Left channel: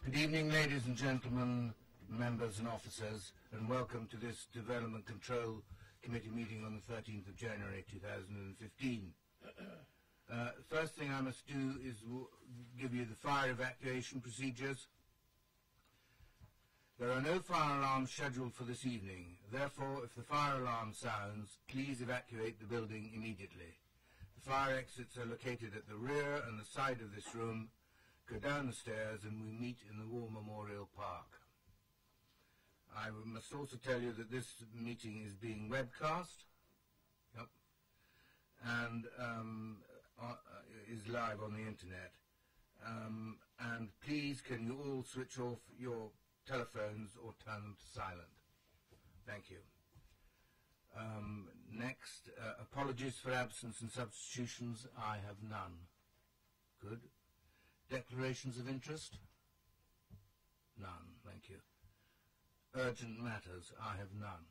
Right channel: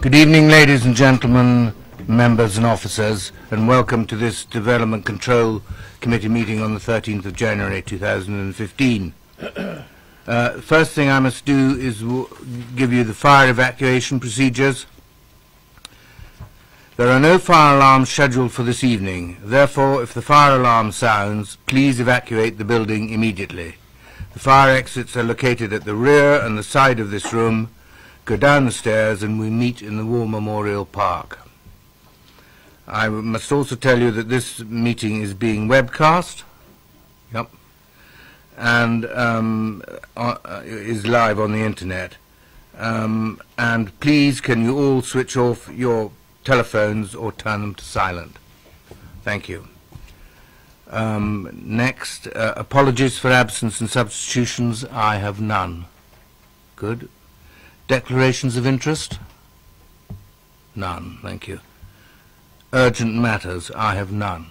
Good evening, ladies and gentlemen, members and officers, and welcome to this Development Control Committee meeting on the 13th of January 2015. First thing I must do is give you the fire evacuation procedures. There are no fire alarms scheduled for this evening. Therefore, if the fire alarm sounds, please evacuate the building immediately. The fire exits are located at the rear and the side of this room. Go down the stairs and we meet in the War Memorial Park. I must also tell you that this meeting is being webcast. Yep. And is live on the internet. And please, can you all switch off your telephones or turn them to silent? Thank you. Next, apologies for absence and substitutions. I have none. Good. Declarations of interest? None. Thank you. Urgent matters? I have none.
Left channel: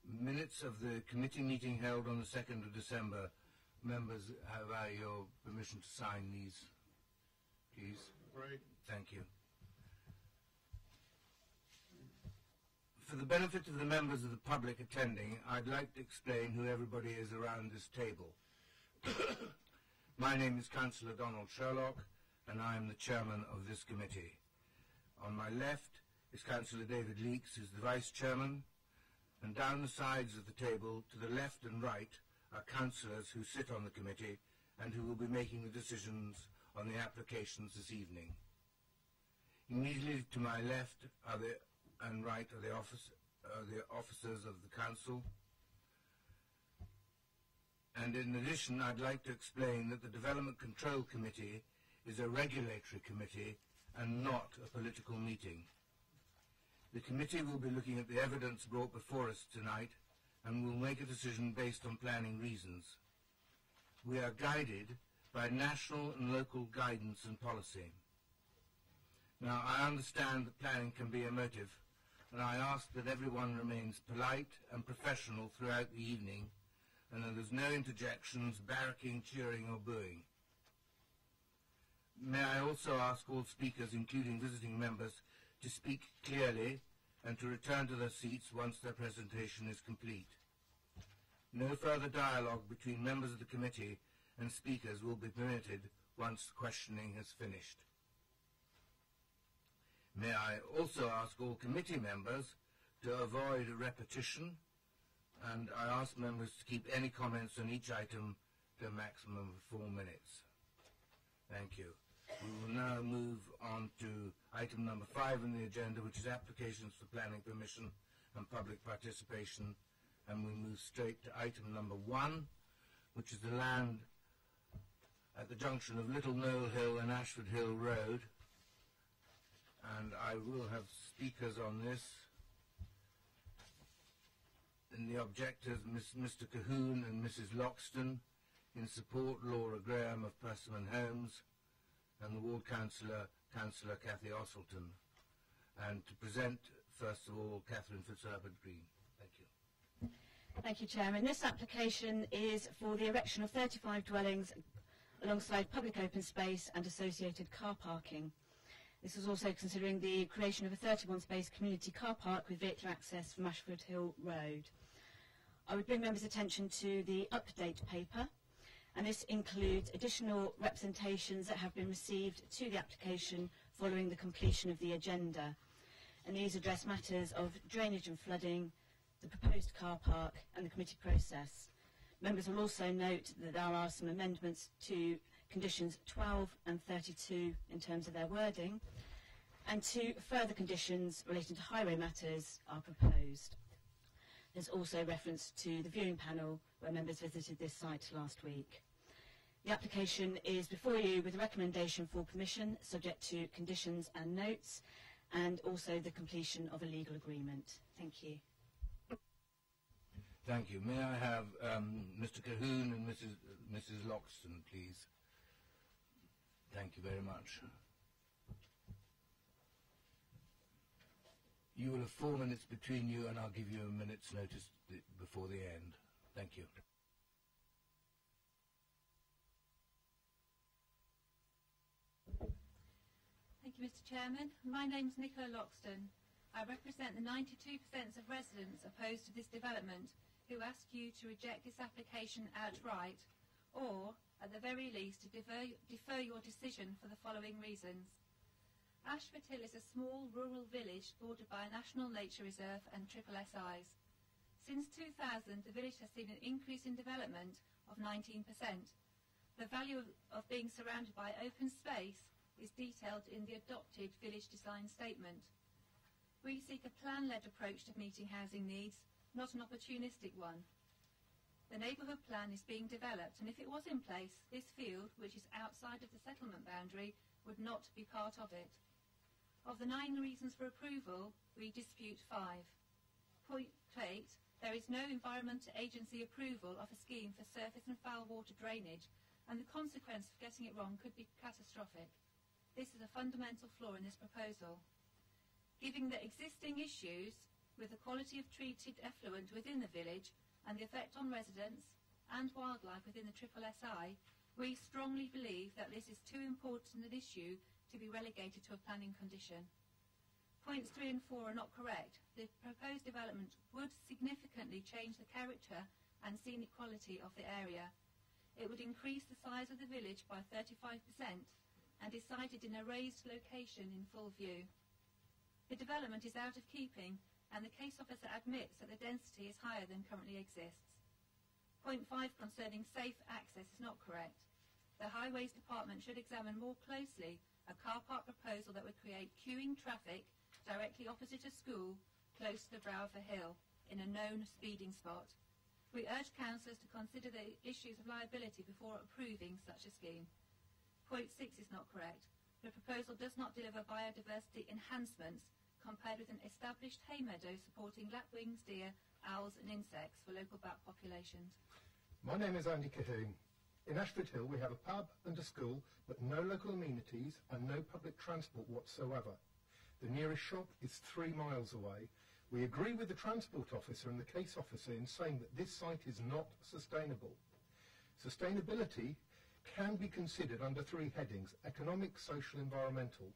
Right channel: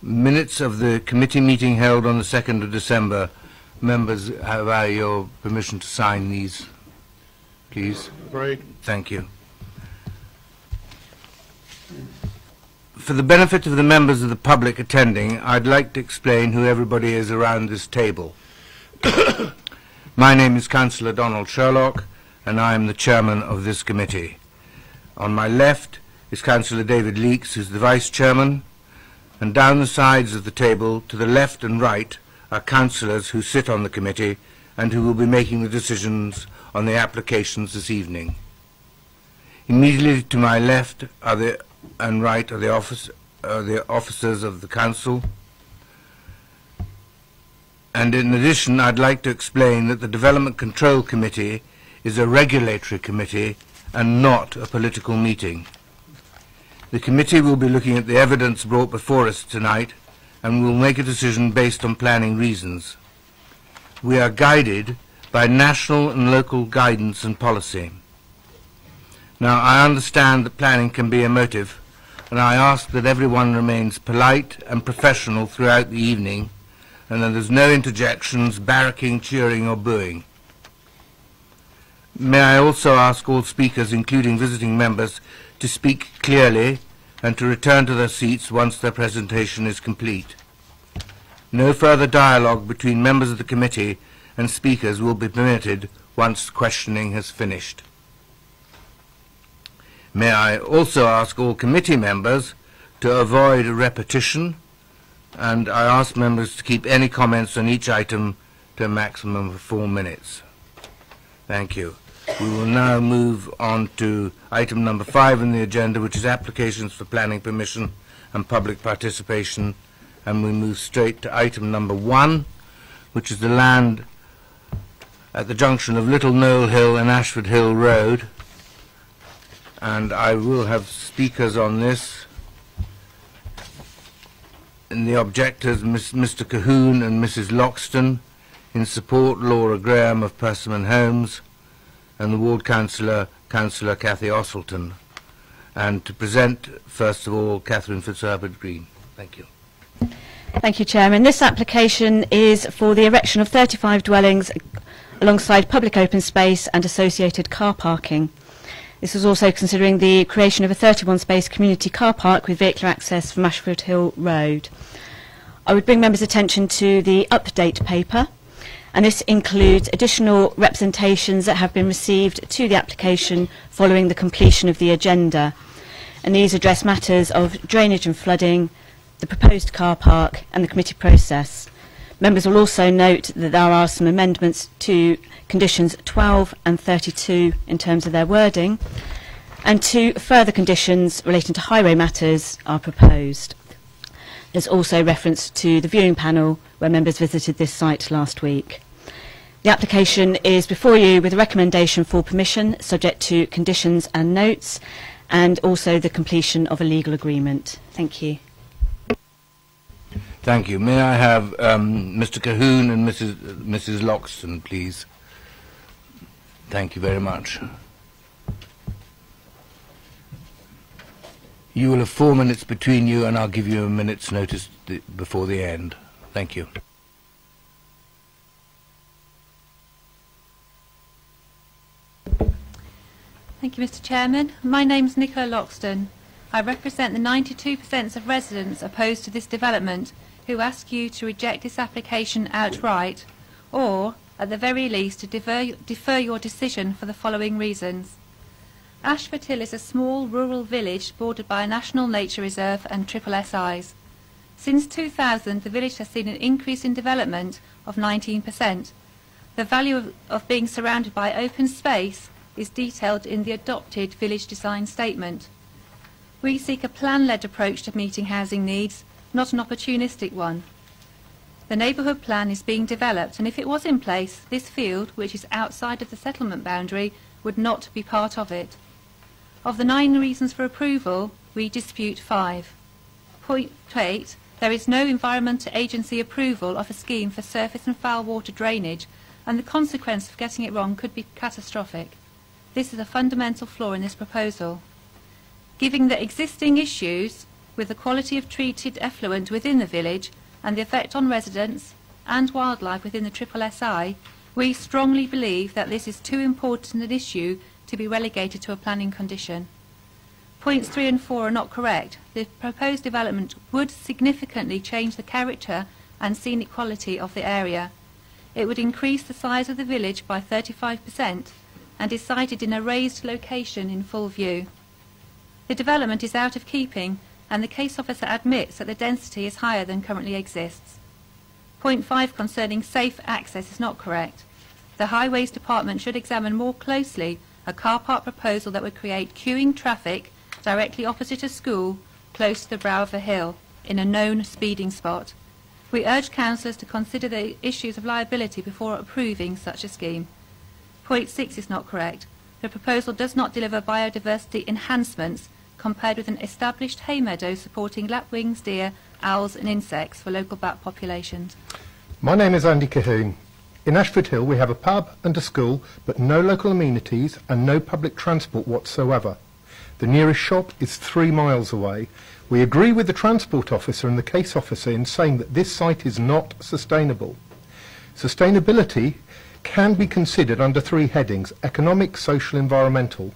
Minutes of the committee meeting held on the 2nd of December. Members, have I your permission to sign these, please? Great. Thank you. For the benefit of the members of the public attending, I'd like to explain who everybody is around this table. My name is Councillor Donald Sherlock, and I am the chairman of this committee. On my left is Councillor David Leakes, who's the vice chairman, and down the sides of the table, to the left and right, are councillors who sit on the committee and who will be making the decisions on the applications this evening. Immediately to my left and right are the officers of the council. And in addition, I'd like to explain that the Development Control Committee is a regulatory committee and not a political meeting. The committee will be looking at the evidence brought before us tonight and will make a decision based on planning reasons. We are guided by national and local guidance and policy. Now, I understand that planning can be emotive, and I ask that everyone remains polite and professional throughout the evening, and that there's no interjections, barracking, cheering or booing. May I also ask all speakers, including visiting members, to speak clearly and to return to their seats once their presentation is complete. No further dialogue between members of the committee and speakers will be permitted once questioning has finished. May I also ask all committee members to avoid repetition, and I ask members to keep any comments on each item to a maximum of 4 minutes. Thank you. We will now move on to item number 5 on the agenda, which is applications for planning permission and public participation, and we move straight to item number 1, which is the land at the junction of Little Knoll Hill and Ashford Hill Road, and I will have speakers on this. And the objectors, Mr. Cahoon and Mrs. Loxton. In support, Laura Graham of Persimmon Homes, and the ward councillor, Councillor Cathy Osselton. And to present, first of all, Catherine Fitzherbert Green. Thank you. Thank you, Chairman. This application is for the erection of 35 dwellings alongside public open space and associated car parking. This is also considering the creation of a 31-space community car park with vehicular access from Ashford Hill Road. I would bring members' attention to the update paper, and this includes additional representations that have been received to the application following the completion of the agenda. And these address matters of drainage and flooding, the proposed car park and the committee process. Members will also note that there are some amendments to conditions 12 and 32 in terms of their wording, and 2 further conditions relating to highway matters are proposed. There's also reference to the viewing panel where members visited this site last week. The application is before you with a recommendation for permission subject to conditions and notes, and also the completion of a legal agreement. Thank you. Thank you. May I have Mr. Cahoon and Mrs. Loxton, please? Thank you very much. You will have 4 minutes between you, and I'll give you a minute's notice before the end. Thank you. Thank you, Mr. Chairman. My name's Nicola Loxton. I represent the 92% of residents opposed to this development who ask you to reject this application outright, or, at the very least, to defer your decision for the following reasons. Ashford Hill is a small rural village bordered by a National Nature Reserve and SSSIs. Since 2000, the village has seen an increase in development of 19%. The value of being surrounded by open space is detailed in the adopted village design statement. We seek a plan-led approach to meeting housing needs, not an opportunistic one. The neighbourhood plan is being developed, and if it was in place, this field, which is outside of the settlement boundary, would not be part of it. Of the 9 reasons for approval, we dispute 5. Point 8. There is no Environment Agency approval of a scheme for surface and foul water drainage, and the consequence of getting it wrong could be catastrophic. This is a fundamental flaw in this proposal. Given the existing issues with the quality of treated effluent within the village and the effect on residents and wildlife within the SSSI, we strongly believe that this is too important an issue to be relegated to a planning condition. Points 3 and 4 are not correct. The proposed development would significantly change the character and scenic quality of the area. It would increase the size of the village by 35% and is sited in a raised location in full view. The development is out of keeping, and the case officer admits that the density is higher than currently exists. Point 5 concerning safe access is not correct. The Highways Department should examine more closely a car park proposal that would create queuing traffic directly opposite a school close to the brow of a hill in a known speeding spot. We urge councillors to consider the issues of liability before approving such a scheme. Point 6 is not correct. The proposal does not deliver biodiversity enhancements compared with an established hay meadow supporting lapwings, deer, owls and insects for local bat populations. My name is Andy Cahoon. In Ashford Hill we have a pub and a school, but no local amenities and no public transport whatsoever. The nearest shop is 3 miles away. We agree with the transport officer and the case officer in saying that this site is not sustainable. Sustainability can be considered under 3 headings: economic, social, environmental.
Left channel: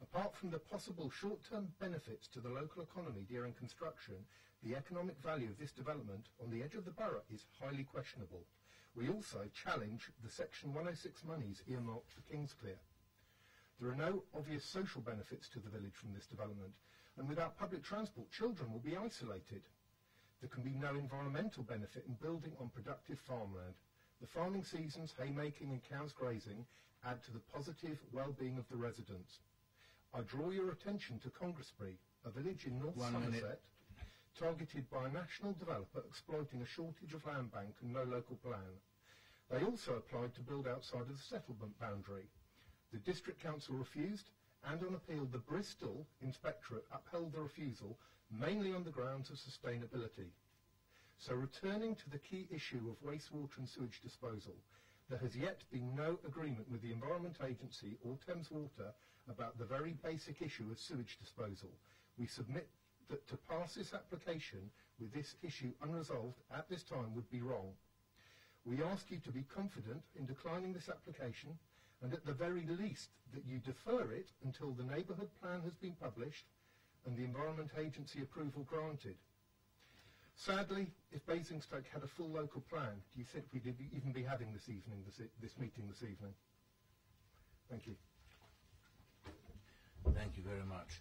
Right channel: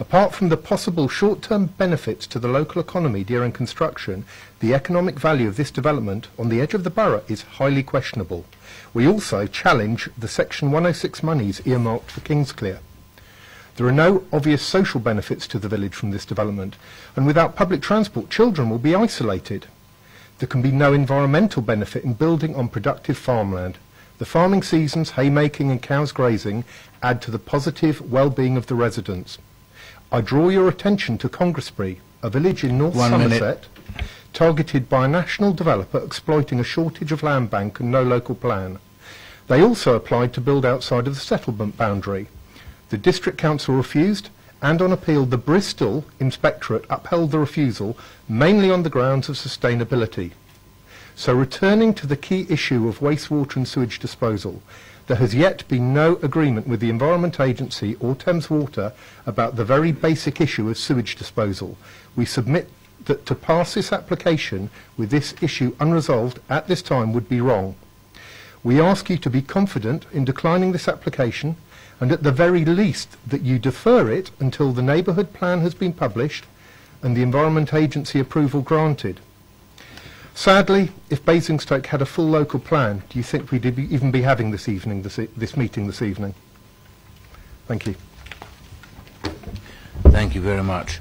Apart from the possible short-term benefits to the local economy during construction, the economic value of this development on the edge of the borough is highly questionable. We also challenge the Section 106 monies earmarked for Kingsclear. There are no obvious social benefits to the village from this development, and without public transport, children will be isolated. There can be no environmental benefit in building on productive farmland. The farming seasons, haymaking and cows grazing add to the positive well-being of the residents. I draw your attention to Congressbury, a village in North Somerset, targeted by a national developer exploiting a shortage of land bank and no local plan. They also applied to build outside of the settlement boundary. The District Council refused, and on appeal the Bristol Inspectorate upheld the refusal, mainly on the grounds of sustainability. So returning to the key issue of wastewater and sewage disposal, there has yet been no agreement with the Environment Agency or Thames Water about the very basic issue of sewage disposal. We submit that to pass this application with this issue unresolved at this time would be wrong. We ask you to be confident in declining this application, and at the very least that you defer it until the neighbourhood plan has been published and the Environment Agency approval granted. Sadly, if Basingstoke had a full local plan, do you think we'd even be having this meeting this evening? Thank you. Thank you very much.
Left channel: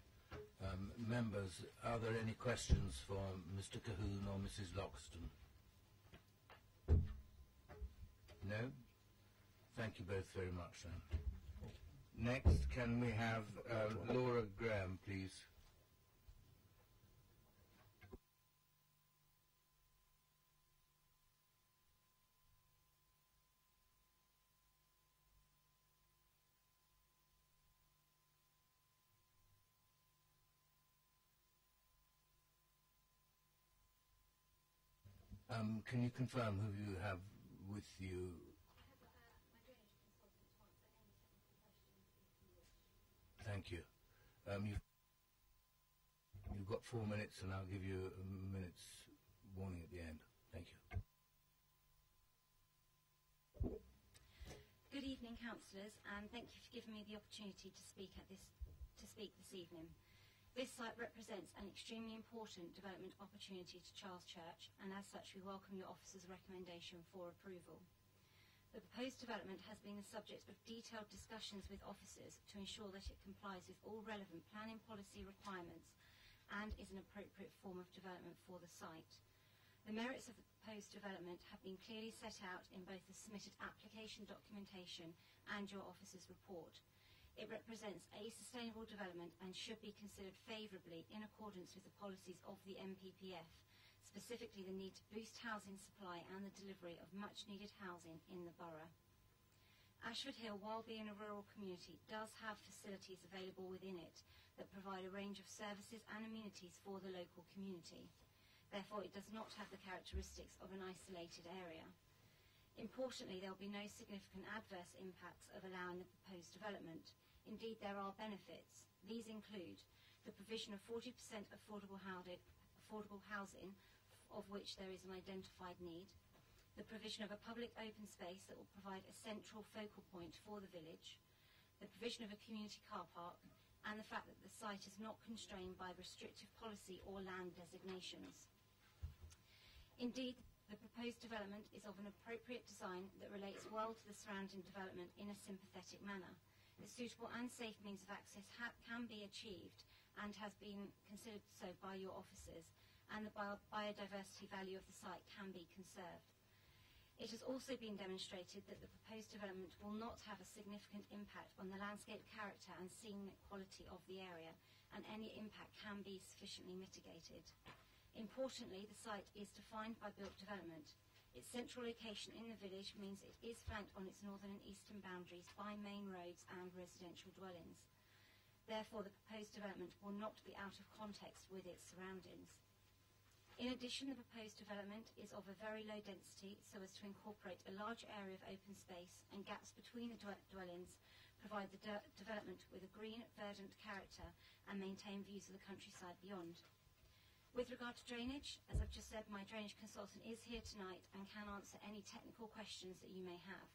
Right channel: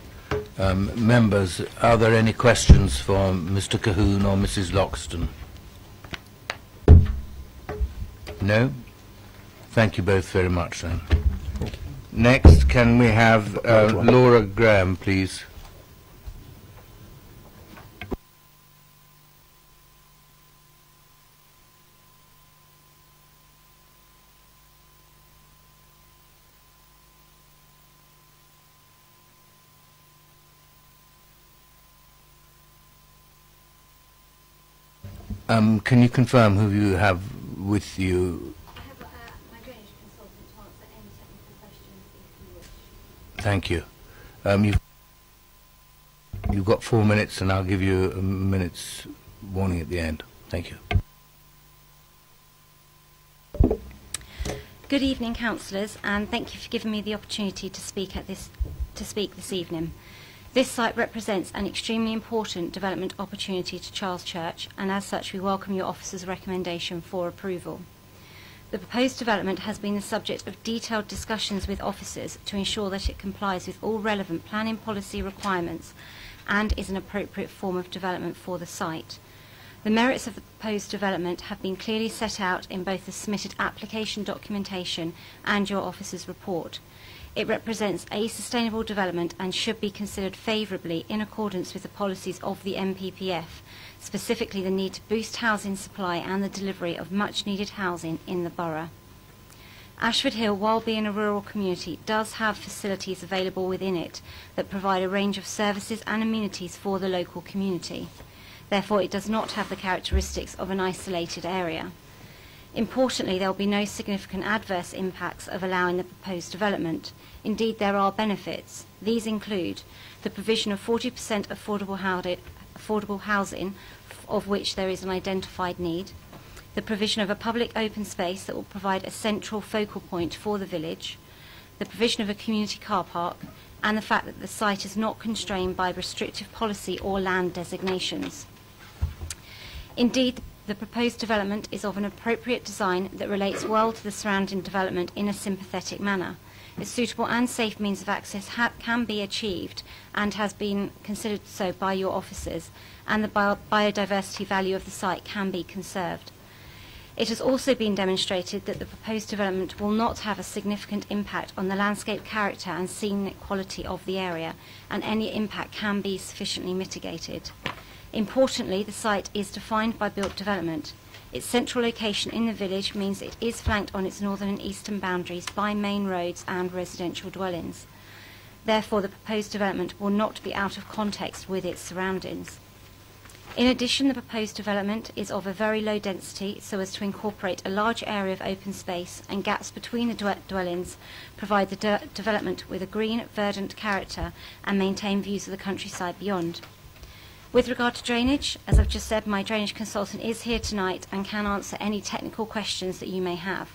Members, are there any questions for Mr. Cahoon or Mrs. Loxton? No? Thank you both very much then. Next, can we have Laura Graham, please? Can you confirm who you have with you? I have my drainage consultant to answer any technical questions if you wish. Thank you. You've got 4 minutes, and I'll give you a minute's warning at the end. Thank you. Good evening, councillors, and thank you for giving me the opportunity to speak this evening. This site represents an extremely important development opportunity to Charles Church, and as such we welcome your officer's recommendation for approval. The proposed development has been the subject of detailed discussions with officers to ensure that it complies with all relevant planning policy requirements and is an appropriate form of development for the site. The merits of the proposed development have been clearly set out in both the submitted application documentation and your officer's report. It represents a sustainable development and should be considered favourably in accordance with the policies of the MPPF, specifically the need to boost housing supply and the delivery of much needed housing in the borough. Ashford Hill, while being a rural community, does have facilities available within it that provide a range of services and amenities for the local community. Therefore, it does not have the characteristics of an isolated area. Importantly, there will be no significant adverse impacts of allowing the proposed development. Indeed, there are benefits. These include the provision of 40% affordable housing, of which there is an identified need, the provision of a public open space that will provide a central focal point for the village, the provision of a community car park, and the fact that the site is not constrained by restrictive policy or land designations. Indeed, the proposed development is of an appropriate design that relates well to the surrounding development in a sympathetic manner. A suitable and safe means of access can be achieved and has been considered so by your officers, and the biodiversity value of the site can be conserved. It has also been demonstrated that the proposed development will not have a significant impact on the landscape character and scenic quality of the area, and any impact can be sufficiently mitigated. Importantly, the site is defined by built development. Its central location in the village means it is flanked on its northern and eastern boundaries by main roads and residential dwellings. Therefore, the proposed development will not be out of context with its surroundings. In addition, the proposed development is of a very low density so as to incorporate a large area of open space, and gaps between the dwellings provide the development with a green, verdant character and maintain views of the countryside beyond. With regard to drainage, as I've just said, my drainage consultant is here tonight and can answer any technical questions that you may have.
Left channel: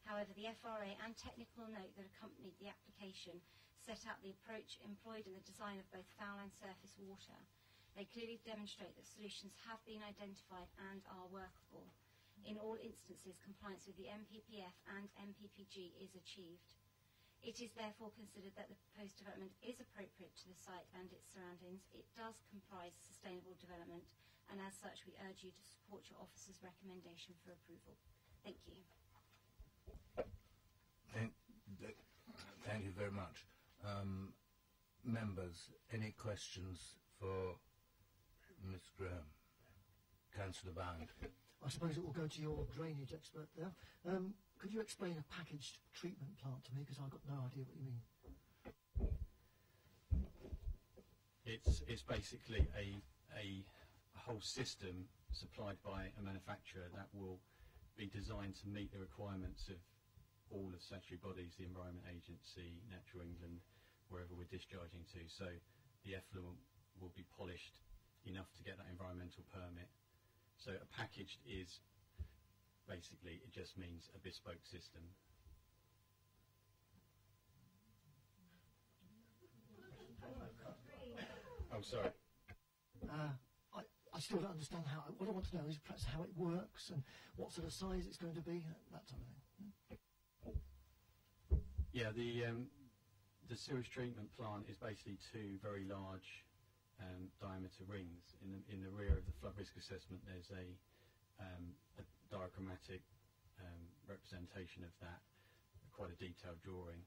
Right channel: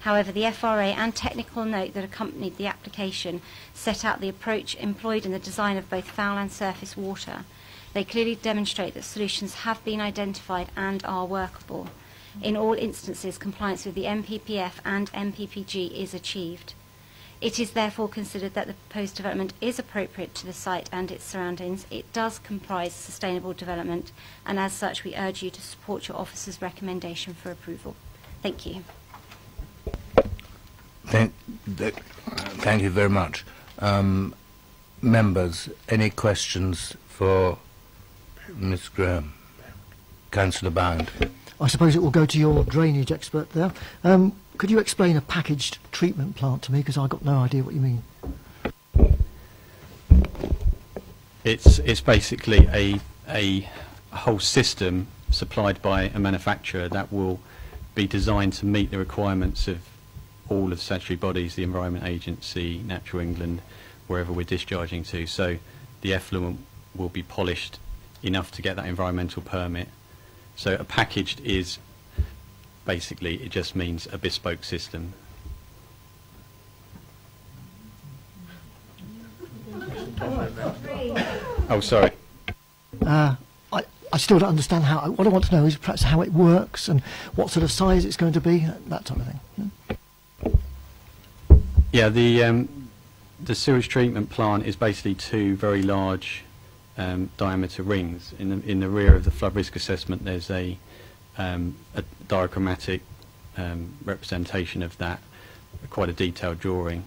However, the FRA and technical note that accompanied the application set out the approach employed in the design of both foul and surface water. They clearly demonstrate that solutions have been identified and are workable. In all instances, compliance with the MPPF and MPPG is achieved. It is therefore considered that the proposed development is appropriate to the site and its surroundings. It does comprise sustainable development, and as such we urge you to support your officer's recommendation for approval. Thank you. Thank you very much. Members, any questions for Ms. Graham? Councillor Bound. I suppose it will go to your drainage expert there. Could you explain a packaged treatment plant to me, because I've got no idea what you mean? It's basically a whole system supplied by a manufacturer that will be designed to meet the requirements of all of the statutory bodies, the Environment Agency, Natural England, wherever we're discharging to. So the effluent will be polished enough to get that environmental permit. So a packaged is basically, it just means a bespoke system. Oh, sorry. I still don't understand how. What I want to know is perhaps how it works and what sort of size it's going to be, that sort of thing. Yeah, the sewage treatment plant is basically two very large diameter rings. In the rear of the flood risk assessment, there's a diagrammatic representation of that, quite a detailed drawing.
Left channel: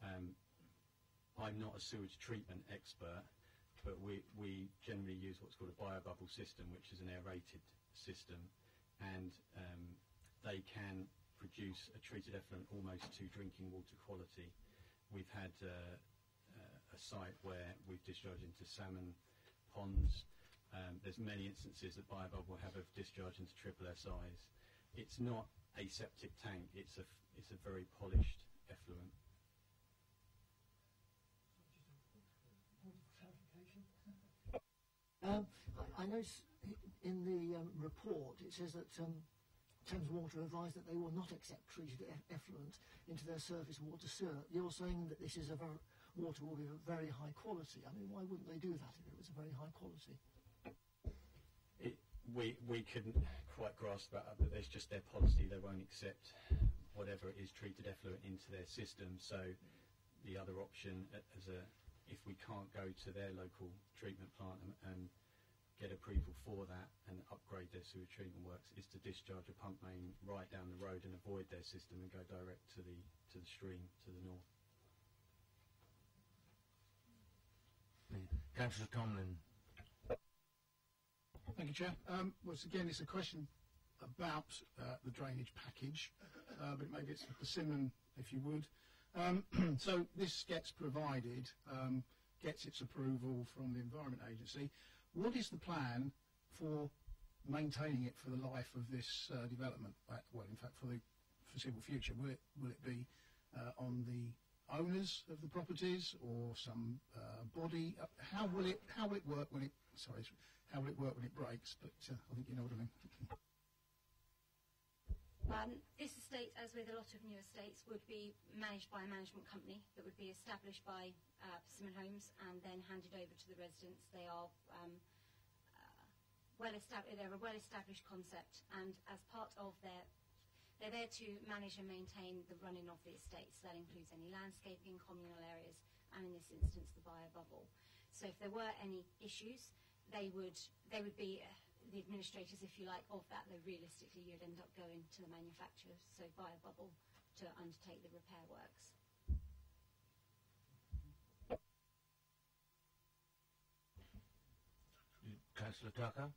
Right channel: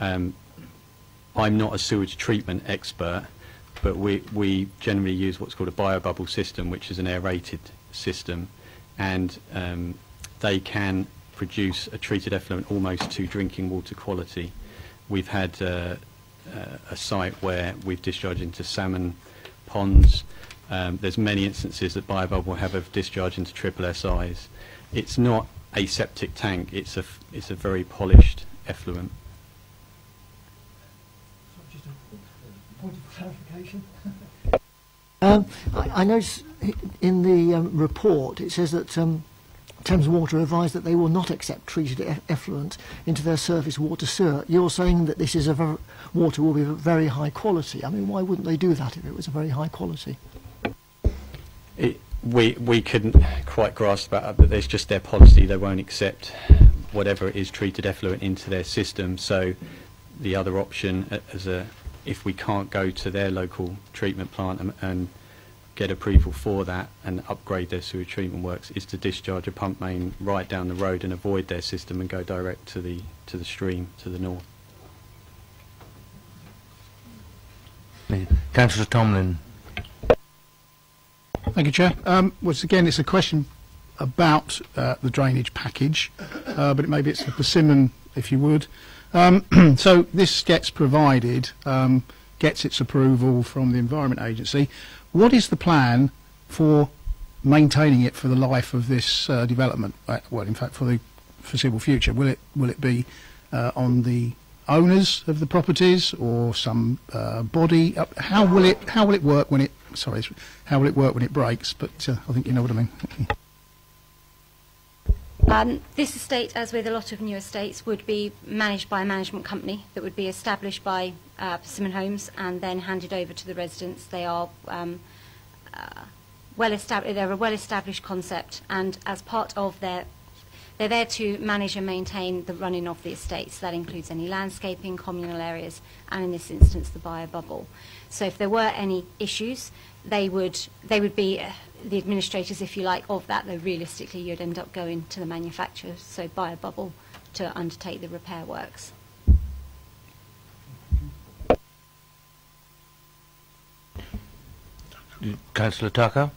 I'm not a sewage treatment expert, but we generally use what's called a biobubble system, which is an aerated system, and they can produce a treated effluent almost to drinking water quality. We've had a site where we've discharged into salmon ponds. There's many instances that biobubble have of discharge into triple SIs. It's not a septic tank, it's a very polished effluent. Just a point of clarification. I notice in the report it says that Thames Water advised that they will not accept treated effluent into their surface water sewer. You're saying that this is water will be of very high quality. I mean, why wouldn't they do that if it was a very high quality? We couldn't quite grasp that, but there's just their policy. They won't accept whatever is treated effluent into their system. So the other option, if we can't go to their local treatment plant and get approval for that and upgrade their sewage treatment works, is to discharge a pump main right down the road and avoid their system and go direct to the stream to the north. Councillor Tomlin. Thank you, Chair. Once again, it's a question about the drainage package, but maybe it's the persimmon, if you would. So this gets provided, gets its approval from the Environment Agency. What is the plan for maintaining it for the life of this development? Well, in fact, for the foreseeable future, will it be on the owners of the properties or some body? How will it work when it? Sorry, how will it work when it breaks? But I think you know what I mean. This estate, as with a lot of new estates, would be managed by a management company that would be established by Persimmon Homes and then handed over to the residents. They are they're a well-established concept, and as part of they're there to manage and maintain the running of the estate. So that includes any landscaping, communal areas, and in this instance the bio-bubble. So if there were any issues, they would be the administrators, if you like, of that, though realistically you'd end up going to the manufacturers, so bio-bubble, to undertake the repair works. Councillor Tucker.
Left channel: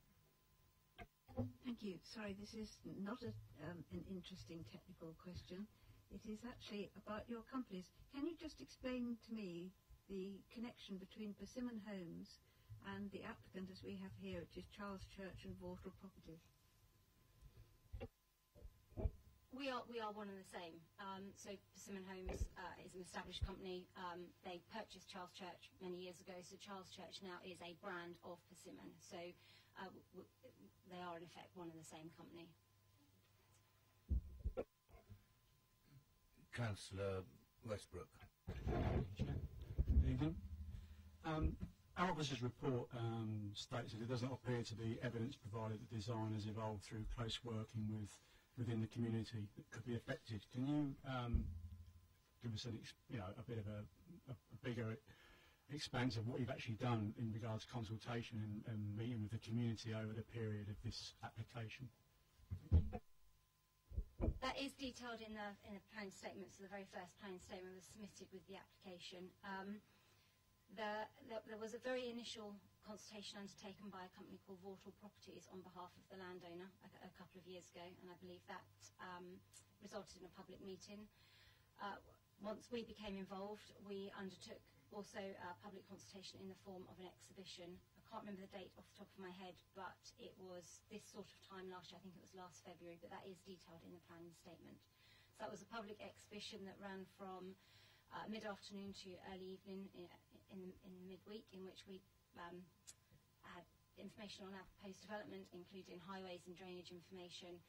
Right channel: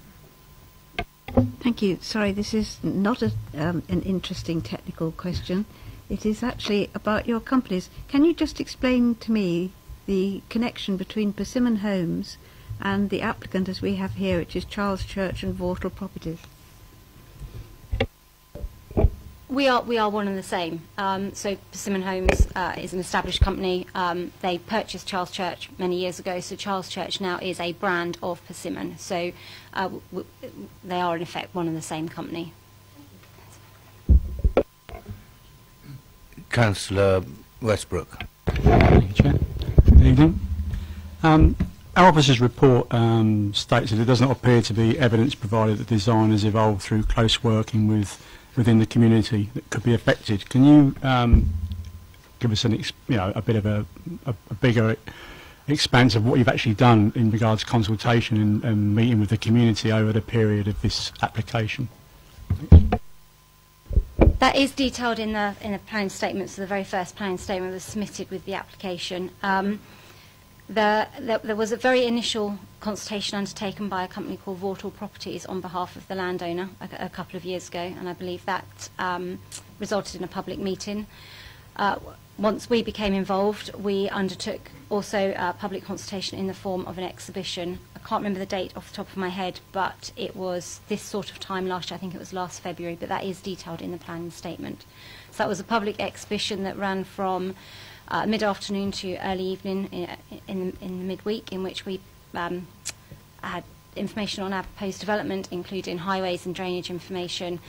Thank you. Sorry, this is not an interesting technical question. It is actually about your companies. Can you just explain to me the connection between Persimmon Homes and the applicant as we have here, which is Charles Church and Vortal Properties? We are one and the same. So Persimmon Homes is an established company. They purchased Charles Church many years ago, so Charles Church now is a brand of Persimmon. So they are in effect one and the same company. Councillor Westbrook. Thank you, Chair. Good evening. Our officer's report states that it does not appear to be evidence provided that design has evolved through close working within the community that could be affected. Can you give us a bit of a bigger expanse of what you've actually done in regards to consultation and meeting with the community over the period of this application? That is detailed in the planning statement. So the very first planning statement was submitted with the application. There was a very initial consultation undertaken by a company called Vortal Properties on behalf of the landowner a couple of years ago, and I believe that resulted in a public meeting. Once we became involved, we undertook also public consultation in the form of an exhibition. I can't remember the date off the top of my head, but it was this sort of time last year. I think it was last February, but that is detailed in the planning statement. So that was a public exhibition that ran from mid-afternoon to early evening in the midweek, in which we had information on our proposed development, including highways and drainage information,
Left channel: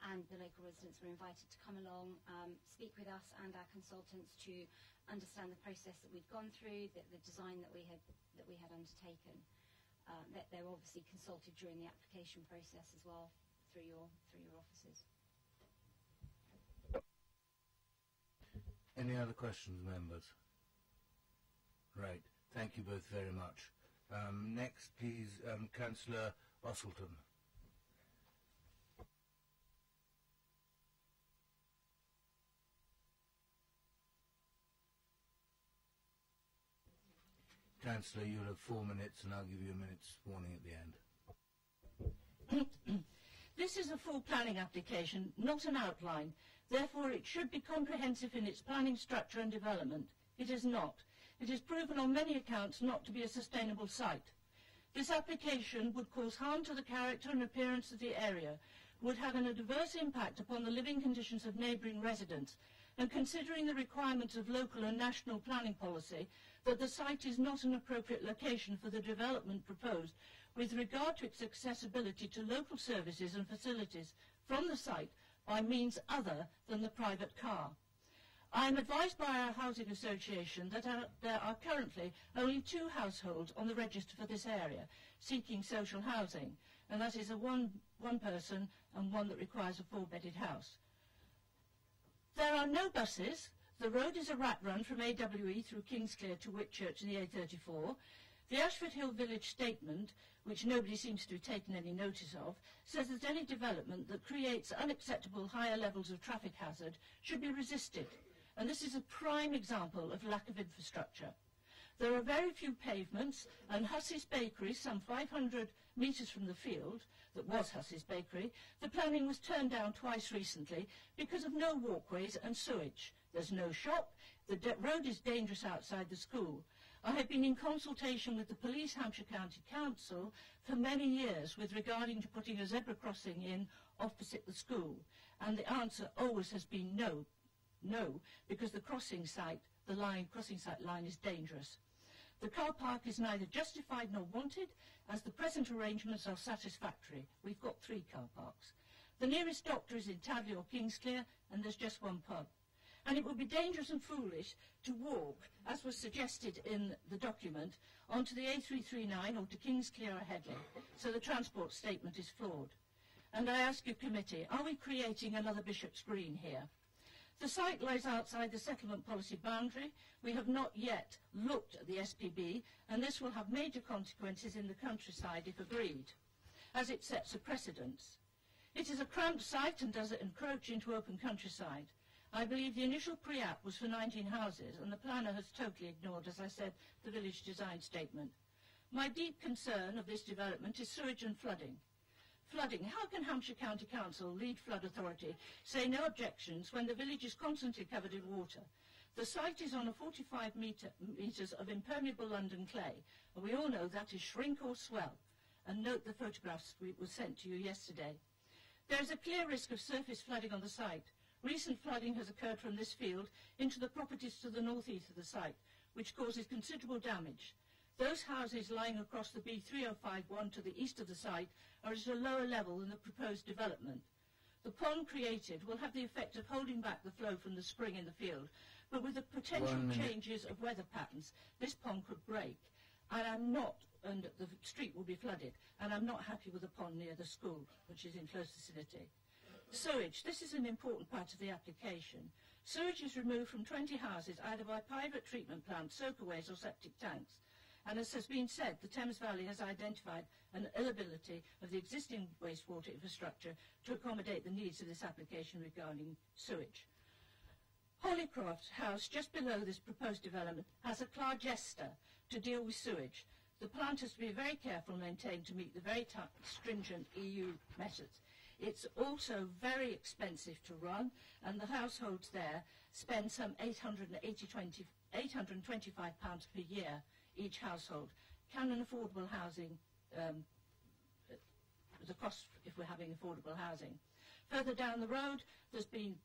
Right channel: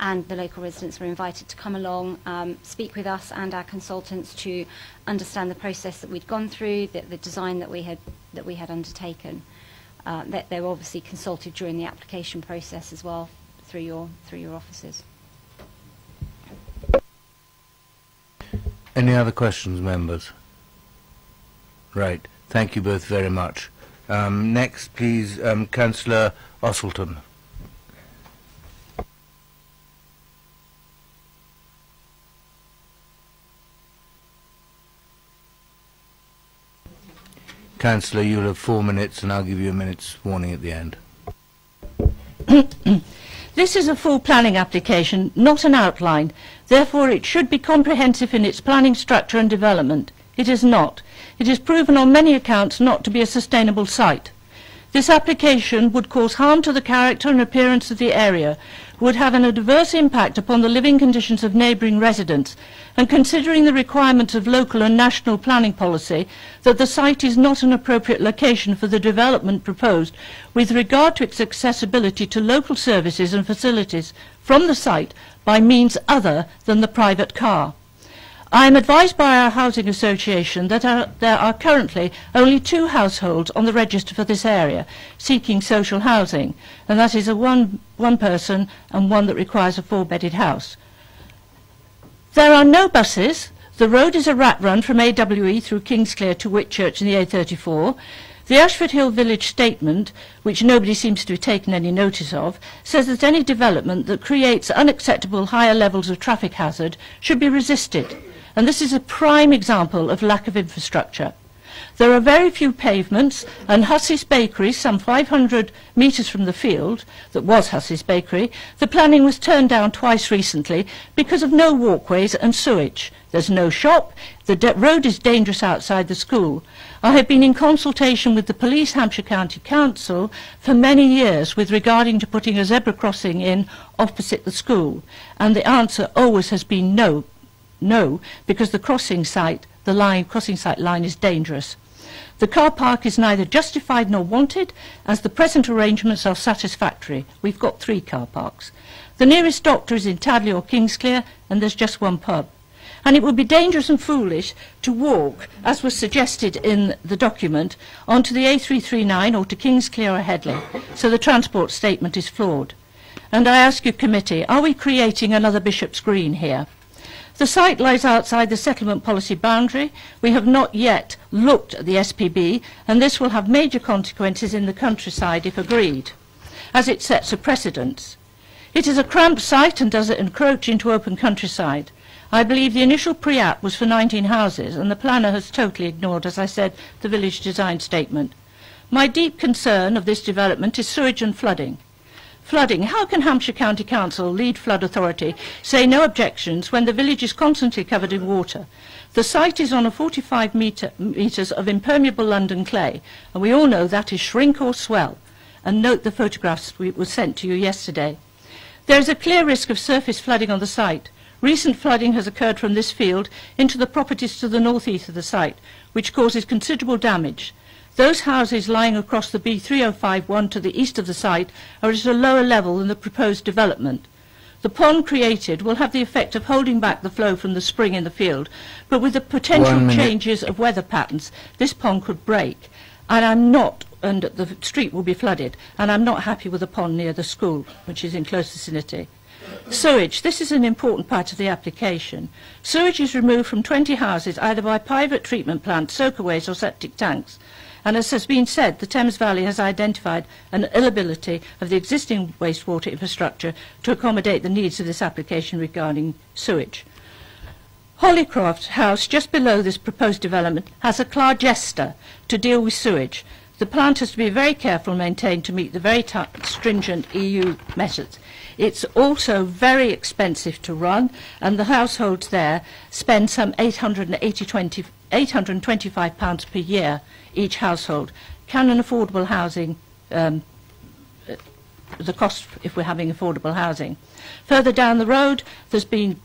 and the local residents were invited to come along, speak with us and our consultants to understand the process that we'd gone through, the design that we had undertaken. That they were obviously consulted during the application process as well through your offices. Any other questions, members? Right. Thank you both very much. Next, please, Councillor Osselton. Councillor, you'll have 4 minutes, and I'll give you a minute's warning at the end. This is a full planning application, not an outline. Therefore, it should be comprehensive in its planning structure and development. It is not. It is proven on many accounts not to be a sustainable site. This application would cause harm to the character and appearance of the area, would have an adverse impact upon the living conditions of neighbouring residents, and considering the requirements of local and national planning policy, that the site is not an appropriate location for the development proposed with regard to its accessibility to local services and facilities from the site, by means other than the private car. I am advised by our housing association that there are currently only 2 households on the register for this area seeking social housing, and that is a one person and one that requires a 4-bedded house. There are no buses. The road is a rat run from AWE through Kingsclere to Whitchurch and the A34. The Ashford Hill Village Statement, which nobody seems to be taking any notice of, says that any development that creates unacceptable higher levels of traffic hazard should be resisted, and this is a prime example of lack of infrastructure. There are very few pavements, and Hussey's Bakery, some 500 metres from the field, that was Hussey's Bakery, the planning was turned down twice recently because of no walkways and sewage. There's no shop, the road is dangerous outside the school. I have been in consultation with the Police Hampshire County Council for many years with regarding to putting a zebra crossing in opposite the school, and the answer always has been no, because the crossing site line is dangerous. The car park is neither justified nor wanted, as the present arrangements are satisfactory. We've got 3 car parks. The nearest doctor is in Tadley or Kingsclere, and there's just 1 pub. And it would be dangerous and foolish to walk, as was suggested in the document, onto the A339 or to Kingsclere or Headley, so the transport statement is flawed. And I ask you, committee, are we creating another Bishop's Green here? The site lies outside the settlement policy boundary. We have not yet looked at the SPB, and this will have major consequences in the countryside if agreed, as it sets a precedence. It is a cramped site and does it encroach into open countryside. I believe the initial pre-app was for 19 houses, and the planner has totally ignored, as I said, the village design statement. My deep concern of this development is sewage and flooding. Flooding. How can Hampshire County Council, lead flood authority, say no objections when the village is constantly covered in water? The site is on a 45 metres of impermeable London clay, and we all know that is shrink or swell. And note the photographs were sent to you yesterday. There is a clear risk of surface flooding on the site. Recent flooding has occurred from this field into the properties to the north-east of the site, which causes considerable damage. Those houses lying across the B3051 to the east of the site are at a lower level than the proposed development. The pond created will have the effect of holding back the flow from the spring in the field, but with the potential changes of weather patterns, this pond could break. And the street will be flooded, and I'm not happy with the pond near the school, which is in close vicinity. Sewage. This is an important part of the application. Sewage is removed from 20 houses either by private treatment plants, soakaways or septic tanks. And as has been said, the Thames Valley has identified an inability of the existing wastewater infrastructure to accommodate the needs of this application regarding sewage. Hollycroft House, just below this proposed development, has a Clargester to deal with sewage. The plant has to be very careful and maintained to meet the very stringent EU methods. It's also very expensive to run, and the households there spend some £825 per year each household. Can an affordable housing, the cost if we're having affordable housing? Further down the road, there's been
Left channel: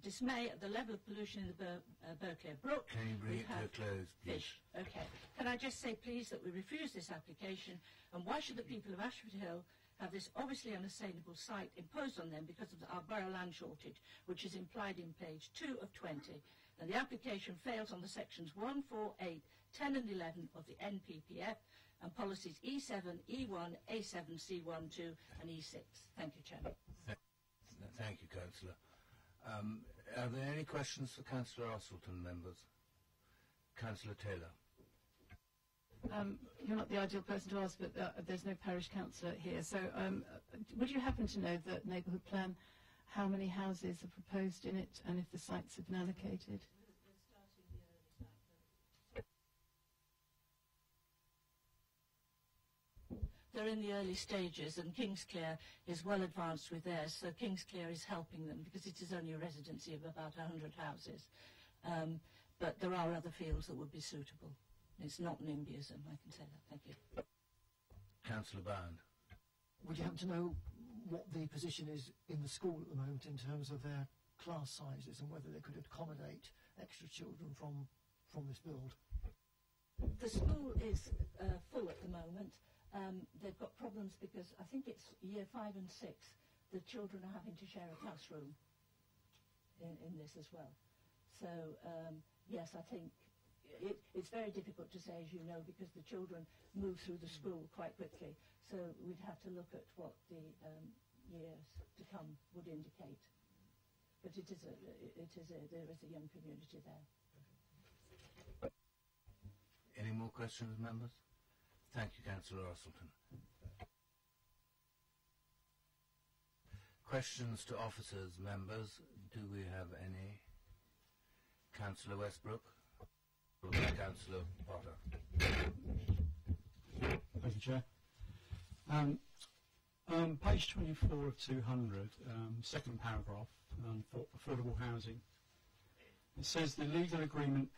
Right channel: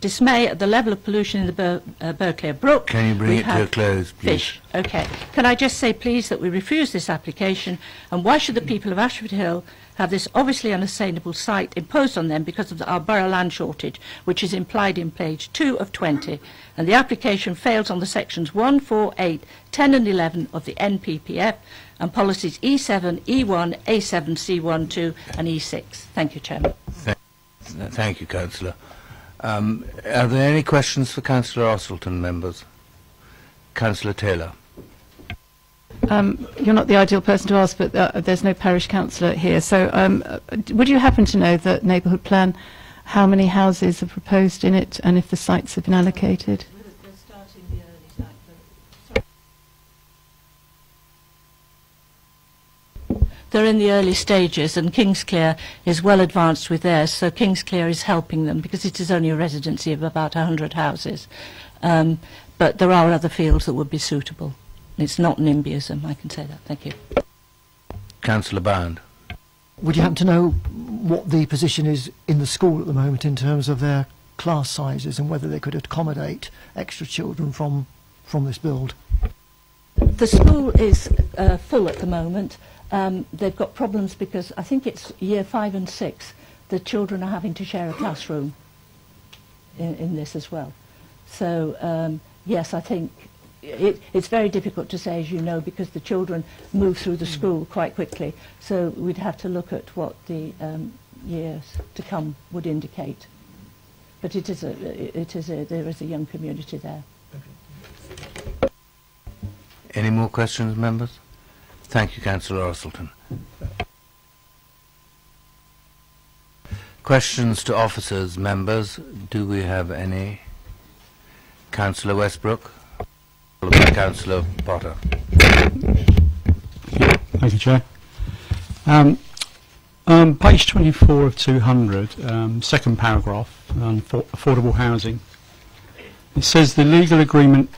dismay at the level of pollution in the Berkeley Brook. Can you bring it to a close, please? Fish. Okay. Can I just say, please, that we refuse this application, and why should the people of Ashford Hill have this obviously unsustainable site imposed on them because of our borough land shortage, which is implied in page 2 of 20, and the application fails on the sections 1, 4, 8, 10 and 11 of the NPPF and policies E7, E1, A7, C1, 2 and E6. Thank you, Chairman. Thank you, Councillor. Are there any questions for Councillor Ostleton, members? Councillor Taylor. You're not the ideal person to ask, but there's no parish councillor here. So would you happen to know the neighbourhood plan, how many houses are proposed in it, and if the sites have been allocated? They're in the early stages, and Kingsclere is well advanced with theirs, so Kingsclere is helping them because it is only a residency of about 100 houses. But there are other fields that would be suitable. It's not NIMBYism, I can say that. Thank you. Councillor Bound. Would you happen to know what the position is in the school at the moment in terms of their class sizes and whether they could accommodate extra children from this build? The school is full at the moment. They've got problems because I think it's year 5 and 6 the children are having to share a classroom in this as well. So yes, I think it's very difficult to say, as you know, because the children move through the school quite quickly. So we'd have to look at what the years to come would indicate. But there is a young community there. Any more questions, members? Thank you, Councillor Orselton. Questions to officers, members? Do we have any? Councillor Westbrook, followed by Councillor Potter. Thank you, Chair. Page 24 of 200, second paragraph, for affordable housing. It says the legal agreement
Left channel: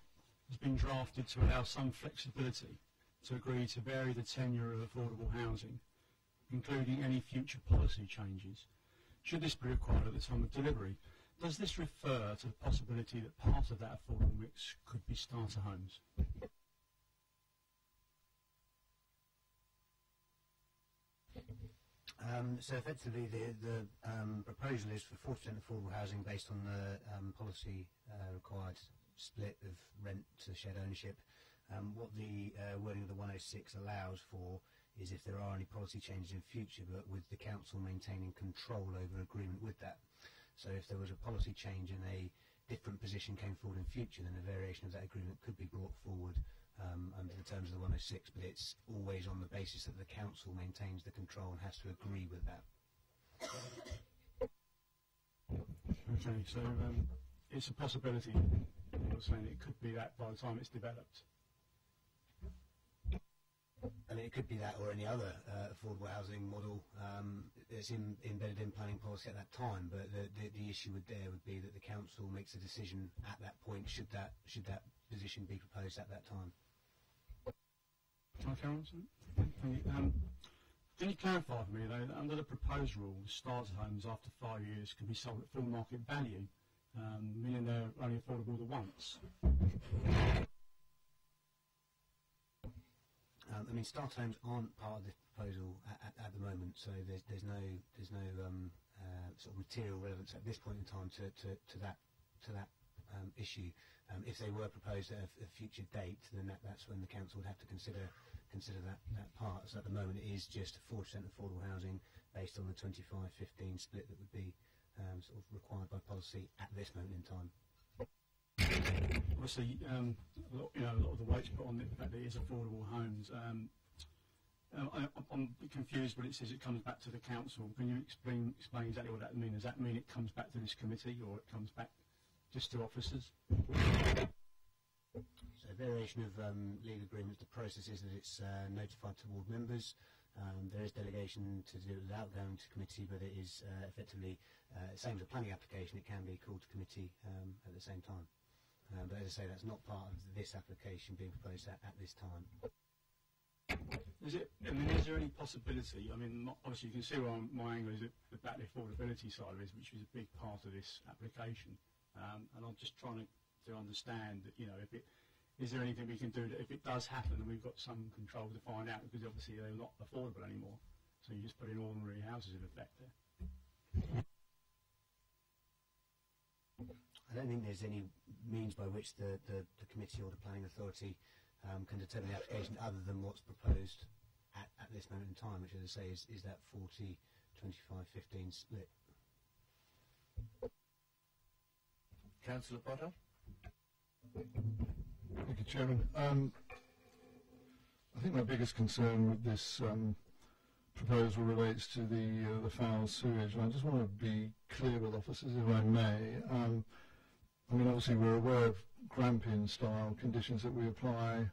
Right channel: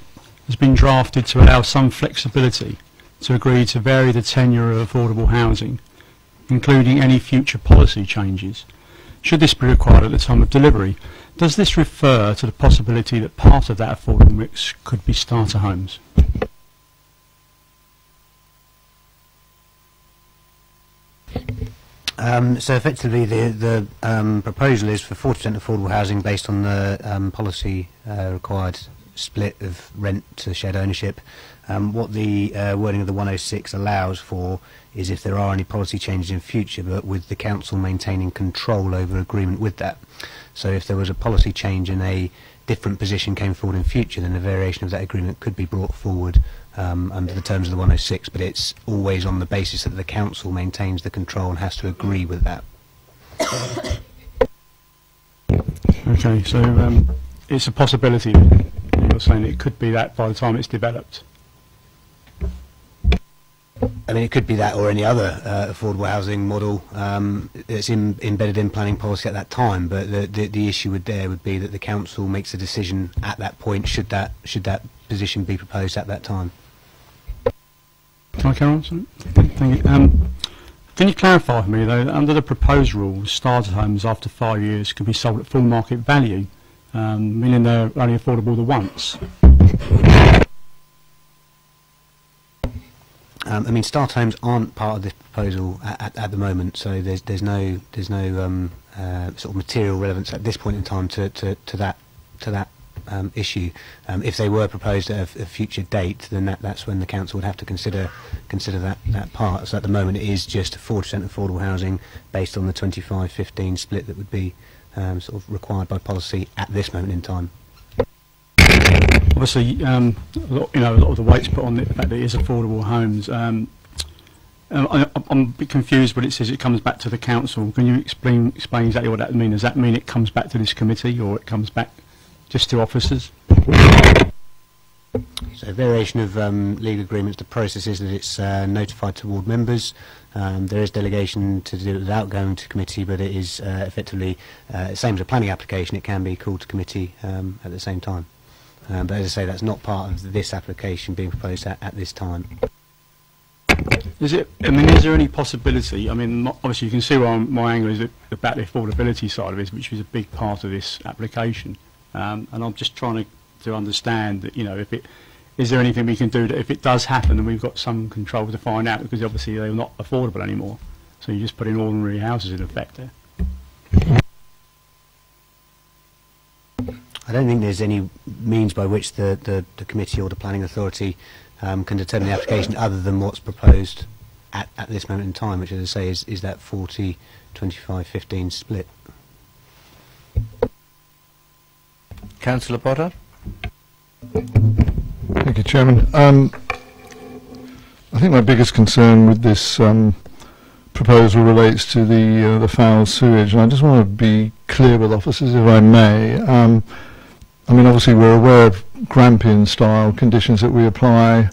has been drafted to allow some flexibility to agree to vary the tenure of affordable housing, including any future policy changes, should this be required at the time of delivery. Does this refer to the possibility that part of that affordable mix could be starter homes? So effectively the proposal is for 40% affordable housing based on the policy required split of rent to shared ownership. What the wording of the 106 allows for is if there are any policy changes in future, but with the council maintaining control over agreement with that. So if there was a policy change and a different position came forward in future, then a variation of that agreement could be brought forward under the terms of the 106, but it's always on the basis that the council maintains the control and has to agree with that. Okay, so it's a possibility. You're saying it could be that by the time it's developed. I mean, it could be that or any other affordable housing model that's embedded in planning policy at that time. But the issue would be that the council makes a decision at that point. Should that position be proposed at that time? Can I carry on? Sorry? Thank you. Can you clarify for me though that under the proposed rules, starter homes after 5 years can be sold at full market value, meaning they're only affordable the once? I mean, start homes aren't part of this proposal at the moment, so there's no sort of material relevance at this point in time to that issue. If they were proposed at a future date, then that's when the council would have to consider that part. So at the moment, it is just 40% affordable housing based on the 25-15 split that would be sort of required by policy at this moment in time. Obviously, a lot of the weight's put on the fact that it is affordable homes. I'm a bit confused when it says it comes back to the council. Can you explain exactly what that means? Does that mean it comes back to this committee, or it comes back just to officers? So variation of legal agreements, the process is that it's notified to ward members. There is delegation to do it without going to committee, but it is effectively same as a planning application. It can be called to committee at the same time. But as I say, that's not part of this application being proposed at this time. Is there any possibility? I mean, obviously you can see where my angle is about the affordability side of it, which is a big part of this application. And I'm just trying to understand that, is there anything we can do that if it does happen and we've got some control to find out, because obviously they're not affordable anymore. So you just put in ordinary houses in effect there. I don't think there's any means by which the committee or the planning authority can determine the application other than what's proposed at this moment in time, which, as I say, is that 40, 25, 15 split. Councillor Potter. Thank you, Chairman. I think my biggest concern with this proposal relates to the foul sewage, and I just want to be clear with officers, if I may. I mean, obviously we're aware of Grampian-style conditions that we apply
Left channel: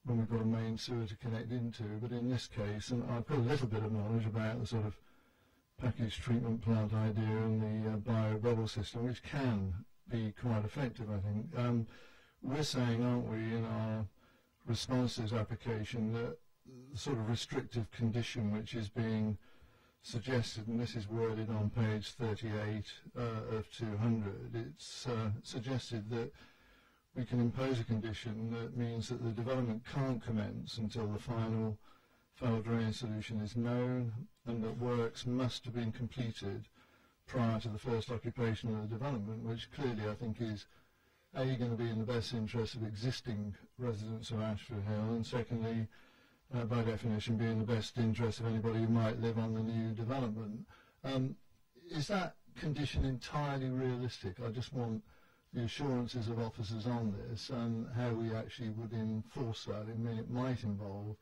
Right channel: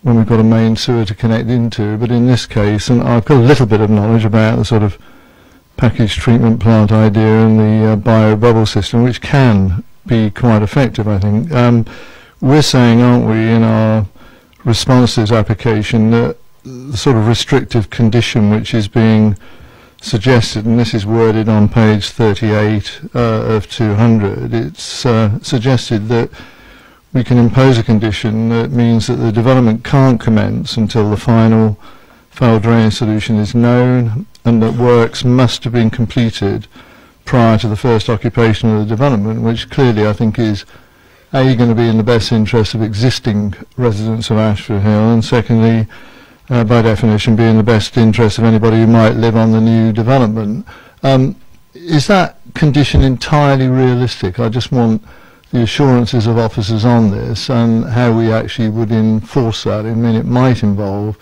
when we've got a main sewer to connect into, but in this case, and I've got a little bit of knowledge about the sort of packaged treatment plant idea and the bio-bubble system, which can be quite effective, I think. We're saying, aren't we, in our response to this application, that the sort of restrictive condition which is being suggested, and this is worded on page 38 of 200, it's suggested that we can impose a condition that means that the development can't commence until the final foul drainage solution is known and that works must have been completed prior to the first occupation of the development, which clearly I think is A, going to be in the best interest of existing residents of Ashford Hill, and secondly, by definition, be in the best interest of anybody who might live on the new development. Is that condition entirely realistic? I just want the assurances of officers on this and how we actually would enforce that. I mean, it might involve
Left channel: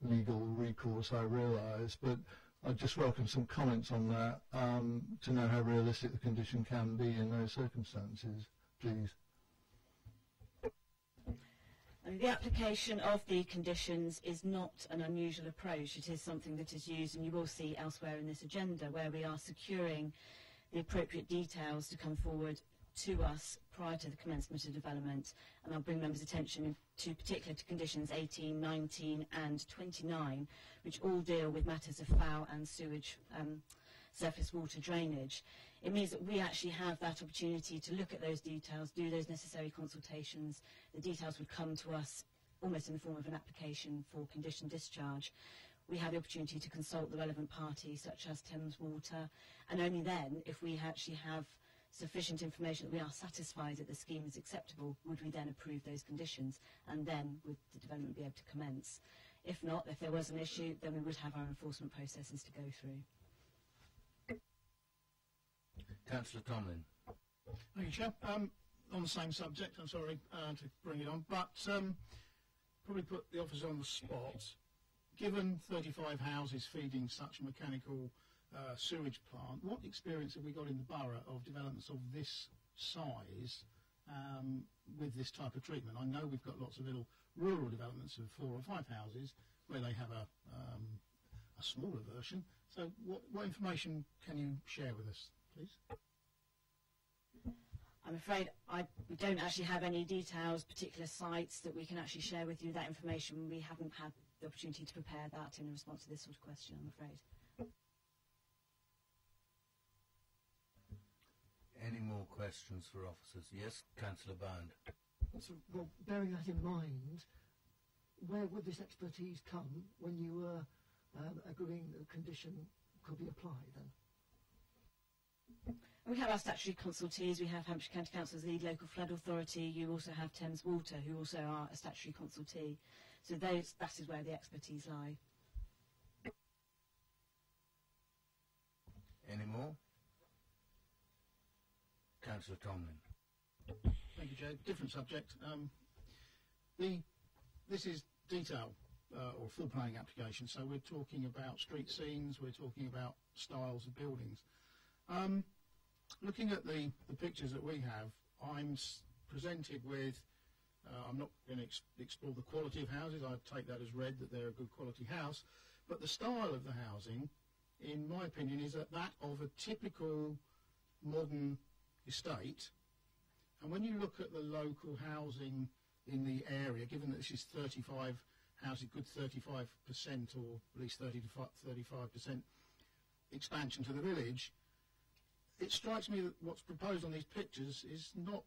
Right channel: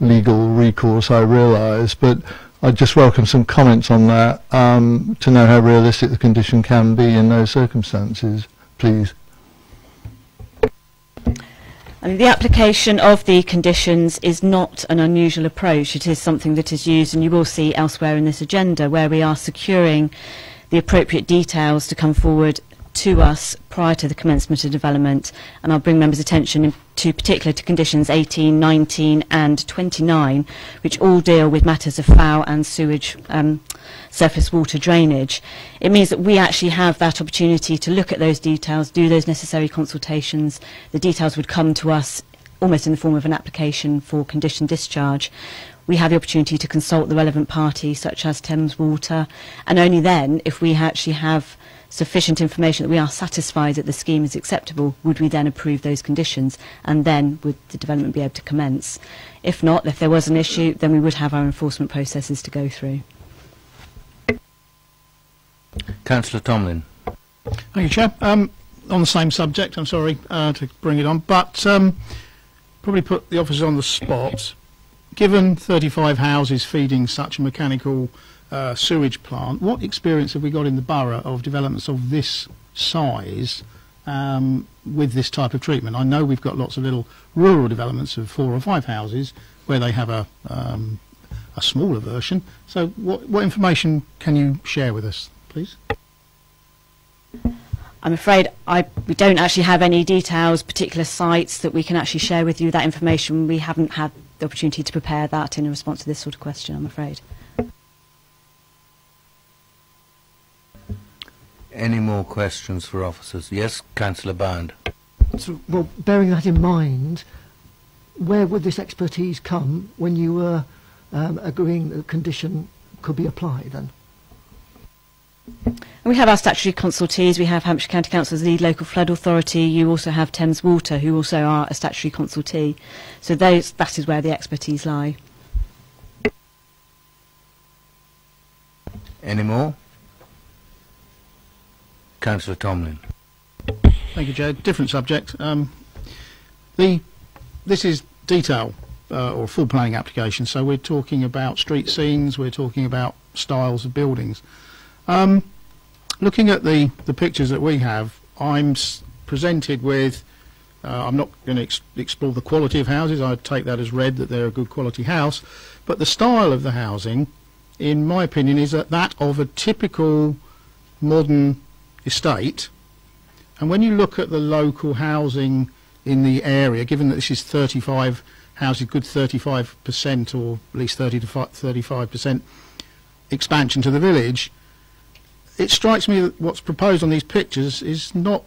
legal recourse, I realise, but I'd just welcome some comments on that to know how realistic the condition can be in those circumstances, please. I mean, the application of the conditions is not an unusual approach. It is something that is used, and you will see elsewhere in this agenda, where we are securing the appropriate details to come forward to us prior to the commencement of development. And I'll bring members' attention to conditions 18, 19 and 29, which all deal with matters of foul and sewage surface water drainage. It means that we actually have that opportunity to look at those details, do those necessary consultations. The details would come to us almost in the form of an application for condition discharge. We have the opportunity to consult the relevant parties, such as Thames Water, and only then, if we actually have sufficient information that we are satisfied that the scheme is acceptable, would we then approve those conditions, and then would the development be able to commence. If not, if there was an issue, then we would have our enforcement processes to go through. Councillor Tomlin. Thank you, Chair. On the same subject, I'm sorry to bring it on, but probably put the officers on the spot. Given 35 houses feeding such a mechanical sewage plant, what experience have we got in the borough of developments of this size with this type of treatment? I know we've got lots of little rural developments of 4 or 5 houses where they have a smaller version. So what information can you share with us, please? I'm afraid we don't actually have any details, particular sites that we can actually share with you. That information, we haven't had the opportunity to prepare that in response to this sort of question, I'm afraid. Any more questions for officers? Yes, Councillor Bound. So, well, bearing that in mind, where would this expertise come when you were agreeing that the condition could be applied then? We have our statutory consultees. We have Hampshire County Council's lead local flood authority. You also have Thames Water, who also are a statutory consultee. So that is where the expertise lie. Any more? Councillor Tomlin. Thank you, Joe. Different subject. This is detail or full planning application, so we're talking about street scenes, we're talking about styles of buildings. Looking at the pictures that we have, I'm presented with, I'm not going to explore the quality of houses, I take that as read that they're a good quality house, but the style of the housing, in my opinion, is that of a typical modern estate. And when you look at the local housing in the area, given that this is 35 houses, good 35% or at least 30 to 35% expansion to the village, it strikes me that what's proposed on these pictures is not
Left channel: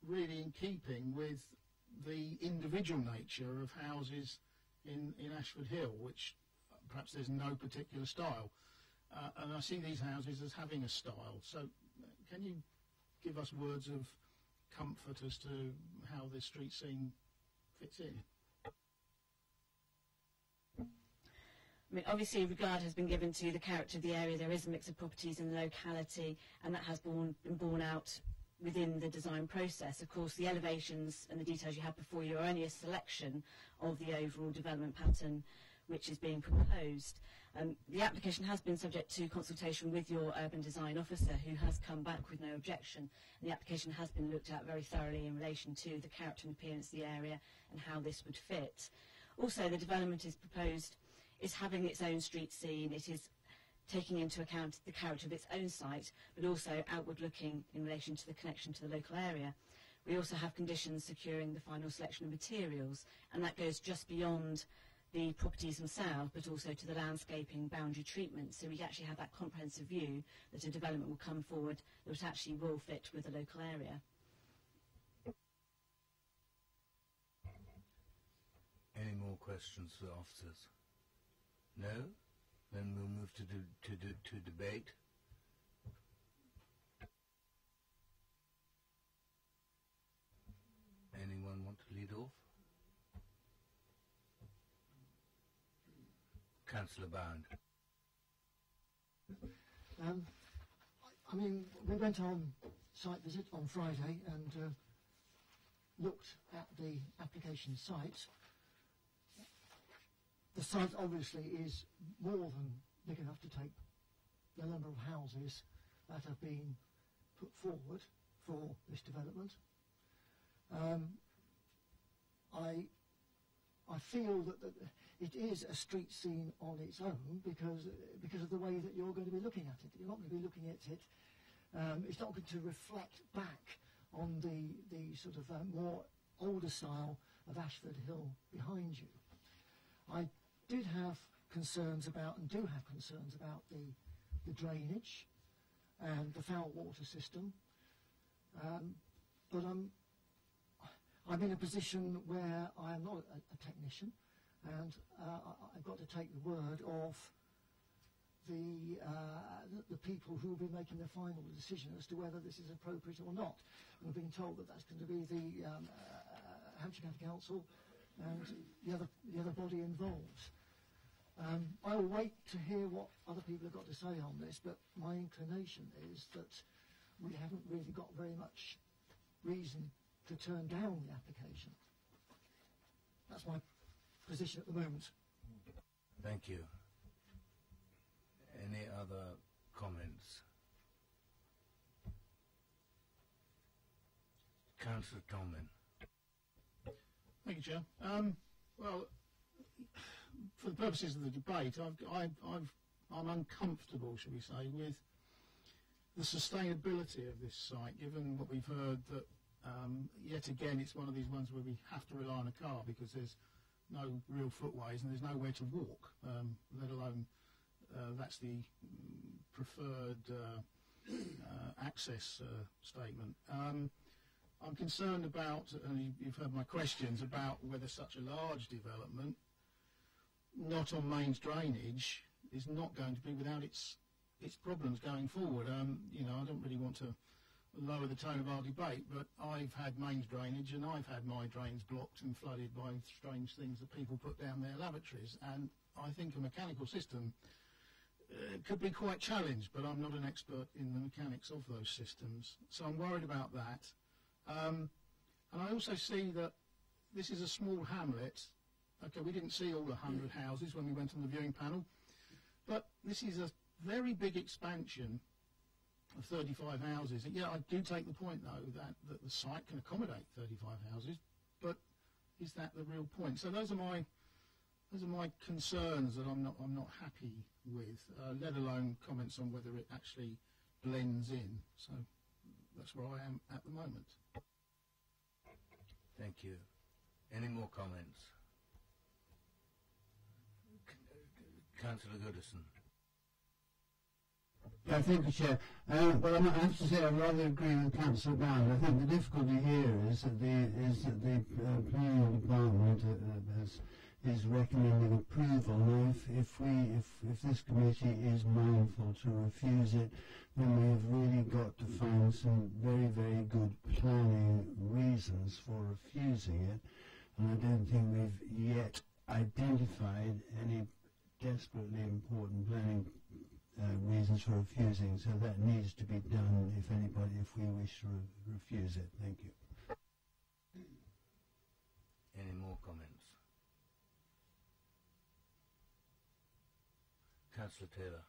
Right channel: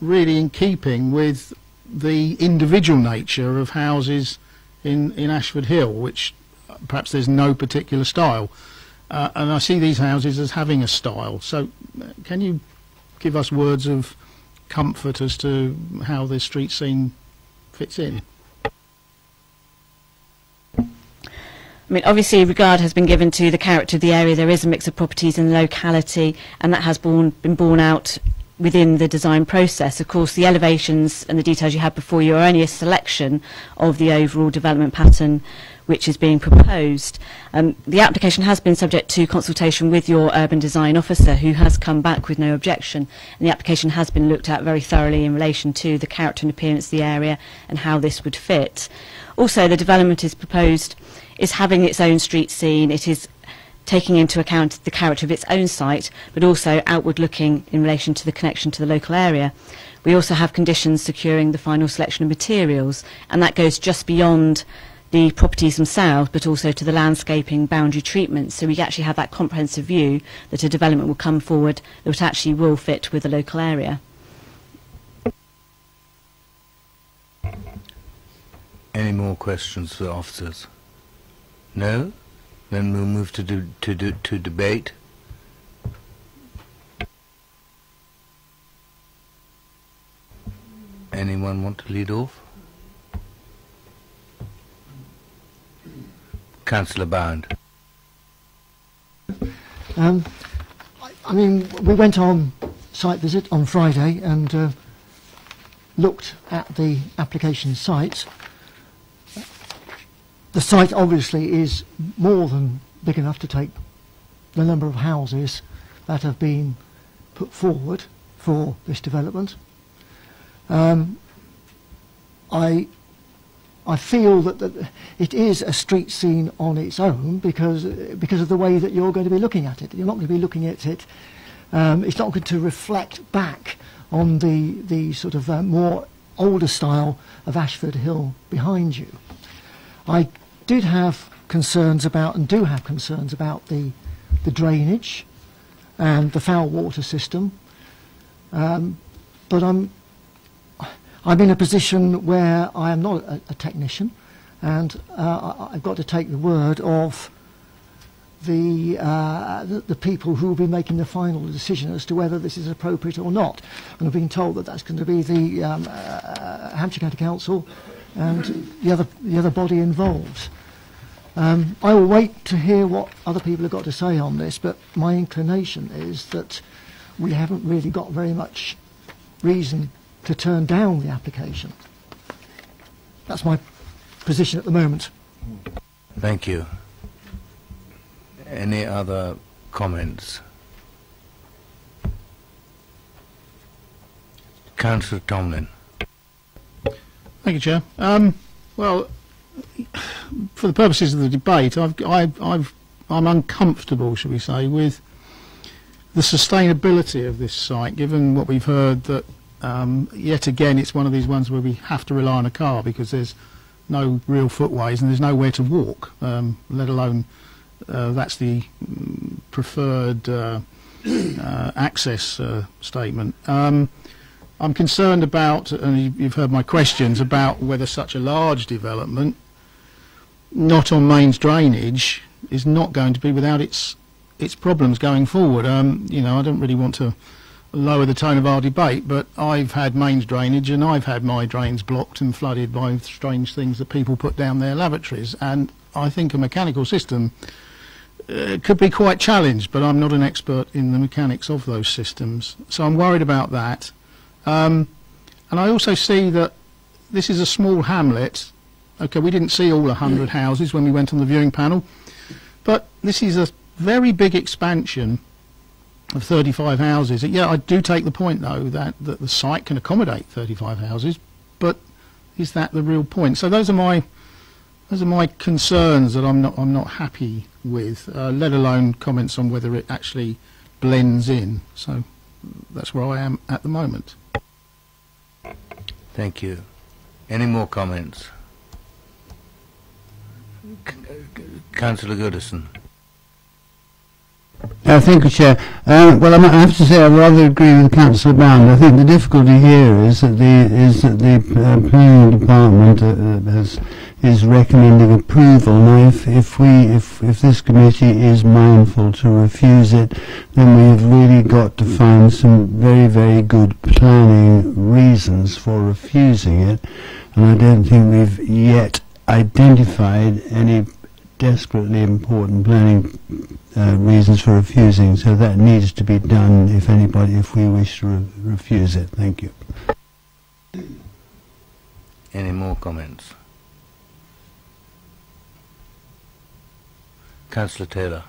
really in keeping with the individual nature of houses in Ashford Hill, which perhaps there's no particular style. And I see these houses as having a style. So can you give us words of comfort as to how this street scene fits in? I mean, obviously regard has been given to the character of the area. There is a mix of properties in the locality, and that has been borne out within the design process. Of course, the elevations and the details you have before you are only a selection of the overall development pattern which is being proposed. The application has been subject to consultation with your urban design officer, who has come back with no objection, and the application has been looked at very thoroughly in relation to the character and appearance of the area and how this would fit. Also, the development is proposed is having its own street scene. It is taking into account the character of its own site, but also outward looking in relation to the connection to the local area. We also have conditions securing the final selection of materials, and that goes just beyond the properties themselves, but also to the landscaping boundary treatment. So we actually have that comprehensive view that a development will come forward that actually will fit with the local area. Any more questions for officers? No? Then we'll move to debate. Anyone want to lead off? Councillor Bound. I mean, we went on site visit on Friday and looked at the application site. The site obviously is more than big enough to take the number of houses that have been put forward for this development. I feel that it is a street scene on its own because of the way that you're going to be looking at it. You're not going to be looking at it. It's not going to reflect back on the sort of more older style of Ashford Hill behind you. I did have concerns about, and do have concerns about, the drainage and the foul water system. But I'm in a position where I am not a technician, and I've got to take the word of the people who will be making the final decision as to whether this is appropriate or not. And I've been told that that's going to be the Hampshire County Council and the other body involved. I will wait to hear what other people have got to say on this, but my inclination is that we haven't really got very much reason to turn down the application. That's my position at the moment. Thank you. Any other comments? Councillor Tomlin. Thank you, Chair. Well, for the purposes of the debate, I'm uncomfortable, shall we say, with the sustainability of this site, given what we've heard that yet again it's one of these ones where we have to rely on a car because there's no real footways and there's nowhere to walk, let alone that's the preferred access statement. I'm concerned about, and you've heard my questions, about whether such a large development, not on mains drainage, is not going to be without its problems going forward. You know, I don't really want to lower the tone of our debate, but I've had mains drainage and I've had my drains blocked and flooded by strange things that people put down their lavatories, and I think a mechanical system could be quite challenged, but I'm not an expert in the mechanics of those systems, so I'm worried about that. And I also see that this is a small hamlet. Okay, we didn't see all 100 houses when we went on the viewing panel, but this is a very big expansion of 35 houses. Yeah, I do take the point, though, that the site can accommodate 35 houses, but is that the real point? So those are my concerns that I'm not happy with, let alone comments on whether it actually blends in. So that's where I am at the moment. Thank you. Any more comments? Councillor Goodison. Thank you, Chair. Well, I have to say I rather agree with Councillor Bound. I think the difficulty here is that the planning department is recommending approval. Now, if this committee is mindful to refuse it, then we have really got to find some very, very good planning reasons for refusing it, and I don't think we've yet identified any desperately important planning reasons for refusing, so that needs to be done if we wish to refuse it. Thank you. Any more comments? Councillor Taylor.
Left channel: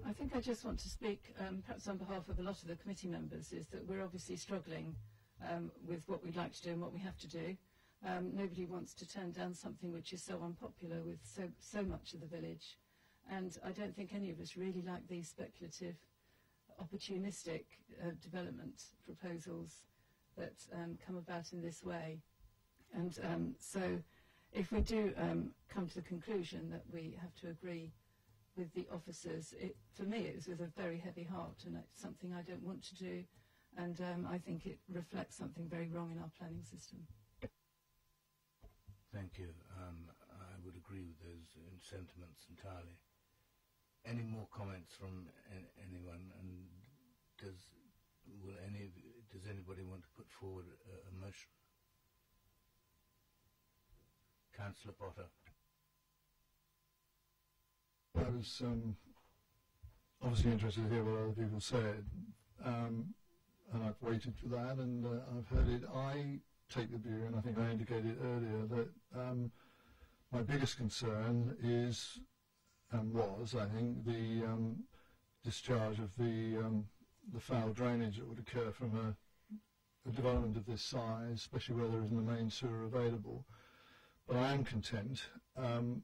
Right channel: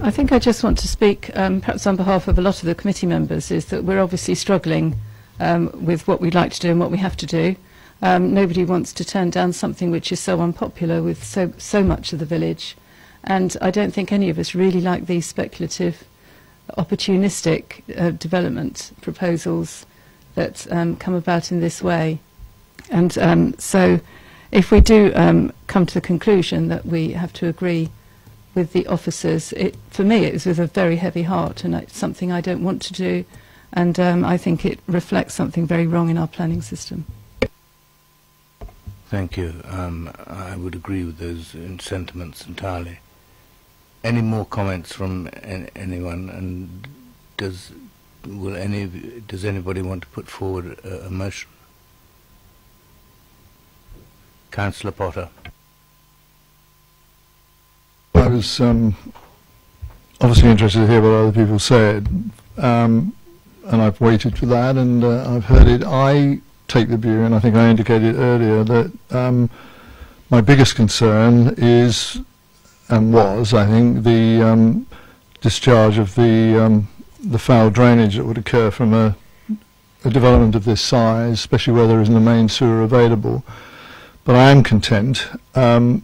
I think I just want to speak, perhaps on behalf of a lot of the committee members, is that we're obviously struggling with what we'd like to do and what we have to do. Nobody wants to turn down something which is so unpopular with so much of the village, and I don't think any of us really like these speculative, opportunistic development proposals that come about in this way. And so if we do come to the conclusion that we have to agree with the officers, for me it was with a very heavy heart, and it's something I don't want to do, and I think it reflects something very wrong in our planning system. Thank you. I would agree with those sentiments entirely. Any more comments from anyone? And does anybody want to put forward a motion? Councillor Potter. I was obviously interested to hear what other people said, and I've waited for that, and I've heard it. I take the view, and I think I indicated earlier, that my biggest concern is, and was, I think, the discharge of the foul drainage that would occur from a development of this size, especially where there isn't a main sewer available. But I am content, even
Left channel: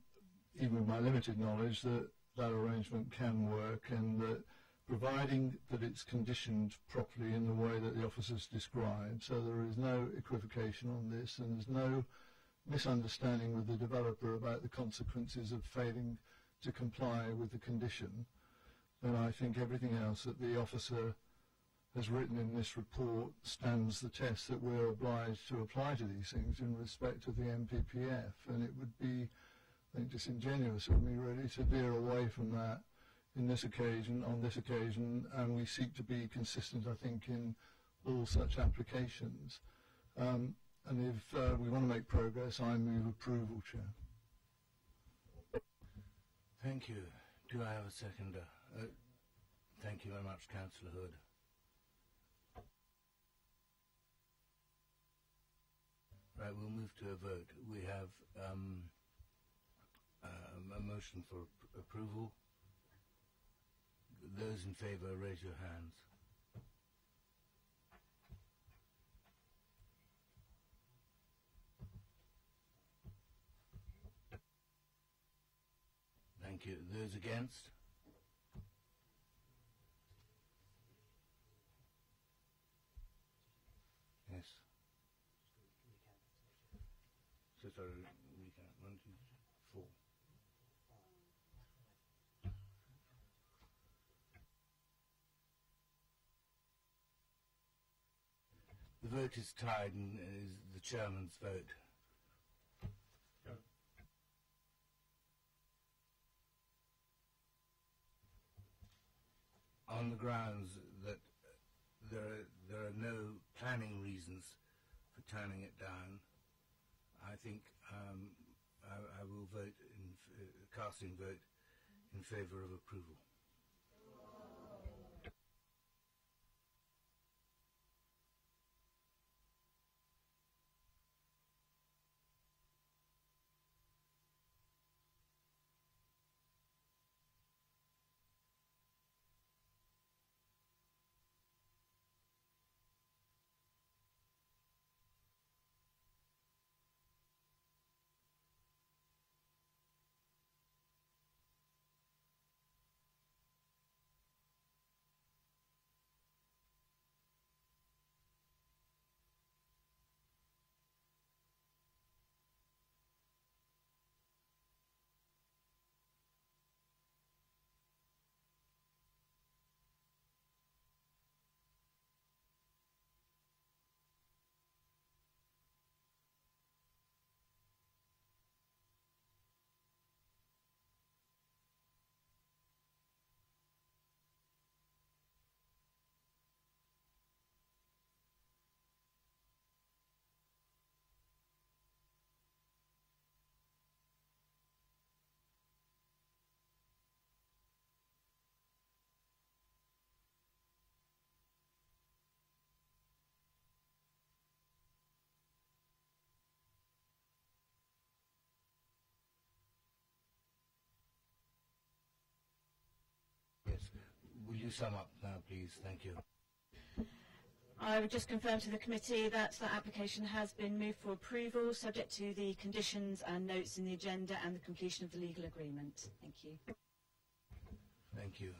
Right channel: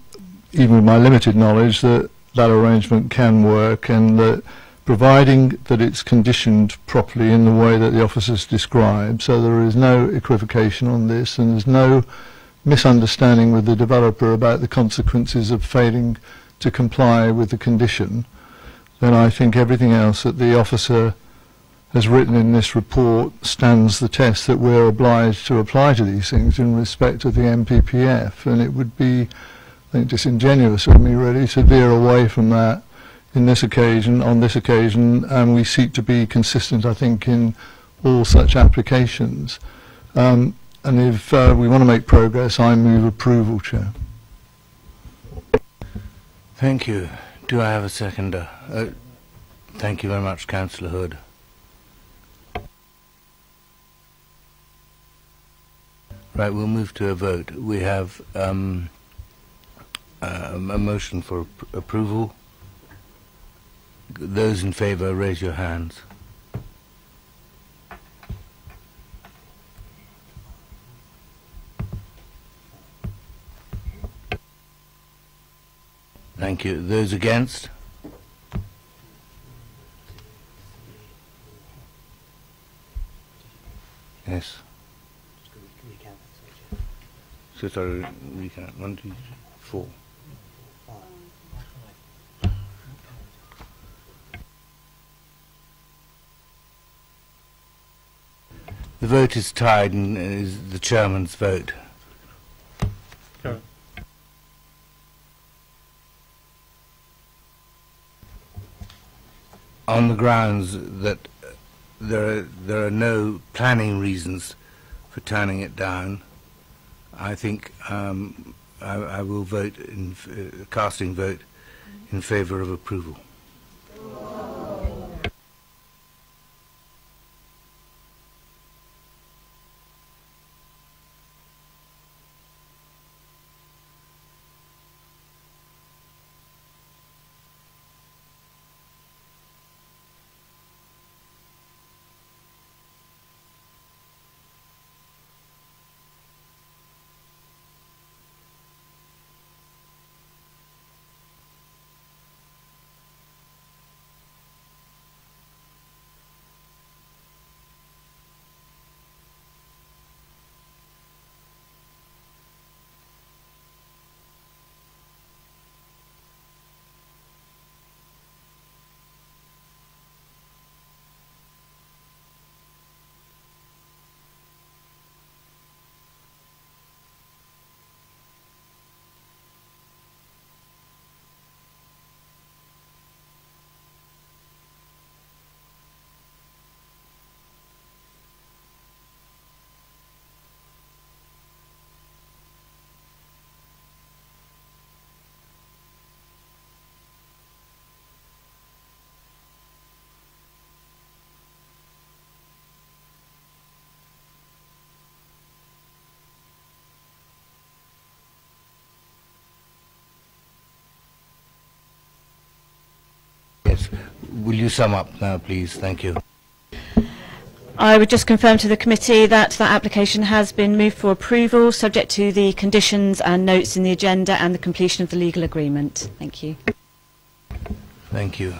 with my limited knowledge, that that arrangement can work, and that providing that it's conditioned properly in the way that the officers describe, so there is no equivocation on this and there's no misunderstanding with the developer about the consequences of failing to comply with the condition, then I think everything else that the officer has written in this report stands the test that we're obliged to apply to these things in respect of the MPPF, and it would be, I think, disingenuous of me really to veer away from that on this occasion, and we seek to be consistent, I think, in all such applications. And if we want to make progress, I move approval, Chair. Thank you. Do I have a seconder? Thank you very much, Councillor Hood. Right, we'll move to a vote. We have a motion for approval. Those in favour, raise your hands. Thank you. Those against? Yes. So sorry, recount. 1, 2, 3, 4. The vote is tied and is the chairman's vote. On the grounds that there are no planning reasons for turning it down, I think I will vote in casting vote in favour of approval. Yes. Will you sum up now, please? Thank you. I would just confirm to the committee that that application has been moved for approval, subject to the conditions and notes in the agenda and the completion of the legal agreement. Thank you. Thank you.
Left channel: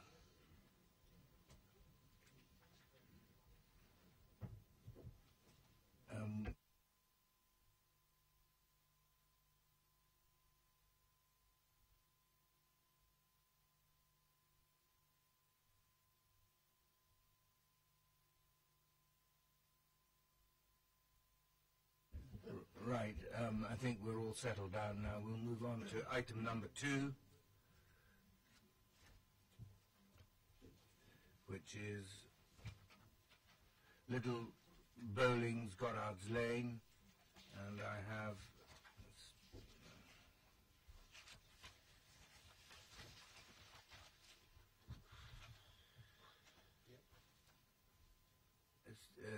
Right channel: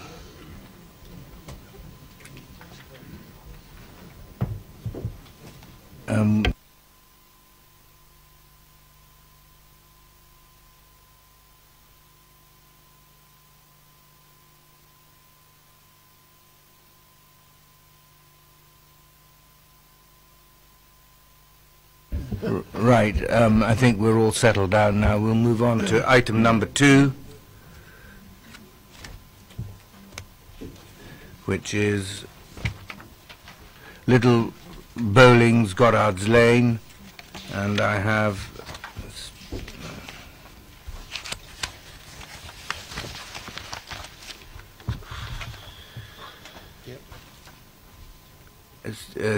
Right. I think we're all settled down now. We'll move on to item number 2, which is Little Bowlings, Goddard's Lane, and I have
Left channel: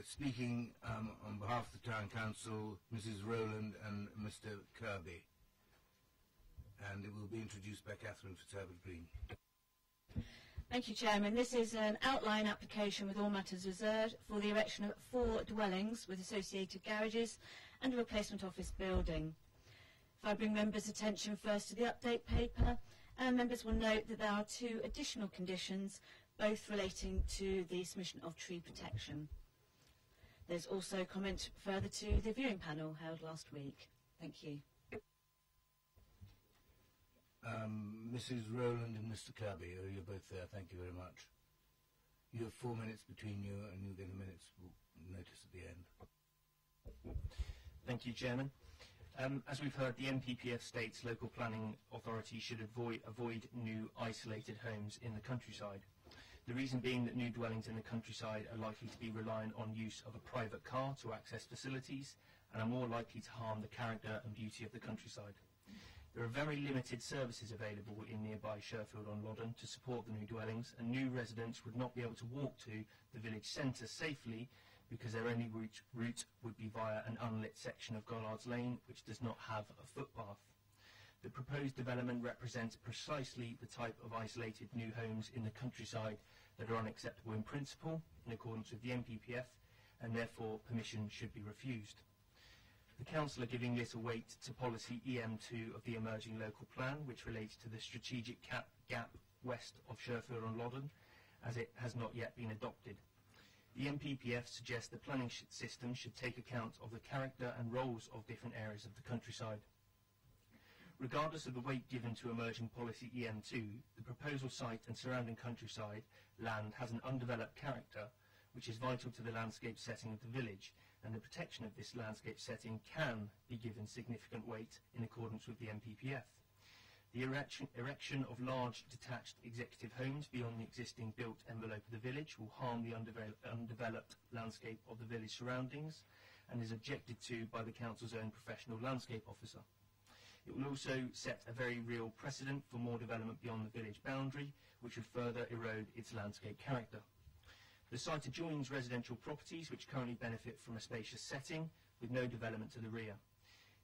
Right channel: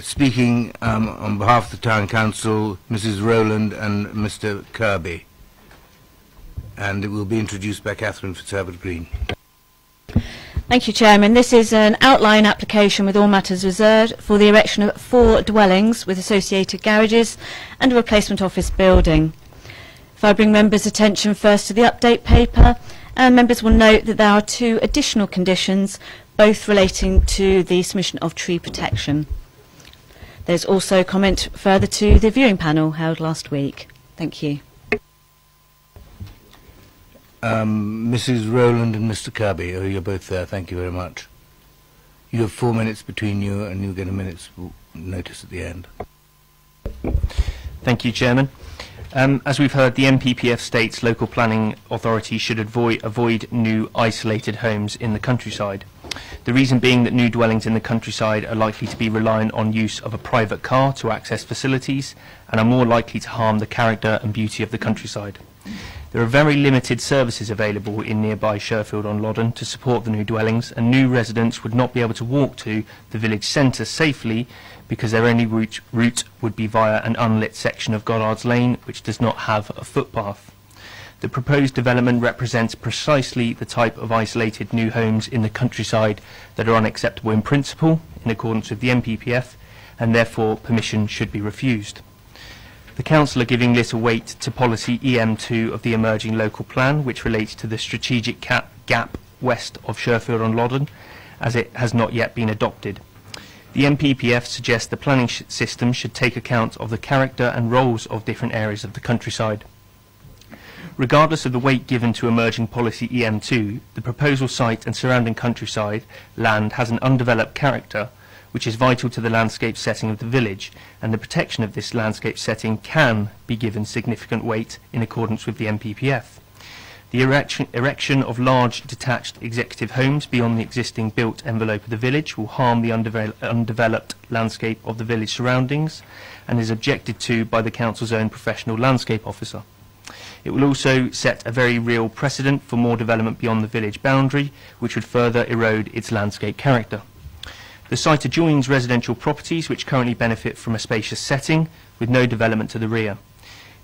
speaking on behalf of the Town Council, Mrs. Rowland and Mr. Kirby, and it will be introduced by Catherine Fitzherbert-Green. Thank you, Chairman. This is an outline application with all matters reserved for the erection of 4 dwellings with associated garages and a replacement office building. If I bring members' attention first to the update paper, members will note that there are 2 additional conditions, both relating to the submission of tree protection. There's also comment further to the viewing panel held last week. Thank you. Mrs. Rowland and Mr. Kirby, you're both there. Thank you very much. You have 4 minutes between you, and you'll get a minute's notice at the end. Thank you, Chairman. As we've heard, the NPPF states local planning authorities should avoid new isolated homes in the countryside. The reason being that new dwellings in the countryside are likely to be reliant on use of a private car to access facilities and are more likely to harm the character and beauty of the countryside. There are very limited services available in nearby Sherfield-on-Loddon to support the new dwellings, and new residents would not be able to walk to the village centre safely because their only route would be via an unlit section of Goddard's Lane, which does not have a footpath. The proposed development represents precisely the type of isolated new homes in the countryside that are unacceptable in principle, in accordance with the NPPF, and therefore permission should be refused. The Council are giving little weight to policy EM2 of the emerging local plan, which relates to the strategic gap west of Sherfield-on-Loddon, as it has not yet been adopted. The NPPF suggests the planning system should take account of the character and roles of different areas of the countryside. Regardless of the weight given to emerging policy EM2, the proposal site and surrounding countryside land has an undeveloped character, which is vital to the landscape setting of the village, and the protection of this landscape setting can be given significant weight in accordance with the NPPF. The erection of large detached executive homes beyond the existing built envelope of the village will harm the undeveloped landscape of the village surroundings and is objected to by the Council's own professional landscape officer. It will also set a very real precedent for more development beyond the village boundary, which would further erode its landscape character. The site adjoins residential properties which currently benefit from a spacious setting with no development to the rear.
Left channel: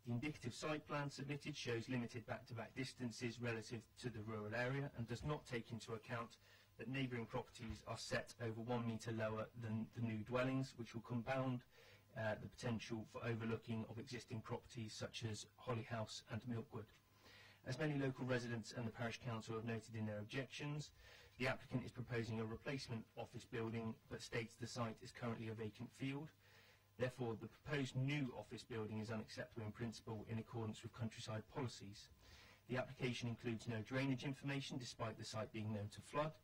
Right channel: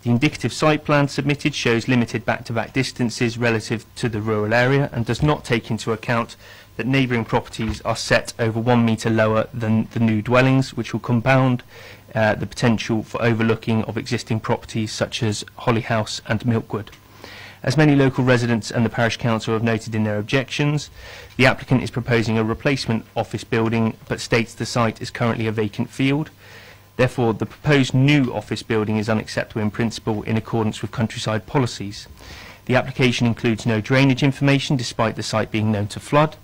The indicative site plan submitted shows limited back-to-back distances relative to the rural area and does not take into account that neighbouring properties are set over 1 metre lower than the new dwellings, which will compound the potential for overlooking of existing properties such as Holly House and Milkwood. As many local residents and the parish council have noted in their objections, the applicant is proposing a replacement office building but states the site is currently a vacant field. Therefore, the proposed new office building is unacceptable in principle in accordance with countryside policies. The application includes no drainage information despite the site being known to flood,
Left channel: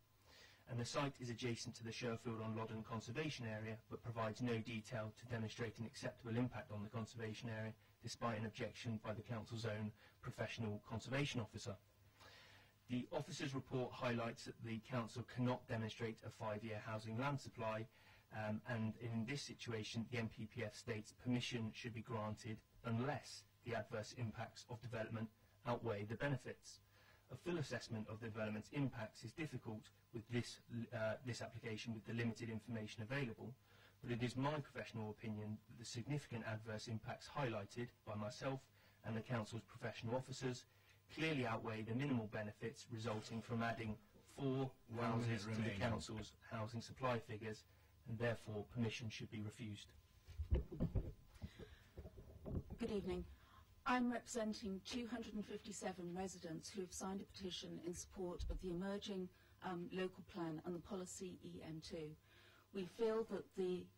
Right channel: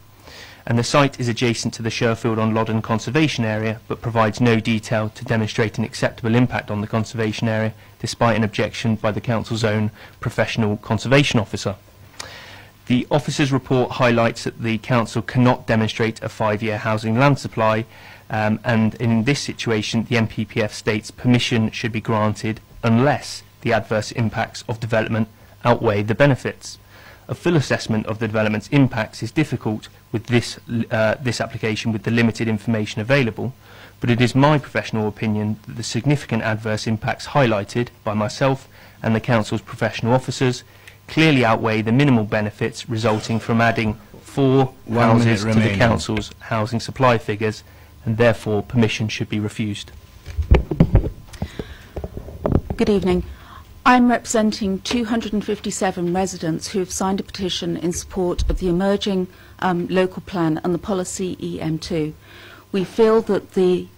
and the site is adjacent to the Sherfield-on-Loddon conservation area but provides no detail to demonstrate an acceptable impact on the conservation area despite an objection by the Council's own professional conservation officer. The officer's report highlights that the Council cannot demonstrate a 5-year housing land supply, and in this situation the NPPF states permission should be granted unless the adverse impacts of development outweigh the benefits. A full assessment of the development's impacts is difficult with this application with the limited information available, but it is my professional opinion that the significant adverse impacts highlighted by myself and the Council's professional officers clearly outweigh the minimal benefits resulting from adding 4 houses to the Council's housing supply figures, and therefore permission should be refused. Good evening. I'm representing 257 residents who have signed a petition in support of the emerging local plan and the policy EM2. We feel that the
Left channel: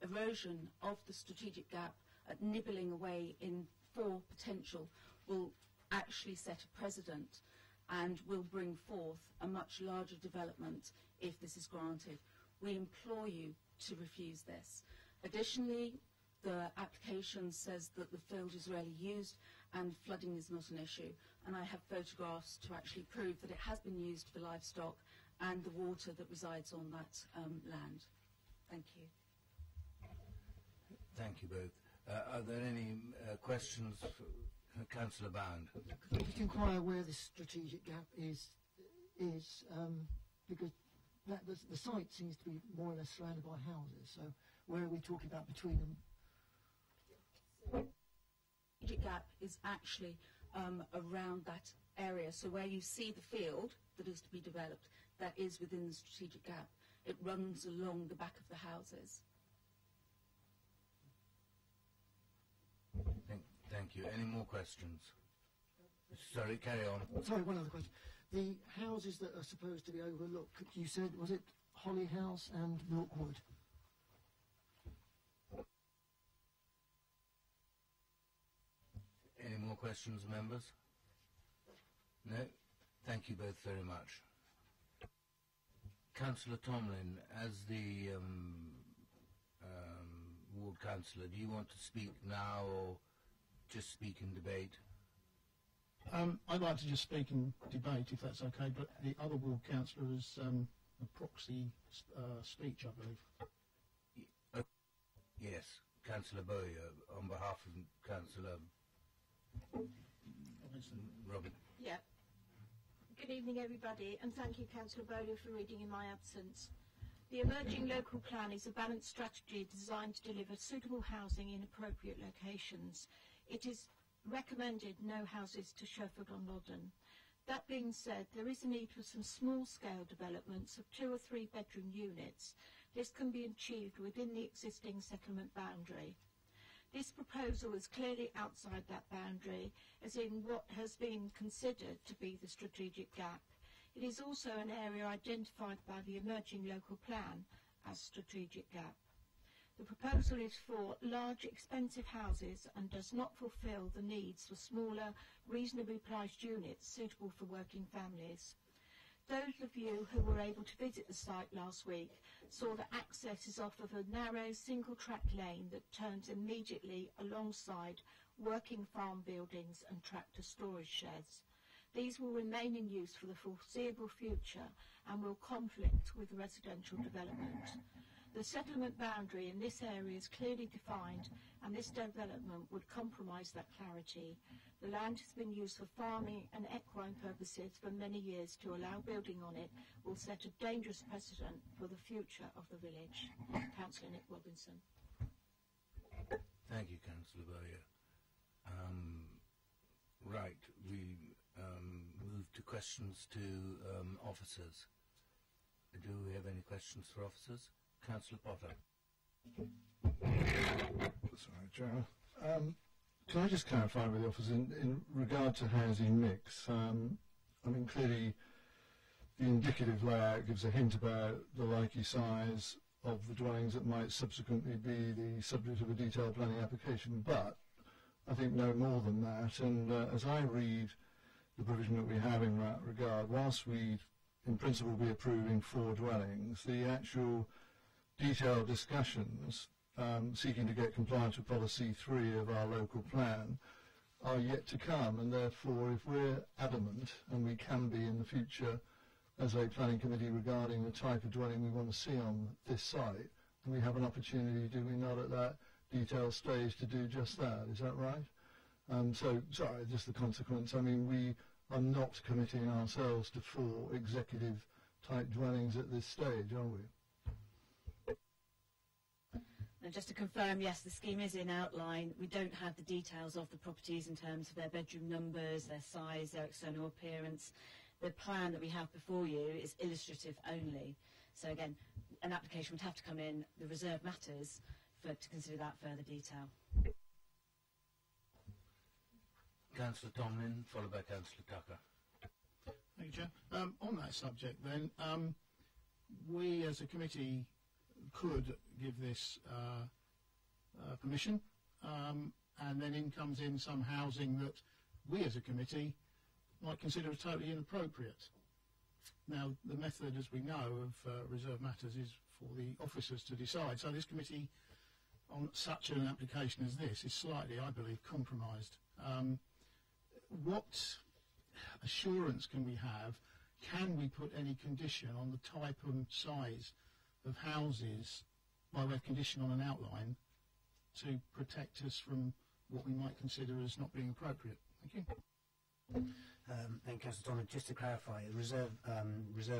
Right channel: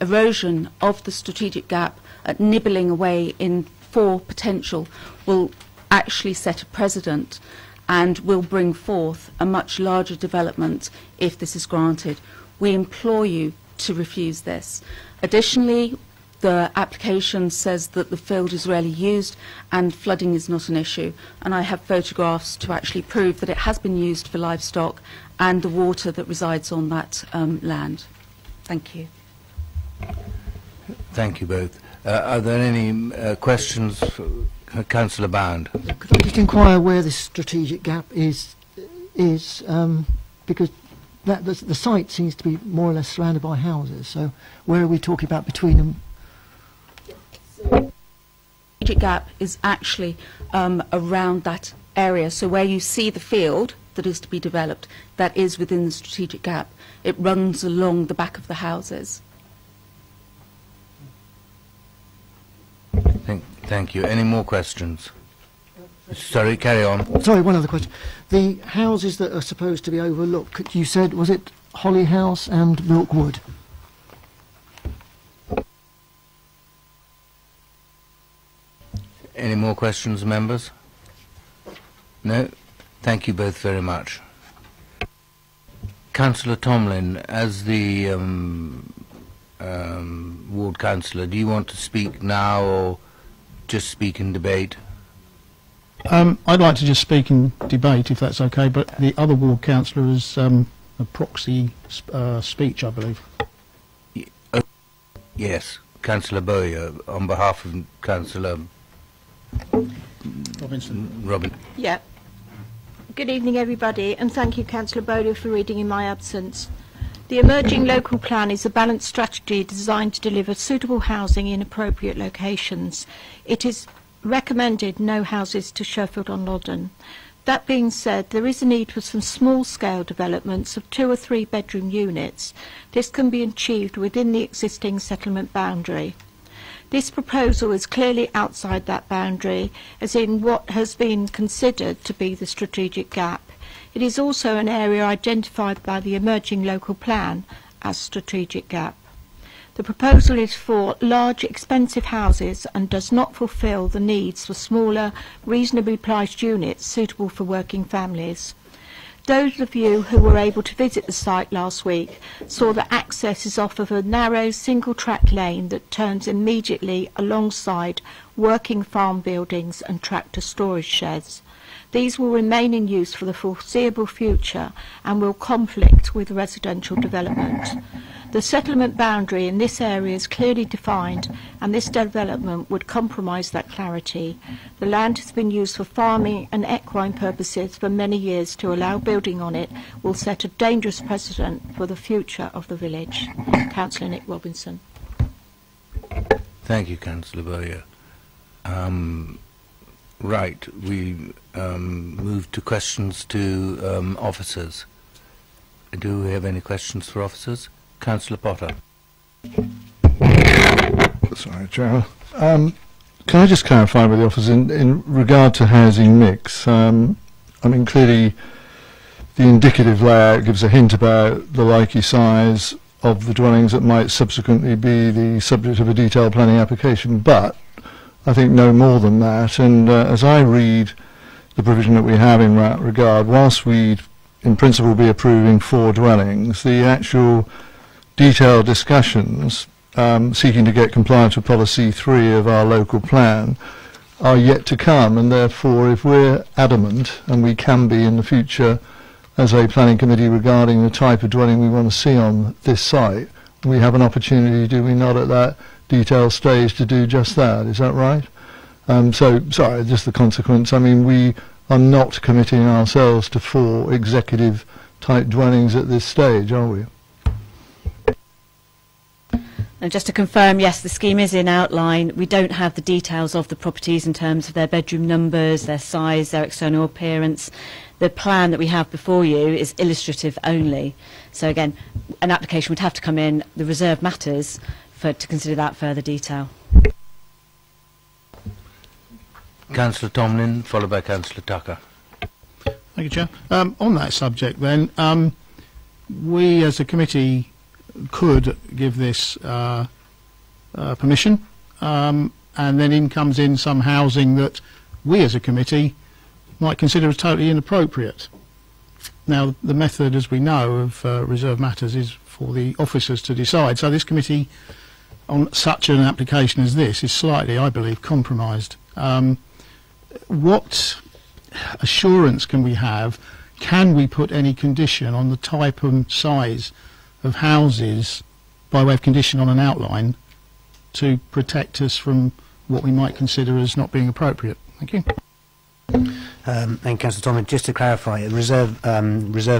erosion of the strategic gap at nibbling away in 4 potential will actually set a precedent and will bring forth a much larger development if this is granted. We implore you to refuse this. Additionally, The application says that the field is rarely used and flooding is not an issue. And I have photographs to actually prove that it has been used for livestock and the water that resides on that land. Thank you. Thank you both. Are there any questions for Councillor Bound? Could I just inquire where this strategic gap is because the site seems to be more or less surrounded by houses, so where are we talking about between them? The strategic gap is actually around that area, so where you see the field that is to be developed, that is within the strategic gap. It runs along the back of the houses. Thank you. Any more questions? Sorry, carry on. Sorry, one other question. The houses that are supposed to be overlooked, you said, was it Holly House and Milkwood? Any more questions, members? No? Thank you both very much. Councillor Tomlin, as the ward councillor, do you want to speak now or just speak in debate? I'd like to just speak in debate, if that's okay, but the other ward councillor is a proxy speech, I believe. Yes, Councillor Bowyer, on behalf of Councillor Robin. Yeah. Good evening, everybody, and thank you, Councillor Bowyer, for reading in my absence. The emerging local plan is a balanced strategy designed to deliver suitable housing in appropriate locations. It is recommended no houses to Sheffield-on-Loddon. That being said, there is a need for some small-scale developments of 2 or 3 bedroom units. This can be achieved within the existing settlement boundary. This proposal is clearly outside that boundary, as in what has been considered to be the strategic gap. It is also an area identified by the emerging local plan as strategic gap. The proposal is for large, expensive houses and does not fulfil the needs for smaller, reasonably priced units suitable for working families. Those of you who were able to visit the site last week saw that access is off of a narrow single-track lane that turns immediately alongside working farm buildings and tractor storage sheds. These will remain in use for the foreseeable future and will conflict with residential development. The settlement boundary in this area is clearly defined, and this development would compromise that clarity. The land has been used for farming and equine purposes for many years. To allow building on it will set a dangerous precedent for the future of the village. Councillor Nick Robinson. Thank you, Councillor Bowyer. Right, we move to questions to officers. Do we have any questions for officers? Councillor Potter. Sorry, Chair. Can I just clarify with the officers in regard to housing mix? I mean, clearly the indicative layout gives a hint about the likely size of the dwellings that might subsequently be the subject of a detailed planning application, but I think no more than that. And as I read the provision that we have in that regard, whilst we'd in principle be approving 4 dwellings, the actual detailed discussions seeking to get compliance with policy 3 of our local plan are yet to come, and therefore if we're adamant, and we can be in the future as a planning committee regarding the type of dwelling we want to see on this site, we have an opportunity, do we not, at that detailed stage to do just that. Is that right? So, sorry, just the consequence. I mean, we are not committing ourselves to 4 executive type dwellings at this stage, are we? And just to confirm, yes, the scheme is in outline. We don't have the details of the properties in terms of their bedroom numbers, their size, their external appearance. The plan that we have before you is illustrative only. So again, an application would have to come in, the reserve matters, to consider that further detail. Councillor Tomlin, followed by Councillor Tucker. Thank you, Chair. On that subject then, we as a committee could give this permission, and then in comes in some housing that we as a committee might consider as totally inappropriate. Now, the method, as we know, of reserve matters is for the officers to decide. So this committee on such an application as this is slightly, I believe, compromised. What assurance can we have? Can we put any condition on the type and size of houses by way of condition on an outline to protect us from what we might consider as not being appropriate? Thank you. Thank you, Councillor Tomlin. Just to clarify, a reserve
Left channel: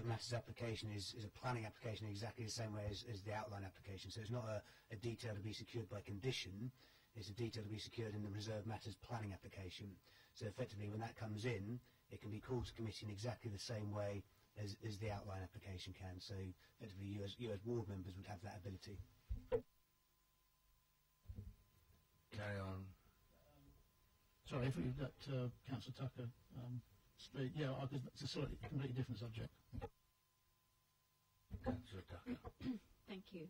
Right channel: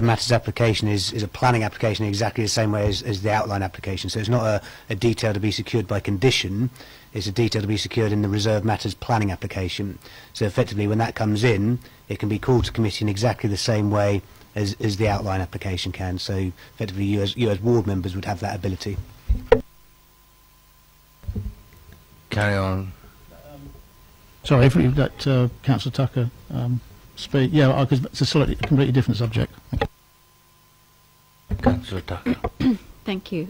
matters application is a planning application in exactly the same way as the outline application. So it's not a detail to be secured by condition, it's a detail to be secured in the reserve matters planning application. So effectively, when that comes in, it can be called to committee in exactly the same way as the outline application can. So effectively, you as ward members would have that ability. Carry on. Sorry, if we let Councillor Tucker speak. Yeah, because it's a completely different subject. Thank you. Councillor Tucker. Thank you.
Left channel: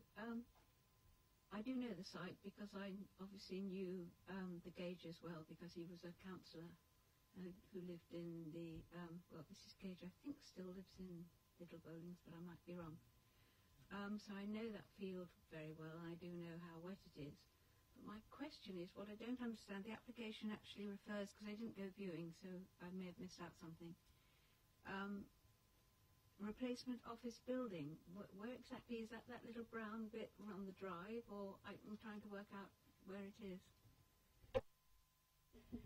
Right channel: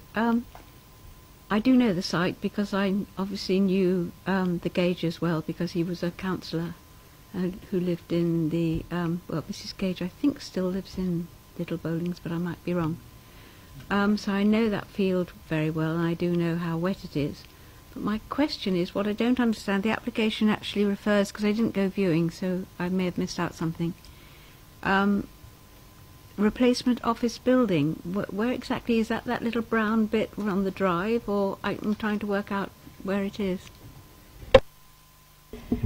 I do know the site because I obviously knew the Gage as well, because he was a councillor who lived in the, well, Mrs Gage I think still lives in Little Bowlings, but I might be wrong. So I know that field very well, and I do know how wet it is. But my question is, what I don't understand, the application actually refers, because I didn't go viewing, so I may have missed out something, replacement office building. Where exactly is that? That little brown bit on the drive, or I'm trying to work out where it is.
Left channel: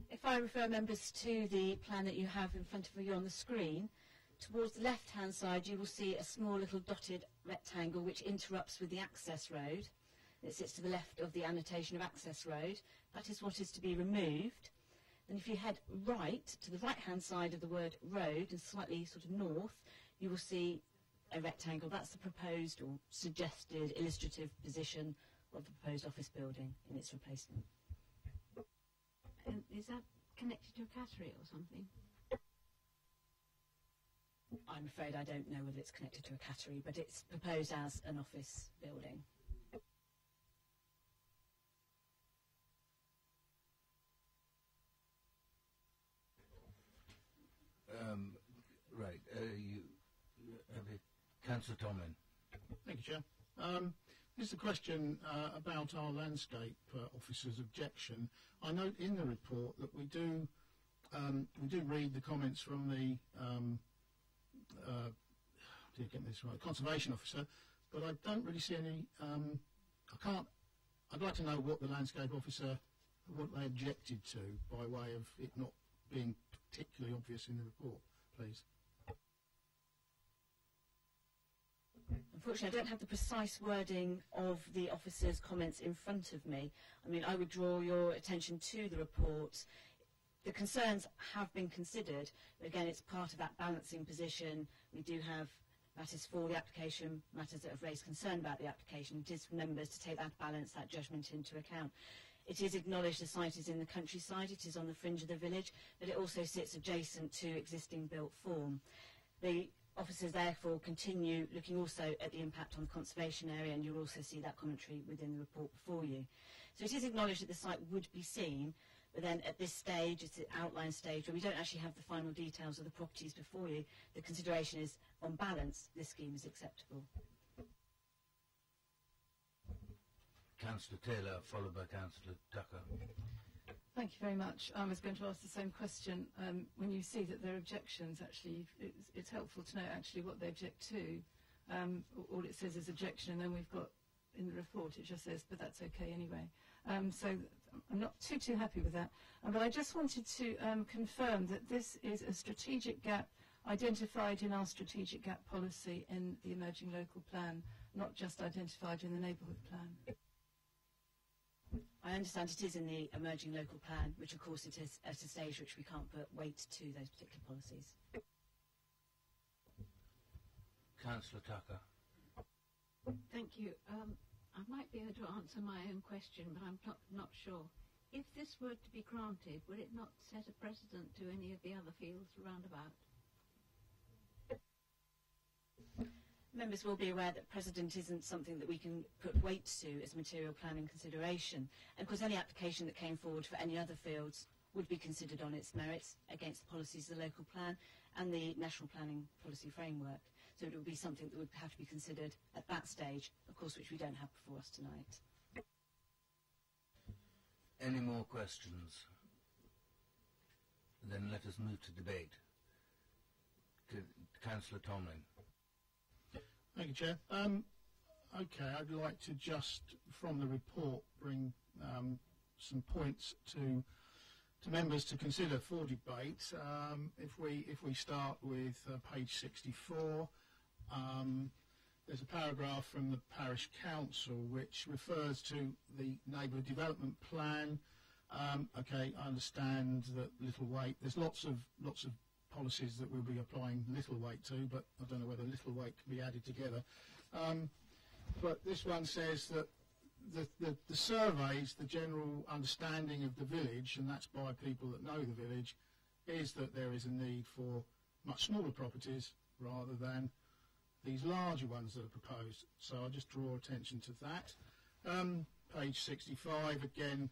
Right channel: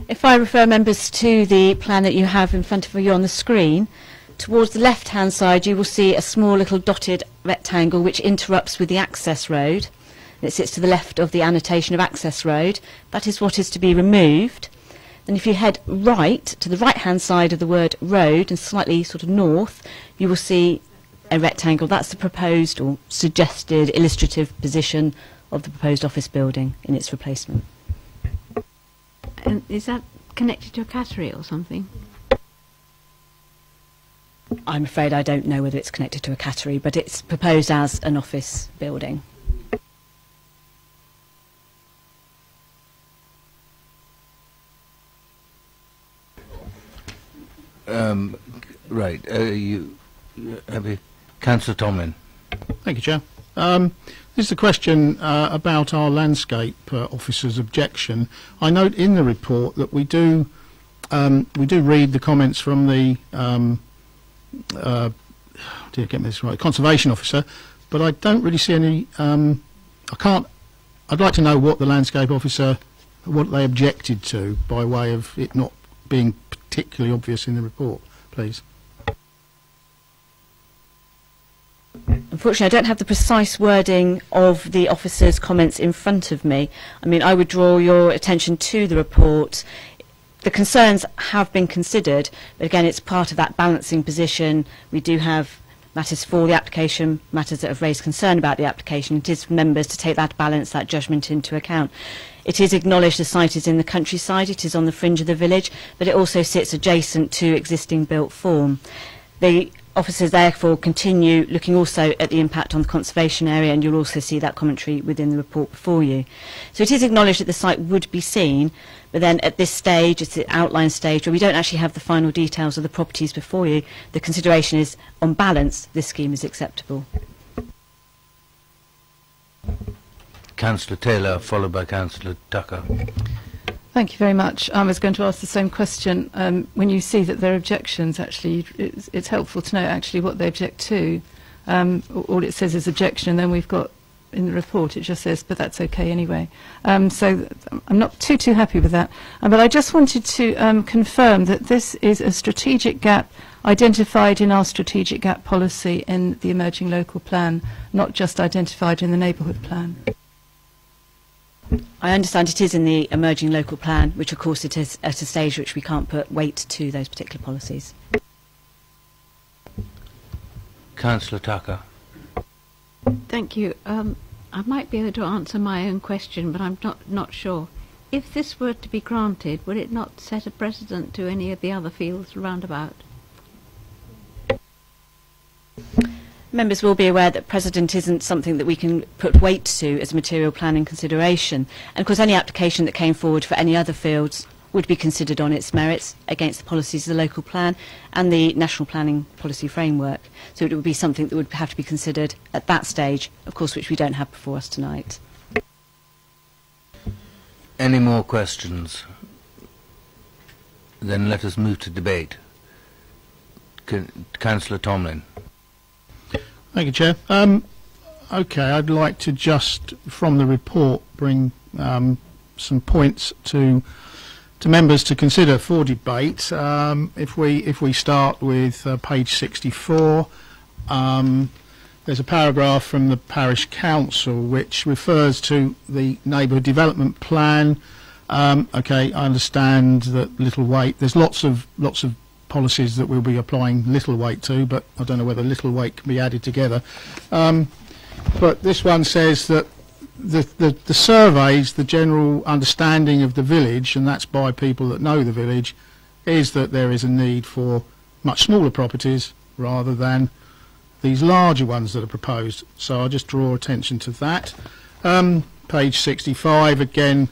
If I refer members to the plan that you have in front of you on the screen, towards the left-hand side you will see a small little dotted rectangle which interrupts with the access road. It sits to the left of the annotation of access road. That is what is to be removed. Then if you head right, to the right-hand side of the word road and slightly sort of north, you will see a rectangle. That's the proposed or suggested illustrative position of the proposed office building in its replacement. And is that connected to a cattery or something? I'm afraid I don't know whether it's connected to a cattery, but it's proposed as an office building. Right. Councillor Tomlin. Thank you, Chair. This is a question about our landscape officer's objection. I note in the report that we do read the comments from the conservation officer, but I don't really see any. I'd like to know what the landscape officer, what they objected to by way of it not being particularly obvious in the report, please. Unfortunately, I don't have the precise wording of the officer's comments in front of me. I mean, I would draw your attention to the report. The concerns have been considered, but again, it's part of that balancing position. We do have matters for the application, matters that have raised concern about the application. It is for members to take that balance, that judgment into account. It is acknowledged the site is in the countryside, it is on the fringe of the village, but it also sits adjacent to existing built form. The officers therefore continue looking also at the impact on the conservation area, and you'll also see that commentary within the report before you. So it is acknowledged that the site would be seen, but then at this stage, it's the outline stage where we don't actually have the final details of the properties before you. The consideration is, on balance, this scheme is acceptable. Councillor Taylor, followed by Councillor Tucker. Thank you very much. I was going to ask the same question. When you see that there are objections, actually, it's helpful to know actually what they object to. All it says is objection, and then we've got in the report it just says, but that's okay anyway. So I'm not too happy with that. But I just wanted to confirm that this is a strategic gap identified in our strategic gap policy in the emerging local plan, not just identified in the neighbourhood plan. I understand it is in the emerging local plan, which of course it is at a stage which we can't put weight to those particular policies. Councillor Tucker. Thank you. I might be able to answer my own question, but I'm not sure. If this were to be granted, would it not set a precedent to any of the other fields round about? Members will be aware that precedent isn't something that we can put weight to as a material planning consideration. And of course any application that came forward for any other fields would be considered on its merits against the policies of the local plan and the national planning policy framework. So it would be something that would have to be considered at that stage, of course, which we don't have before us tonight. Any more questions? Then let us move to debate. Councillor Tomlin. Thank you, Chair. Okay, I'd like to just, from the report, bring some points to members to consider for debate. If we start with page 64, there's a paragraph from the Parish Council which refers to the Neighbourhood Development Plan. Okay, I understand that little weight. There's lots of policies that we'll be applying little weight to, but I don't know whether little weight can be added together. But this one says that the surveys, the general understanding of the village, and that's by people that know the village, is that there is a need for much smaller properties rather than these larger ones that are proposed. So I'll just draw attention to that. Page 65, again,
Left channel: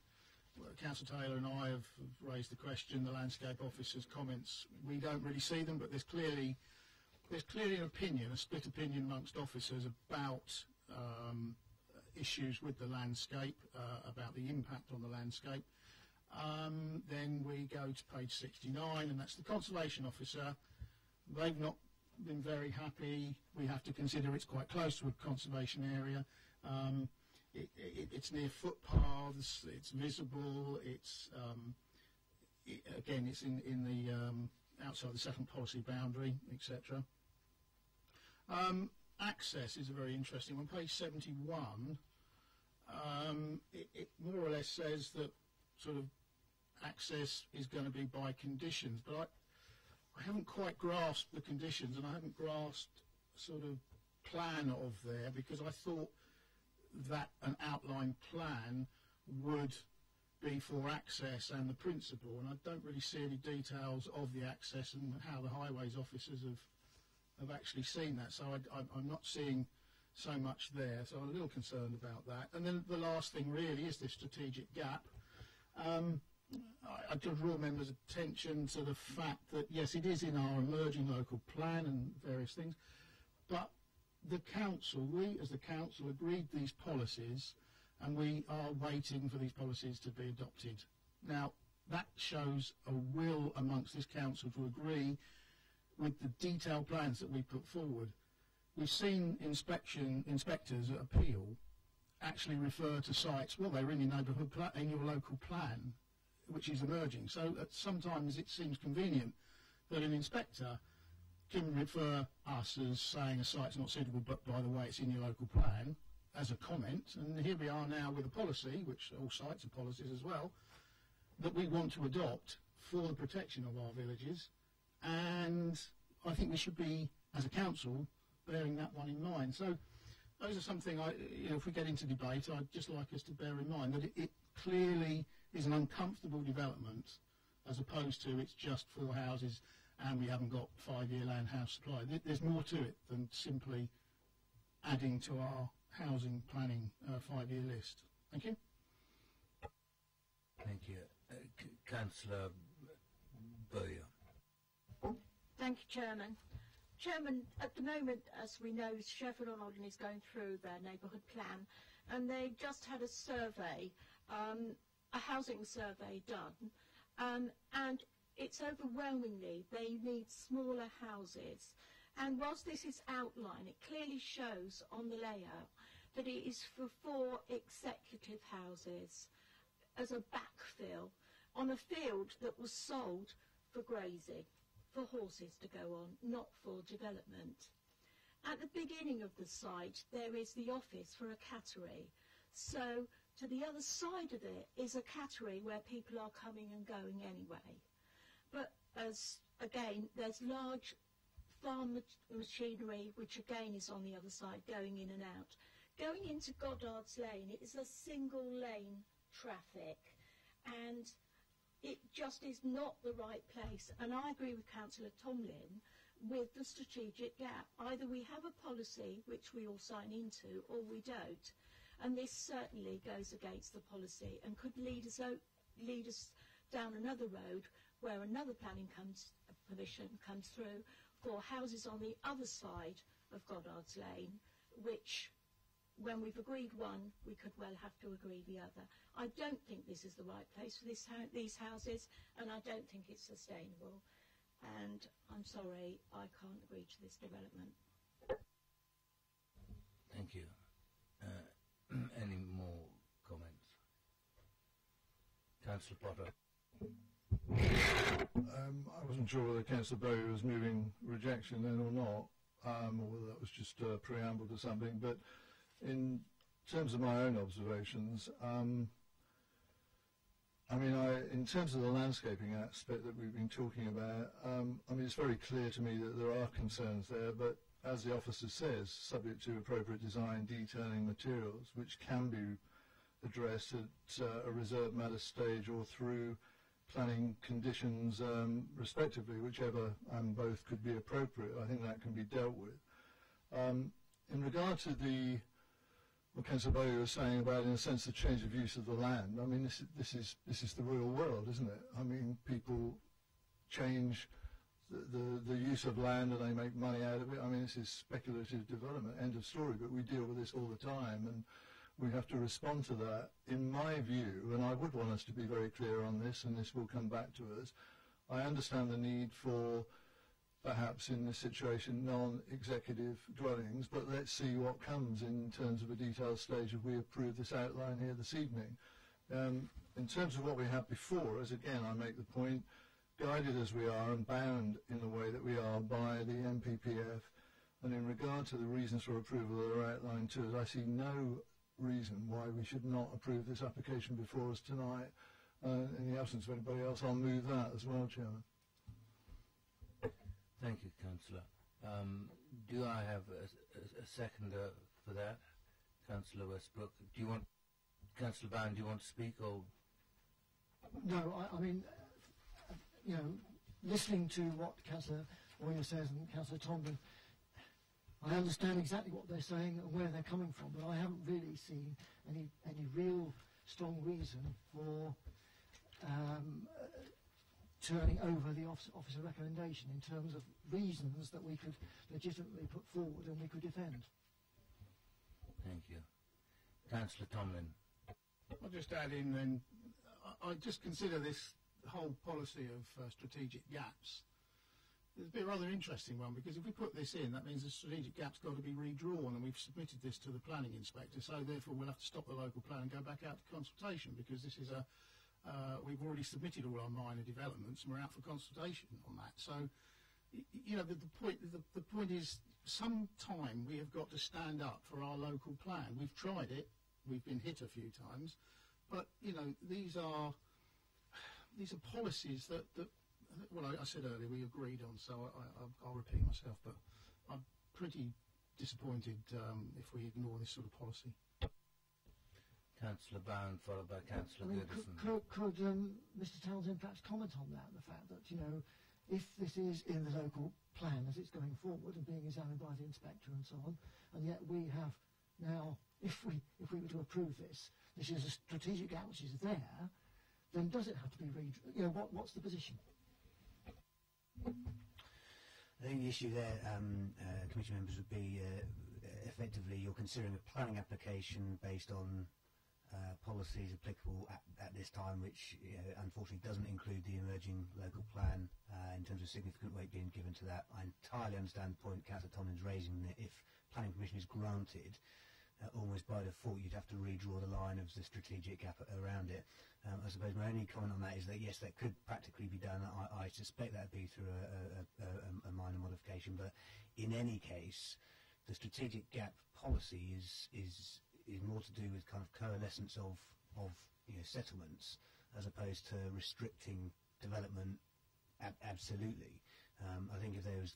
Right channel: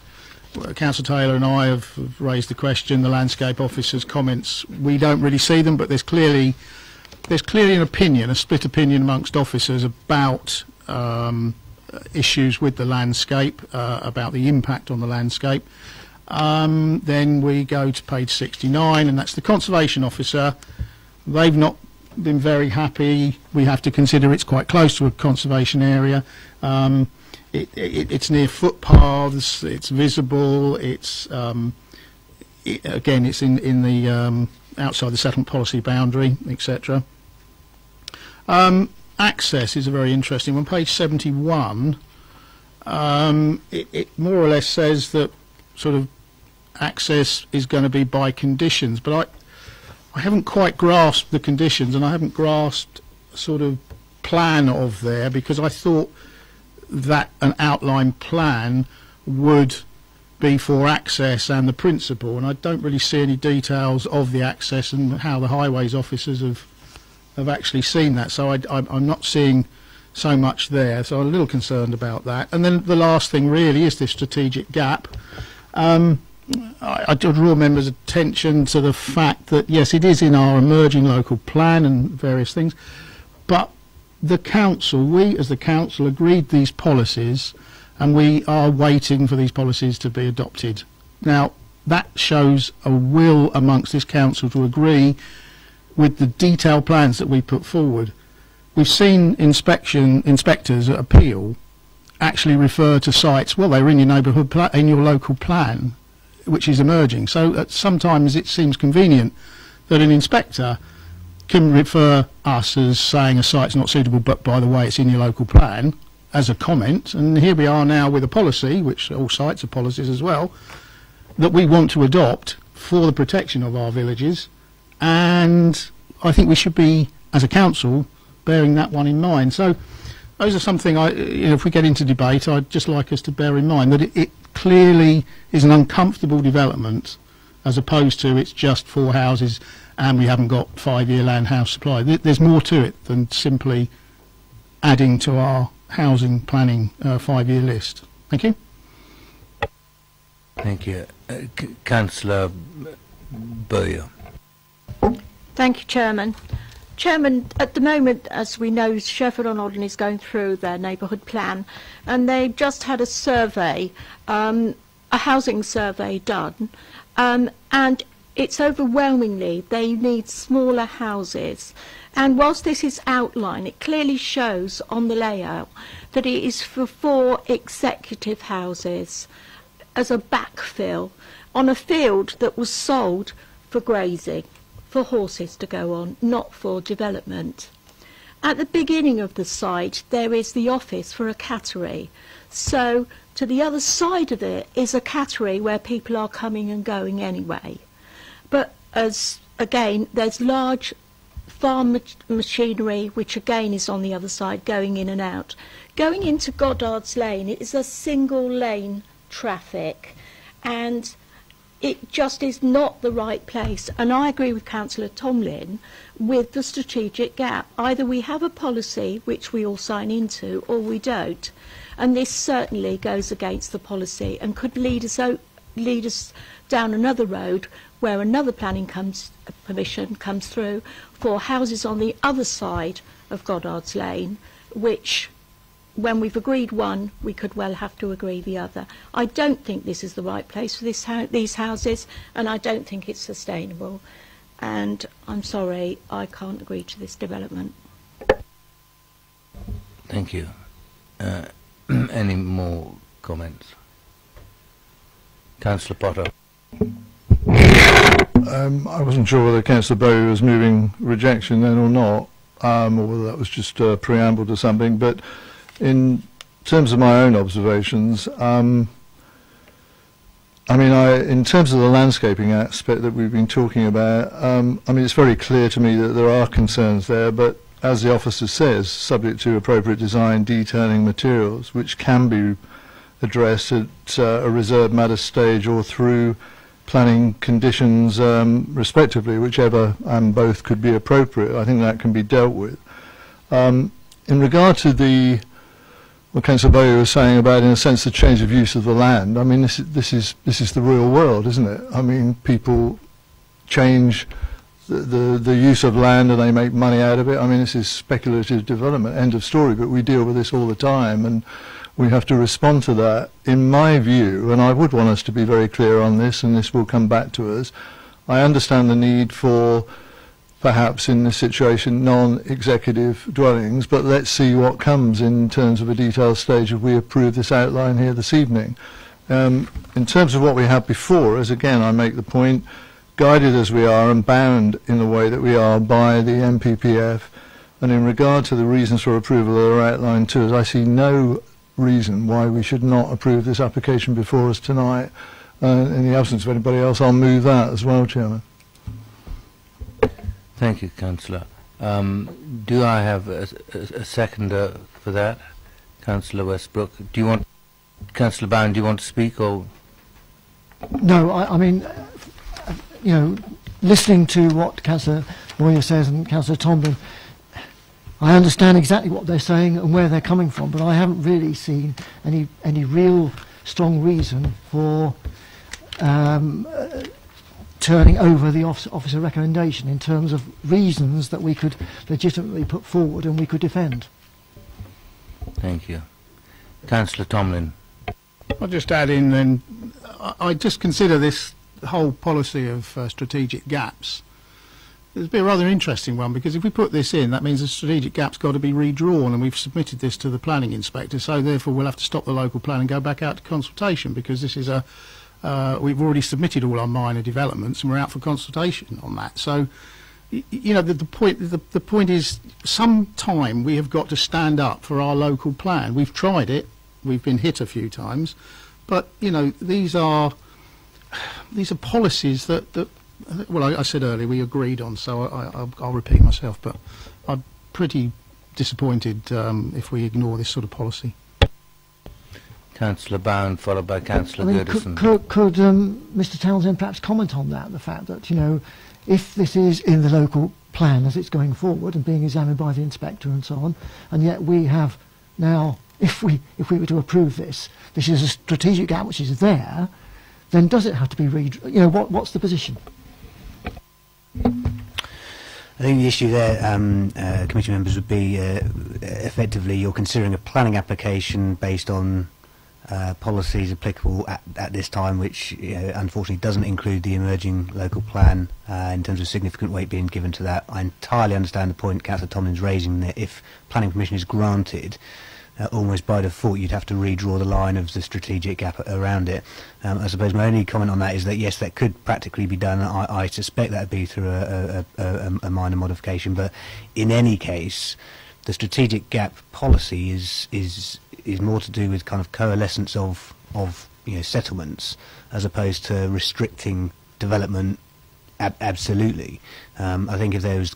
Councillor Taylor and I have raised the question, the landscape officer's comments. We don't really see them, but there's clearly an opinion, a split opinion amongst officers about issues with the landscape, about the impact on the landscape. Then we go to page 69, and that's the conservation officer. They've not been very happy. We have to consider it's quite close to a conservation area. It's near footpaths, it's visible, it's again, it's in the outside the settlement policy boundary, etc. Access is a very interesting one. Page 71, it more or less says that sort of access is going to be by conditions, but I haven't quite grasped the conditions, and I haven't grasped sort of plan of there, because I thought that an outline plan would be for access and the principal, and I don't really see any details of the access and how the highways officers have actually seen that, so I'm not seeing so much there, so I'm a little concerned about that. And then the last thing really is this strategic gap. I draw members' attention to the fact that yes, it is in our emerging local plan and various things, but the council, we as the council agreed these policies, and we are waiting for these policies to be adopted. Now that shows a will amongst this council to agree with the detailed plans that we put forward. We've seen inspectors at appeal actually refer to sites, well, they're in your neighbourhood in your local plan, which is emerging. So sometimes it seems convenient that an inspector can refer us as saying a site's not suitable, but by the way, it's in your local plan, as a comment. And here we are now with a policy, which all sites are policies as well, that we want to adopt for the protection of our villages. And I think we should be, as a council, bearing that one in mind. So those are something, if we get into debate, I'd just like us to bear in mind that it clearly is an uncomfortable development, as opposed to it's just 4 houses and we haven't got 5-year land house supply. There's more to it than simply adding to our housing planning 5-year list. Thank you. Thank you. Councillor Bowyer. Thank you, Chairman. Chairman, at the moment, as we know, Sheffield-on-Odden is going through their neighbourhood plan, and they've just had a survey, a housing survey done, and it's overwhelmingly they need smaller houses. And whilst this is outlined, it clearly shows on the layout that it is for 4 executive houses as a backfill on a field that was sold for grazing, for horses to go on, not for development. At the beginning of the site there is the office for a cattery, so to the other side of it is a cattery where people are coming and going anyway. But as again, there's large farm machinery, which again is on the other side, going in and out. Going into Goddard's Lane, it is a single lane traffic, and it just is not the right place. And I agree with Councillor Tomlin with the strategic gap. Either we have a policy which we all sign into, or we don't. And this certainly goes against the policy and could lead us down another road where another planning permission comes through for houses on the other side of Goddard's Lane, which when we've agreed one, we could well have to agree the other. I don't think this is the right place for these houses, and I don't think it's sustainable. And I'm sorry, I can't agree to this development. Thank you. Any more comments? Councillor Potter. I wasn't sure whether Councillor Bowie was moving rejection then or not, or whether that was just a preamble to something. But in terms of my own observations, in terms of the landscaping aspect that we've been talking about, it's very clear to me that there are concerns there, but as the officer says, subject to appropriate design, detailing materials, which can be addressed at a reserved matter stage or through planning conditions respectively, whichever and both could be appropriate. I think that can be dealt with. In regard to what Councillor Bowie was saying about, in a sense, the change of use of the land, this is the real world, isn't it? People change the use of land and they make money out of it. This is speculative development, end of story, but we deal with this all the time, and we have to respond to that. In my view, and I would want us to be very clear on this, and this will come back to us, I understand the need for, perhaps in this situation, non-executive dwellings, but let's see what comes in terms of a detailed stage if we approve this outline here this evening. In terms of what we had before, as again I make the point, guided as we are and bound in the way that we are by the MPPF, and in regard to the reasons for approval that are outlined to us, I see no reason why we should not approve this application before us tonight. In the absence of anybody else, I'll move that as well, Chairman. Thank you, Councillor. Do I have a seconder for that? Councillor Westbrook. Do you want, Councillor Bound, do you want to speak, or? No, listening to what Councillor Boyer says and Councillor Tomlin, I understand exactly what they're saying and where they're coming from, but I haven't really seen any real strong reason for turning over the officer recommendation in terms of reasons that we could legitimately put forward and we could defend. Thank you. Councillor Tomlin. I'll just add in then, I just consider this whole policy of strategic gaps. It'll be a rather interesting one, because if we put this in, that means the strategic gap's got to be redrawn, and we've submitted this to the planning inspector, so therefore we'll have to stop the local plan and go back out to consultation, because this is we've already submitted all our minor developments and we're out for consultation on that. So, the point is, sometime we have got to stand up for our local plan. We've tried it, we've been hit a few times, but these are policies that well, I said earlier we agreed on, so I'll repeat myself, but I'm pretty disappointed if we ignore this sort of policy. Councillor Bound, followed by Councillor Goodison. Could Mr Townsend perhaps comment on that, the fact that, if this is in the local plan as it's going forward and being examined by the inspector and so on, and yet we have now, if we were to approve this is a strategic gap which is there, then does it have to be what's the position? I think the issue there, committee members, would be effectively you're considering a planning application based on policies applicable at this time, which unfortunately doesn't include the emerging local plan in terms of significant weight being given to that. I entirely understand the point Councillor Tomlin's raising, that if planning permission is granted, almost by default you'd have to redraw the line of the strategic gap around it. I suppose my only comment on that is that yes, that could practically be done. I suspect that would be through a minor modification, but in any case the strategic gap policy is more to do with kind of coalescence of settlements, as opposed to restricting development absolutely. I think if there was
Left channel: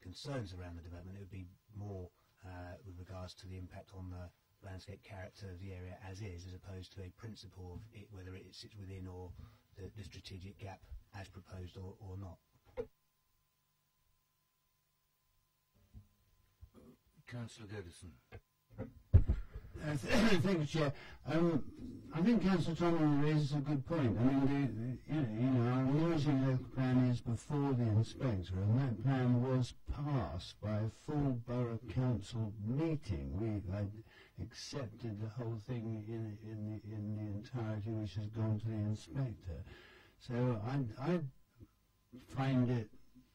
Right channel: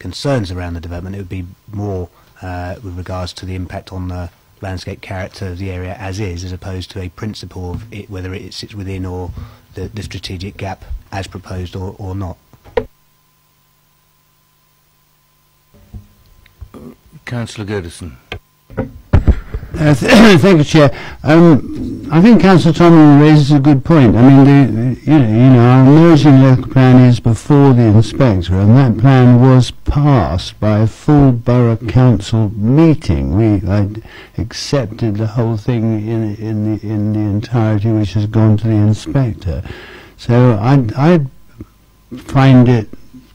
concerns around the development, it would be more with regards to the impact on the landscape character of the area as is, as opposed to a principle of it, whether it sits within or the strategic gap as proposed or not. Councillor Goodison. Thank you, Chair. I think Councillor Tomlin raises a good point. I mean, our emerging local plan is before the inspector, and that plan was passed by a full borough council meeting. I accepted the whole thing in the entirety, which has gone to the inspector. So I find it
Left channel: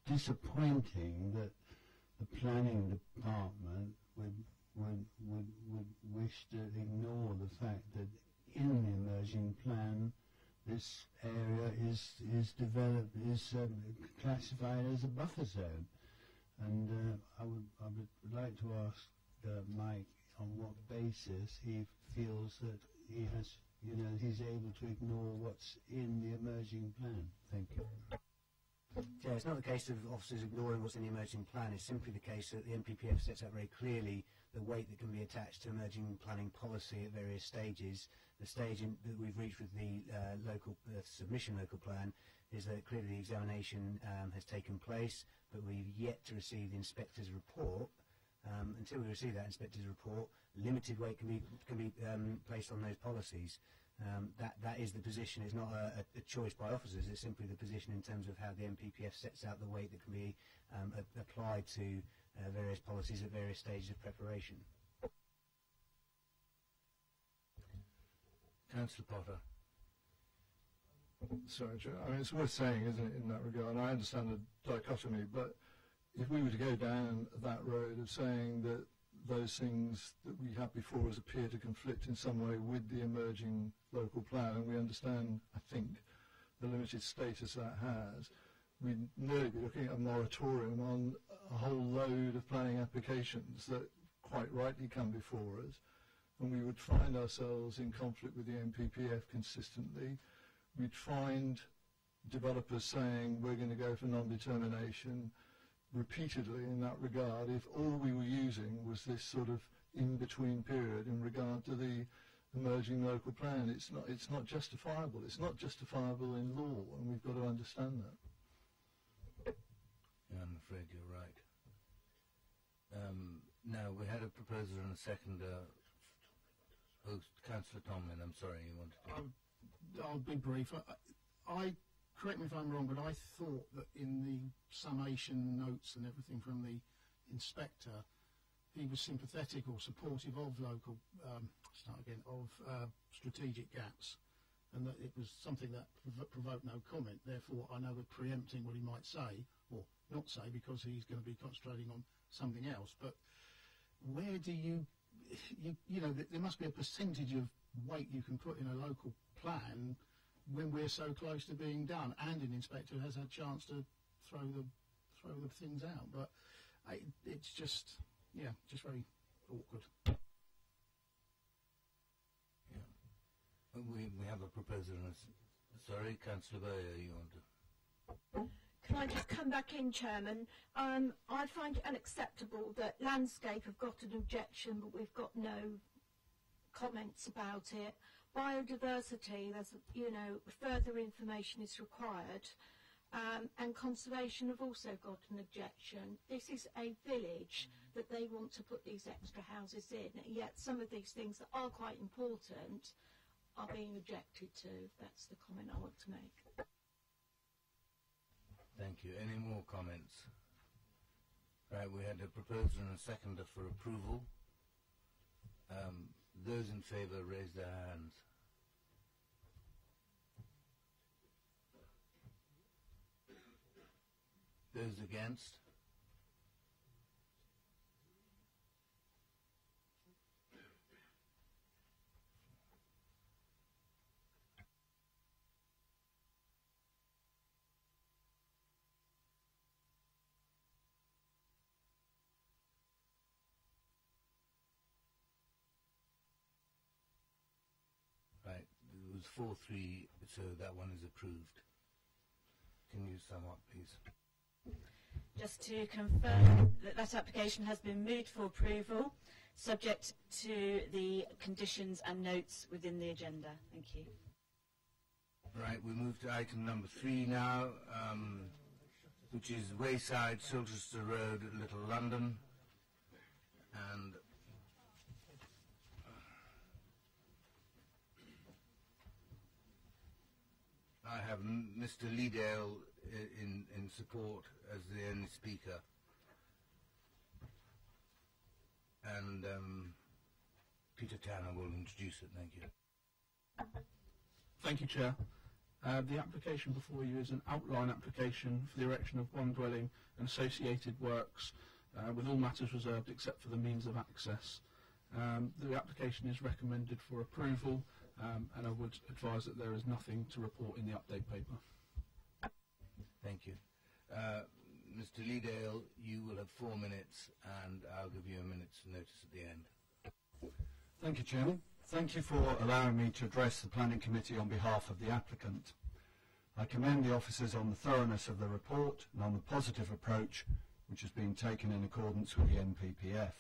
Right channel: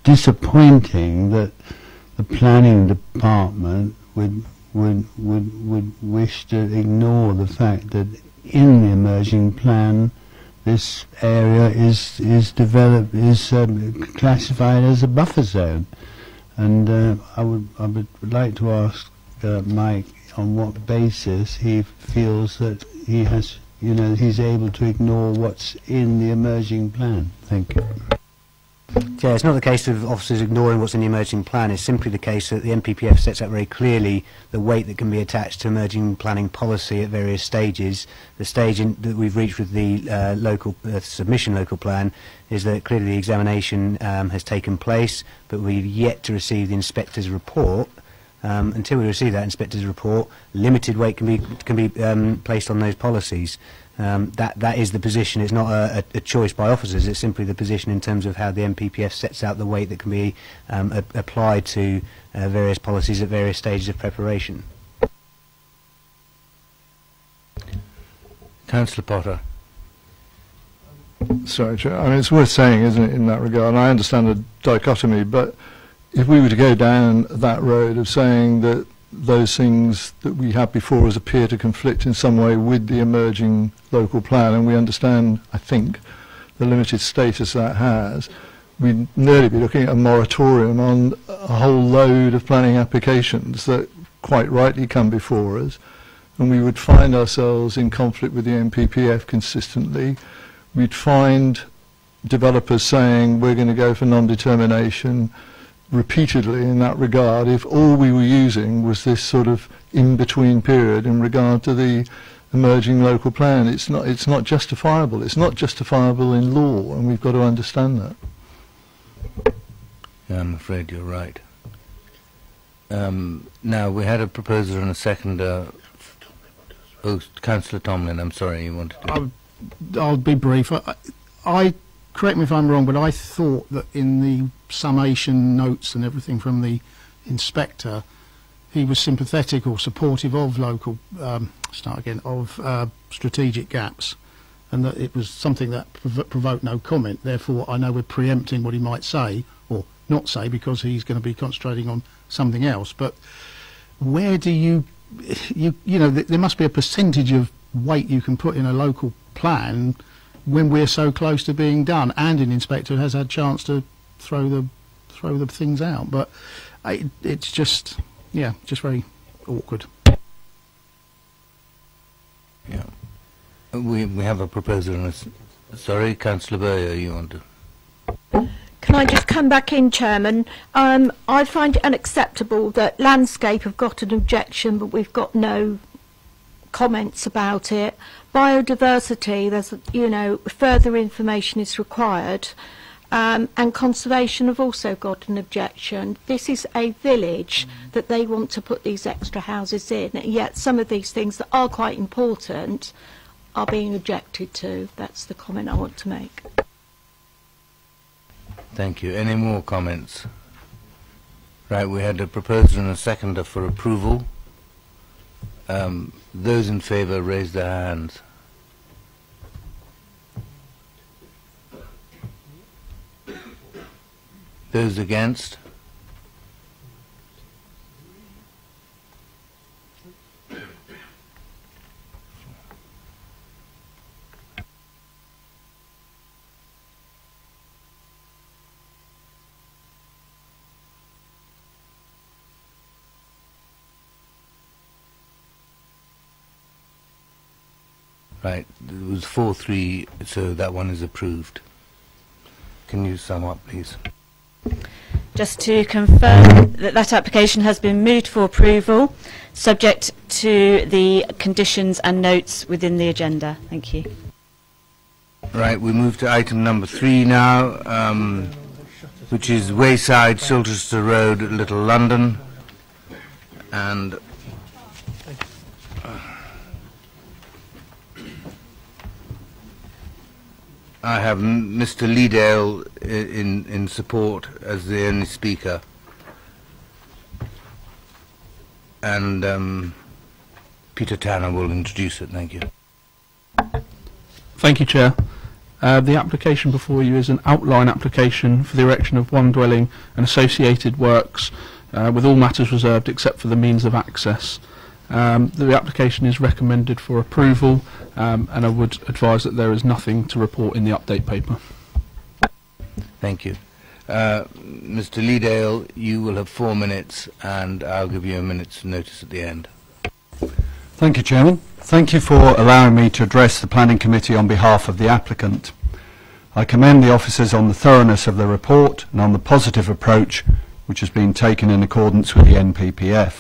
disappointing that the planning department would wish to ignore the fact that in the emerging plan this area is classified as a buffer zone, and I would like to ask Mike on what basis he feels that he has, he's able to ignore what's in the emerging plan. Thank you. Yeah, it's not the case of officers ignoring what's in the emerging plan. It's simply the case that the NPPF sets out very clearly the weight that can be attached to emerging planning policy at various stages. The stage that we've reached with the submission local plan is that clearly the examination has taken place, but we've yet to receive the inspector's report. Until we receive that inspector's report, limited weight can be placed on those policies. That is the position. It's not a choice by officers. It's simply the position in terms of how the NPPF sets out the weight that can be applied to various policies at various stages of preparation. Councillor Potter. Sorry, Chair. I mean, it's worth saying, isn't it, in that regard, and I understand the dichotomy, but if we were to go down that road of saying that those things that we have before us appear to conflict in some way with the emerging local plan, and we understand, I think, the limited status that has, we'd nearly be looking at a moratorium on a whole load of planning applications that quite rightly come before us, and we would find ourselves in conflict with the NPPF consistently. We'd find developers saying we're going to go for non-determination repeatedly in that regard if all we were using was this sort of in-between period in regard to the emerging local plan. It's not justifiable. It's not justifiable in law, and we've got to understand that. Yeah, I'm afraid you're right. Now, we had a proposer and a seconder. Oh, Councillor Tomlin, I'm sorry, you wanted to... I'll be brief. I correct me if I'm wrong, but I thought that in the summation notes and everything from the inspector, he was sympathetic or supportive of local, strategic gaps, and that it was something that provoked no comment. Therefore, I know we're preempting what he might say or not say because he's going to be concentrating on something else. But where do you know, there must be a percentage of weight you can put in a local plan when we're so close to being done, and an inspector has had a chance to throw the things out. But it's just very awkward. Yeah, we have a proposer and a... Sorry, Councillor Bowyer, you want to... Can I just come back in, Chairman? I find it unacceptable that landscape have got an objection, but we've got no comments about it. Biodiversity, there's, further information is required, and conservation have also got an objection. This is a village that they want to put these extra houses in, yet some of these things that are quite important are being objected to. That's the comment I want to make. Thank you. Any more comments? Right, we had a proposer and a seconder for approval. Those in favour raise their hands. Those against? Right, it was 4-3, so that one is approved. Can you sum up, please? Just to confirm that that application has been moved for approval, subject to the conditions and notes within the agenda. Thank you. Right, we move to item number 3 now, which is Wayside, Silchester Road, Little London. And I have Mr. Leedale in support as the only speaker. And Peter Tanner will introduce it. Thank you. Thank you, Chair. The application before you is an outline application for the erection of one dwelling and associated works, with all matters reserved except for the means of access. The application is recommended for approval, and I would advise that there is nothing to report in the update paper. Thank you. Mr. Leedale, you will have 4 minutes, and I'll give you a minute's notice at the end. Thank you, Chairman. Thank you for allowing me to address the Planning Committee on behalf of the applicant. I commend the officers on the thoroughness of the report and on the positive approach which has been taken in accordance with the NPPF.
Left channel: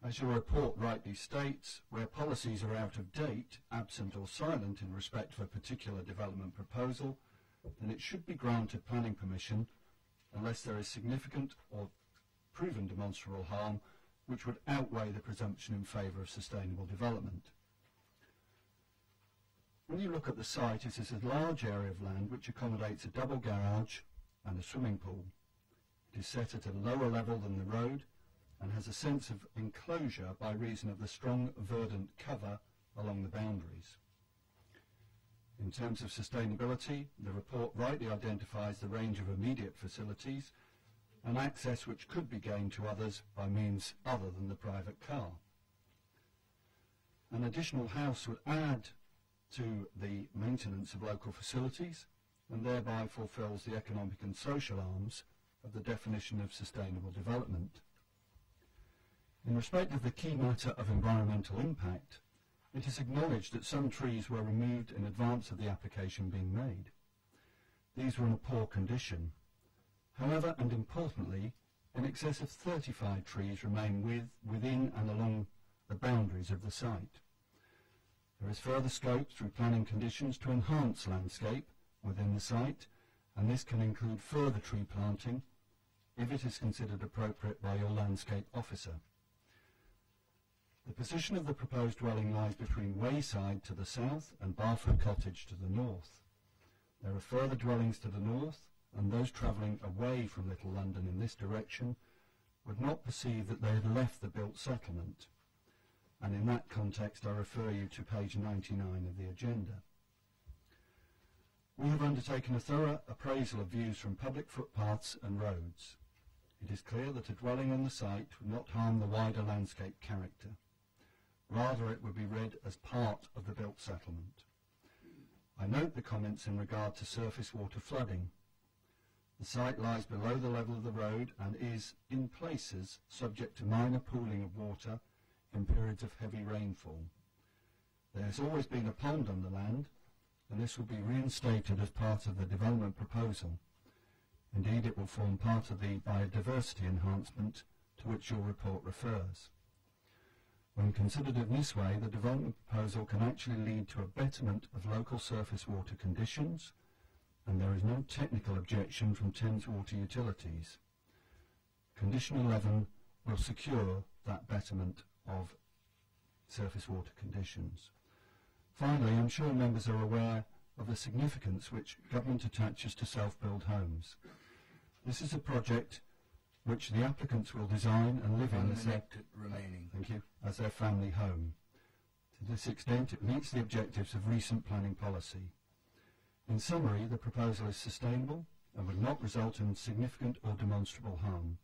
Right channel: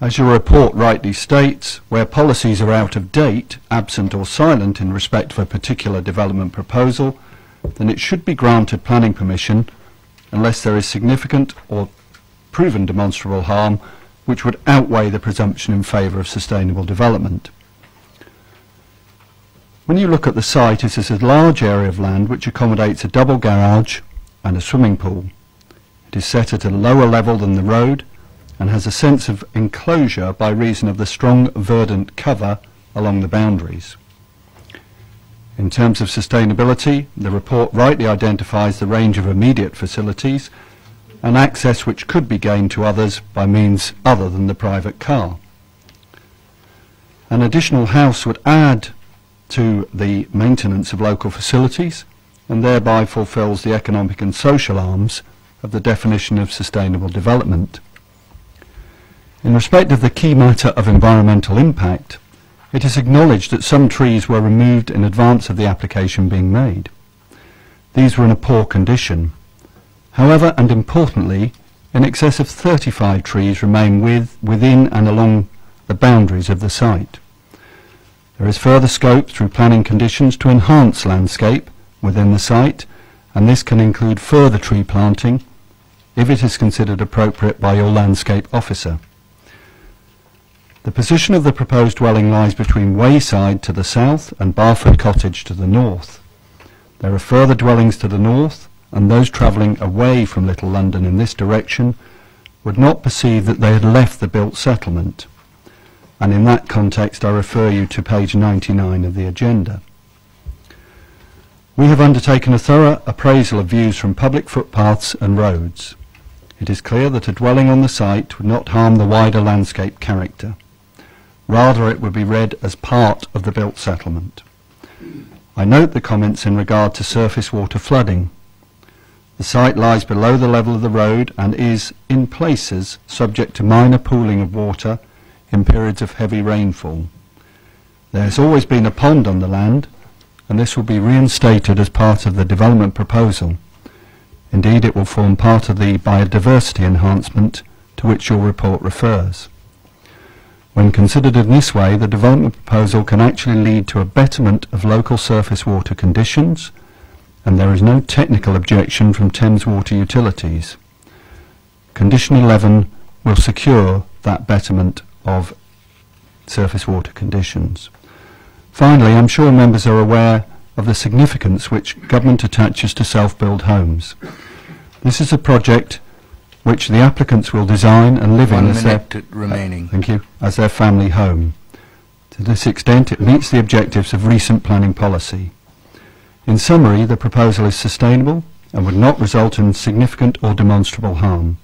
As your report rightly states, where policies are out of date, absent or silent in respect of a particular development proposal, then it should be granted planning permission unless there is significant or proven demonstrable harm which would outweigh the presumption in favour of sustainable development. When you look at the site, it is a large area of land which accommodates a double garage and a swimming pool. It is set at a lower level than the road and has a sense of enclosure by reason of the strong verdant cover along the boundaries. In terms of sustainability, the report rightly identifies the range of immediate facilities and access which could be gained to others by means other than the private car. An additional house would add to the maintenance of local facilities and thereby fulfills the economic and social arms of the definition of sustainable development. In respect of the key matter of environmental impact, it is acknowledged that some trees were removed in advance of the application being made. These were in a poor condition. However, and importantly, in excess of 35 trees remain within and along the boundaries of the site. There is further scope through planning conditions to enhance landscape within the site, and this can include further tree planting if it is considered appropriate by your landscape officer. The position of the proposed dwelling lies between Wayside to the south and Barford Cottage to the north. There are further dwellings to the north, and those travelling away from Little London in this direction would not perceive that they had left the built settlement. And in that context I refer you to page 99 of the agenda. We have undertaken a thorough appraisal of views from public footpaths and roads. It is clear that a dwelling on the site would not harm the wider landscape character. Rather, it would be read as part of the built settlement. I note the comments in regard to surface water flooding. The site lies below the level of the road and is, in places, subject to minor pooling of water in periods of heavy rainfall. There has always been a pond on the land, and this will be reinstated as part of the development proposal. Indeed, it will form part of the biodiversity enhancement to which your report refers. When considered in this way, the development proposal can actually lead to a betterment of local surface water conditions, and there is no technical objection from Thames Water Utilities. Condition 11 will secure that betterment of surface water conditions. Finally, I'm sure members are aware of the significance which government attaches to self-build homes. This is a project which the applicants will design and live in as as their family home. To this extent, it meets the objectives of recent planning policy. In summary, the proposal is sustainable and would not result in significant or demonstrable harm.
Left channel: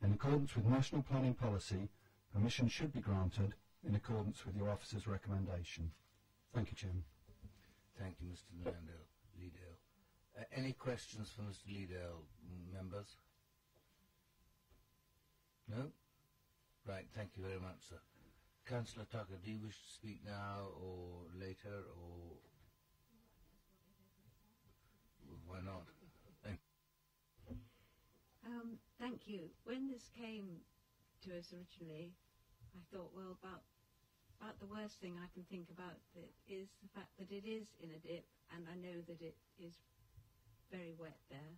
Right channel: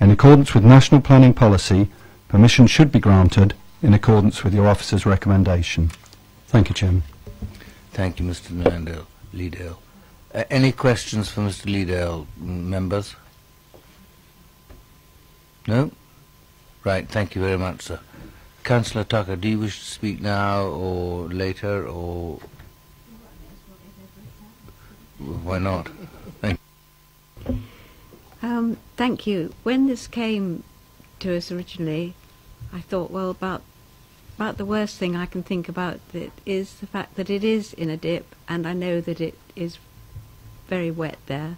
In accordance with national planning policy, permission should be granted in accordance with your officer's recommendation. Thank you, Chairman. Thank you, Mr. Leedale. Any questions for Mr. Leedale, members? No? Right, thank you very much, sir. Councillor Tucker, do you wish to speak now or later, or why not? Thank you. Thank you. When this came to us originally, I thought, well, about the worst thing I can think about it is the fact that it is in a dip, and I know that it is very wet there.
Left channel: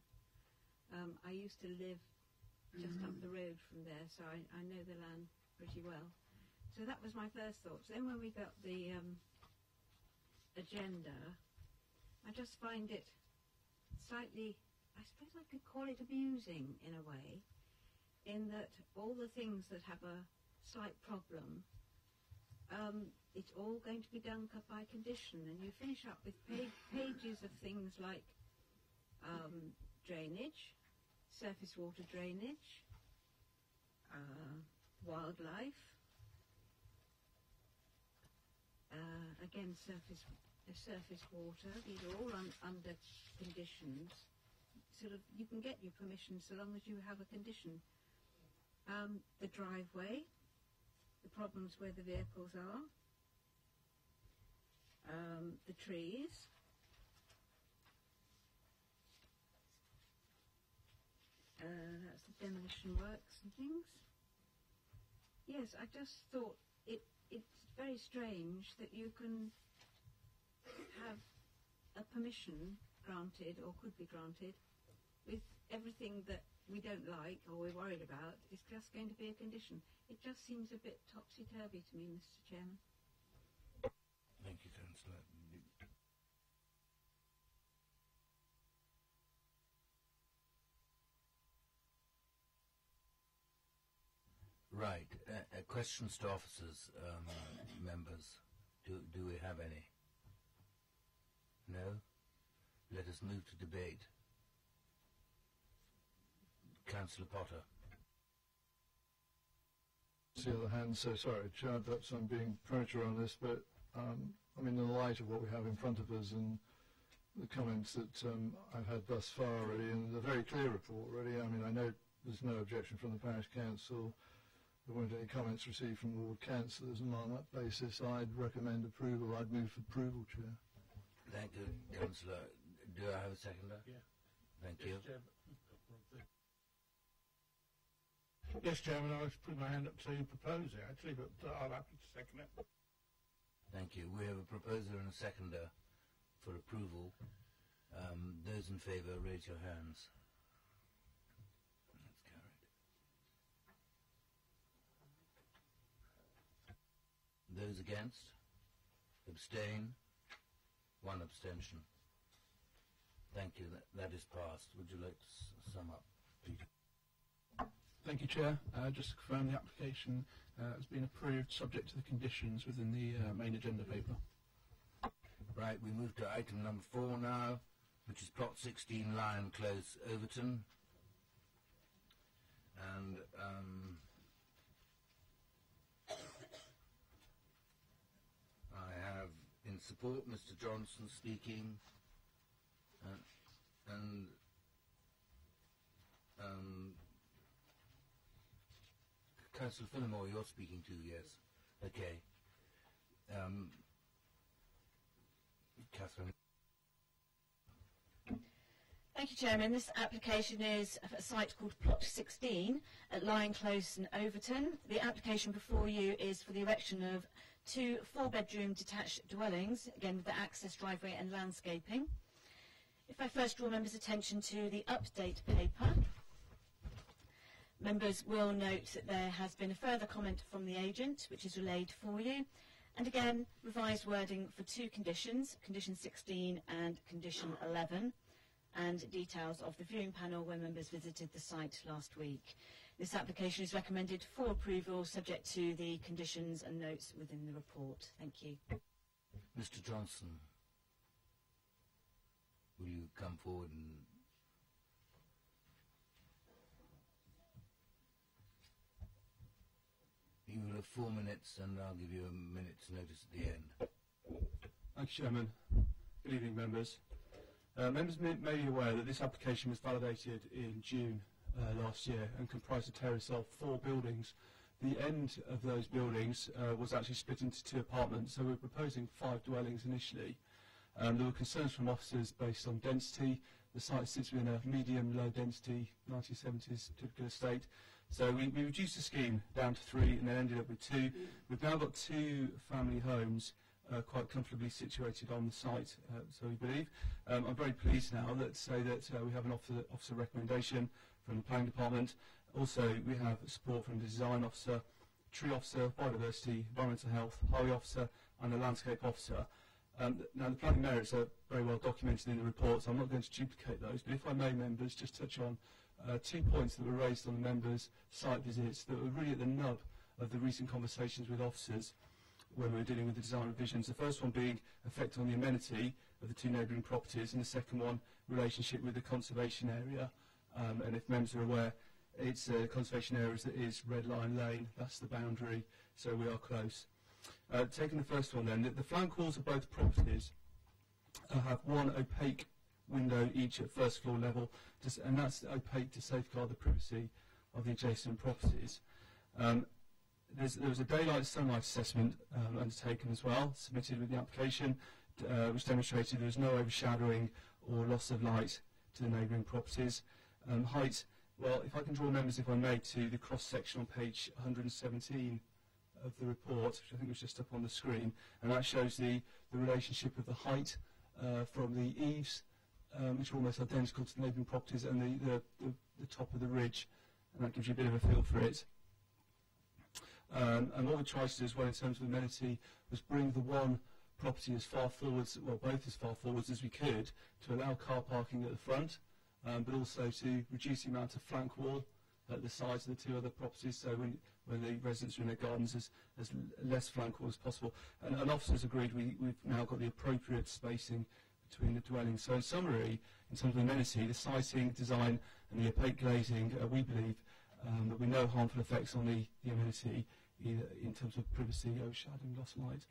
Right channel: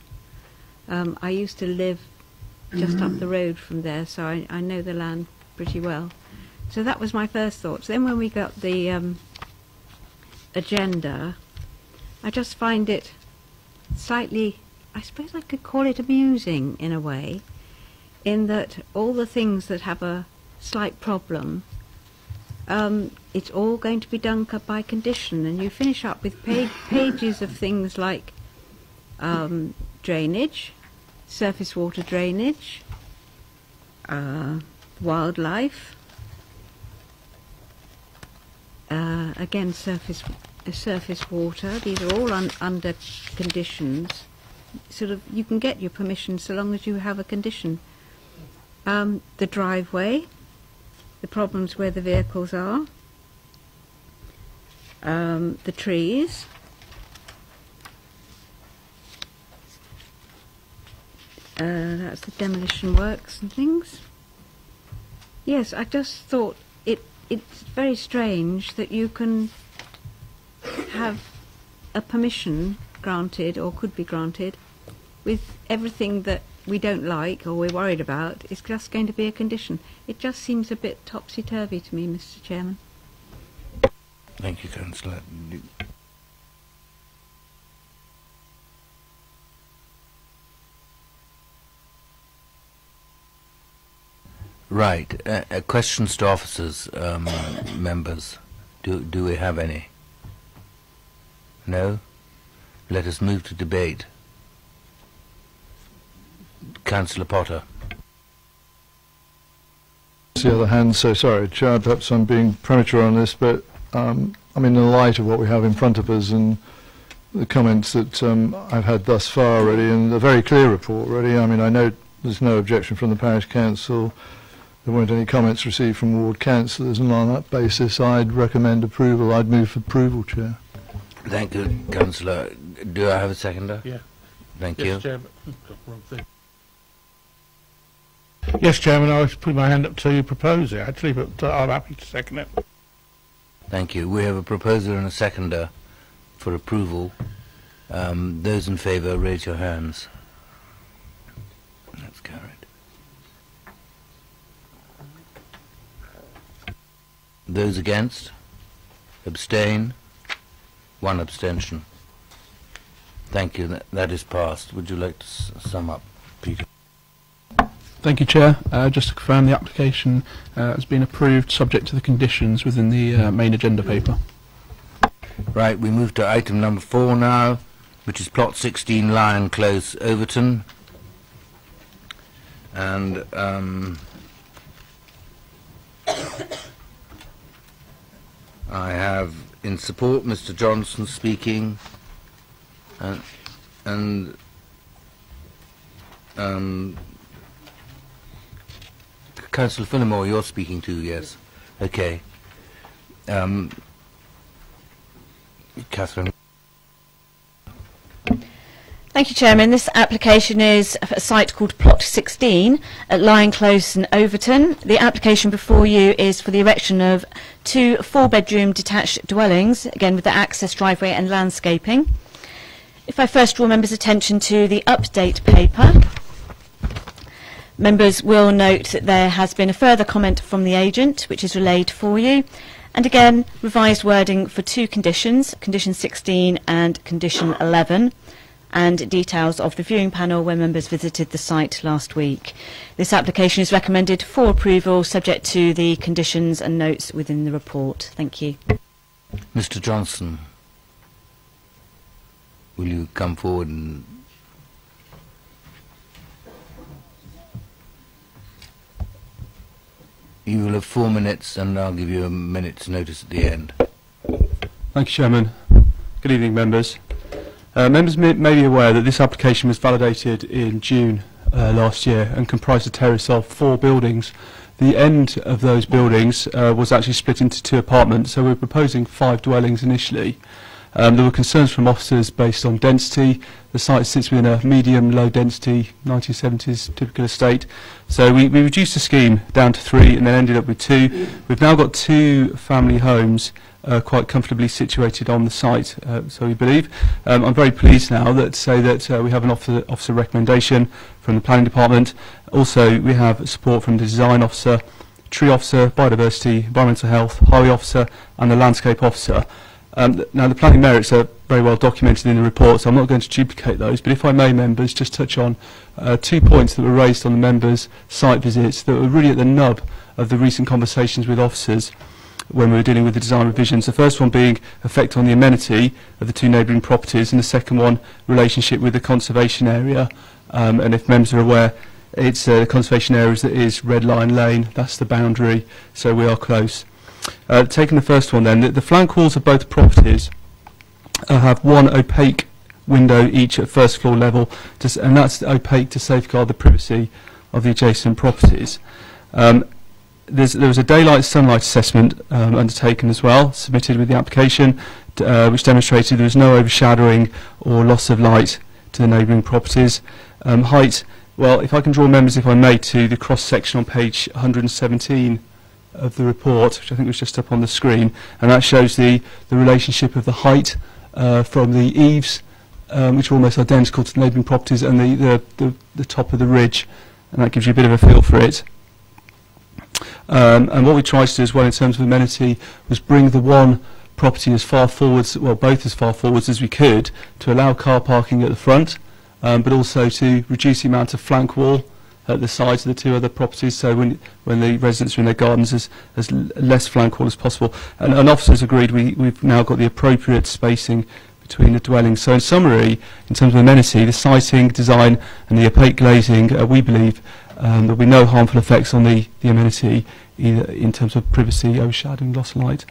I used to live just up the road from there, so I know the land pretty well. So that was my first thoughts. Then when we got the agenda, I just find it slightly, I suppose I could call it amusing in a way, in that all the things that have a slight problem, it's all going to be done by condition, and you finish up with pages of things like drainage, surface water drainage, wildlife, again surface water. These are all under conditions. Sort of, you can get your permission so long as you have a condition. The driveway, the problems where the vehicles are, the trees, that's the demolition works and things. Yes, I just thought it's very strange that you can have a permission granted, or could be granted, with everything that we don't like or we're worried about is just going to be a condition. It just seems a bit topsy-turvy to me, Mr. Chairman. Thank you, Councillor. Right. Questions to officers, members. Do we have any? No? Let us move to debate. Councillor Potter. On the other hand, so sorry, Chair, perhaps I'm being premature on this, but I mean, in the light of what we have in front of us and the comments that I've had thus far already, and a very clear report already, I mean, I know there's no objection from the Parish Council, there weren't any comments received from Ward Councillors, and on that basis I'd recommend approval. I'd move for approval, Chair. Thank you, Councillor. Do I have a seconder? Yeah. Thank Yes, you. Chairman. Wrong thing. Yes, Chairman, I was putting my hand up to propose it, actually, but I'm happy to second it. Thank you. We have a proposer and a seconder for approval. Those in favour, raise your hands. That's carried. Those against? Abstain? One abstention. Thank you. That is passed. Would you like to sum up, Peter? Thank you, Chair. Just to confirm, the application has been approved subject to the conditions within the main agenda paper. Right, we move to item number 4 now, which is plot 16 Lion Close, Overton. And I have in support Mr. Johnson speaking, and Councillor Finnemore, you're speaking too, yes? Okay. Catherine. Thank you, Chairman. This application is a site called Plot 16 at Lion Close in Overton. The application before you is for the erection of 2 4-bedroom detached dwellings, again with the access driveway and landscaping. If I first draw members' attention to the update paper, members will note that there has been a further comment from the agent, which is relayed for you, and again revised wording for 2 conditions, condition 16 and condition 11. And details of the viewing panel where members visited the site last week. This application is recommended for approval subject to the conditions and notes within the report. Thank you. Mr. Johnson, will you come forward and... You will have 4 minutes and I'll give you a minute's notice at the end. Thank you, Chairman. Good evening, members. Members may be aware that this application was validated in June last year and comprised a terrace of 4 buildings. The end of those buildings was actually split into 2 apartments, so we're proposing 5 dwellings initially. There were concerns from officers based on density. The site sits within a medium-low density 1970s typical estate. So we reduced the scheme down to 3 and then ended up with 2. We've now got 2 family homes quite comfortably situated on the site, so we believe. I'm very pleased now that say that we have an officer recommendation from the planning department. Also, we have support from the design officer, tree officer, biodiversity, environmental health, highway officer, and the landscape officer. Now, the planning merits are very well documented in the report, so I'm not going to duplicate those, but if I may, members, just touch on 2 points that were raised on the members' site visits that were really at the nub of the recent conversations with officers when we were dealing with the design revisions. The first one being effect on the amenity of the 2 neighbouring properties, and the second one, relationship with the conservation area. And if members are aware, it's the conservation areas that is Red Line Lane, that's the boundary, so we are close. Taking the first one then, the flank walls of both properties have one opaque window each at first floor level, and that's opaque to safeguard the privacy of the adjacent properties. There was a daylight sunlight assessment undertaken as well, submitted with the application, which demonstrated there was no overshadowing or loss of light to the neighbouring properties. Height, well, if I can draw members, if I may, to the cross-section on page 117 of the report, which I think was just up on the screen, and that shows the relationship of the height from the eaves, which are almost identical to the neighbouring properties, and the top of the ridge, and that gives you a bit of a feel for it. And what we tried to do as well in terms of amenity was bring the one property as far forwards, well, both as far forwards as we could, to allow car parking at the front, but also to reduce the amount of flank wall at the sides of the 2 other properties, so when the residents are in their gardens, as less flank wall as possible. And officers agreed we've now got the appropriate spacing between the dwellings. So in summary, in terms of amenity, the siting, design and the opaque glazing, we believe there'll be no harmful effects on the amenity, either in terms of privacy, overshadowing, loss of light.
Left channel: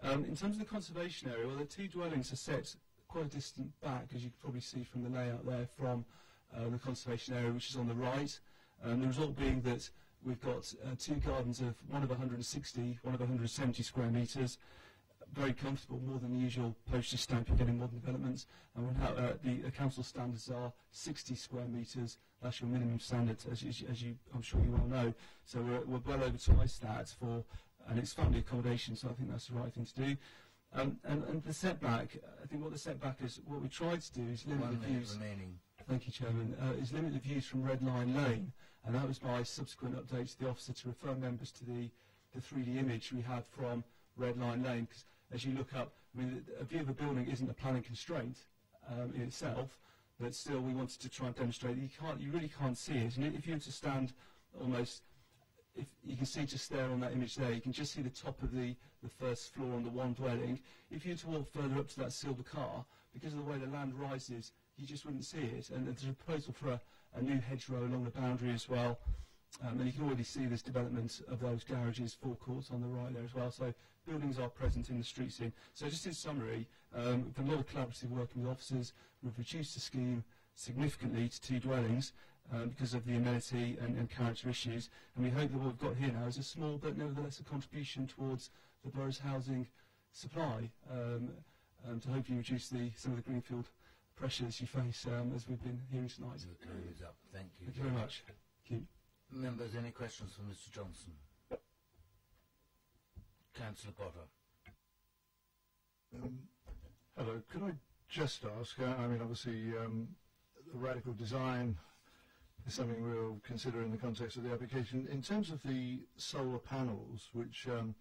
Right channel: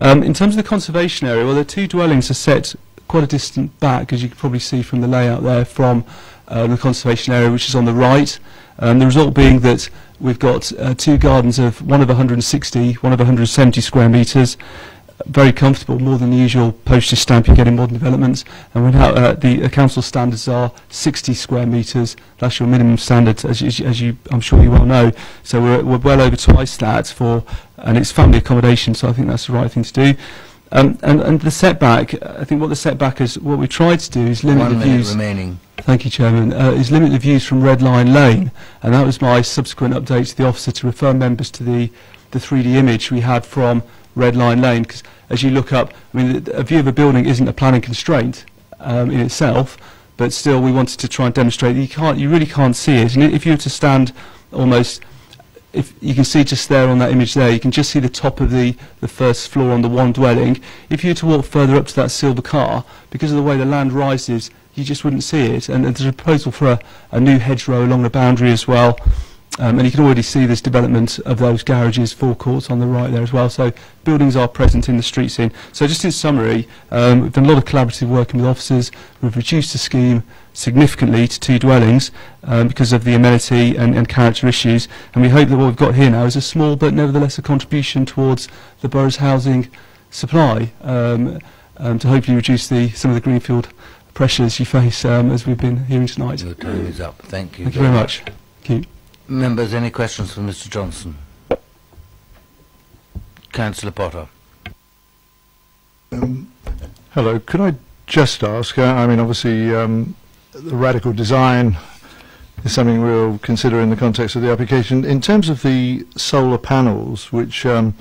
In terms of the conservation area, well, the 2 dwellings are set quite a distant back, as you can probably see from the layout there, from the conservation area, which is on the right. The result being that we've got 2 gardens of one of 160, one of 170 square metres, very comfortable, more than the usual postage stamp you get in modern developments. And we're now, the council standards are 60 square metres. That's your minimum standard, as you, I'm sure you well know. So we're well over twice that and it's family accommodation. So I think that's the right thing to do. And the setback, I think what the setback is, what we tried to do is limit the views. 1 minute remaining. Thank you, Chairman. Is limit the views from Red Line Lane, and that was my subsequent update to the officer to refer members to the 3D image we had from Red Line Lane, because as you look up, I mean, a view of a building isn't a planning constraint in itself, but still we wanted to try and demonstrate that you really can't see it. And if you were to stand almost, if you can see just there on that image there, you can just see the top of the first floor on the one dwelling. If you were to walk further up to that silver car, because of the way the land rises, you just wouldn't see it. And there's a proposal for a new hedgerow along the boundary as well. And you can already see this development of those garages, forecourts on the right there as well. So buildings are present in the street scene. So just in summary, we've done a lot of collaborative working with officers. We've reduced the scheme significantly to 2 dwellings because of the amenity and character issues. And we hope that what we've got here now is a small but nevertheless a contribution towards the borough's housing supply to hopefully reduce some of the greenfield pressures you face as we've been hearing tonight. Your time is up. Thank you. Thank you very much. Thank you. Members, any questions for Mr. Johnson? Councillor Potter. Hello. Could I just ask, I mean, obviously the radical design is something we'll consider in the context of the application. In terms of the solar panels, which are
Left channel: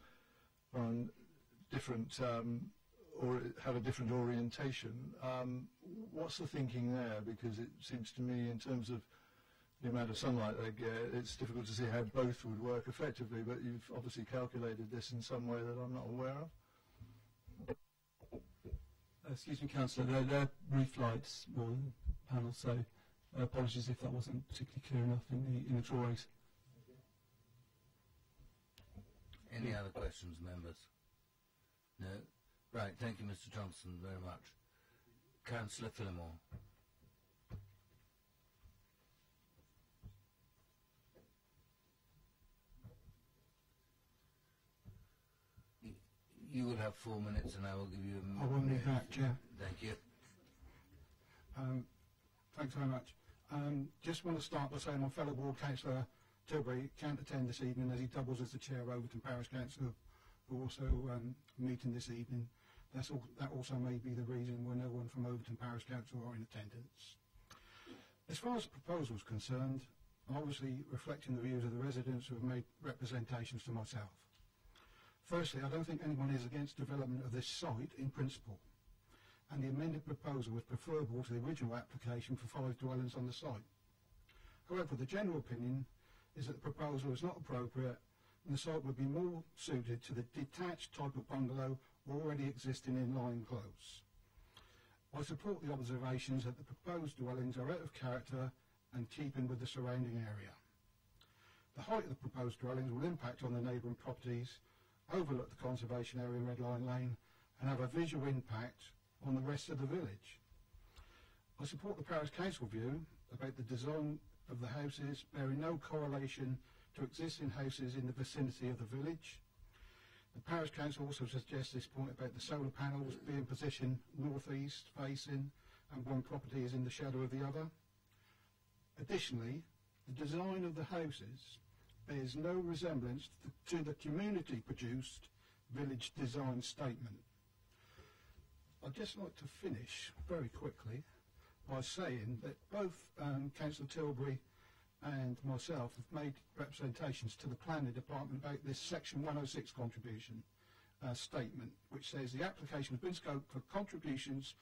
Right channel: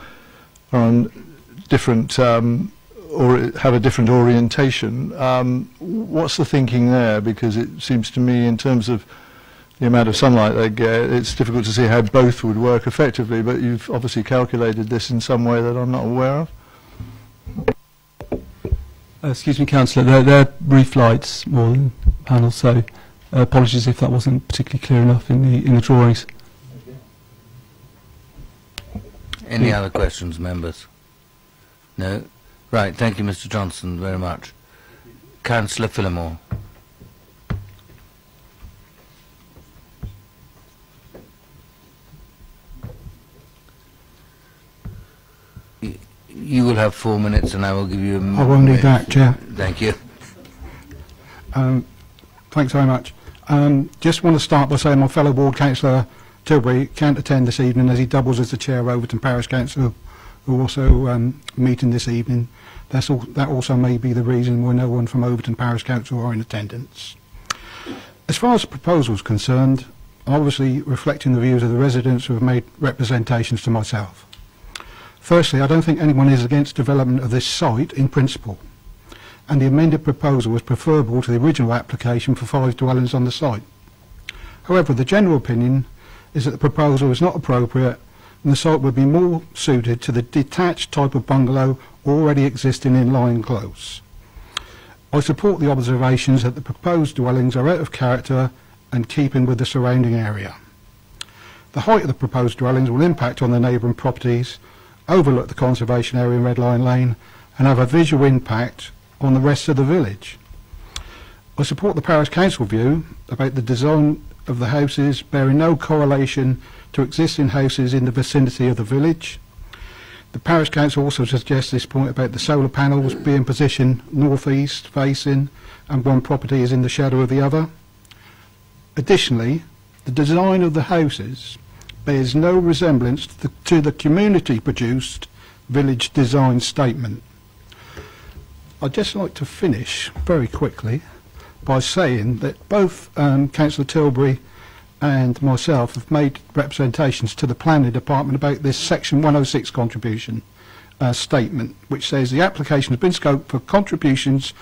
on different or have a different orientation, what's the thinking there? Because it seems to me, in terms of the amount of sunlight they get, it's difficult to see how both would work effectively, but you've obviously calculated this in some way that I'm not aware of. Excuse me, Councillor, they're roof lights more than panels, so apologies if that wasn't particularly clear enough in the drawings. Any other questions, members? No? Right, thank you, Mr. Johnson, very much. Councillor Phillimore. You will have 4 minutes and I will give you a minute. I won't need that, Chair. Thank you. Thanks very much. Just want to start by saying my fellow ward councillor Tilbury can't attend this evening as he doubles as the chair of Overton Parish Council, who are also meeting this evening. That also may be the reason why no one from Overton Parish Council are in attendance. As far as the proposal is concerned, obviously reflecting the views of the residents who have made representations to myself. Firstly, I don't think anyone is against development of this site in principle, and the amended proposal was preferable to the original application for 5 dwellings on the site. However, the general opinion is that the proposal is not appropriate and the site would be more suited to the detached type of bungalow already existing in Lion Close. I support the observations that the proposed dwellings are out of character and keeping with the surrounding area. The height of the proposed dwellings will impact on the neighbouring properties, overlook the conservation area in Red Lion Lane and have a visual impact on the rest of the village. I support the Parish Council view about the design of the houses bearing no correlation to existing houses in the vicinity of the village. The Parish Council also suggests this point about the solar panels being positioned north-east facing and one property is in the shadow of the other. Additionally, the design of the houses bears no resemblance to the community-produced village design statement. I'd just like to finish very quickly by saying that both Councillor Tilbury and myself have made representations to the Planning Department about this Section 106 contribution statement, which says the application has been scoped for contributions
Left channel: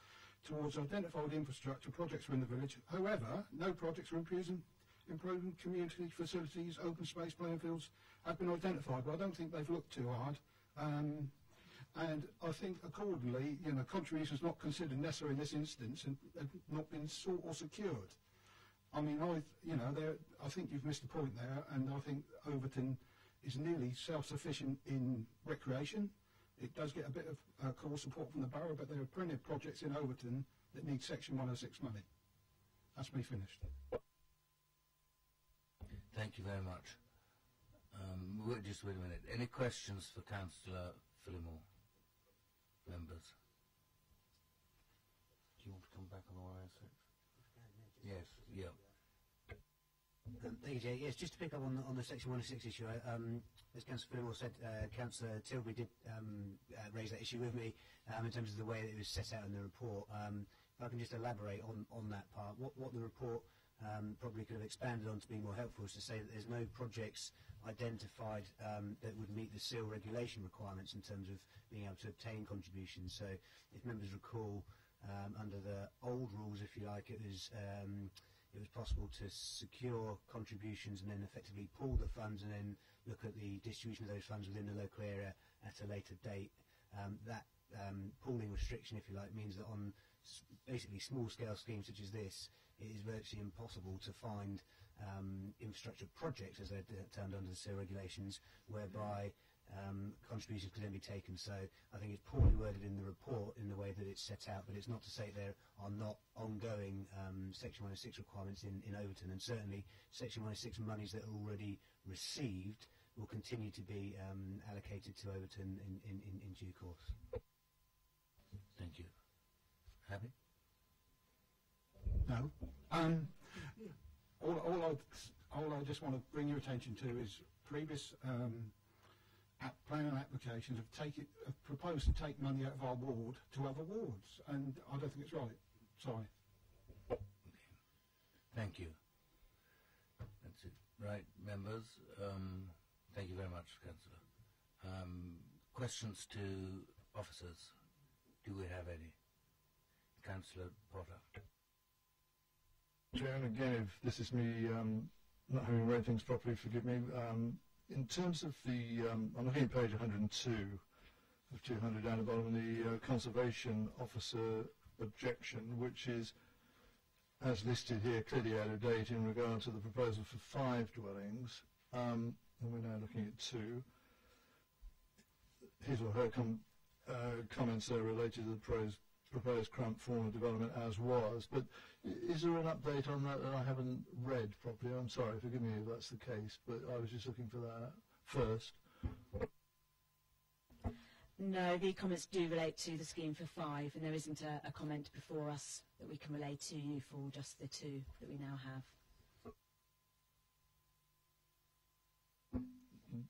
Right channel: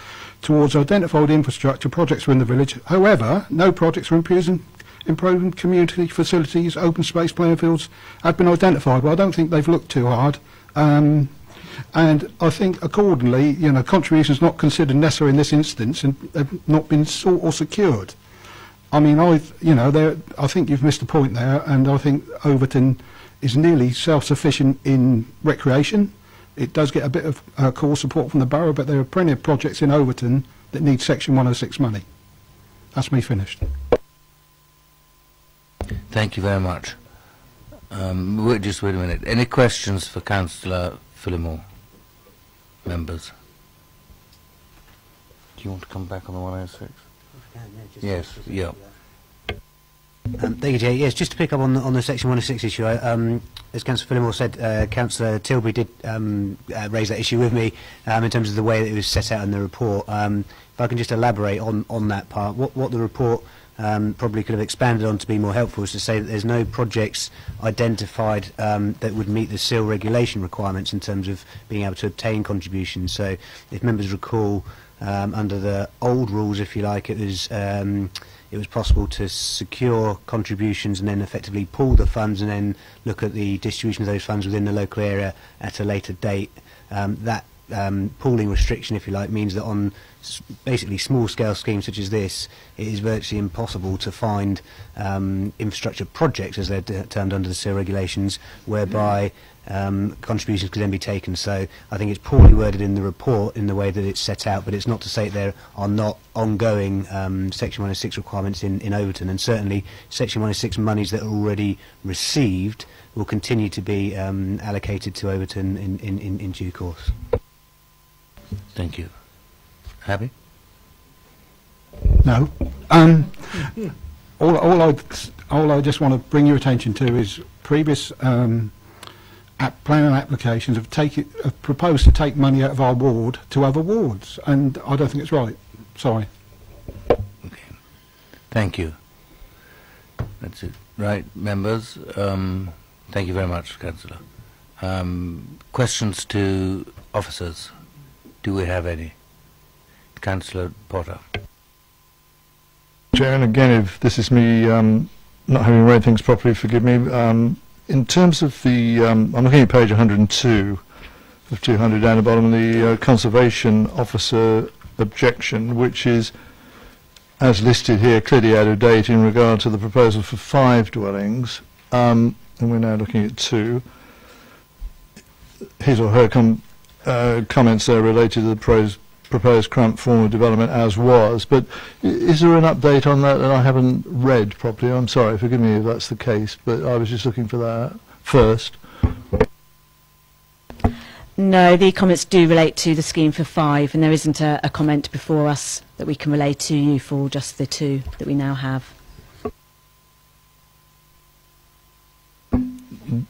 towards identified infrastructure projects within the village. However, no projects for improving community facilities, open space playing fields have been identified. Well, I don't think they've looked too hard. And I think accordingly, you know, contributions not considered necessary in this instance and have not been sought or secured. I mean, I think you've missed a point there, and I think Overton is nearly self-sufficient in recreation. It does get a bit of core support from the borough, but there are plenty of projects in Overton that need Section 106 money. That's me finished. Thank you very much. Just wait a minute. Any questions for Councillor Phillimore? Members? Do you want to come back on the 106? Yes, yeah. Thank you, Jay. Yes, just to pick up on the Section 106 issue, as Councillor Phillimore said, Councillor Tilbury did raise that issue with me in terms of the way that it was set out in the report. If I can just elaborate on that part, what the report probably could have expanded on to be more helpful is to say that there's no projects identified that would meet the SIL regulation requirements in terms of being able to obtain contributions. So if members recall, under the old rules, if you like, it was possible to secure contributions and then effectively pool the funds and then look at the distribution of those funds within the local area at a later date. That pooling restriction, if you like, means that on basically small-scale schemes such as this, it is virtually impossible to find infrastructure projects, as they're termed under the SIL regulations, whereby contributions could then be taken. So I think it's poorly worded in the report in the way that it's set out, but it's not to say there are not ongoing Section 106 requirements in Overton, and certainly Section 106 monies that are already received will continue to be allocated to Overton in due course. Thank you. Happy? No. All I just want to bring your attention to is previous planning applications have proposed to take money out of our ward to other wards, and I don't think it's right. Sorry. Okay. Thank you. That's it. Right, members. Thank you very much, Councillor. Questions to officers? Do we have any? Councillor Potter. Chair, and again, if this is me not having read things properly, forgive me. In terms of the, I'm looking at page 102 of 200 down the bottom, the Conservation Officer objection, which is, as listed here, clearly out of date in regard to the proposal for 5 dwellings, and we're now looking at 2. His or her comments there related to the proposed current form of development as was, but is there an update on that that I haven't read properly? I'm sorry, forgive me if that's the case, but I was just looking for that first. No, the comments do relate to the scheme for 5, and there isn't a comment before us that we can relay to you for just the 2 that we now have.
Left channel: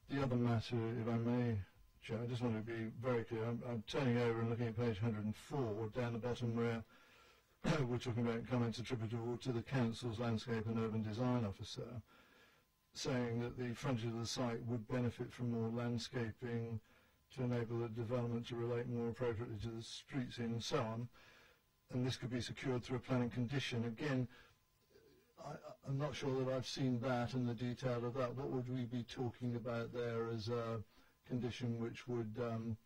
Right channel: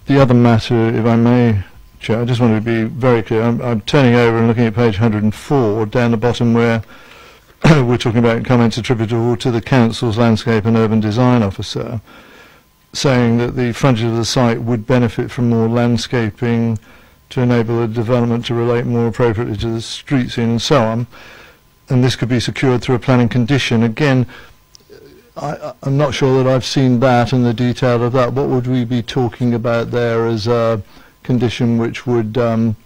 The other matter, if I may, Chair, I just wanted to be very clear. I'm turning over and looking at page 104, down the bottom where we're talking about comments attributable to the Council's Landscape and Urban Design Officer, saying that the frontage of the site would benefit from more landscaping to enable the development to relate more appropriately to the street scene and so on. And this could be secured through a planning condition. Again, I'm not sure that I've seen that and the detail of that. What would we be talking about there as a condition which would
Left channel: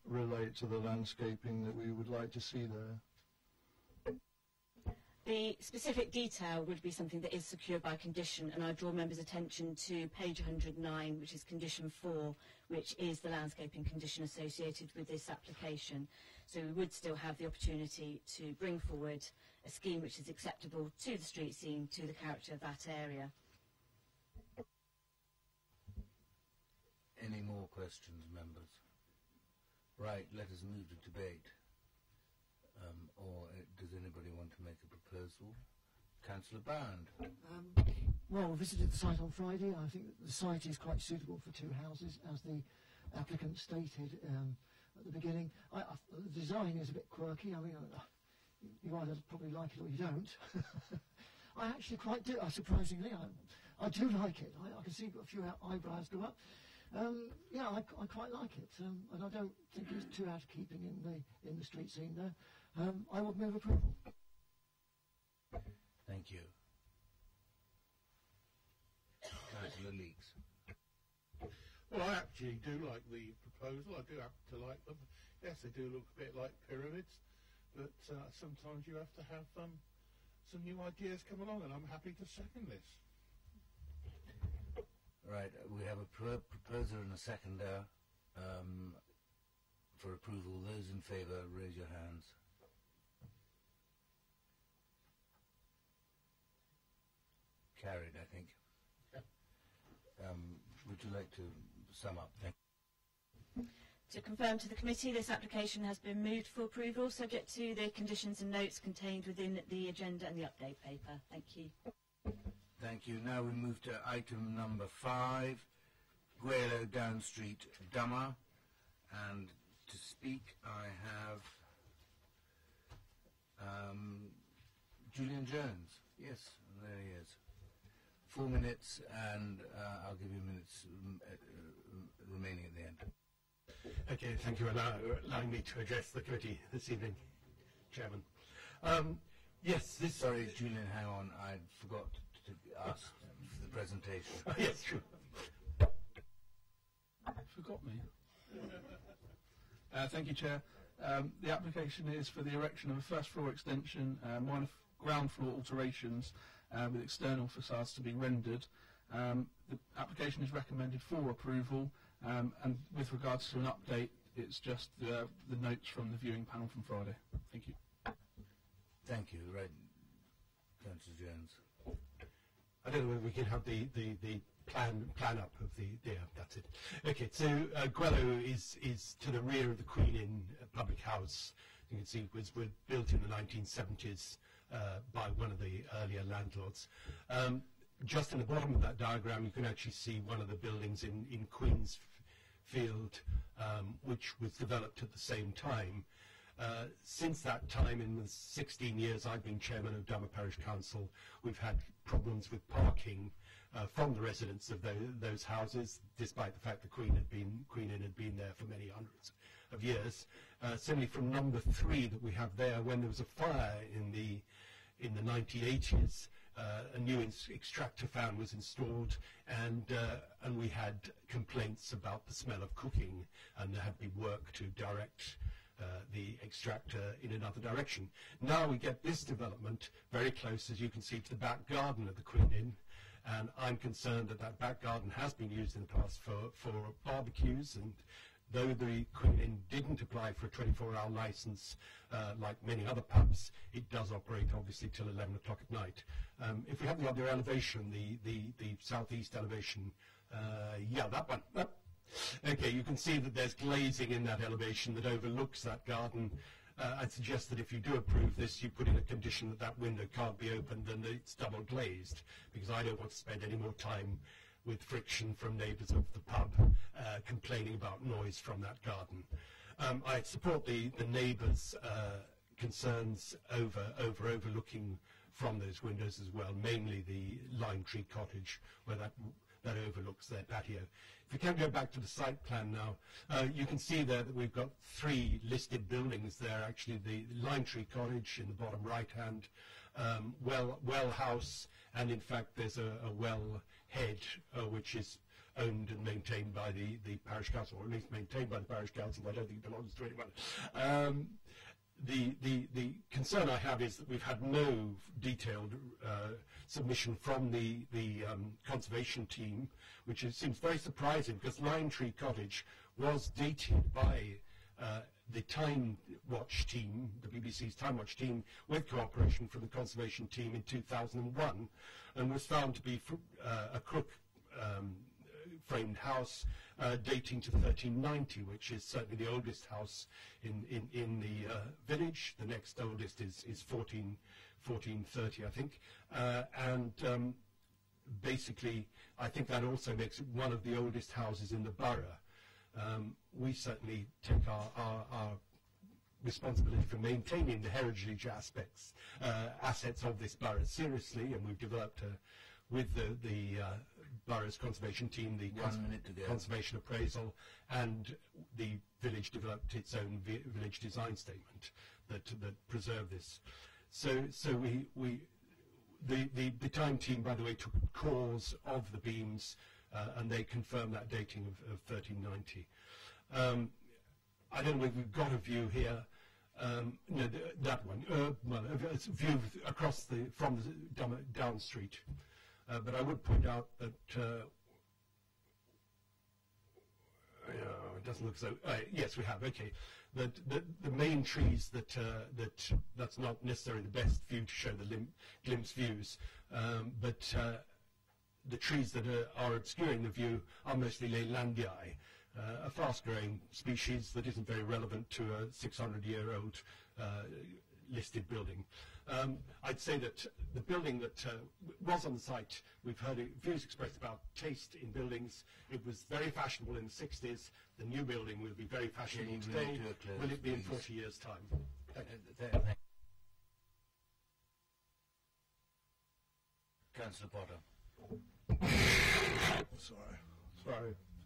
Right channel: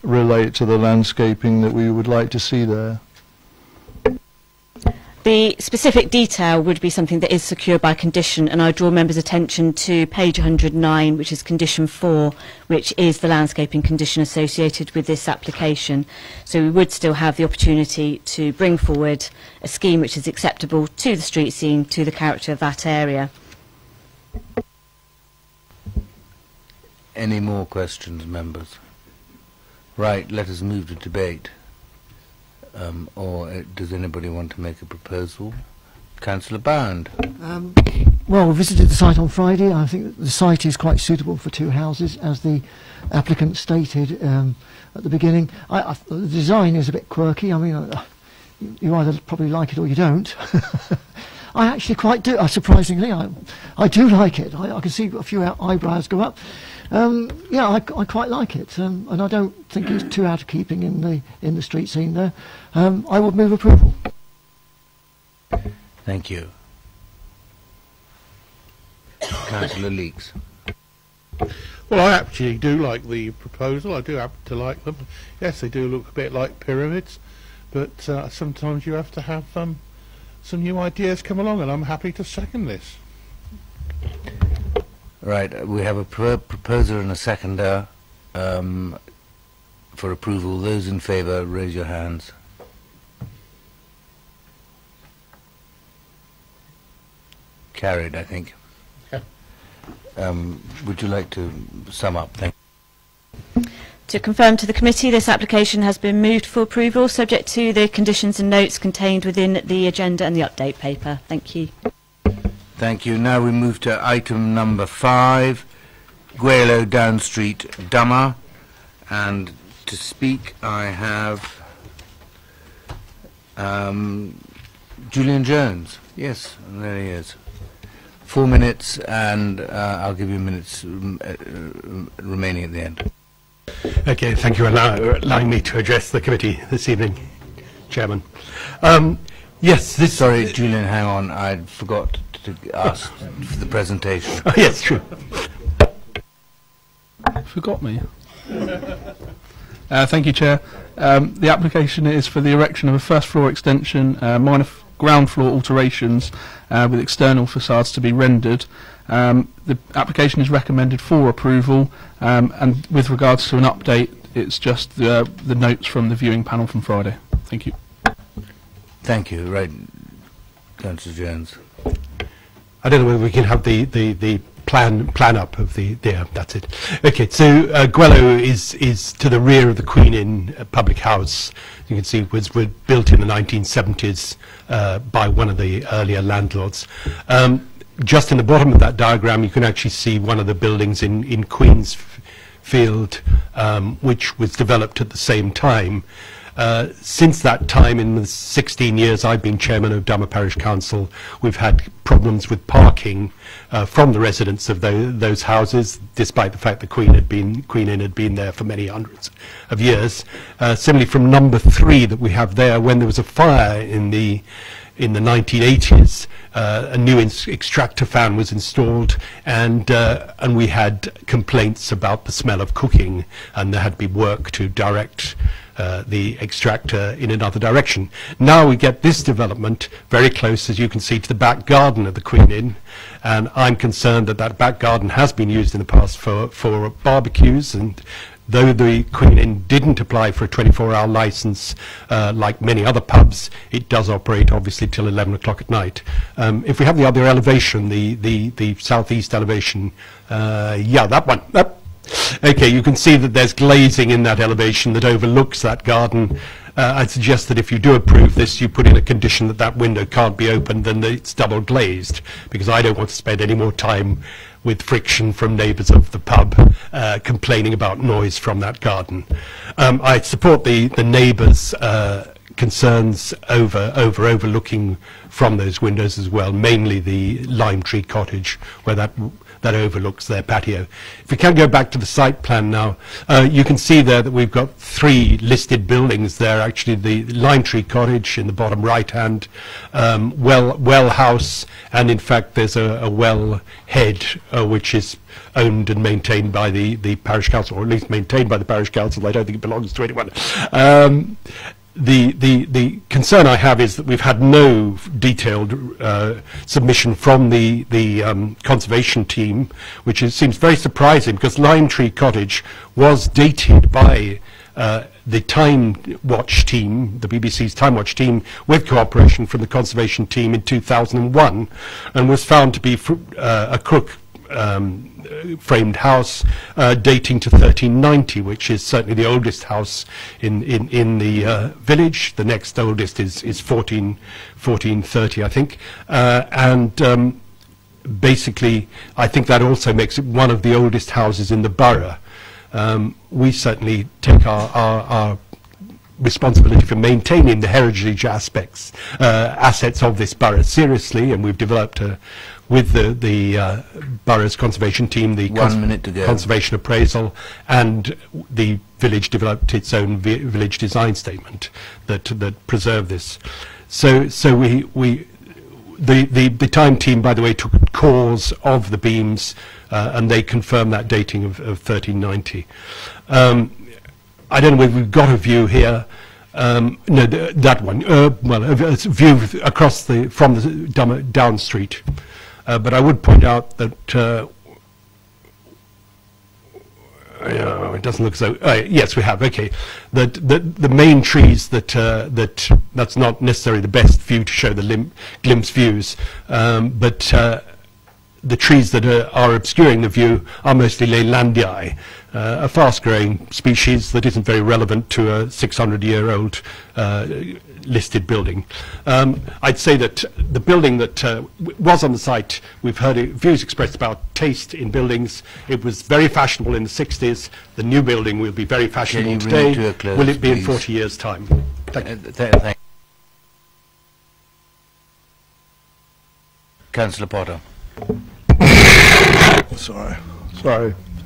relate to the landscaping that we would like to see there? The specific detail would be something that is secured by condition, and I draw members' attention to page 109, which is condition 4, which is the landscaping condition associated with this application. So we would still have the opportunity to bring forward a scheme which is acceptable to the street scene, to the character of that area. Any more questions, members? Right, let us move to debate. Or does anybody want to make a proposal? Councillor Bound. Well, we visited the site on Friday. I think the site is quite suitable for 2 houses, as the applicant stated at the beginning. The design is a bit quirky. I mean, you either probably like it or you don't. I actually quite do. Surprisingly, I do like it. I can see a few eyebrows go up. Yeah, I quite like it, and I don't think it's too out of keeping in the street scene there. I would move approval. Thank you. Councillor Leeks. Well, I actually do like the proposal. I do happen to like them. Yes, they do look a bit like pyramids, but sometimes you have to have some new ideas come along, and I'm happy to second this. Right, we have a proposer and a seconder for approval. Those in favour, raise your hands. Carried, I think. Yeah. Would you like to sum up? Thank you. To confirm to the committee, this application has been moved for approval, subject to the conditions and notes contained within the agenda and the update paper. Thank you. Thank you. Now we move to item number 5, Guelo Down Street, Dummer. And to speak, I have Julian Jones. Yes, and there he is. 4 minutes, and I'll give you minutes remaining at the end. Okay, thank you for allowing me to address the committee this evening, Chairman. Yes, this... Sorry, Julian, hang on. I forgot to ask for the presentation. Oh, yes, true. Forgot me. Thank you, Chair. The application is for the erection of a first floor extension, minor ground floor alterations with external facades to be rendered. The application is recommended for approval, and with regards to an update, it's just the notes from the viewing panel from Friday. Thank you. Thank you. Right, Councillor Jones. I don't know whether we can have the plan up of the... Yeah, that's it. Okay, so Guelo is to the rear of the Queen Inn public house. You can see it was built in the 1970s by one of the earlier landlords. Just in the bottom of that diagram, you can actually see one of the buildings in Queensfield, which was developed at the same time. Since that time, in the 16 years I've been chairman of Dummer Parish Council, we've had problems with parking from the residents of those houses, despite the fact the Queen Inn had been there for many hundreds of years. Similarly, from number 3 that we have there, when there was a fire in the 1980s, a new extractor fan was installed, and we had complaints about the smell of cooking, and there had to be work to direct the extractor in another direction. Now we get this development very close, as you can see, to the back garden of the Queen Inn, and I'm concerned that that back garden has been used in the past for barbecues, and though the Queen Inn didn't apply for a 24-hour license like many other pubs, it does operate obviously till 11 o'clock at night. If we have the other elevation, the southeast elevation, yeah, that one. Okay, you can see that there's glazing in that elevation that overlooks that garden. I'd suggest that if you do approve this, you put in a condition that that window can't be opened and that it's double glazed, because I don't want to spend any more time with friction from neighbours of the pub complaining about noise from that garden. I support the neighbours' concerns overlooking from those windows as well, mainly the Lime Tree Cottage, where that that overlooks their patio. If we can go back to the site plan now, you can see there that we've got 3 listed buildings there. Actually, the Lime Tree Cottage in the bottom right hand, well house, and in fact there's a well head which is owned and maintained by the parish council, or at least maintained by the parish council. I don't think it belongs to anyone. The concern I have is that we've had no detailed submission from the conservation team, which seems very surprising, because Lime Tree Cottage was dated by the Time Watch team, the BBC's Time Watch team, with cooperation from the conservation team in 2001, and was found to be a crook framed house dating to 1390, which is certainly the oldest house in the village. The next oldest is 1430, I think, and basically I think that also makes it one of the oldest houses in the borough. We certainly take our responsibility for maintaining the heritage assets of this borough seriously, and we've developed with the borough's conservation team, the conservation appraisal, and the village developed its own village design statement that preserved this. So the Time team, by the way, took cores of the beams, and they confirmed that dating of 1390. I don't know whether we've got a view here. No, that one. Well, a view across from the down street. But I would point out that it doesn't look so. Yes, we have. Okay, that the main trees that's not necessarily the best view to show the glimpse views, but the trees that are obscuring the view are mostly Leylandii, a fast-growing species that isn't very relevant to a 600-year-old listed building. I'd say that the building that was on the site, we've heard views expressed about taste in buildings. It was very fashionable in the 60s. The new building will be very fashionable today. Will it be in 40 years' time? Thank you. Councillor Potter. Sorry.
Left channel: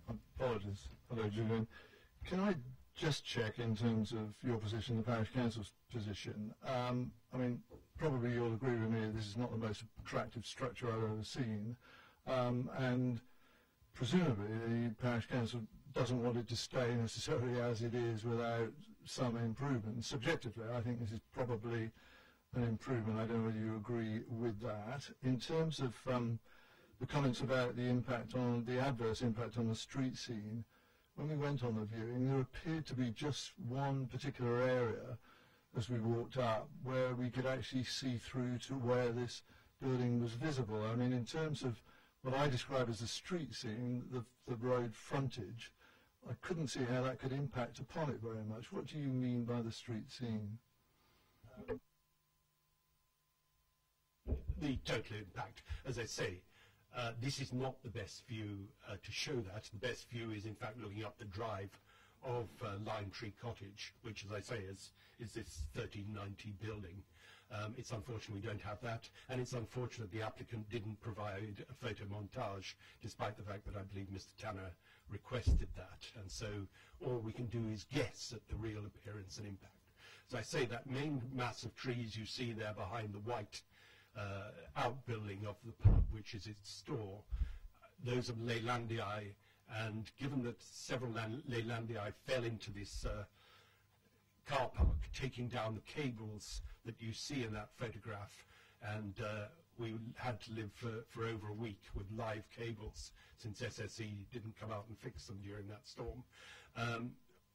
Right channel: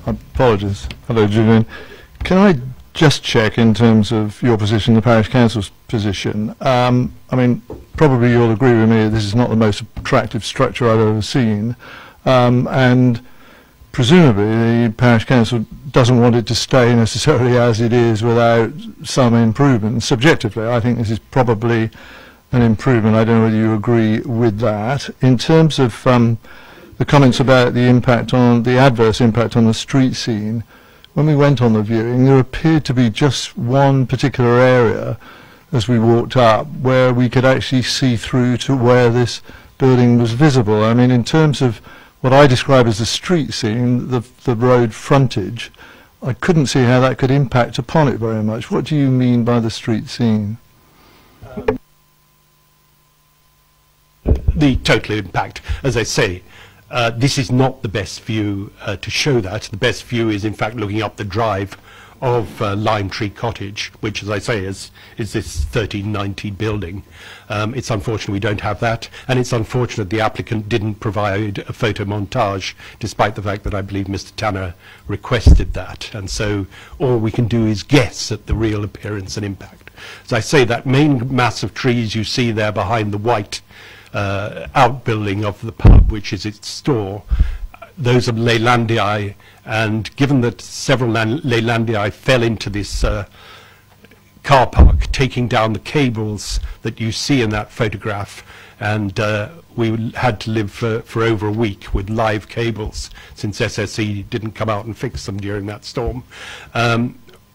Apologies. Hello, Julian. Can I just check in terms of your position, the parish council's position? I mean, probably you'll agree with me that this is not the most attractive structure I've ever seen, and presumably the parish council doesn't want it to stay necessarily as it is without some improvement. Subjectively, I think this is probably an improvement. I don't know whether you agree with that. In terms of the comments about the impact on the adverse impact on the street scene, when we went on the viewing, there appeared to be just one particular area as we walked up where we could actually see through to where this building was visible. I mean, in terms of what I describe as the street scene, the road frontage, I couldn't see how that could impact upon it very much. What do you mean by the street scene? The total impact, as I say, this is not the best view to show that. The best view is, in fact, looking up the drive of Lime Tree Cottage, which, as I say, is this 1390 building. It's unfortunate we don't have that, and it's unfortunate the applicant didn't provide a photo montage, despite the fact that I believe Mr. Tanner requested that. And so all we can do is guess at the real appearance and impact. As I say, that main mass of trees you see there behind the white outbuilding of the pub, which is its store, those are Leylandii, and given that several Leylandii fell into this car park, taking down the cables that you see in that photograph, and we had to live for over a week with live cables since SSE didn't come out and fix them during that storm.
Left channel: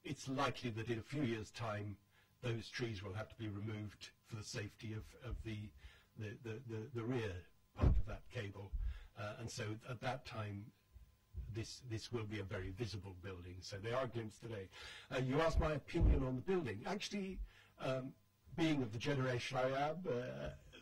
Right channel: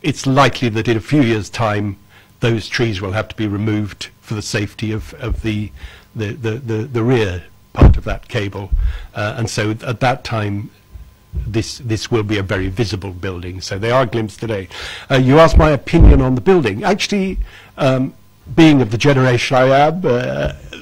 It's likely that in a few years' time those trees will have to be removed for the safety of the rear part of that cable, and so at that time this will be a very visible building. So they are glimpsed today. You asked my opinion on the building. Actually, being of the generation I am,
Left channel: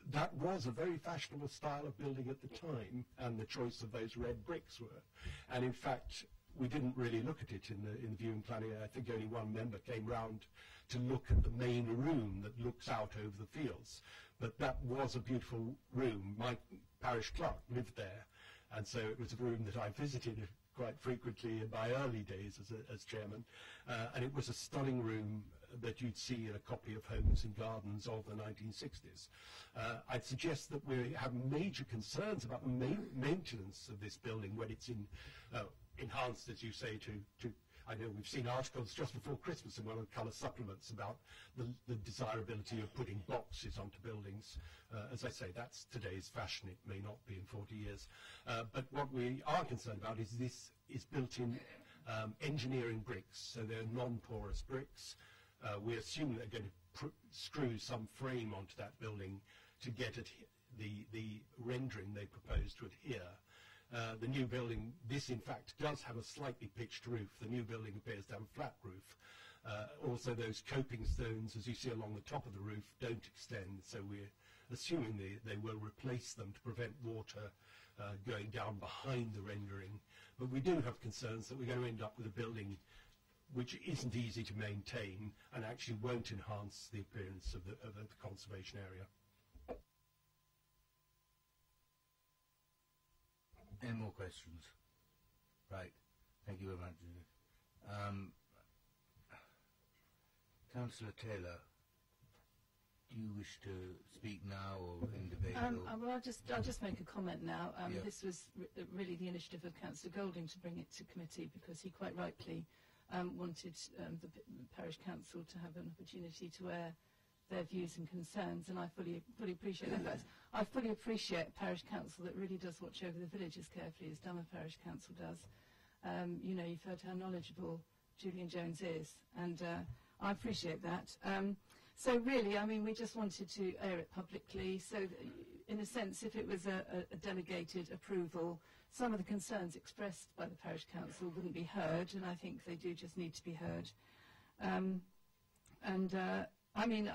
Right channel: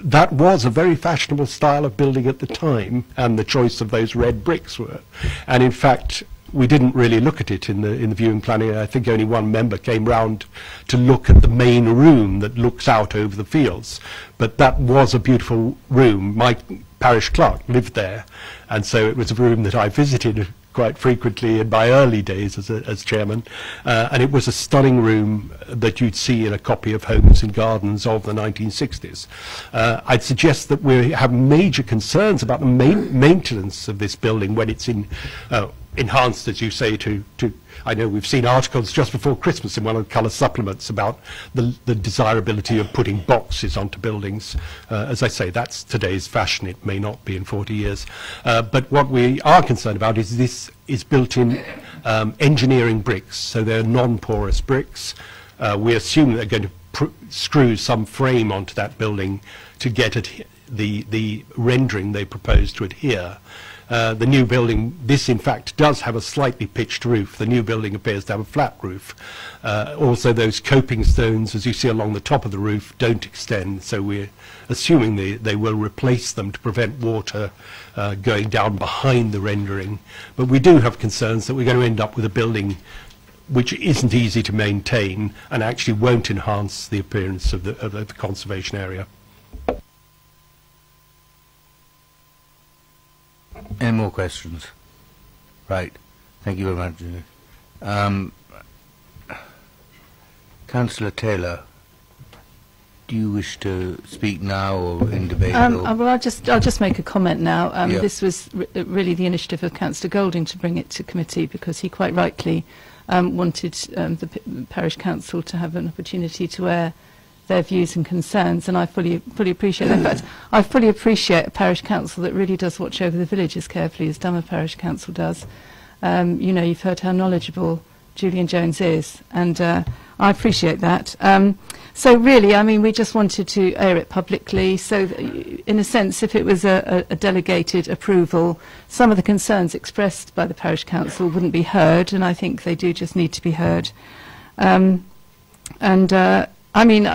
that was a very fashionable style of building at the time, and the choice of those red bricks were. And in fact, we didn't really look at it in the viewing planning. I think only one member came round to look at the main room that looks out over the fields. But that was a beautiful room. My parish clerk lived there, and so it was a room that I visited quite frequently in my early days as chairman, and it was a stunning room that you'd see in a copy of Homes and Gardens of the 1960s. I'd suggest that we have major concerns about the maintenance of this building when it's enhanced, as you say, to I know we've seen articles just before Christmas in one of the colour supplements about the desirability of putting boxes onto buildings. As I say, that's today's fashion. It may not be in 40 years. But what we are concerned about is this is built in engineering bricks, so they're non-porous bricks. We assume they're going to screw some frame onto that building to get the rendering they propose to adhere. The new building, this in fact does have a slightly pitched roof. The new building appears to have a flat roof. Also those coping stones, as you see along the top of the roof, don't extend, so we're assuming they will replace them to prevent water going down behind the rendering. But we do have concerns that we're going to end up with a building which isn't easy to maintain and actually won't enhance the appearance of the conservation area. Any more questions? Right. Thank you very much. Councillor Taylor, do you wish to speak now or in debate? Well, I'll just make a comment now. Yeah. This was really the initiative of Councillor Golding to bring it to committee because he quite rightly wanted the parish council to have an opportunity to air their views and concerns, and I fully appreciate that. In fact, I fully appreciate a parish council that really does watch over the village as carefully as Dummer Parish Council does. You know, you've heard how knowledgeable Julian Jones is, and I appreciate that. So really, I mean, we just wanted to air it publicly, so that, in a sense, if it was a delegated approval, some of the concerns expressed by the parish council wouldn't be heard, and I think they do just need to be heard. I mean,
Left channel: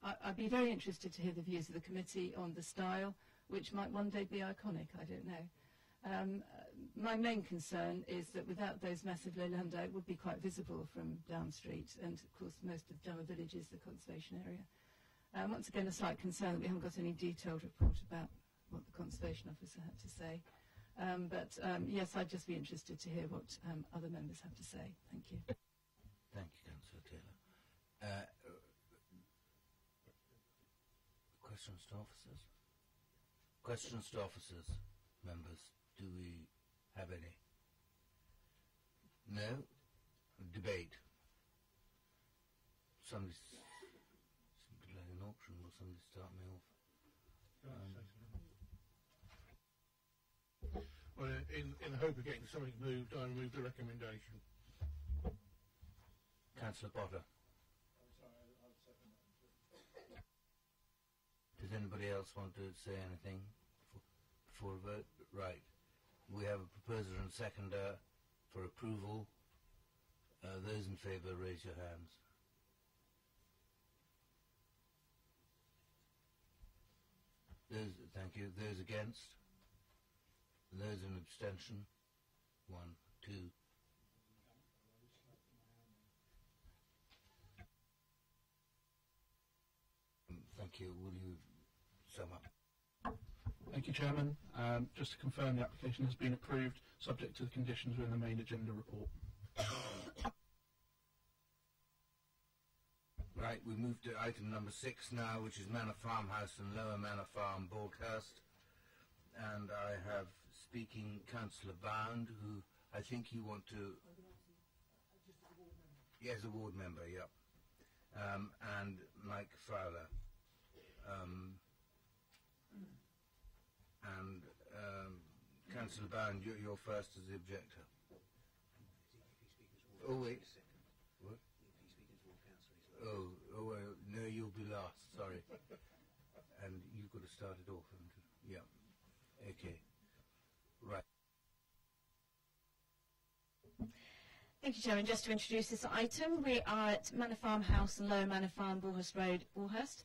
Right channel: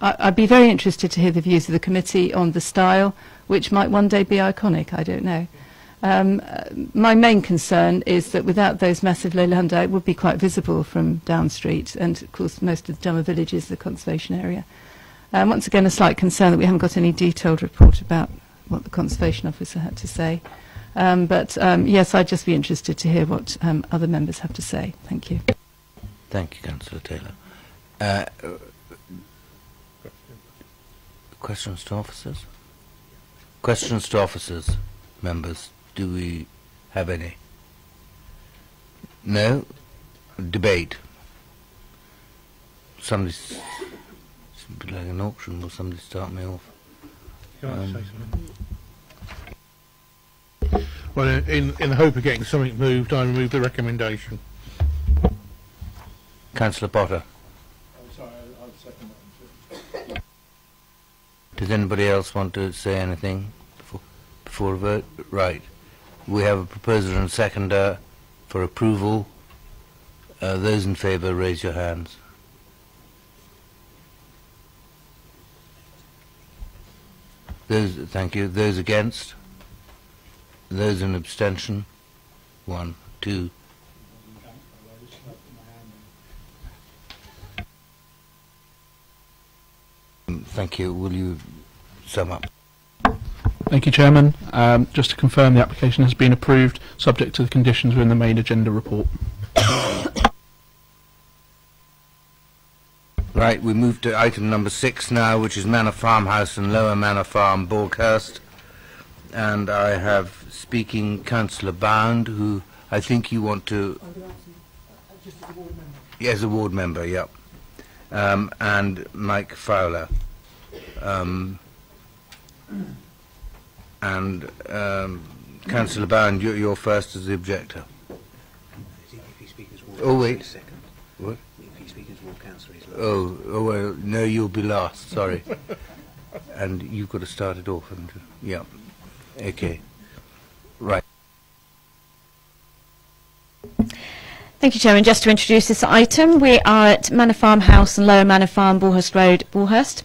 I'd be very interested to hear the views of the committee on the style, which might one day be iconic, I don't know. My main concern is that without those massive leilanda, it would be quite visible from Down Street, and of course most of the Dummer Village is the conservation area. Once again, a slight concern that we haven't got any detailed report about what the conservation officer had to say. Yes, I'd just be interested to hear what other members have to say. Thank you. Thank you, Councillor Taylor. Questions to officers? Questions to officers, members. Do we have any? No? Debate. Somebody's like an auction. Will somebody start me off? Well, in the hope of getting something moved, I remove the recommendation. Councillor Potter. Does anybody else want to say anything before a vote? Right. We have a proposer and a seconder for approval. Those in favour, raise your hands. Thank you. Those against? Those in abstention? 1, 2. Thank you. Will you sum up? Thank you, Chairman. Just to confirm, the application has been approved, subject to the conditions within the main agenda report. Right, we move to item number 6 now, which is Manor Farmhouse and Lower Manor Farm, Borghurst. And I have speaking Councillor Bound, who I think you want to... Just as a ward member. Yes, a ward member, yep. And Mike Fowler. Councillor Bound, you're first as the objector. Oh, wait. What? Oh, well, no, you'll be last, sorry. And you've got to start it off, haven't you? Yeah. Okay. Right. Thank you, Chairman. Just to introduce this item, we are at Manor Farm House and Lower Manor Farm, Borehurst Road, Borehurst.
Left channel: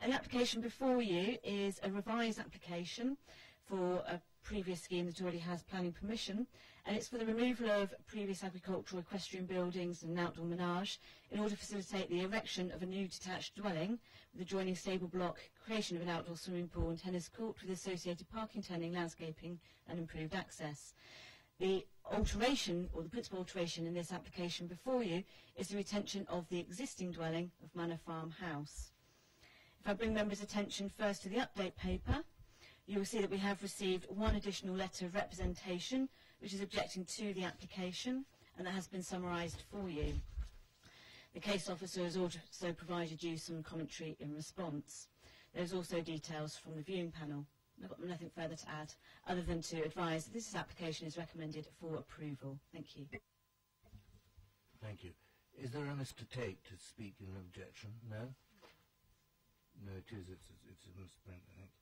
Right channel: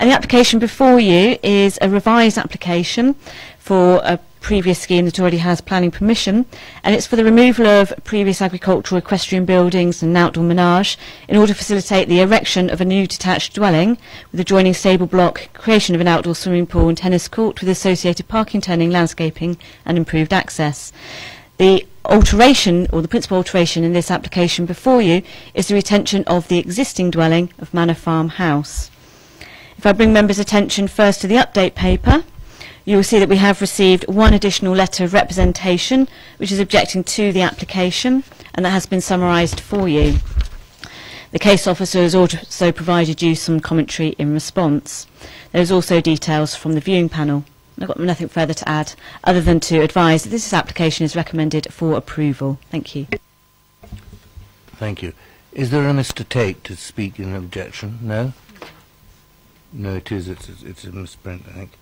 And the application before you is a revised application for previous scheme that already has planning permission, and it's for the removal of previous agricultural equestrian buildings and outdoor menage in order to facilitate the erection of a new detached dwelling with adjoining stable block, creation of an outdoor swimming pool and tennis court with associated parking, turning, landscaping and improved access. The alteration, or the principal alteration in this application before you, is the retention of the existing dwelling of Manor Farm House. If I bring members' attention first to the update paper, you will see that we have received one additional letter of representation which is objecting to the application, and that has been summarised for you. The case officer has also provided you some commentary in response. There is also details from the viewing panel. I've got nothing further to add other than to advise that this application is recommended for approval. Thank you. Thank you. Is there a Mr. Tate to speak in objection? No? No, it is. It's a misprint, I think.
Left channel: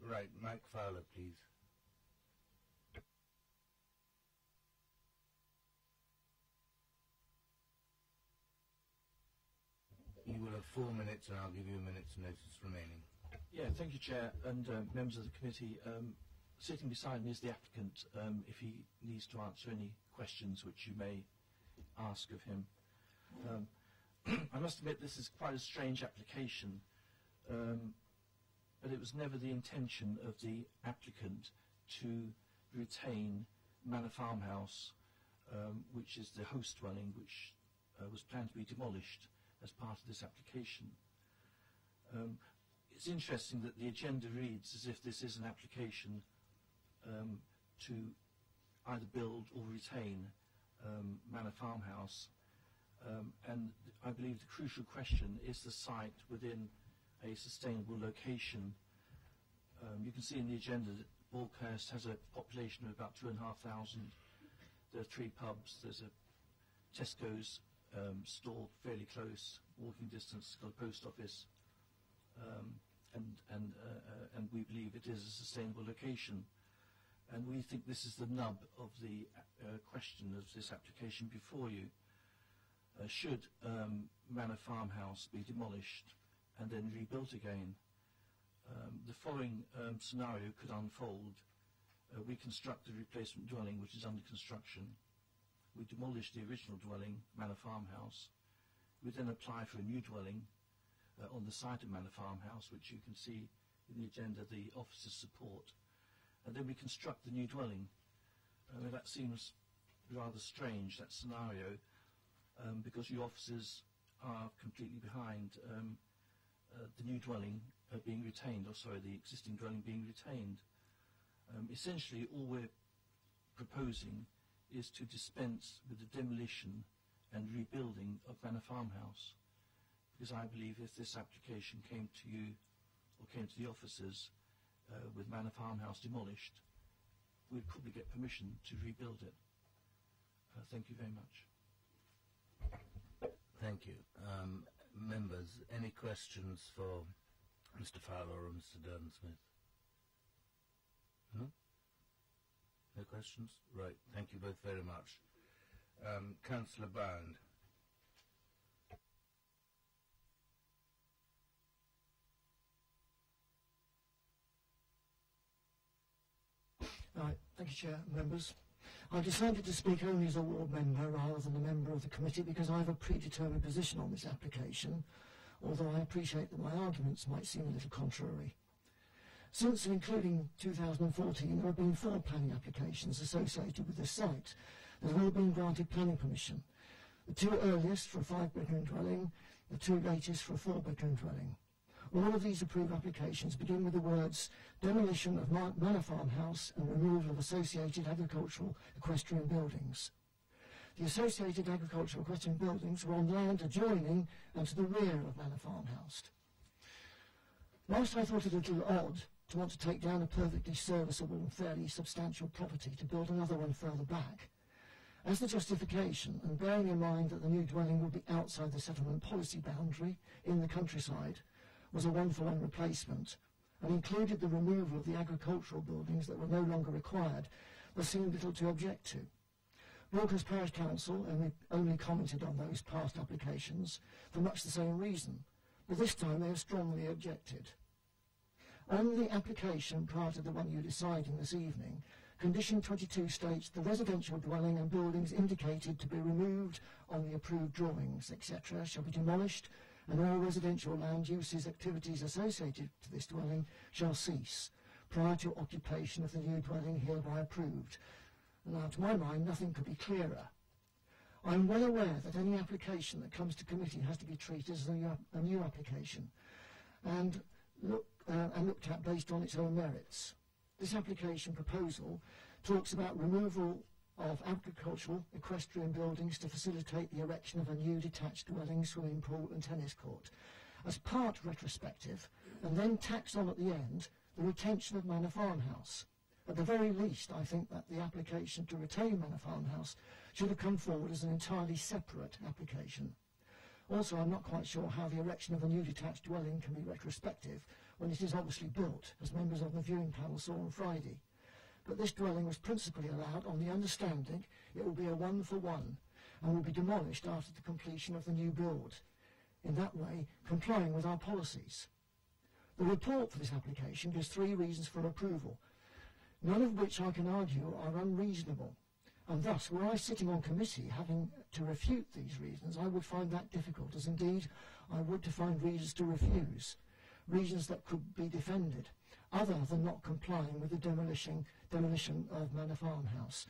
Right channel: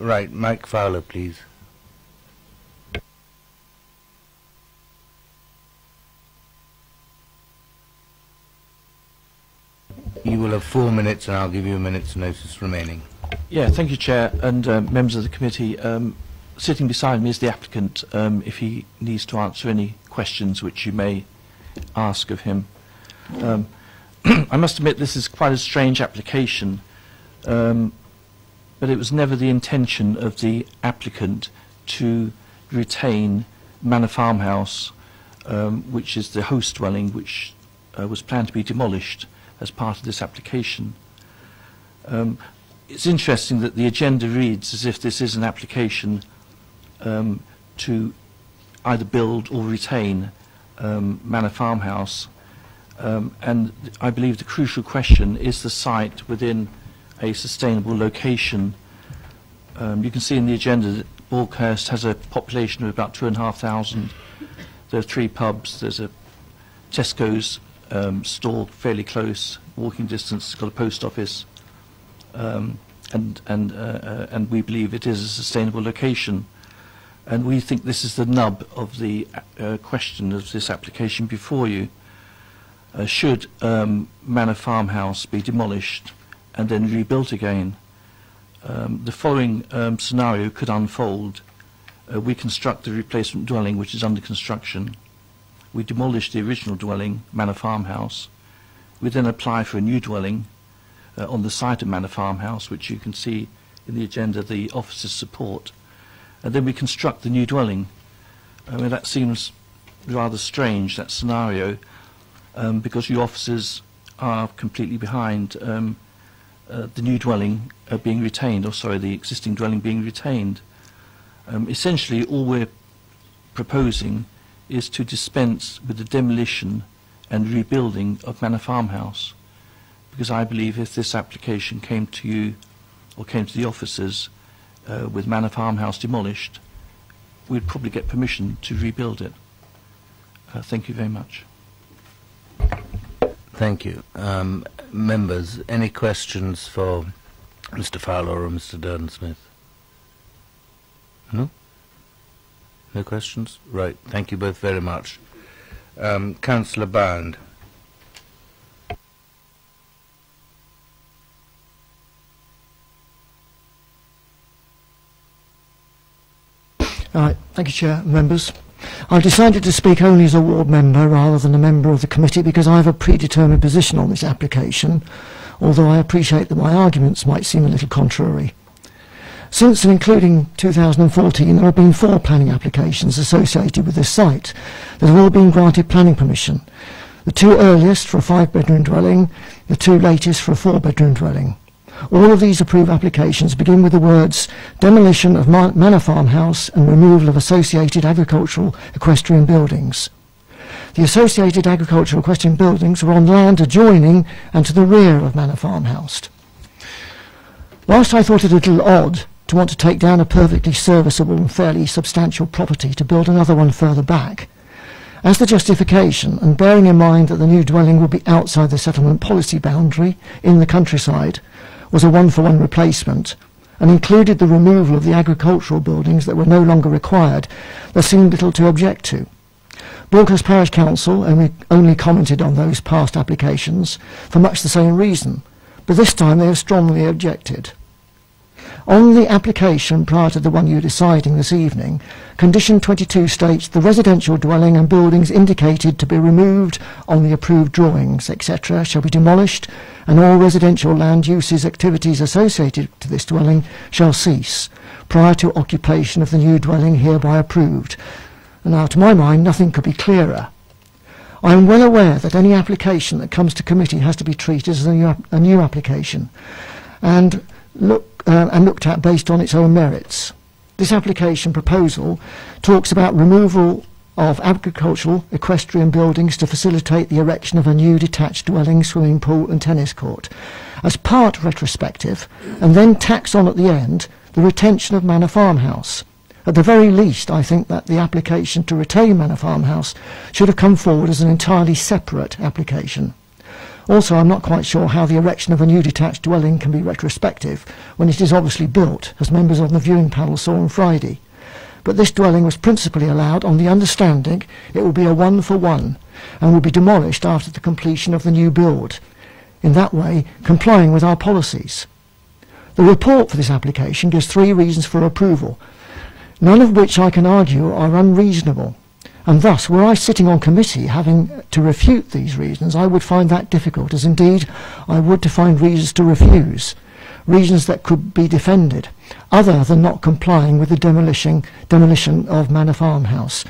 Right, Mike Fowler, please. You will have 4 minutes, and I'll give you a minute's notice remaining. Yeah, thank you, Chair, and members of the committee. Sitting beside me is the applicant, if he needs to answer any questions which you may ask of him. I must admit this is quite a strange application, but it was never the intention of the applicant to retain Manor Farmhouse, which is the host dwelling, which was planned to be demolished as part of this application. It's interesting that the agenda reads as if this is an application to either build or retain Manor Farmhouse, and I believe the crucial question is the site within a sustainable location. You can see in the agenda that Balkhurst has a population of about 2,500. There are 3 pubs. There's a Tesco's store fairly close, walking distance. It's got a post office. And we believe it is a sustainable location, and we think this is the nub of the question of this application before you. Should Manor Farmhouse be demolished and then rebuilt again? The following scenario could unfold. We construct the replacement dwelling which is under construction. We demolish the original dwelling, Manor Farmhouse. We then apply for a new dwelling on the site of Manor Farmhouse, which you can see in the agenda the officers support, and then we construct the new dwelling. I mean, that seems rather strange, that scenario, because you officers are completely behind the new dwelling being retained, or sorry, the existing dwelling being retained. Essentially, all we're proposing is to dispense with the demolition and rebuilding of Manor Farmhouse, because I believe if this application came to you or came to the officers with Manor Farmhouse demolished, we'd probably get permission to rebuild it. Thank you very much. Thank you. Members, any questions for Mr. Fowler or Mr. Durden-Smith? No? No questions? Right. Thank you both very much. Councillor Bound. Thank you, Chair. Members. I've decided to speak only as a ward member rather than a member of the committee because I have a predetermined position on this application, although I appreciate that my arguments might seem a little contrary. Since and including 2014, there have been 4 planning applications associated with this site that have all been granted planning permission. The 2 earliest for a 5-bedroom dwelling, the 2 latest for a 4-bedroom dwelling. All of these approved applications begin with the words demolition of Manor Farmhouse and removal of associated agricultural equestrian buildings. The associated agricultural equestrian buildings were on land adjoining and to the rear of Manor Farmhouse. Whilst I thought it a little odd to want to take down a perfectly serviceable and fairly substantial property to build another one further back, as the justification, and bearing in mind that the new dwelling would be outside the settlement policy boundary in the countryside, was a 1-for-1 replacement and included the removal of the agricultural buildings that were no longer required, there seemed little to object to. Balkhurst Parish Council only commented on those past applications for much the same reason, but this time they have strongly objected. On the application prior to the one you're deciding this evening, condition 22 states the residential dwelling and buildings indicated to be removed on the approved drawings, etc., shall be demolished, and all residential land uses activities associated to this dwelling shall cease prior to occupation of the new dwelling hereby approved. Now, to my mind, nothing could be clearer. I am well aware that any application that comes to committee has to be treated as a new application and looked at based on its own merits. This application proposal talks about removal of agricultural equestrian buildings to facilitate the erection of a new detached dwelling, swimming pool and tennis court as part retrospective, and then tacks on at the end the retention of Manor Farmhouse. At the very least, I think that the application to retain Manor Farmhouse should have come forward as an entirely separate application. Also, I'm not quite sure how the erection of a new detached dwelling can be retrospective when it is obviously built, as members of the viewing panel saw on Friday. But this dwelling was principally allowed on the understanding it will be a one-for-one and will be demolished after the completion of the new build, in that way complying with our policies. The report for this application gives 3 reasons for approval, none of which I can argue are unreasonable. And thus, were I sitting on committee having to refute these reasons, I would find that difficult, as indeed I would to find reasons to refuse, reasons that could be defended, other than not complying with the demolition of Manor Farmhouse,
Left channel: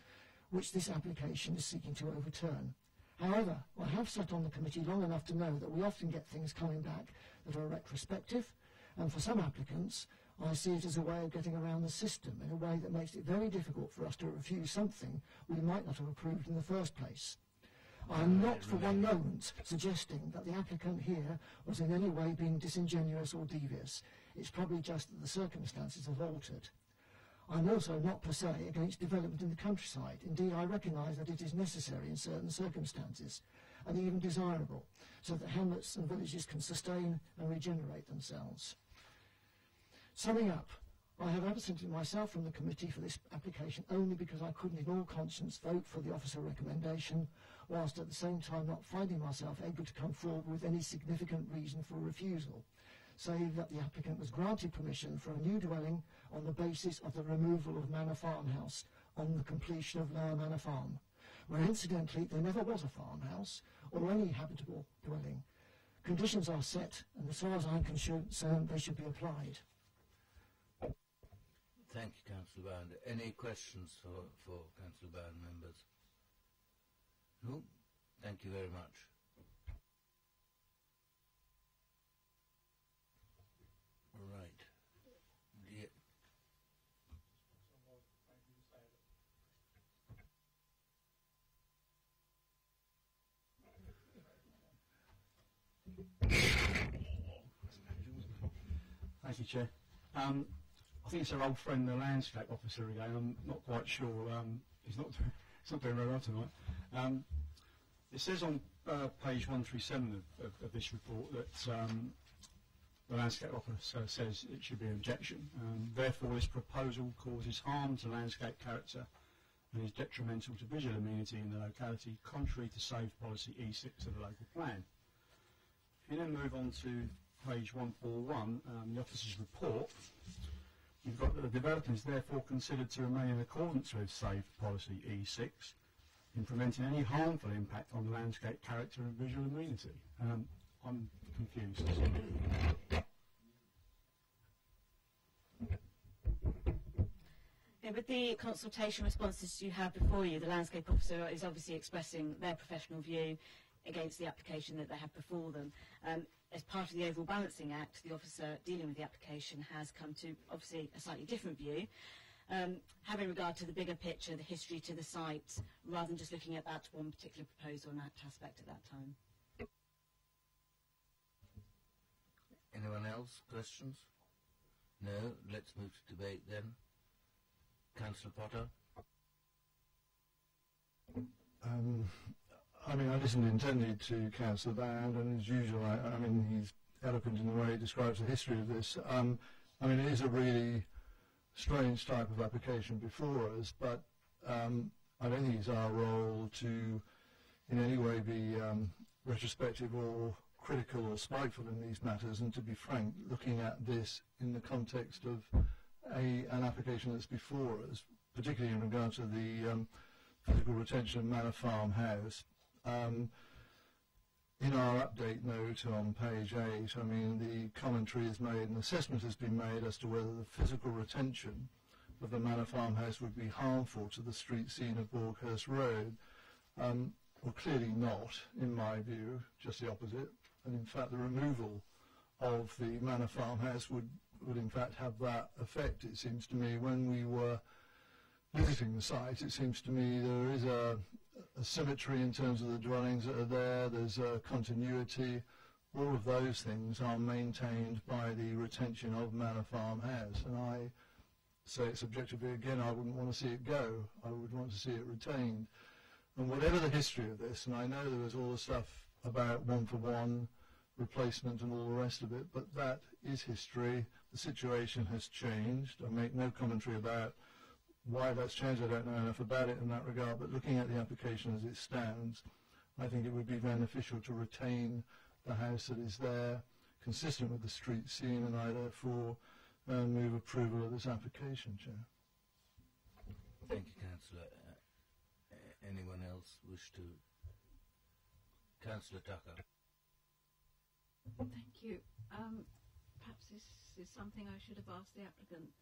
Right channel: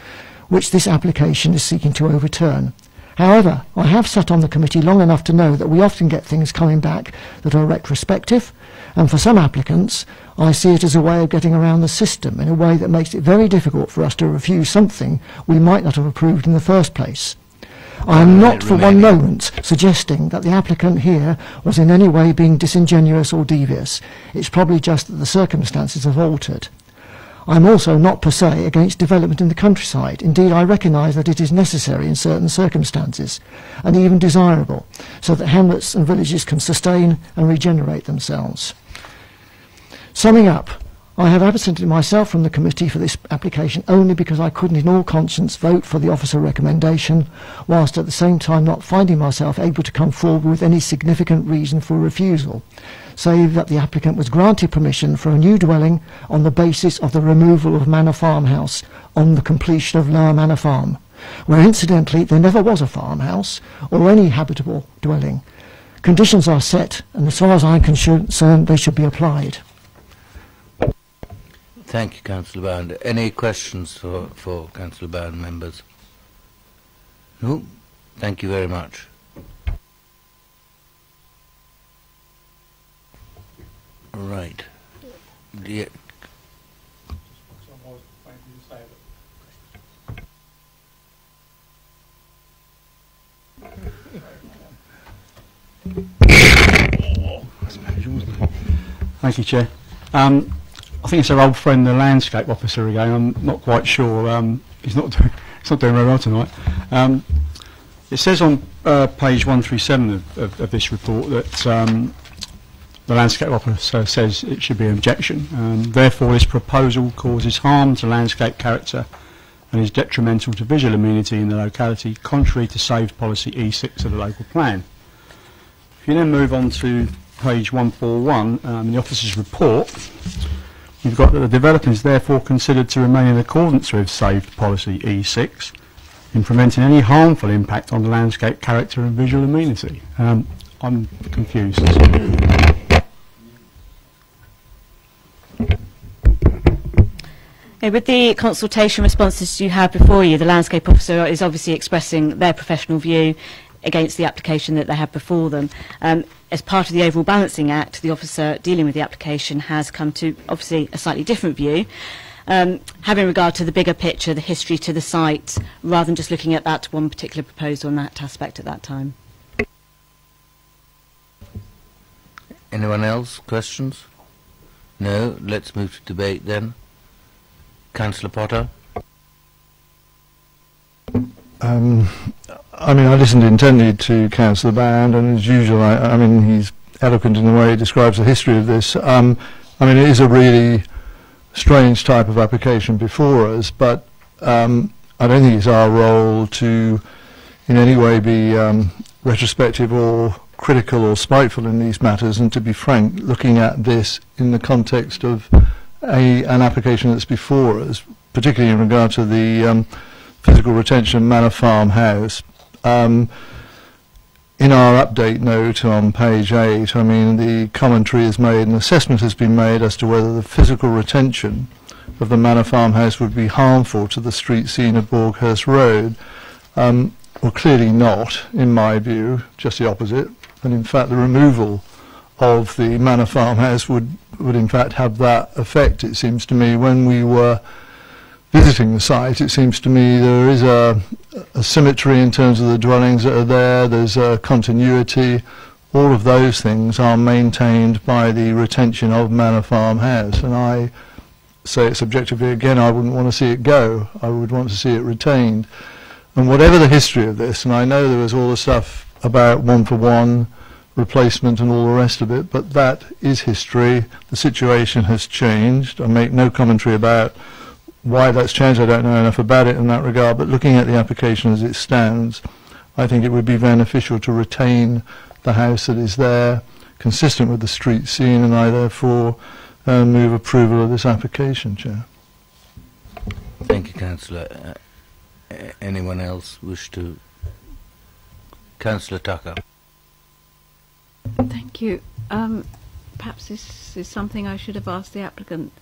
which this application is seeking to overturn. However, I have sat on the committee long enough to know that we often get things coming back that are retrospective, and for some applicants, I see it as a way of getting around the system in a way that makes it very difficult for us to refuse something we might not have approved in the first place. I am not for one moment suggesting that the applicant here was in any way being disingenuous or devious. It's probably just that the circumstances have altered. I am also not per se against development in the countryside. Indeed, I recognise that it is necessary in certain circumstances, and even desirable, so that hamlets and villages can sustain and regenerate themselves. Summing up, I have absented myself from the committee for this application only because I couldn't in all conscience vote for the officer recommendation, whilst at the same time not finding myself able to come forward with any significant reason for refusal, save that the applicant was granted permission for a new dwelling on the basis of the removal of Manor Farmhouse on the completion of Lower Manor Farm, where incidentally there never was a farmhouse or any habitable dwelling. Conditions are set, and as far as I'm concerned, they should be applied. Thank you, Councillor Bound. Any questions for Councillor Bound, members? No? Thank you very much. Right. Yeah. Thank you, Chair. I think it's our old friend, the landscape officer again. I'm not quite sure. He's not doing very well tonight. It says on page 137 of this report that the landscape officer says it should be an objection. Therefore, this proposal causes harm to landscape character and is detrimental to visual amenity in the locality, contrary to saved policy E6 of the local plan. If you then move on to page 141 in the officer's report, you've got that the development is therefore considered to remain in accordance with saved policy E6 in preventing any harmful impact on the landscape character and visual amenity. I'm confused. With the consultation responses you have before you, the landscape officer is obviously expressing their professional view against the application that they have before them. As part of the overall balancing act, the officer dealing with the application has come to obviously a slightly different view, having regard to the bigger picture, the history to the site, rather than just looking at that one particular proposal and that aspect at that time. Anyone else? Questions? No? Let's move to debate then. Councillor Potter. I mean, I listened intently to Councillor Bound, and as usual, I mean, he's eloquent in the way he describes the history of this. I mean, it is a really strange type of application before us, but I don't think it's our role to in any way be retrospective or critical or spiteful in these matters, and to be frank, looking at this in the context of an application that's before us, particularly in regard to the physical retention Manor Farm House. In our update note on page 8, I mean, the commentary is made, an assessment has been made as to whether the physical retention of the Manor Farmhouse would be harmful to the street scene of Borghurst Road. Well, clearly not, in my view, just the opposite. And in fact, the removal of the Manor Farmhouse would in fact have that effect, it seems to me. When we were visiting the site, it seems to me there is a symmetry in terms of the dwellings that are there, there's a continuity. All of those things are maintained by the retention of Manor Farmhouse, and I say it subjectively again, I wouldn't want to see it go. I would want to see it retained. And whatever the history of this, and I know there was all the stuff about one-for-one replacement and all the rest of it, but that is history. The situation has changed. I make no commentary about why that's changed. I don't know enough about it in that regard, but looking at the application as it stands, I think it would be beneficial to retain the house that is there, consistent with the street scene, and I therefore move approval of this application, Chair. Thank you, Councillor. Anyone else wish to? Councillor Tucker. Thank you. Perhaps this is something I should have asked the applicant.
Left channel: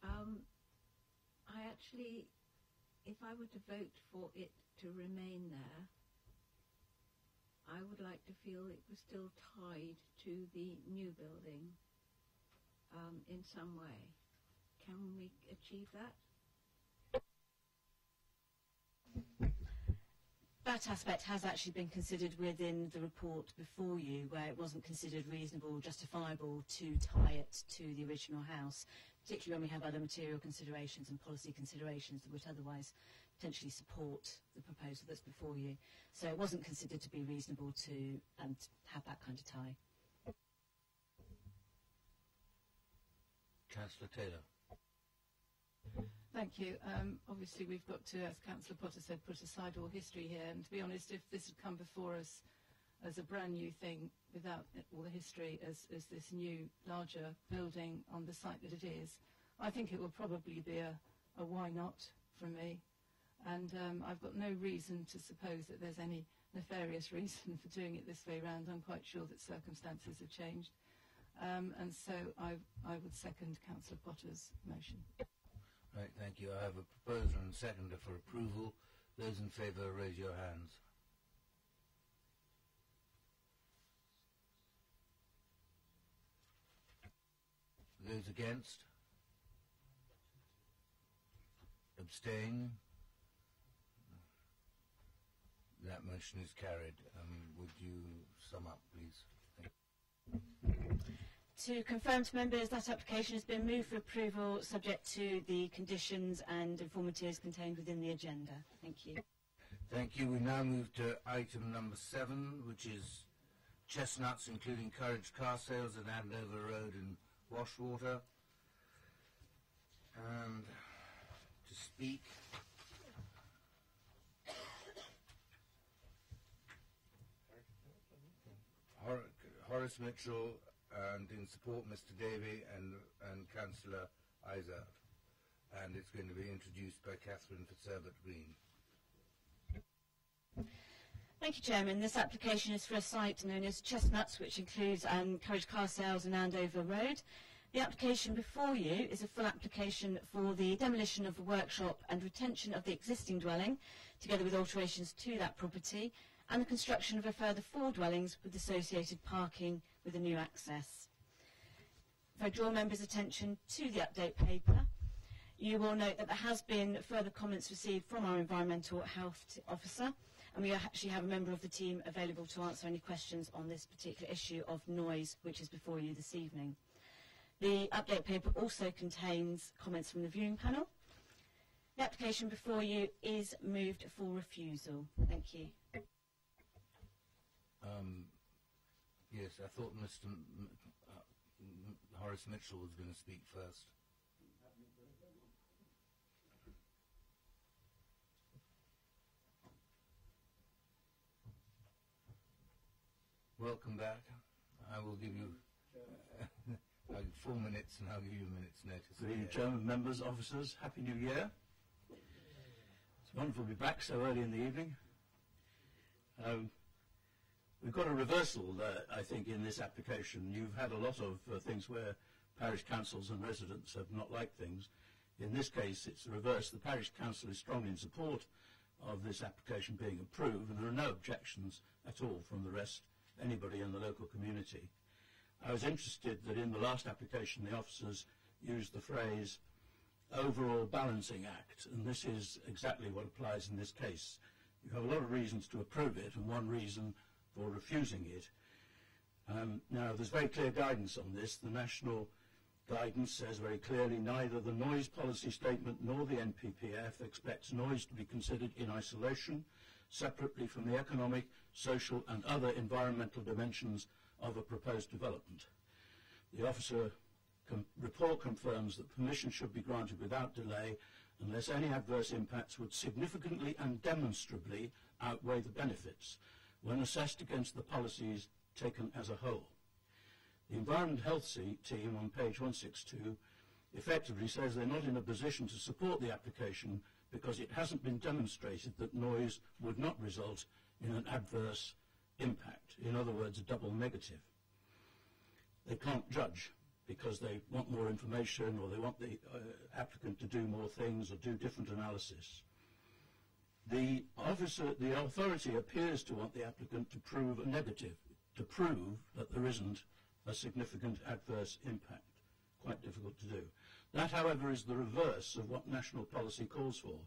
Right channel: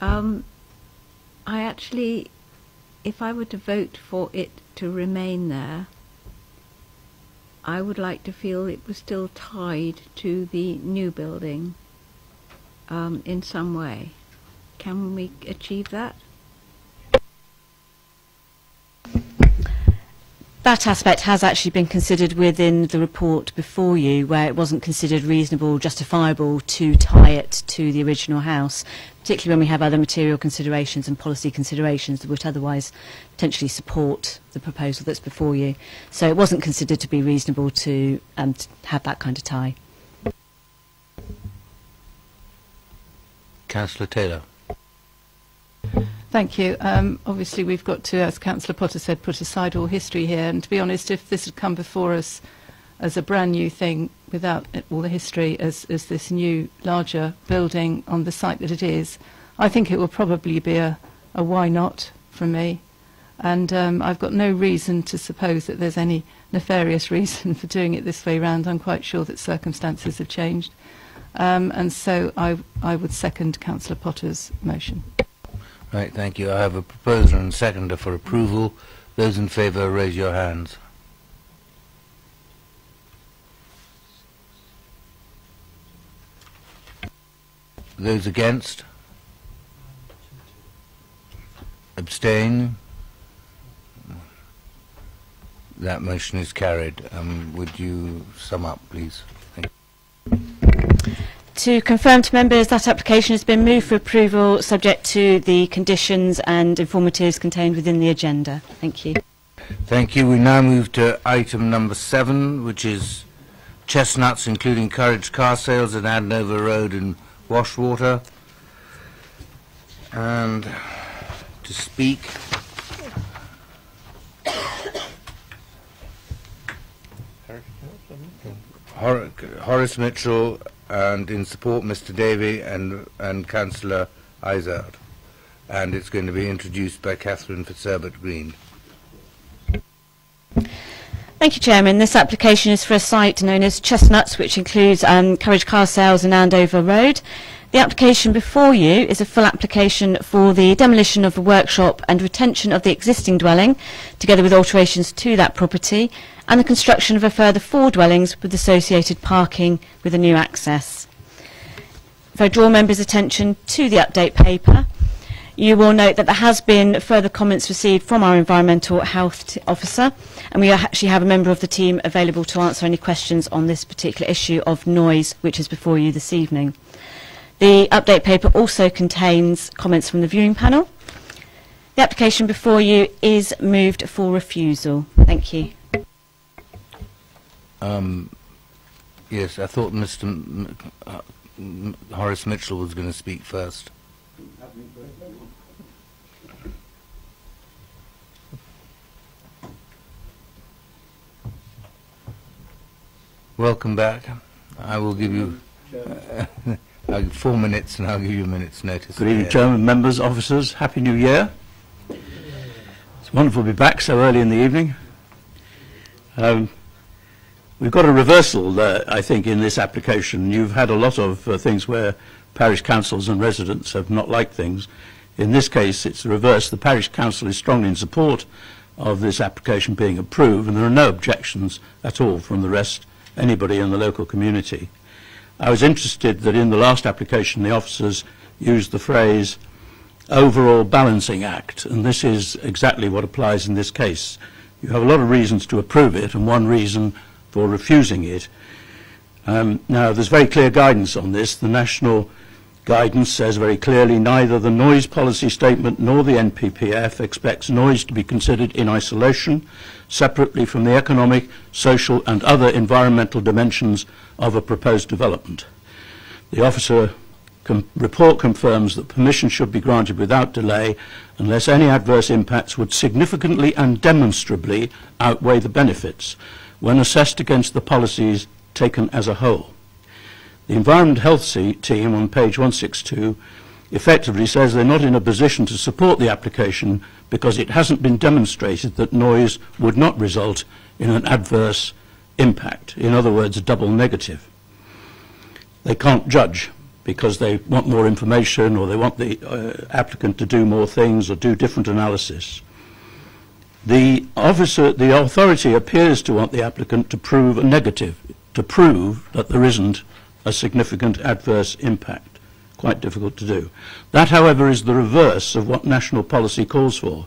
I actually, if I were to vote for it to remain there, I would like to feel it was still tied to the new building in some way. Can we achieve that? That aspect has actually been considered within the report before you, where it wasn't considered reasonable, justifiable to tie it to the original house, particularly when we have other material considerations and policy considerations that would otherwise potentially support the proposal that's before you. So it wasn't considered to be reasonable to have that kind of tie. Councillor Taylor. Thank you. Obviously, we've got to, as Councillor Potter said, put aside all history here. And to be honest, if this had come before us as a brand new thing, without all the history, as this new, larger building on the site that it is, I think it will probably be a why not from me. And I've got no reason to suppose that there's any nefarious reason for doing it this way round. I'm quite sure that circumstances have changed. And so I would second Councillor Potter's motion. Right, thank you. I have a proposer and seconder for approval. Those in favour, raise your hands. Those against? Abstain? That motion is carried. Would you sum up, please? Thank you. To confirm to members, that application has been moved for approval subject to the conditions and informatives contained within the agenda. Thank you. Thank you. We now move to item number 7, which is chestnuts, including Courage car sales at Andover Road and Washwater. And to speak, Horace Mitchell, and in support Mr. Davey and Councillor Izard. And it's going to be introduced by Catherine Fitzherbert-Green. Thank you, Chairman. This application is for a site known as Chestnuts, which includes Courage car sales in Andover Road. The application before you is a full application for the demolition of the workshop and retention of the existing dwelling, together with alterations to that property, and the construction of a further 4 dwellings with associated parking with a new access. If I draw members' attention to the update paper, you will note that there has been further comments received from our environmental health officer, and we actually have a member of the team available to answer any questions on this particular issue of noise, which is before you this evening. The update paper also contains comments from the viewing panel. The application before you is moved for refusal. Thank you. Yes, I thought Mr. Horace Mitchell was going to speak first. Welcome back. I will give you 4 minutes, and I'll give you a minute's notice. Good evening, Chairman, members, officers. Happy New Year. It's wonderful to be back so early in the evening. We've got a reversal, I think, in this application. You've had a lot of things where parish councils and residents have not liked things. In this case, it's the reverse. The parish council is strongly in support of this application being approved, and there are no objections at all from the rest, anybody in the local community. I was interested that in the last application the officers used the phrase overall balancing act, and this is exactly what applies in this case. You have a lot of reasons to approve it and one reason for refusing it. Now there's very clear guidance on this. The national guidance says very clearly neither the noise policy statement nor the NPPF expects noise to be considered in isolation, separately from the economic, social and other environmental dimensions of a proposed development. The officer report confirms that permission should be granted without delay unless any adverse impacts would significantly and demonstrably outweigh the benefits when assessed against the policies taken as a whole. The Environment Health team on page 162 effectively says they're not in a position to support the application because it hasn't been demonstrated that noise would not result in an adverse impact, in other words, a double negative. They can't judge because they want more information or they want the applicant to do more things or do different analysis. The authority appears to want the applicant to prove a negative, to prove that there isn't a significant adverse impact. Quite difficult to do. That, however, is the reverse of what national policy calls for.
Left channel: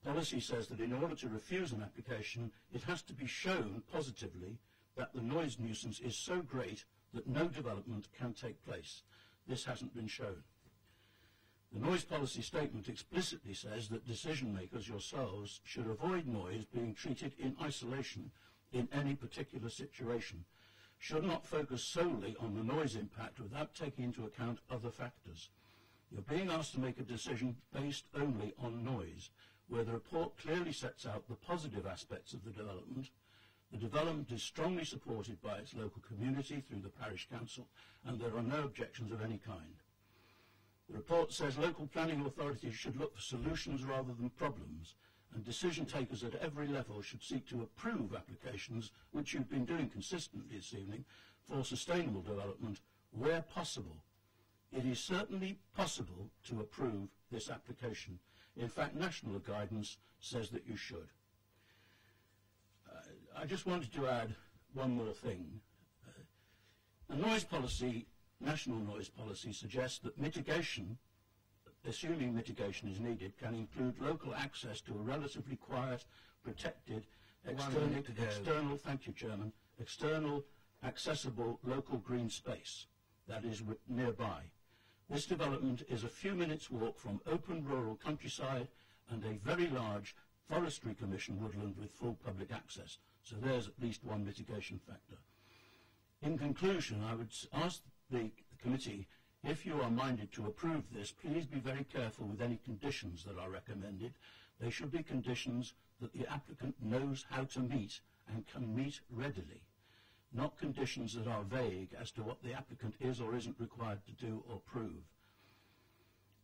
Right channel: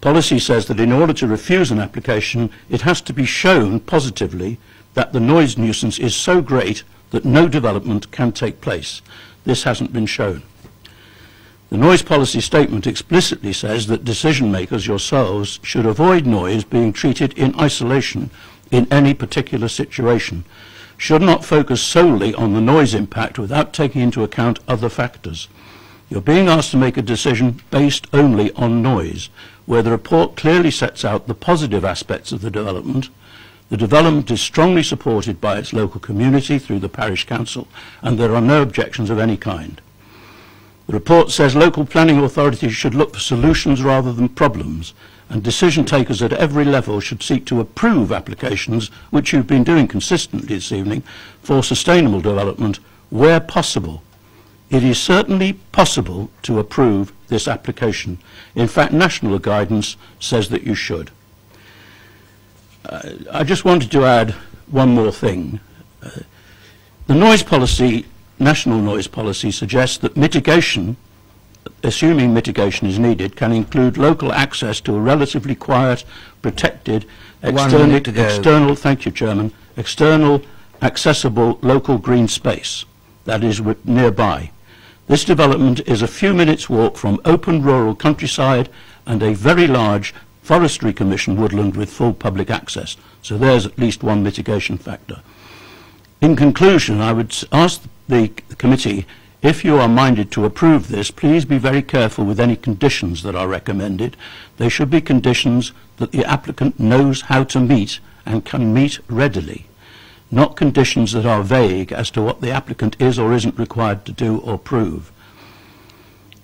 Policy says that in order to refuse an application, it has to be shown positively that the noise nuisance is so great that no development can take place. This hasn't been shown. The noise policy statement explicitly says that decision makers, yourselves, should avoid noise being treated in isolation in any particular situation, should not focus solely on the noise impact without taking into account other factors. You're being asked to make a decision based only on noise, where the report clearly sets out the positive aspects of the development. The development is strongly supported by its local community through the parish council, and there are no objections of any kind. The report says local planning authorities should look for solutions rather than problems, and decision takers at every level should seek to approve applications, which you've been doing consistently this evening, for sustainable development where possible. It is certainly possible to approve this application. In fact, national guidance says that you should. I just wanted to add one more thing. The noise policy, national noise policy, suggests that mitigation, assuming mitigation is needed, can include local access to a relatively quiet, protected, external, thank you, Chairman, external, accessible local green space that is nearby. This development is a few minutes' walk from open rural countryside and a very large Forestry Commission woodland with full public access. So there's at least one mitigation factor. In conclusion, I would ask the committee, if you are minded to approve this, please be very careful with any conditions that are recommended. They should be conditions that the applicant knows how to meet and can meet readily, not conditions that are vague as to what the applicant is or isn't required to do or prove.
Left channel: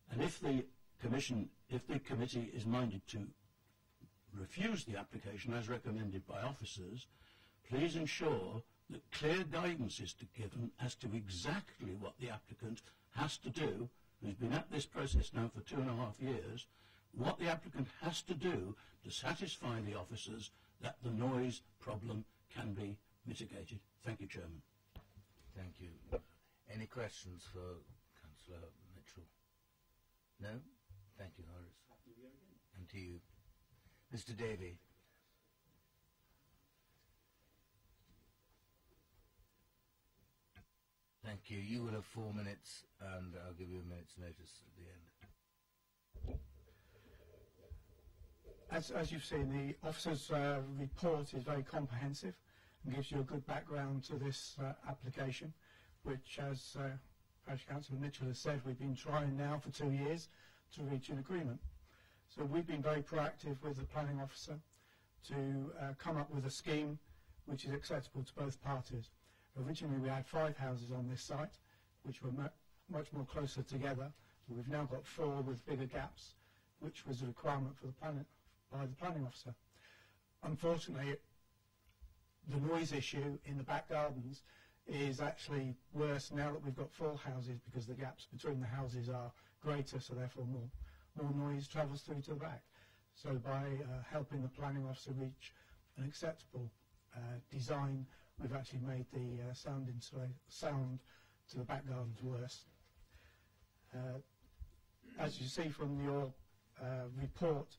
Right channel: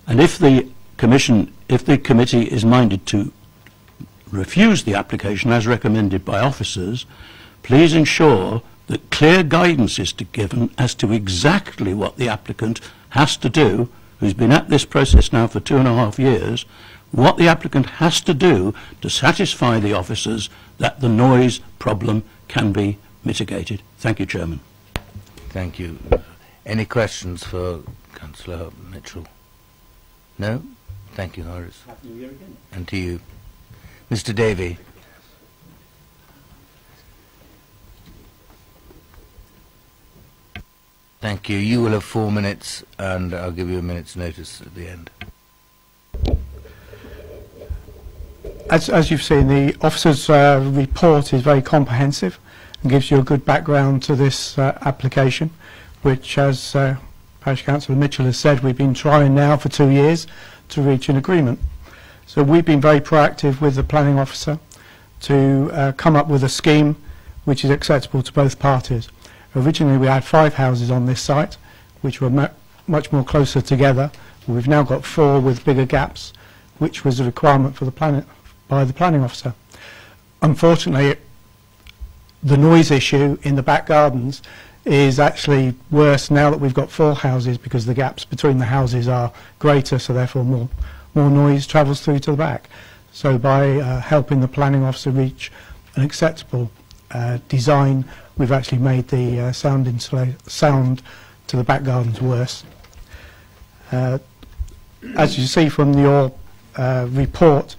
And if the committee is minded to refuse the application as recommended by officers, please ensure that clear guidance is given as to exactly what the applicant has to do, who's been at this process now for 2.5 years, what the applicant has to do to satisfy the officers that the noise problem can be mitigated. Thank you, Chairman. Thank you. Any questions for Councillor Mitchell? No? Thank you, Horace. Happy New Year again. And to you. Mr. Davey. Thank you. You will have 4 minutes, and I'll give you a minute's notice at the end. As you've seen, the officer's report is very comprehensive and gives you a good background to this application, which, as Parish Councillor Mitchell has said, we've been trying now for 2 years to reach an agreement. So we've been very proactive with the planning officer to come up with a scheme which is acceptable to both parties. Originally we had 5 houses on this site, which were much more closer together. We've now got 4 with bigger gaps, which was a requirement for by the planning officer. Unfortunately, the noise issue in the back gardens is actually worse now that we've got 4 houses, because the gaps between the houses are greater, so therefore more noise travels through to the back. So by helping the planning officer reach an acceptable design, we've actually made the sound to the back gardens worse. As you see from your report,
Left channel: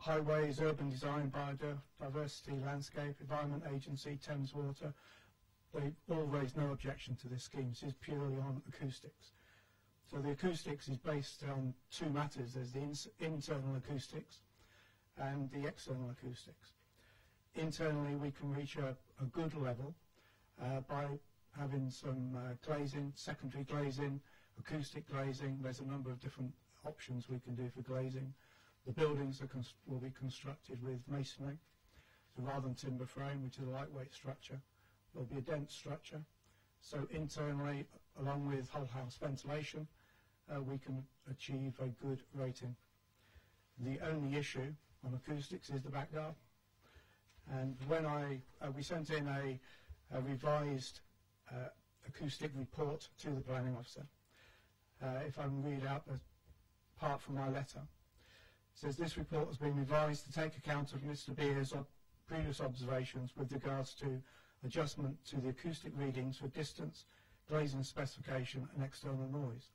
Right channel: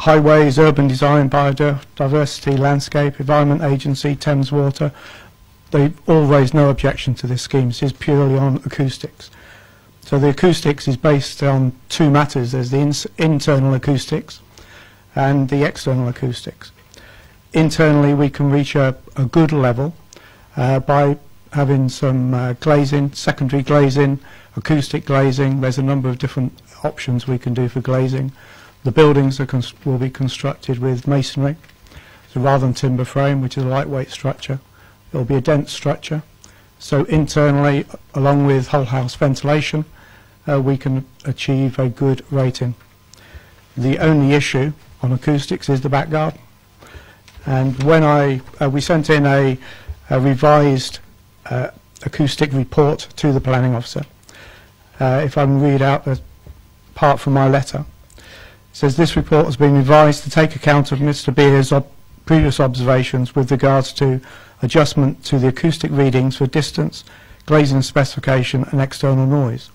Highways, Urban Design, Biodiversity, Landscape, Environment Agency, Thames Water, they all raised no objection to this scheme. This is purely on acoustics. So the acoustics is based on 2 matters. There's the internal acoustics and the external acoustics. Internally, we can reach a good level by having some glazing, secondary glazing, acoustic glazing. There's a number of different options we can do for glazing. The buildings will be constructed with masonry, so rather than timber frame, which is a lightweight structure, it will be a dense structure. So internally, along with whole house ventilation, we can achieve a good rating. The only issue on acoustics is the back garden. And when we sent in a revised acoustic report to the planning officer. If I can read out the part from my letter. It says, this report has been revised to take account of Mr. Beer's previous observations with regards to adjustment to the acoustic readings for distance, glazing specification and external noise.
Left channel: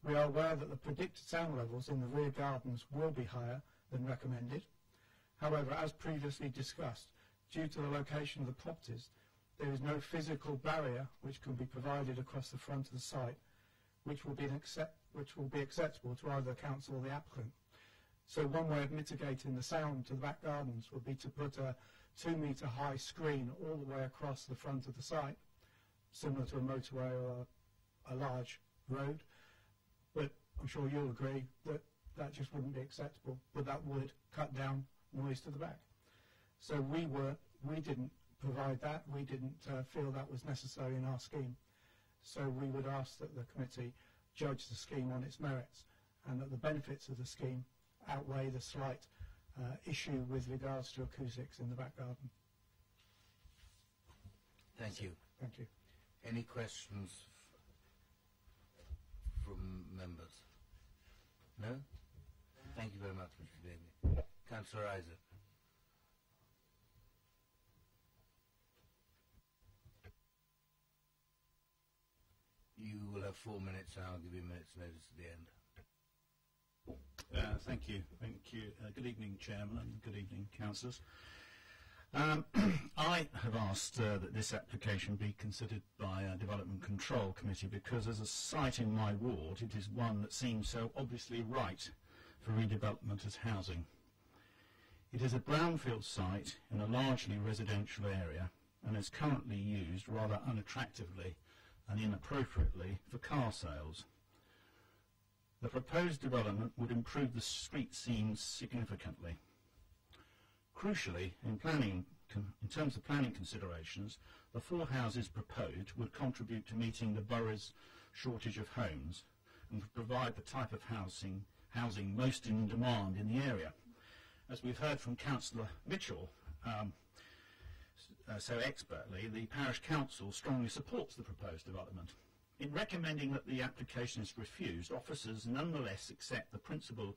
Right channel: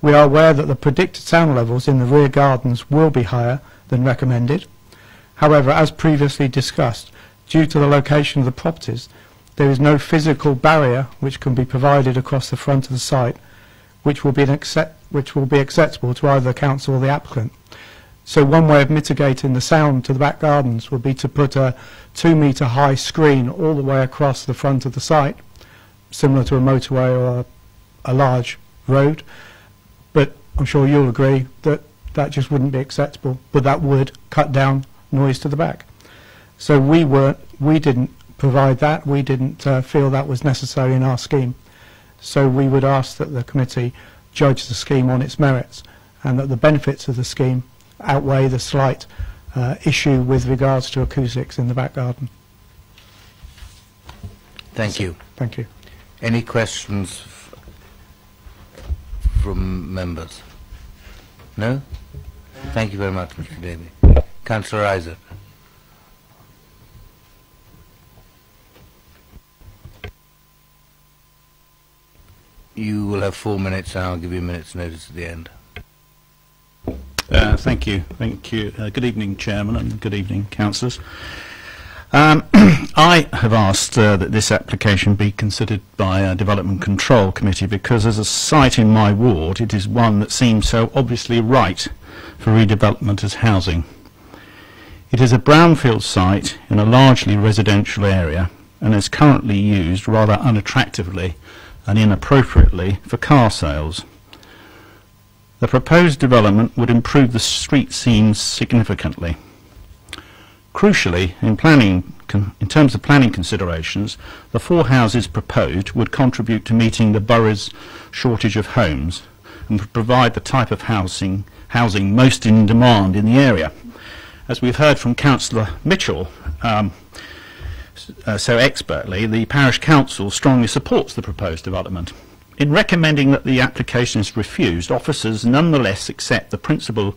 We are aware that the predicted sound levels in the rear gardens will be higher than recommended. However, as previously discussed, due to the location of the properties, there is no physical barrier which can be provided across the front of the site, which will be acceptable to either the council or the applicant. So one way of mitigating the sound to the back gardens would be to put a 2-metre high screen all the way across the front of the site, similar to a motorway or a large road. But I'm sure you'll agree that that just wouldn't be acceptable, but that would cut down noise to the back. So we didn't provide that. We didn't feel that was necessary in our scheme. So we would ask that the committee judge the scheme on its merits, and that the benefits of the scheme outweigh the slight issue with regards to acoustics in the back garden. Thank you. Thank you. Any questions from members? No? Thank you very much, Mr. Davey. Councillor Isaac. You will have 4 minutes, and I'll give you a minute's notice at the end. Thank you. Good evening, Chairman, and good evening, councillors. I have asked that this application be considered by a Development Control Committee because, as a site in my ward, it is one that seems so obviously right for redevelopment as housing. It is a brownfield site in a largely residential area and is currently used rather unattractively and inappropriately for car sales. The proposed development would improve the street scenes significantly. Crucially, in terms of planning considerations, the 4 houses proposed would contribute to meeting the borough's shortage of homes and would provide the type of housing most in demand in the area. As we've heard from Councillor Mitchell so expertly, the Parish Council strongly supports the proposed development. In recommending that the application is refused, officers nonetheless accept the principle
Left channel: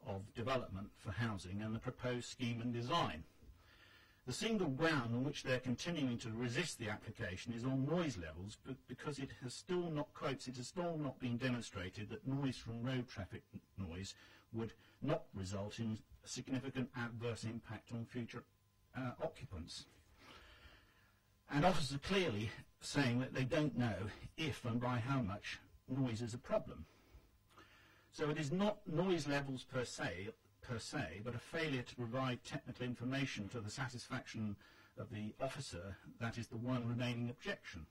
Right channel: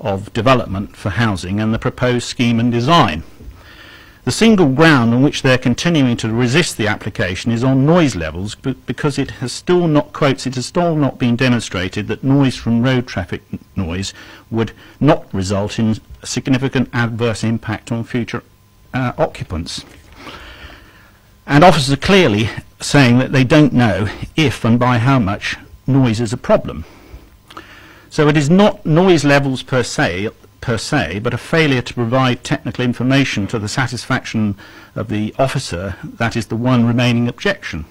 of development for housing and the proposed scheme and design. The single ground on which they are continuing to resist the application is on noise levels, because it has still not, quotes, it has still not been demonstrated that noise from road traffic noise would not result in a significant adverse impact on future occupants. And officers are clearly saying that they don't know if and by how much noise is a problem. So it is not noise levels per se, but a failure to provide technical information to the satisfaction of the officer that is the one remaining objection.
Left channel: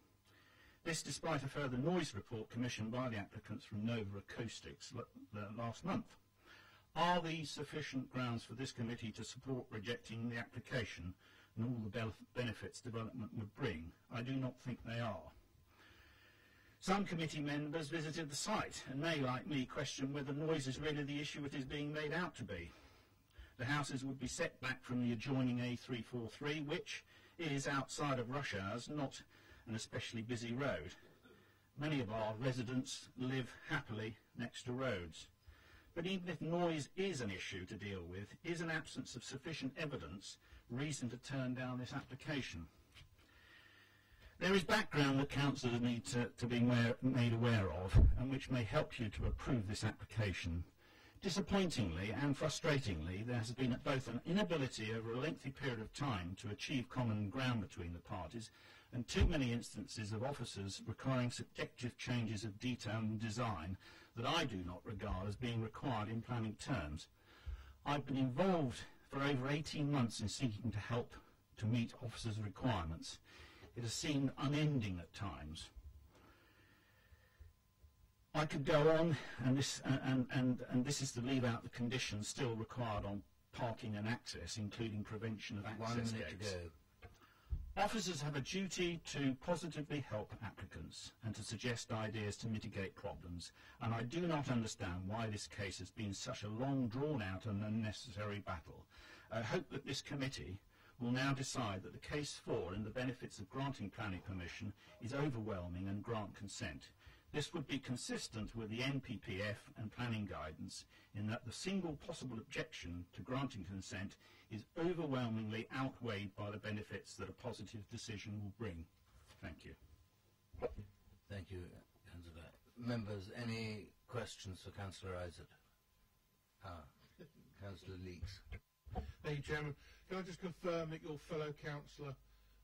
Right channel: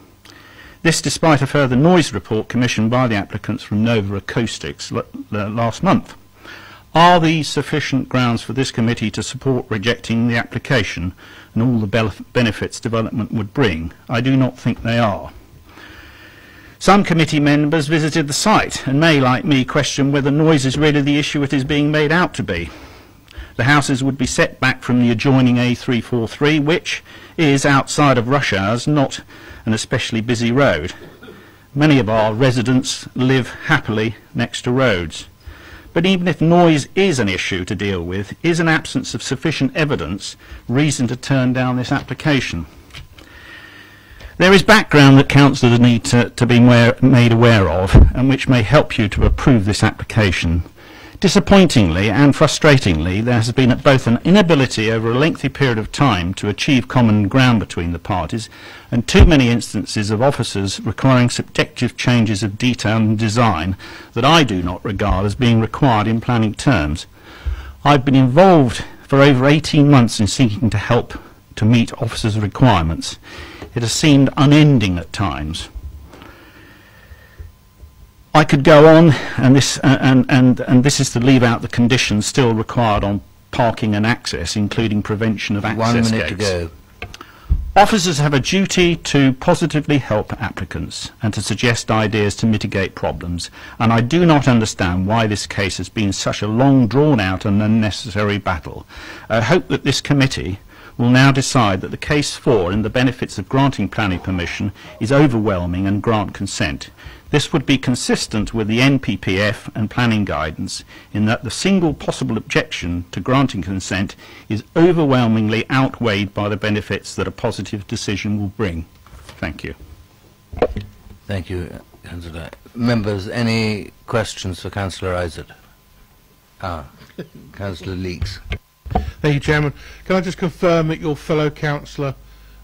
This despite a further noise report commissioned by the applicants from Nova Acoustics last month. Are these sufficient grounds for this committee to support rejecting the application and all the benefits development would bring? I do not think they are. Some committee members visited the site and may, like me, question whether noise is really the issue it is being made out to be. The houses would be set back from the adjoining A343, which is, outside of rush hours, not an especially busy road. Many of our residents live happily next to roads. But even if noise is an issue to deal with, is an absence of sufficient evidence reason to turn down this application? There is background that councillors need to be made aware of, and which may help you to approve this application. Disappointingly and frustratingly, there has been both an inability over a lengthy period of time to achieve common ground between the parties, and too many instances of officers requiring subjective changes of detail and design that I do not regard as being required in planning terms. I've been involved for over 18 months in seeking to help to meet officers' requirements. It has seemed unending at times. I could go on, and this is to leave out the conditions still required on parking and access, including prevention of access 1 minute gates. to go. Officers have a duty to positively help applicants and to suggest ideas to mitigate problems, and I do not understand why this case has been such a long, drawn-out and unnecessary battle. I hope that this committee will now decide that the case for and the benefits of granting planning permission is overwhelming and grant consent. This would be consistent with the NPPF and planning guidance in that the single possible objection to granting consent is overwhelmingly outweighed by the benefits that a positive decision will bring. Thank you. Thank you, Councillor. Members, any questions for Councillor Isaac? Councillor Leeks. Thank you, Chairman. Can I just confirm that your fellow councillor,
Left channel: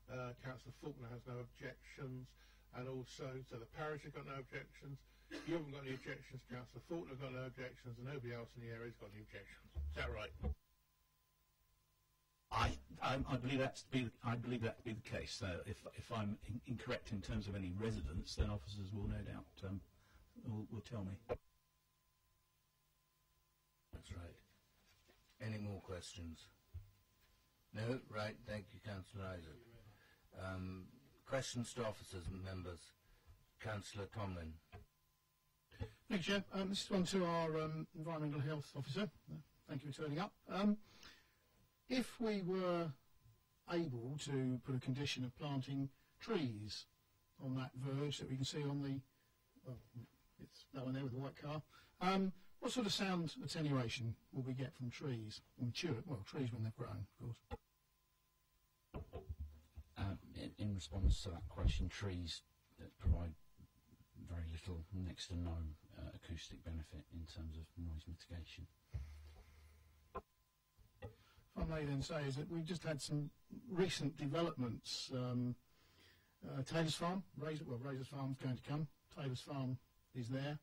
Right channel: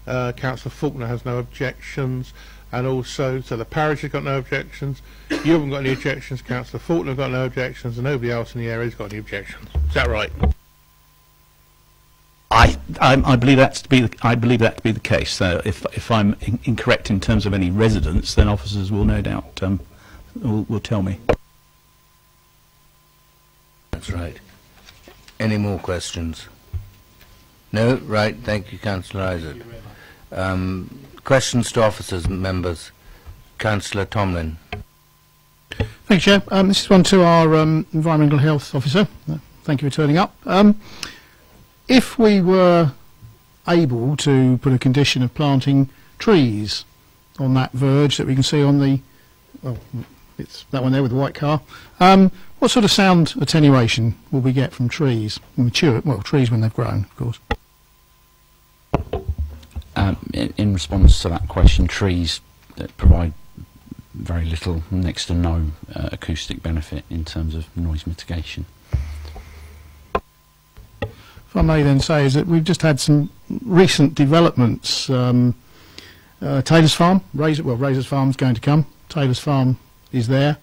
Councillor Faulkner, has no objections, and also, so the parish has got no objections, you haven't got any objections, Councillor Faulkner has got no objections, and nobody else in the area has got any objections. Is that right? I believe that to be the case. So if I'm incorrect in terms of any residents, then officers will no doubt will tell me. That's right. Any more questions? No? Right. Thank you, Councillor Isaac. Questions to officers, members. Councillor Tomlin. Thank you, Chair. This is one to our Environmental Health Officer. Thank you for turning up. If we were able to put a condition of planting trees on that verge that we can see on the, well, it's that one there with the white car, what sort of sound attenuation will we get from trees? Mature, well, trees when they've grown, of course. In response to that question, trees that provide very little, next to no acoustic benefit in terms of noise mitigation. If I may then say is that we've just had some recent developments. Taylor's Farm, Razor's Farm's going to come. Taylor's Farm is there.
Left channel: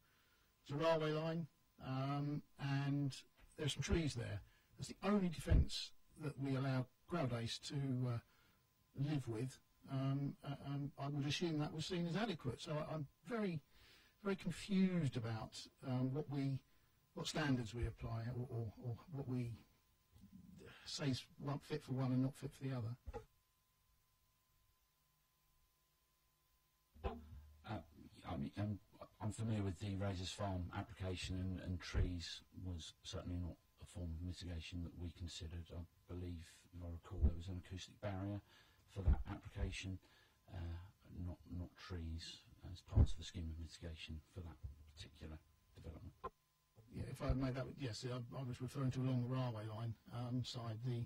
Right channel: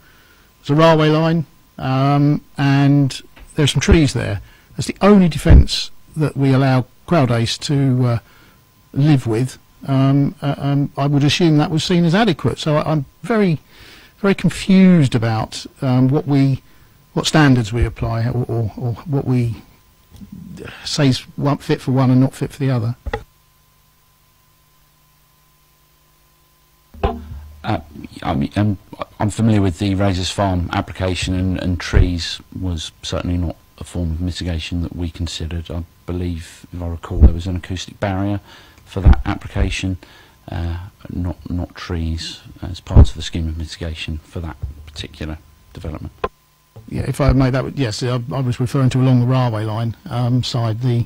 There's a railway line, and there's some trees there. That's the only defence that we allow Crowd Ace to live with. I would assume that was seen as adequate. So I'm very, very confused about what standards we apply, or what we say is fit for one and not fit for the other. I'm familiar with the Razor's Farm application, and trees was certainly not a form of mitigation that we considered. I believe, if I recall, there was an acoustic barrier for that application, not trees as part of the scheme of mitigation for that particular development. Yeah, if I made that, yes, I was referring to along the railway line side. There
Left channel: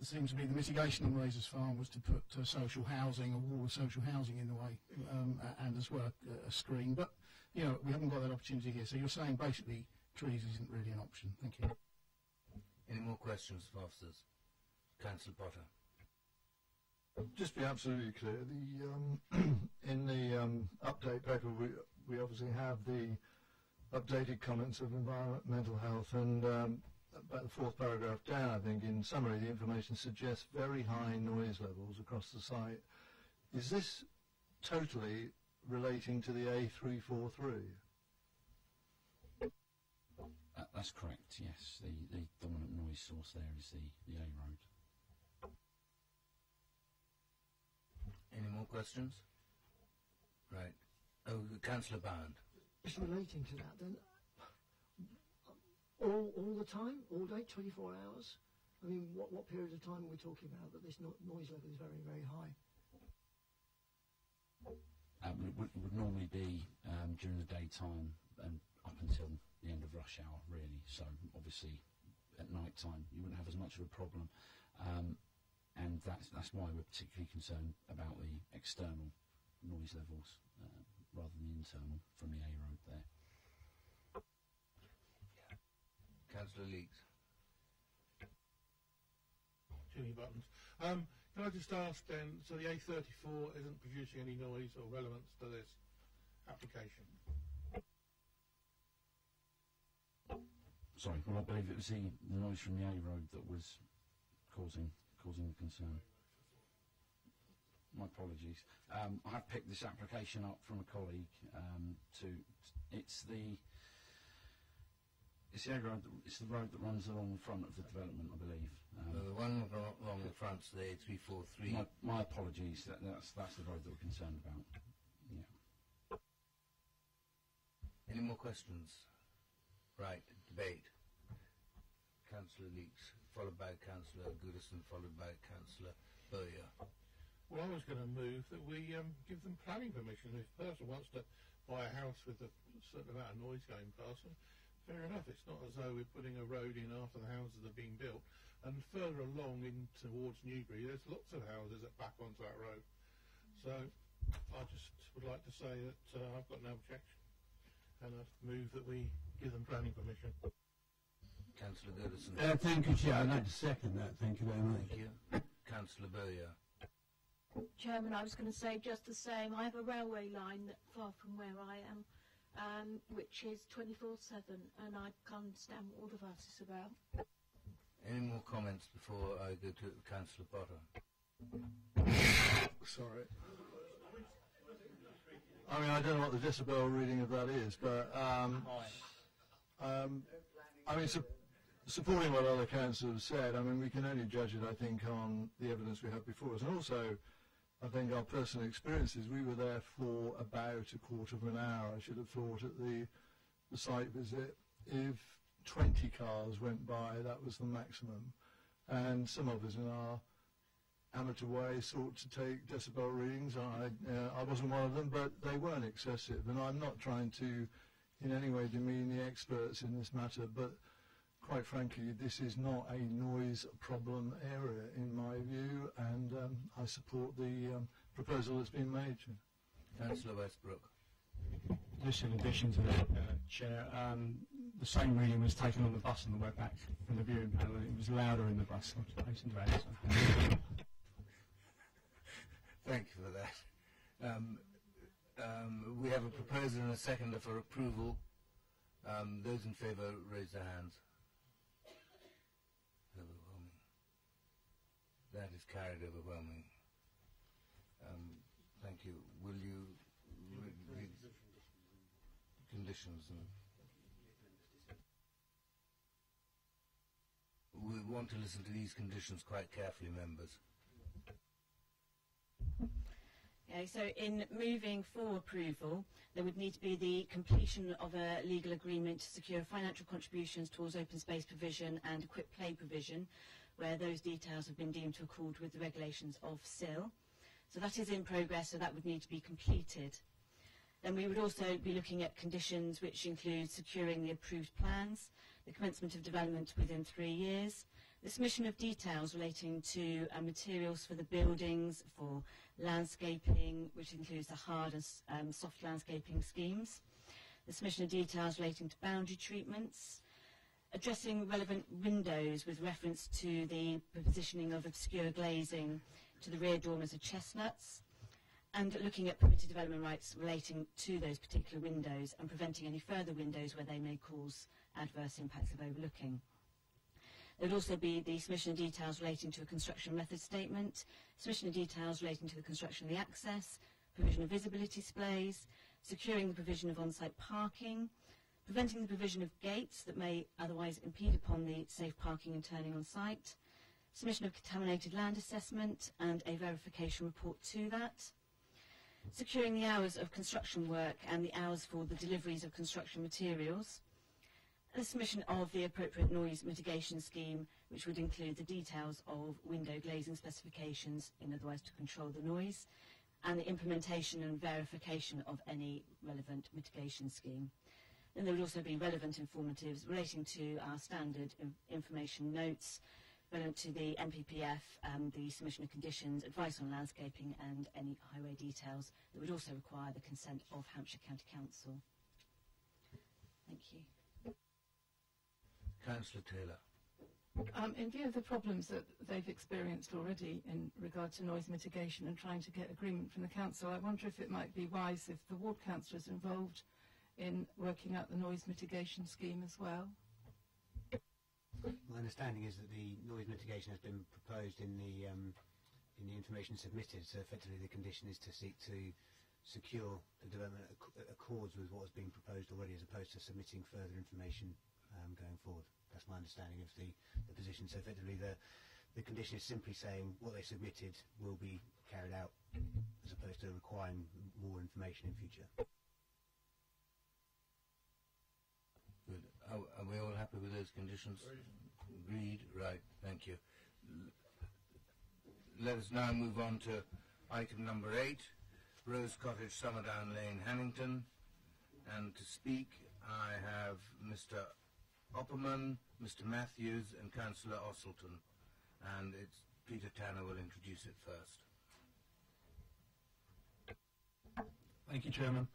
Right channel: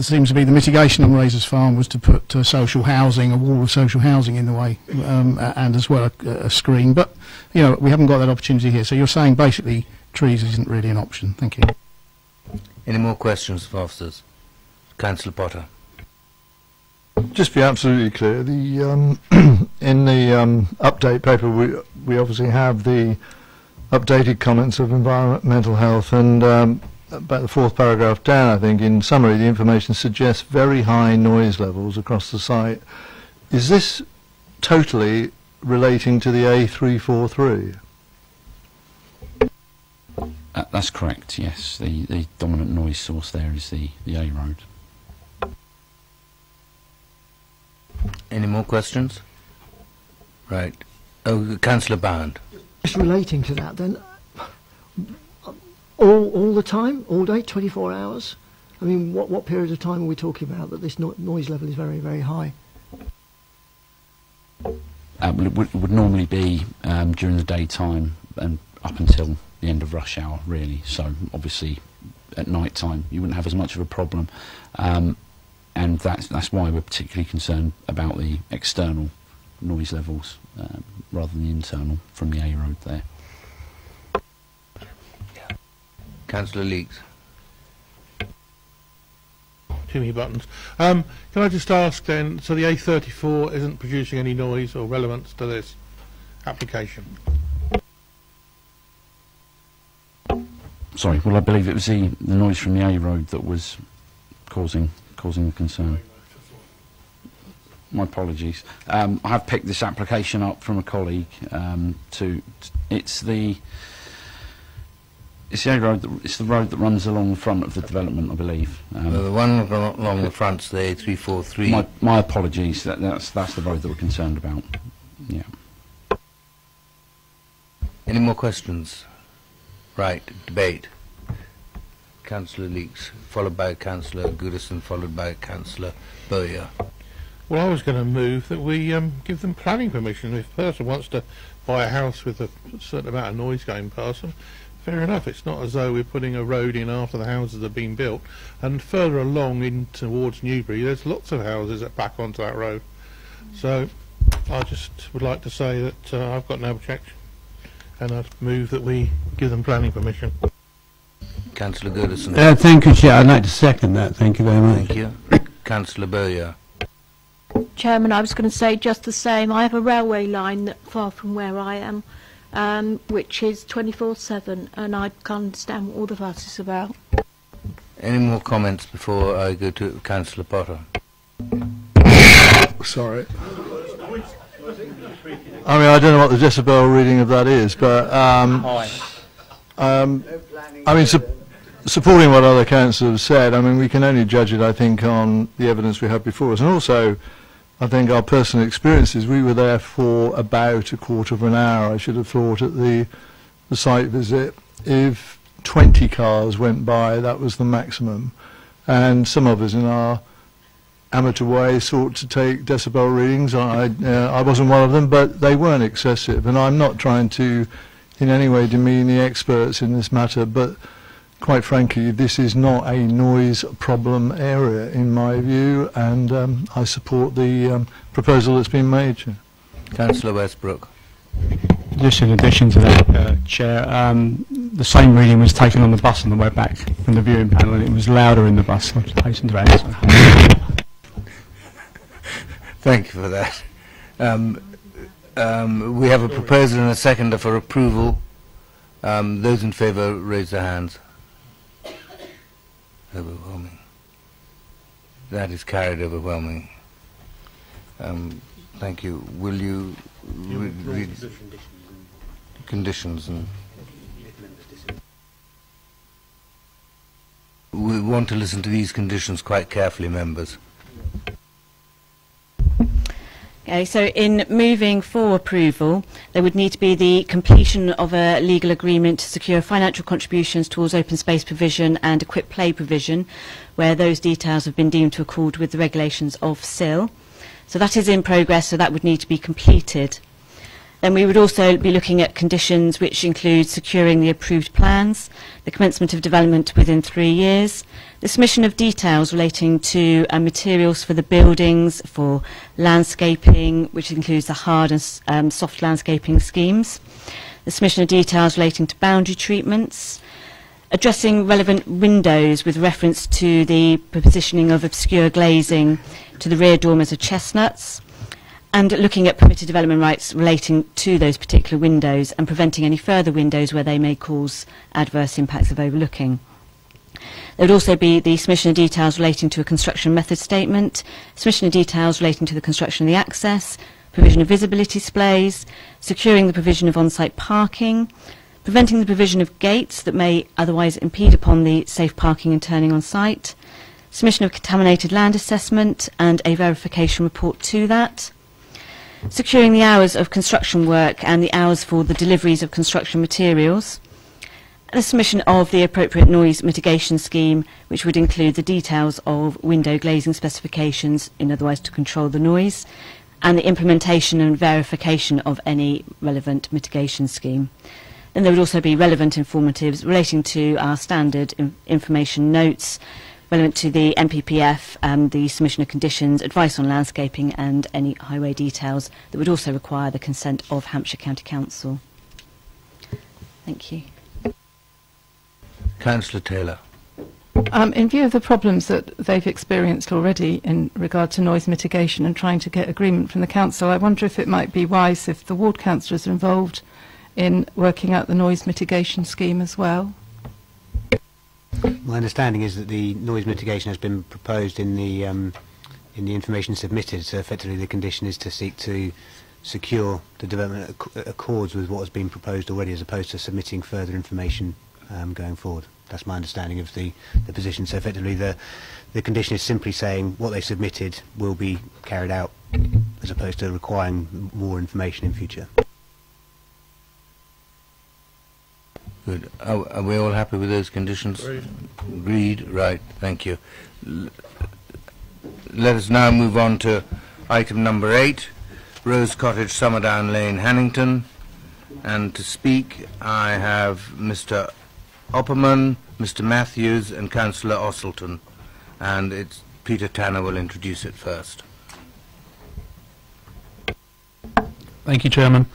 seems to be the mitigation on Razor's Farm was to put social housing, a wall of social housing in the way, and as well a screen. But you know, we haven't got that opportunity here. So you're saying basically trees isn't really an option. Thank you. Any more questions for officers? Councillor Potter. Just be absolutely clear, the in the update paper we obviously have the updated comments of environmental health, and about the fourth paragraph down, I think, in summary, the information suggests very high noise levels across the site. Is this totally relating to the A343? That's correct, yes. The dominant noise source there is the A road. Any more questions? Right. Oh, Councillor Bound. Just relating to that then, all the time, all day, 24 hours? I mean, what period of time are we talking about that this noise level is very, very high? Well, it would normally be during the daytime and up until the end of rush hour, really. So obviously at night time you wouldn't have as much of a problem, and that's why we're particularly concerned about the external noise levels rather than the internal from the A road there. Councillor Leeks. Too many buttons. Can I just ask then, so the A34 isn't producing any noise or relevance to this application? Sorry, well I believe it was the noise from the A road that was causing the concern. My apologies. I have picked this application up from a colleague. It's the A road. It's the road that runs along the front of the development, I believe. The one along the front's the A343. My apologies. That's the road that we're concerned about. Yeah. Any more questions? Right. Debate. Councillor Leeks, followed by Councillor Goodison, followed by Councillor Bowyer. Well, I was going to move that we give them planning permission. If a person wants to buy a house with a certain amount of noise going past them, fair enough. It's not as though we're putting a road in after the houses have been built. And further along in towards Newbury, there's lots of houses that back onto that road. So I just would like to say that I've got no objection, and I'd move that we give them planning permission. Councillor Goodison. Thank you, Chair. I'd like to second that. Thank you very much. Thank you. Councillor Bowyer. Chairman, I was going to say just the same. I have a railway line not far from where I am, which is 24/7, and I can't understand what all the fuss is about. Any more comments before I go to Councillor Potter? Sorry. I mean, I don't know what the decibel reading of that is, but I mean, supporting what other councillors have said, I mean, we can only judge it, I think, on the evidence we have before us, and also, I think, our personal experiences. We were there for about a quarter of an hour, I should have thought, at the site visit. If 20 cars went by, that was the maximum, and some of us in our amateur way sought to take decibel readings. I wasn't one of them, but they weren't excessive, and I'm not trying to in any way demean the experts in this matter, but quite frankly this is not a noise problem area in my view, and I support the proposal that's been made. Councillor Westbrook. Just in addition to that, Chair, the same reading was taken on the bus on the way back from the viewing panel, and it was louder in the bus. I hasten to add, so. Thank you for that. We have a proposer and a seconder for approval. Those in favour raise their hands. Overwhelming. That is carried overwhelming. Thank you. Will you read conditions? And we want to listen to these conditions quite carefully, members. Okay, so in moving for approval, there would need to be the completion of a legal agreement to secure financial contributions towards open space provision and equipped play provision, where those details have been deemed to accord with the regulations of SIL. So that is in progress, so that would need to be completed. Then we would also be looking at conditions which include securing the approved plans, the commencement of development within 3 years, the submission of details relating to materials for the buildings, for landscaping, which includes the hard and soft landscaping schemes, the submission of details relating to boundary treatments, addressing relevant windows with reference to the positioning of obscure glazing to the rear dormers of chestnuts, and looking at permitted development rights relating to those particular windows and preventing any further windows where they may cause adverse impacts of overlooking. There would also be the submission of details relating to a construction method statement, submission of details relating to the construction of the access, provision of visibility displays, securing the provision of on-site parking, preventing the provision of gates that may otherwise impede upon the safe parking and turning on site, submission of contaminated land assessment and a verification report to that, securing the hours of construction work and the hours for the deliveries of construction materials, and the submission of the appropriate noise mitigation scheme, which would include the details of window glazing specifications, in other words to control the noise, and the implementation and verification of any relevant mitigation scheme. Then there would also be relevant informatives relating to our standard information notes, relevant to the MPPF, the submission of conditions, advice on landscaping and any highway details that would also require the consent of Hampshire County Council. Thank you. Councillor Taylor. In view of the problems that they've experienced already in regard to noise mitigation and trying to get agreement from the council, I wonder if it might be wise if the ward councillors are involved in working out the noise mitigation scheme as well. My understanding is that the noise mitigation has been proposed in the information submitted, so effectively the condition is to seek to secure the development accords with what has been proposed already, as opposed to submitting further information going forward. That's my understanding of the position. So effectively the condition is simply saying what they submitted will be carried out, as opposed to requiring more information in future. Good. Are we all happy with those conditions? Agreed. Right. Thank you. Let us now move on to item number 8, Rose Cottage, Summerdown Lane, Hannington. And to speak, I have Mr. Opperman, Mr. Matthews, and Councillor Osselton. And it's Peter Tanner will introduce it first. Thank you, Chairman.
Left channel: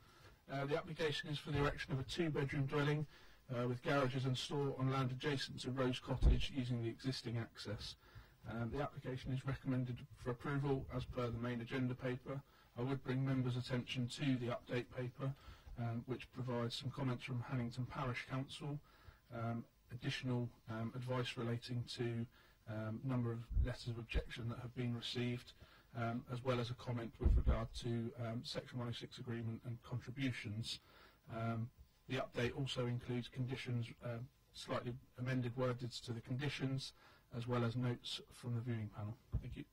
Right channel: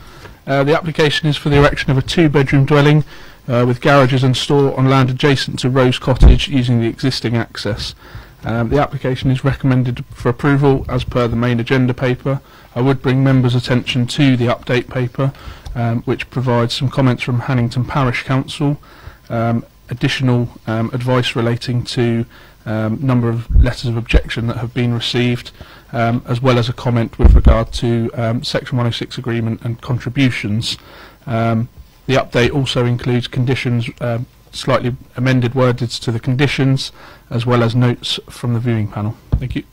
The application is for the erection of a 2-bedroom dwelling with garages and store on land adjacent to Rose Cottage using the existing access. The application is recommended for approval as per the main agenda paper. I would bring members' attention to the update paper, which provides some comments from Hannington Parish Council, additional advice relating to number of letters of objection that have been received, as well as a comment with regard to Section 106 agreement and contributions. The update also includes conditions, slightly amended wordage to the conditions, as well as notes from the viewing panel. Thank you.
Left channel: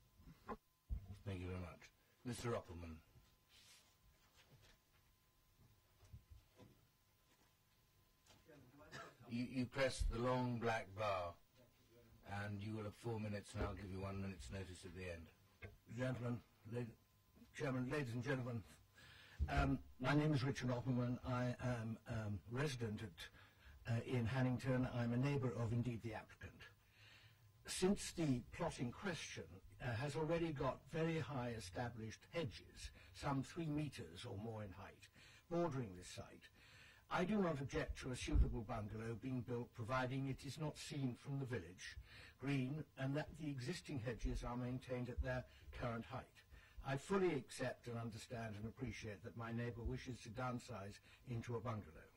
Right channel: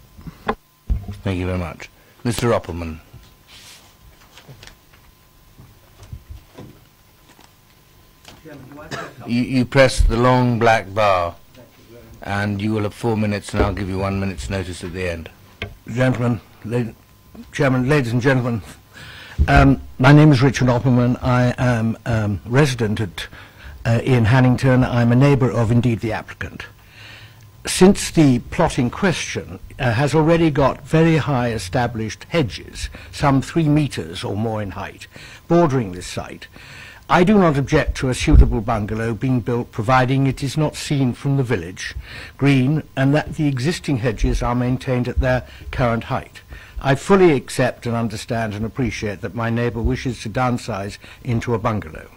Thank you very much. Mr. Opperman. You press the long black bar, and you will have 4 minutes, and I'll give you 1 minute's notice at the end. Chairman, ladies and gentlemen, my name is Richard Opperman. I am resident in Hannington. I'm a neighbour of, indeed, the applicant. Since the plot in question has already got very high established hedges, some 3 metres or more in height, bordering this site, I do not object to a suitable bungalow being built, providing it is not seen from the village green and that the existing hedges are maintained at their current height. I fully accept and understand and appreciate that my neighbour wishes to downsize into a bungalow.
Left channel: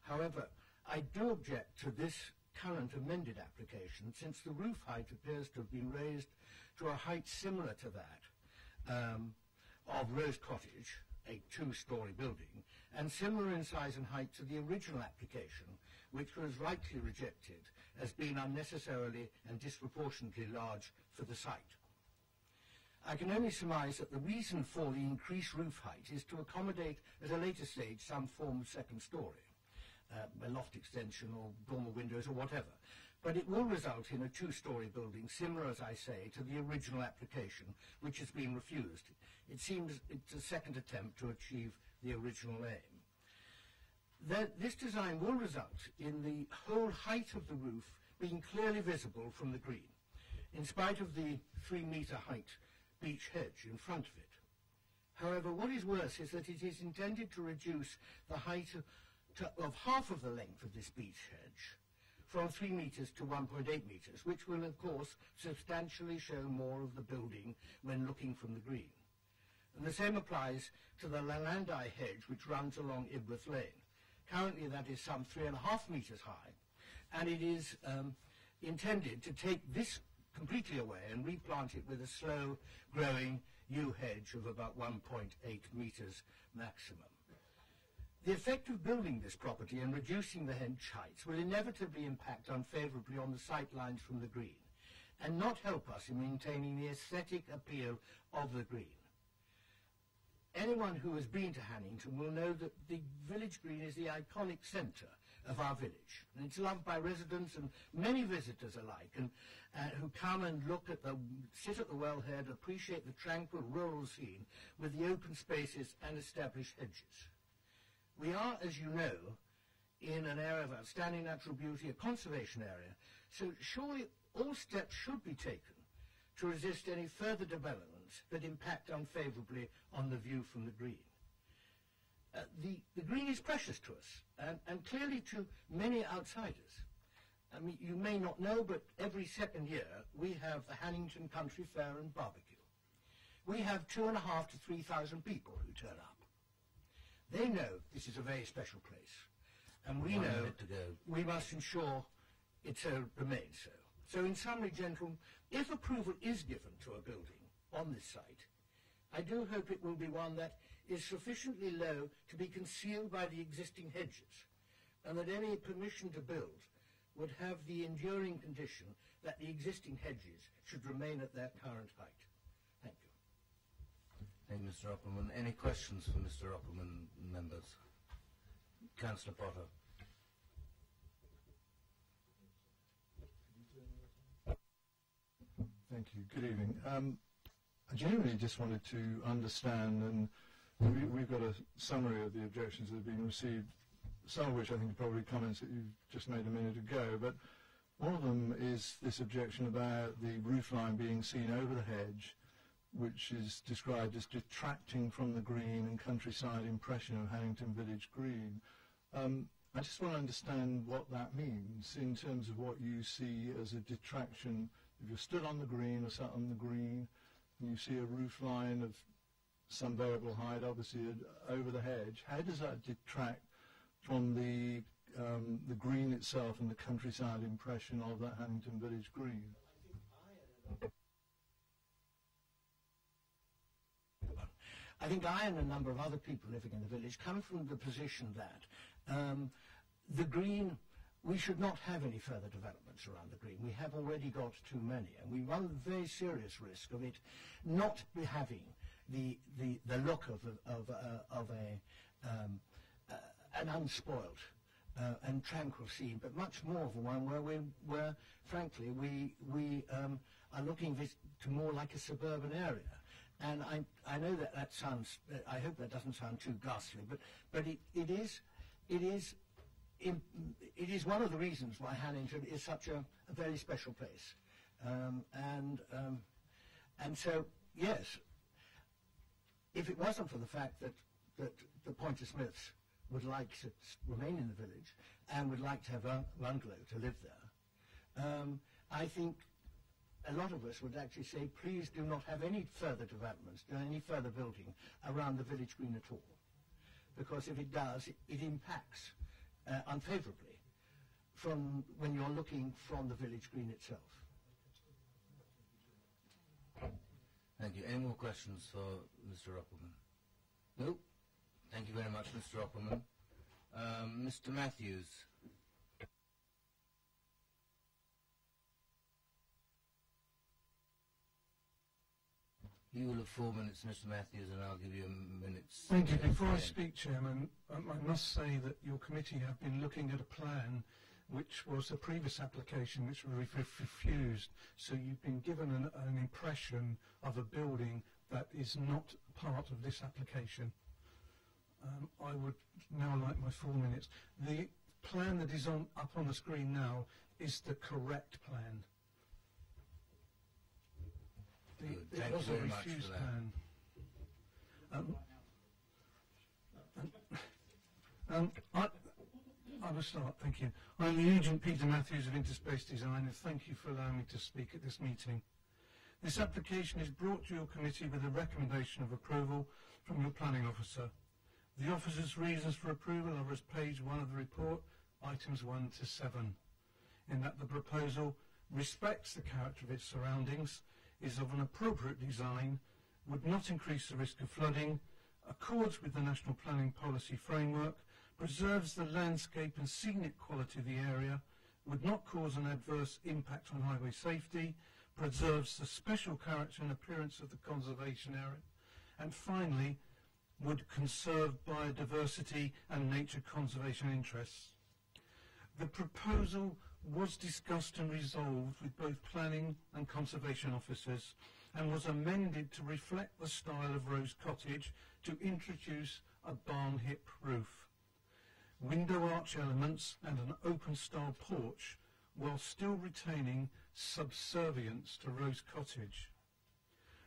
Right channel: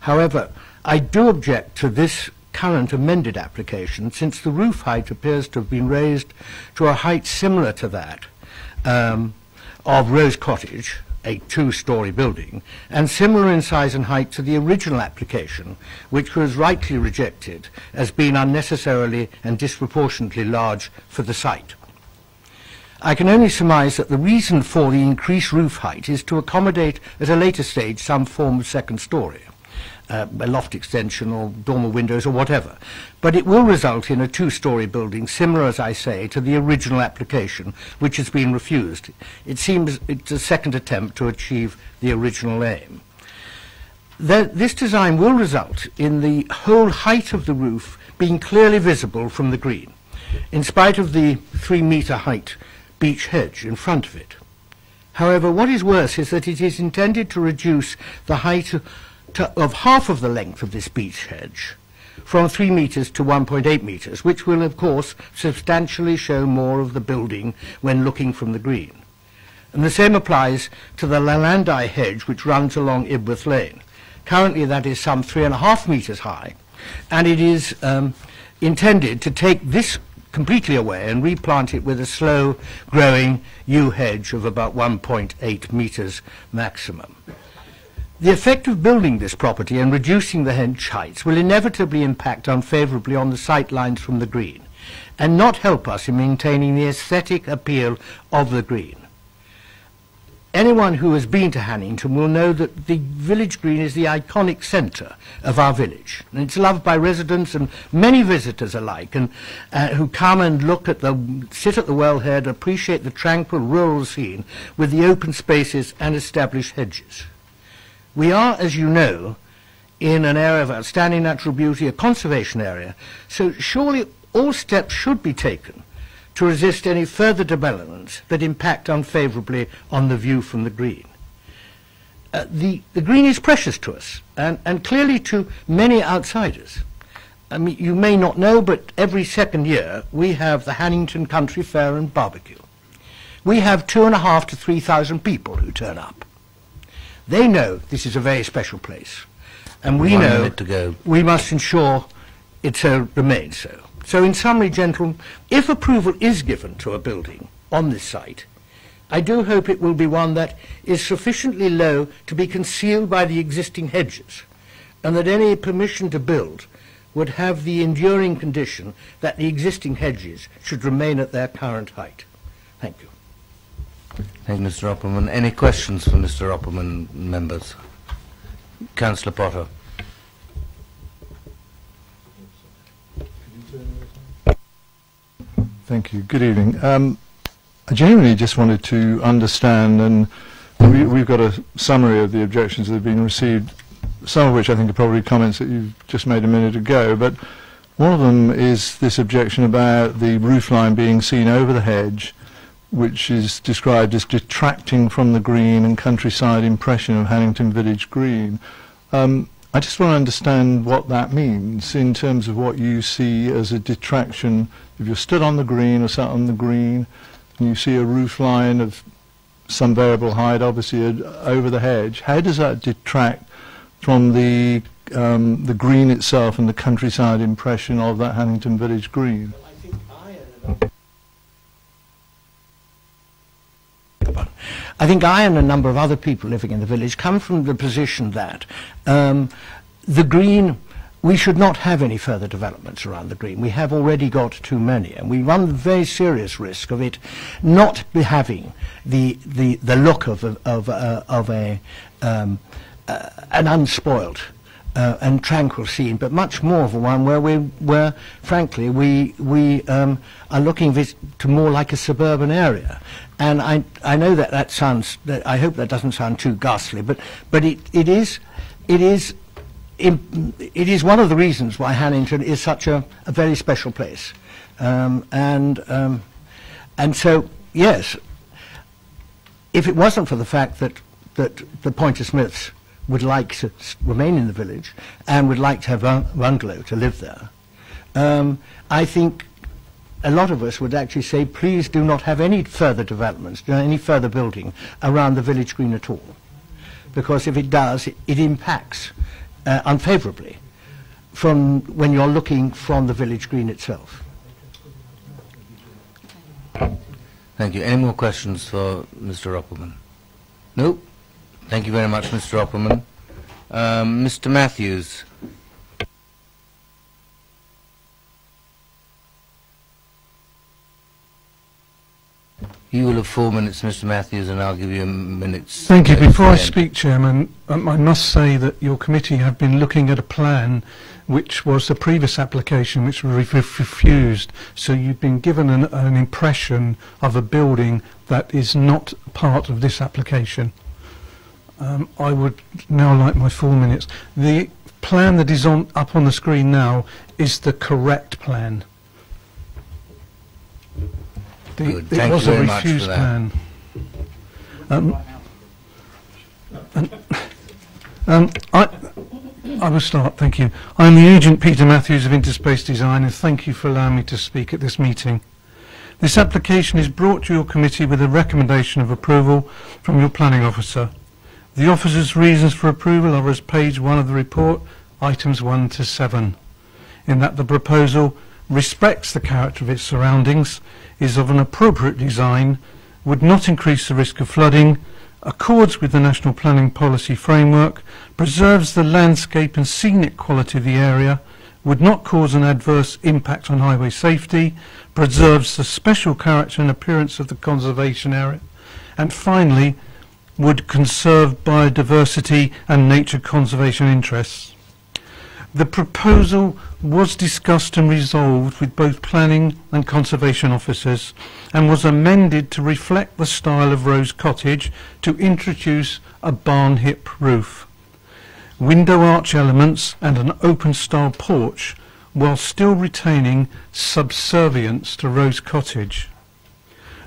However, I do object to this current amended application, since the roof height appears to have been raised to a height similar to that of Rose Cottage, a 2-storey building, and similar in size and height to the original application, which was rightly rejected as being unnecessarily and disproportionately large for the site. I can only surmise that the reason for the increased roof height is to accommodate at a later stage some form of second story, a loft extension or dormer windows or whatever. But it will result in a 2-storey building similar, as I say, to the original application, which has been refused. It seems it's a second attempt to achieve the original aim. This design will result in the whole height of the roof being clearly visible from the green, in spite of the 3-metre height beech hedge in front of it. However, what is worse is that it is intended to reduce the height of half of the length of this beech hedge, from 3 metres to 1.8 metres, which will, of course, substantially show more of the building when looking from the green. And the same applies to the Lalandi hedge, which runs along Ibworth Lane. Currently, that is some 3.5 metres high, and it is intended to take this completely away and replant it with a slow-growing yew hedge of about 1.8 metres maximum. The effect of building this property and reducing the hedge heights will inevitably impact unfavourably on the sight lines from the green and not help us in maintaining the aesthetic appeal of the green. Anyone who has been to Hannington will know that the village green is the iconic centre of our village, and it's loved by residents and many visitors alike, and who come and sit at the wellhead, appreciate the tranquil rural scene with the open spaces and established hedges. We are, as you know, in an area of outstanding natural beauty, a conservation area, so surely all steps should be taken to resist any further developments that impact unfavourably on the view from the green. The green is precious to us, and clearly to many outsiders. I mean, you may not know, but every second year we have the Hannington Country Fair and Barbecue. We have 2,500 to 3,000 people who turn up. They know this is a very special place, and we know we must ensure it remains so. So in summary, gentlemen, if approval is given to a building on this site, I do hope it will be one that is sufficiently low to be concealed by the existing hedges, and that any permission to build would have the enduring condition that the existing hedges should remain at their current height. Thank you. Thank you, Mr. Opperman. Any questions for Mr. Opperman, members? Councillor Potter. Thank you. Good evening. I genuinely just wanted to understand, and we've got a summary of the objections that have been received, some of which I think are probably comments that you've just made a minute ago, but one of them is this objection about the roofline being seen over the hedge, which is described as detracting from the green and countryside impression of Hannington Village Green. I just want to understand what that means in terms of what you see as a detraction. If you're stood on the green or sat on the green and you see a roof line of some variable height, obviously over the hedge, how does that detract from the green itself and the countryside impression of that Hannington Village Green? I think I and a number of other people living in the village come from the position that the green, we should not have any further developments around the green. We have already got too many, and we run the very serious risk of it not having the look of an unspoilt and tranquil scene, but much more of a one where frankly we are looking to more like a suburban area. And I know that sounds, I hope that doesn't sound too ghastly, but it is one of the reasons why Hannington is such a very special place. And so, yes, if it wasn't for the fact that the Pointer Smiths would like to remain in the village and would like to have a bungalow to live there, I think a lot of us would actually say, please do not have any further developments, any further building around the village green at all. Because if it does, it impacts unfavourably from when you're looking from the village green itself. Thank you. Any more questions for Mr. Opperman? No? Thank you very much, Mr. Opperman. Mr. Matthews. You will have 4 minutes, Mr. Matthews, and I'll give you a minute's... Thank you. Before I speak, Chairman, I must say that your committee have been looking at a plan which was the previous application which was refused. So you've been given an impression of a building that is not part of this application. I would now like my 4 minutes. The plan that is up on the screen now is the correct plan. It was a refused plan. I will start, thank you. I am the agent Peter Matthews of Interspace Design, and thank you for allowing me to speak at this meeting. This application is brought to your committee with a recommendation of approval from your planning officer. The officer's reasons for approval are as page 1 of the report, items 1 to 7, in that the proposal respects the character of its surroundings, is of an appropriate design, would not increase the risk of flooding, accords with the National Planning Policy Framework, preserves the landscape and scenic quality of the area, would not cause an adverse impact on highway safety, preserves the special character and appearance of the conservation area, and finally, would conserve biodiversity and nature conservation interests. The proposal was discussed and resolved with both planning and conservation officers and was amended to reflect the style of Rose Cottage to introduce a barn hip roof, window arch elements and an open style porch while still retaining subservience to Rose Cottage.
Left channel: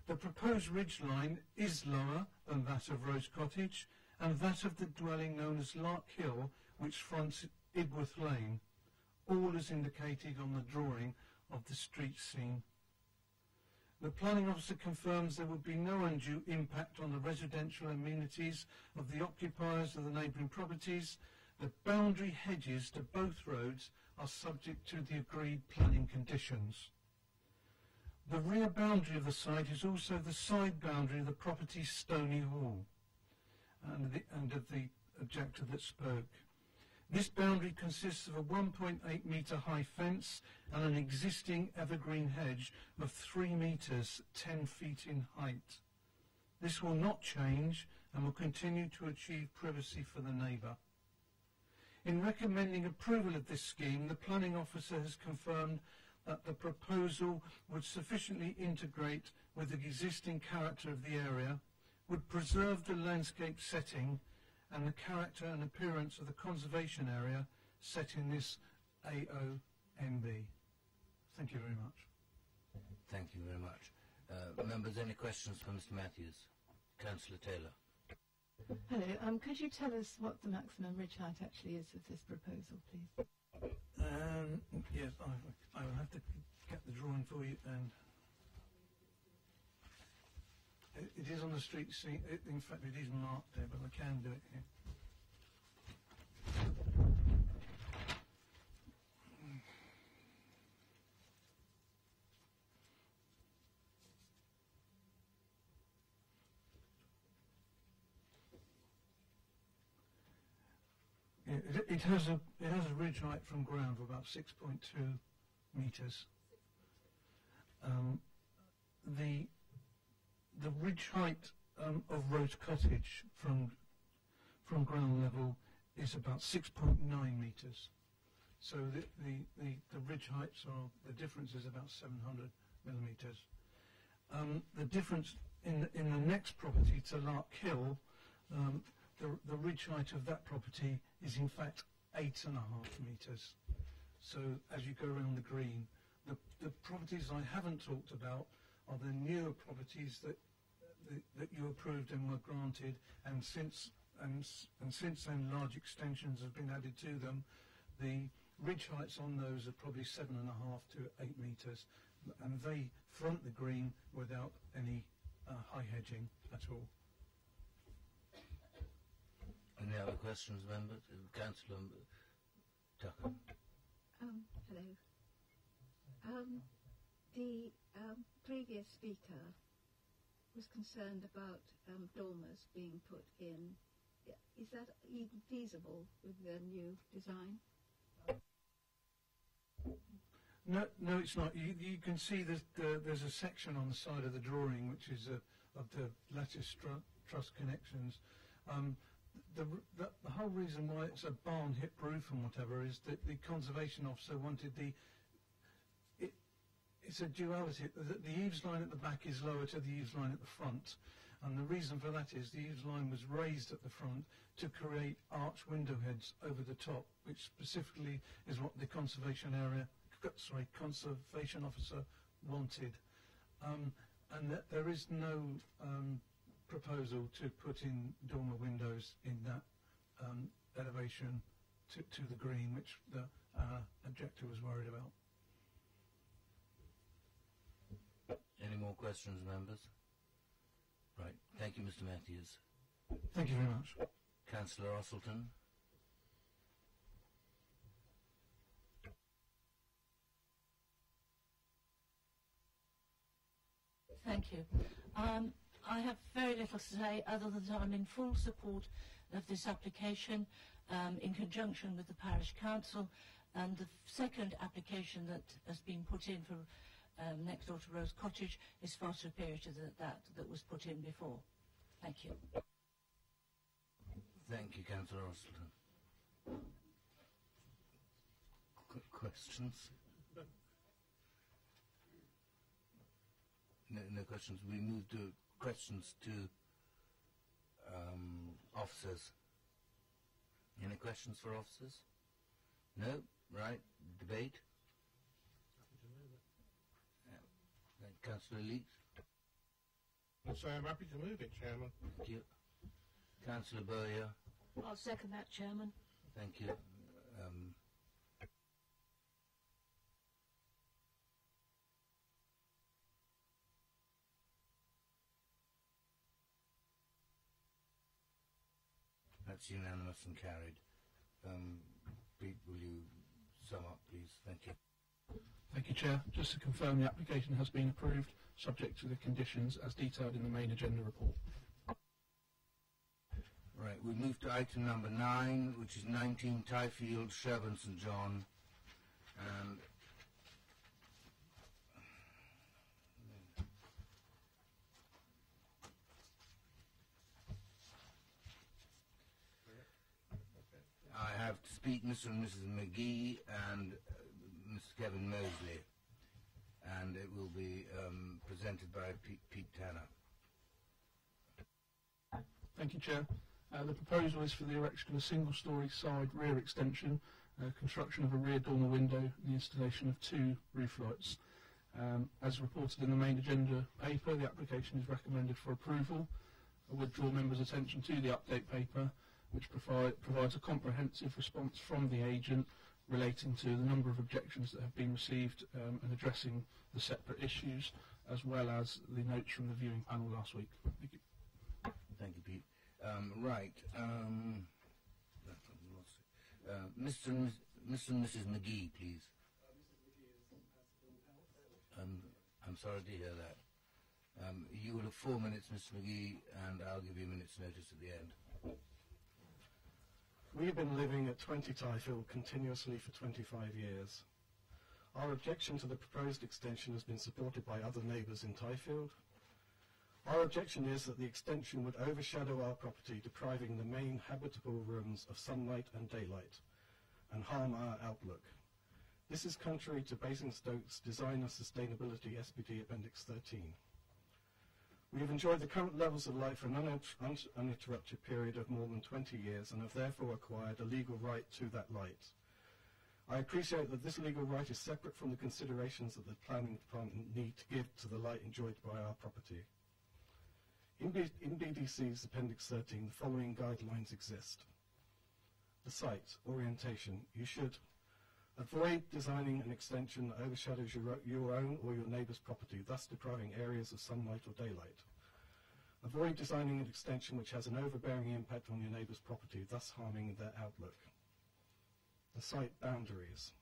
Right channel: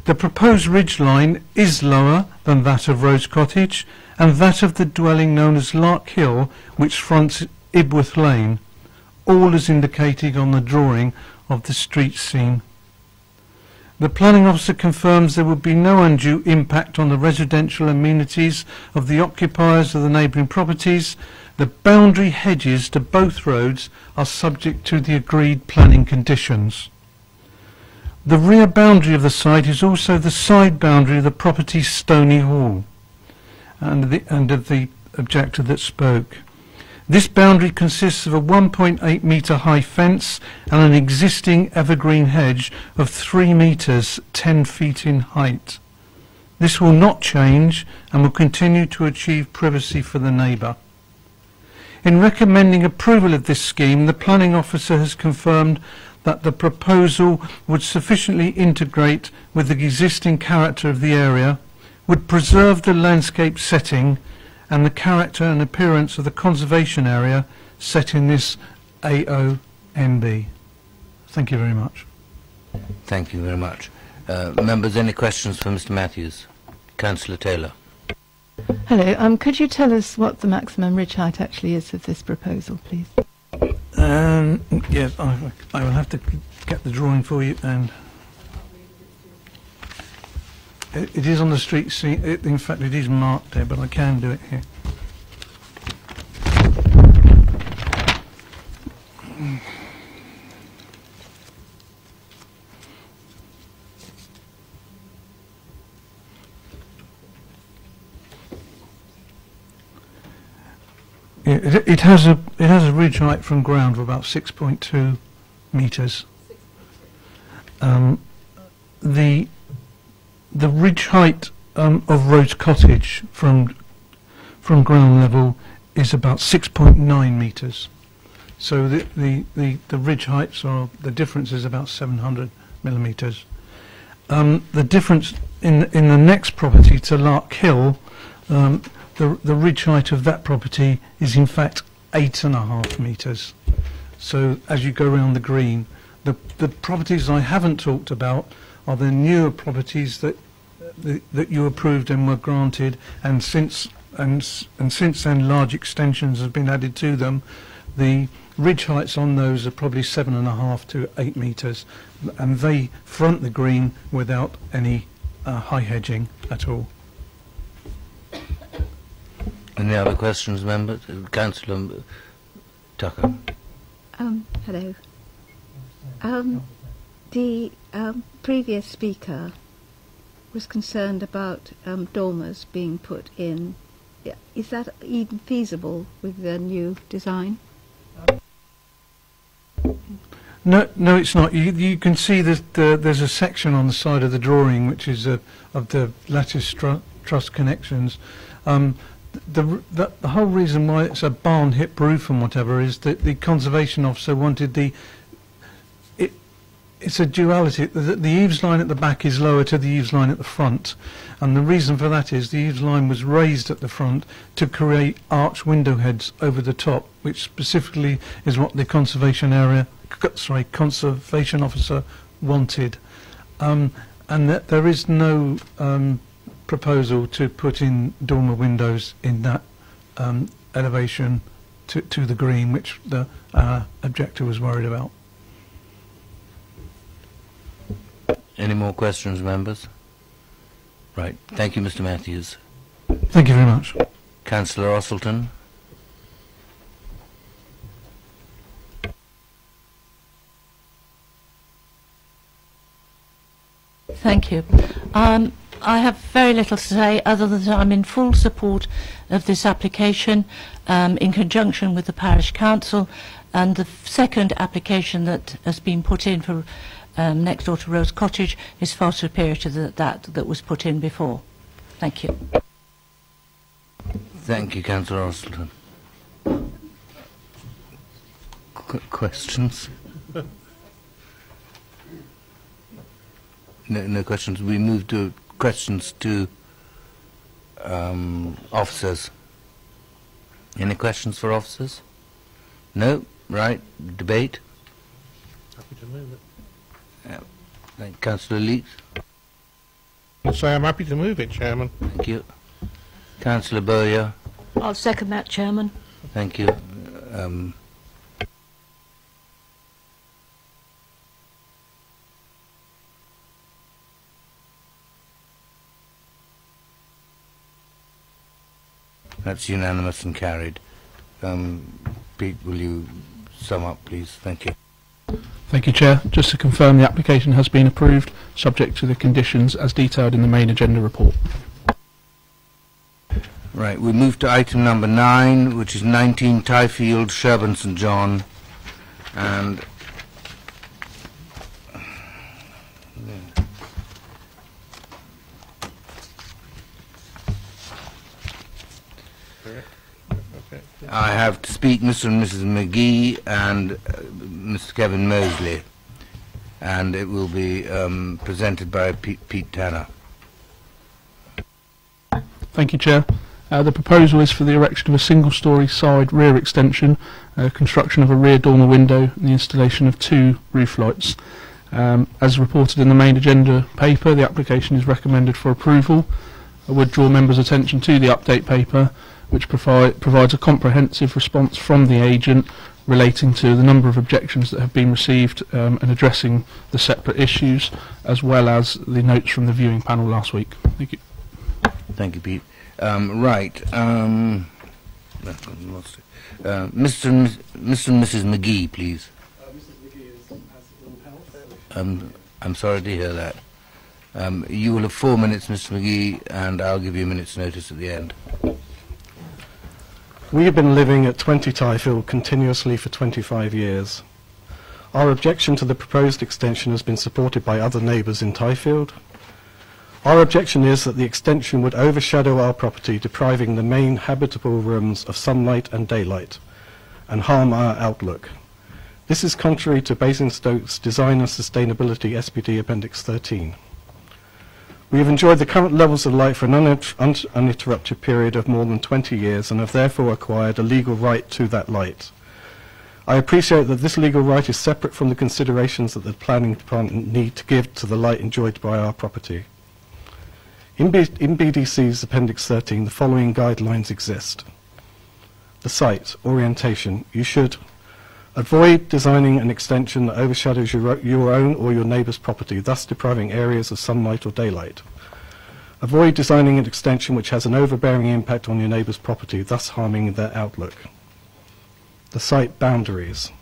The proposed ridgeline is lower than that of Rose Cottage and that of the dwelling known as Lark Hill, which fronts Ibworth Lane, all as indicated on the drawing of the street scene. The planning officer confirms there would be no undue impact on the residential amenities of the occupiers of the neighbouring properties. The boundary hedges to both roads are subject to the agreed planning conditions. The rear boundary of the site is also the side boundary of the property's Stony Hall, and of the objector that spoke. This boundary consists of a 1.8 metre high fence and an existing evergreen hedge of 3 metres 10 feet in height. This will not change and will continue to achieve privacy for the neighbour. In recommending approval of this scheme, the planning officer has confirmed that the proposal would sufficiently integrate with the existing character of the area, would preserve the landscape setting and the character and appearance of the conservation area set in this AONB. Thank you very much. Thank you very much. Members, any questions for Mr. Matthews? Councillor Taylor. Hello. Could you tell us what the maximum ridge height actually is of this proposal, please? Yeah, I will have to get the drawing for you, and it is on the street scene. In fact, it is marked there, but I can do it here. It has a ridge height from ground of about 6.2 metres. The ridge height of Rose Cottage from ground level is about 6.9 metres. So the ridge heights are, the difference is about 700 millimetres. The difference in the next property to Lark Hill, the ridge height of that property is in fact 8.5 metres. So as you go around the green, the properties I haven't talked about are the newer properties that you approved and were granted, and since then large extensions have been added to them. The ridge heights on those are probably 7.5 to 8 metres, and they front the green without any high hedging at all. Any other questions, members? Councillor Tucker. Hello. The previous speaker was concerned about dormers being put in. Is that even feasible with the new design? No, it's not. You can see that there's a section on the side of the drawing which is of the lattice truss connections. The whole reason why it's a barn hip roof and whatever is that the conservation officer wanted it's a duality. The eaves line at the back is lower to the eaves line at the front, and the reason for that is the eaves line was raised at the front to create arch window heads over the top, which specifically is what the conservation officer wanted, and that there is no proposal to put in dormer windows in that elevation to the green, which the objector was worried about. Any more questions, members? Right. Thank you, Mr. Matthews. Thank you very much. Councillor Osselton. Thank you. I have very little to say other than I'm in full support of this application in conjunction with the Parish Council, and the second application that has been put in for next door to Rose Cottage is far superior to that was put in before. Thank you. Thank you, Councillor Ostleton. Questions? No questions. We move to questions to officers. Any questions for officers? No? Right. Debate? Happy to move it. Councillor Leeks? I'll say I'm happy to move it, Chairman. Thank you. Councillor Bowyer? I'll second that, Chairman. Thank you. That's unanimous and carried. Pete, will you sum up, please? Thank you. Thank you, Chair. Just to confirm, the application has been approved, subject to the conditions as detailed in the main agenda report. Right, we move to item number 9, which is 19 Tyfield, Sherburn St John, and I have to speak Mr. and Mrs. McGee and Mr. Kevin Mosley, and it will be presented by Pete Tanner. Thank you, Chair. The proposal is for the erection of a single-storey side rear extension, construction of a rear dormer window, and the installation of 2 roof lights. As reported in the main agenda paper, the application is recommended for approval. I would draw members' attention to the update paper, which provides a comprehensive response from the agent relating to the number of objections that have been received and addressing the separate issues, as well as the notes from the viewing panel last week. Thank you. Thank you, Pete. Right. Mr. and Mrs. McGee, please. Mrs. McGee has ill health. I'm sorry to hear that. You will have 4 minutes, Mr. McGee, and I'll give you a minute's notice at the end. We have been living at 20 Tyfield continuously for 25 years. Our objection to the proposed extension has been supported by other neighbours in Tyfield. Our objection is that the extension would overshadow our property, depriving the main habitable rooms of sunlight and daylight, and harm our outlook. This is contrary to Basingstoke's Design and Sustainability SPD Appendix 13. We have enjoyed the current levels of light for an uninterrupted period of more than 20 years and have therefore acquired a legal right to that light. I appreciate that this legal right is separate from the considerations that the planning department need to give to the light enjoyed by our property. In BDC's Appendix 13, the following guidelines exist. The site, orientation. You should avoid designing an extension that overshadows your own or your neighbour's property, thus depriving areas of sunlight or daylight. Avoid designing an extension which has an overbearing impact on your neighbour's property, thus harming their outlook. The site boundaries.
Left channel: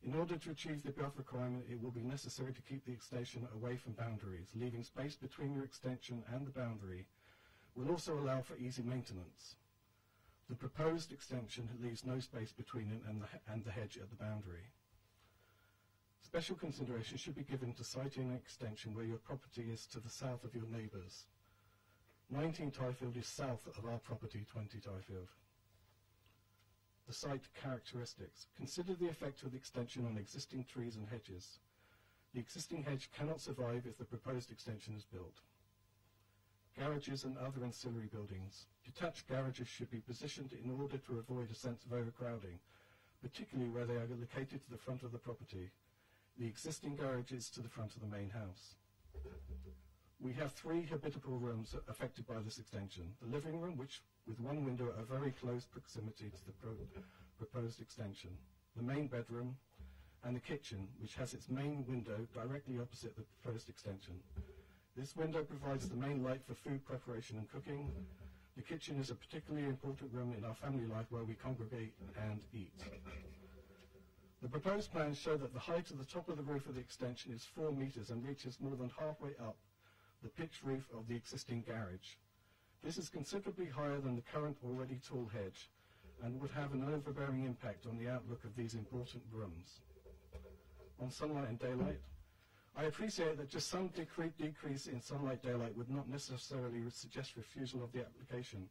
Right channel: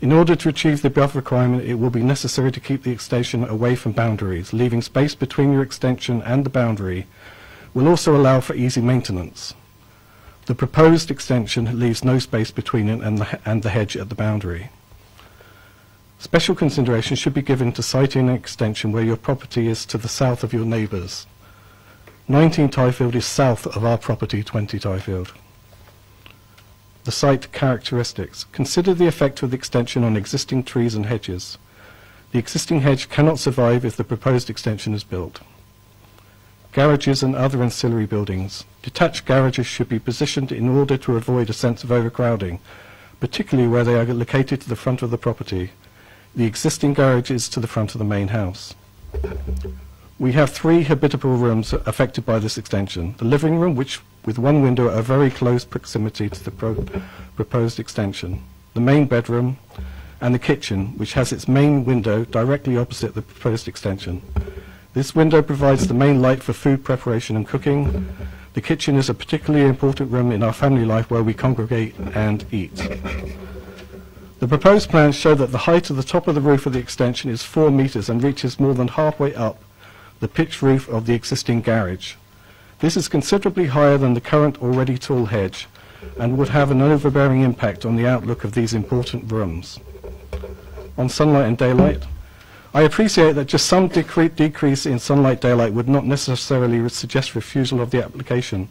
In order to achieve the above requirement, it will be necessary to keep the extension away from boundaries. Leaving space between your extension and the boundary will also allow for easy maintenance. The proposed extension leaves no space between it and the hedge at the boundary. Special consideration should be given to siting an extension where your property is to the south of your neighbours. 19 Tyfield is south of our property, 20 Tyfield. The site characteristics. Consider the effect of the extension on existing trees and hedges. The existing hedge cannot survive if the proposed extension is built. Garages and other ancillary buildings. Detached garages should be positioned in order to avoid a sense of overcrowding, particularly where they are located to the front of the property. The existing garage is to the front of the main house. We have 3 habitable rooms affected by this extension. The living room, which with one window at a very close proximity to the proposed extension. The main bedroom and the kitchen, which has its main window directly opposite the proposed extension. This window provides the main light for food preparation and cooking. The kitchen is a particularly important room in our family life where we congregate and eat. The proposed plans show that the height of the top of the roof of the extension is 4 metres and reaches more than halfway up the pitched roof of the existing garage. This is considerably higher than the current already tall hedge and would have an overbearing impact on the outlook of these important rooms. On sunlight and daylight, I appreciate that just some decrease in sunlight daylight would not necessarily suggest refusal of the application,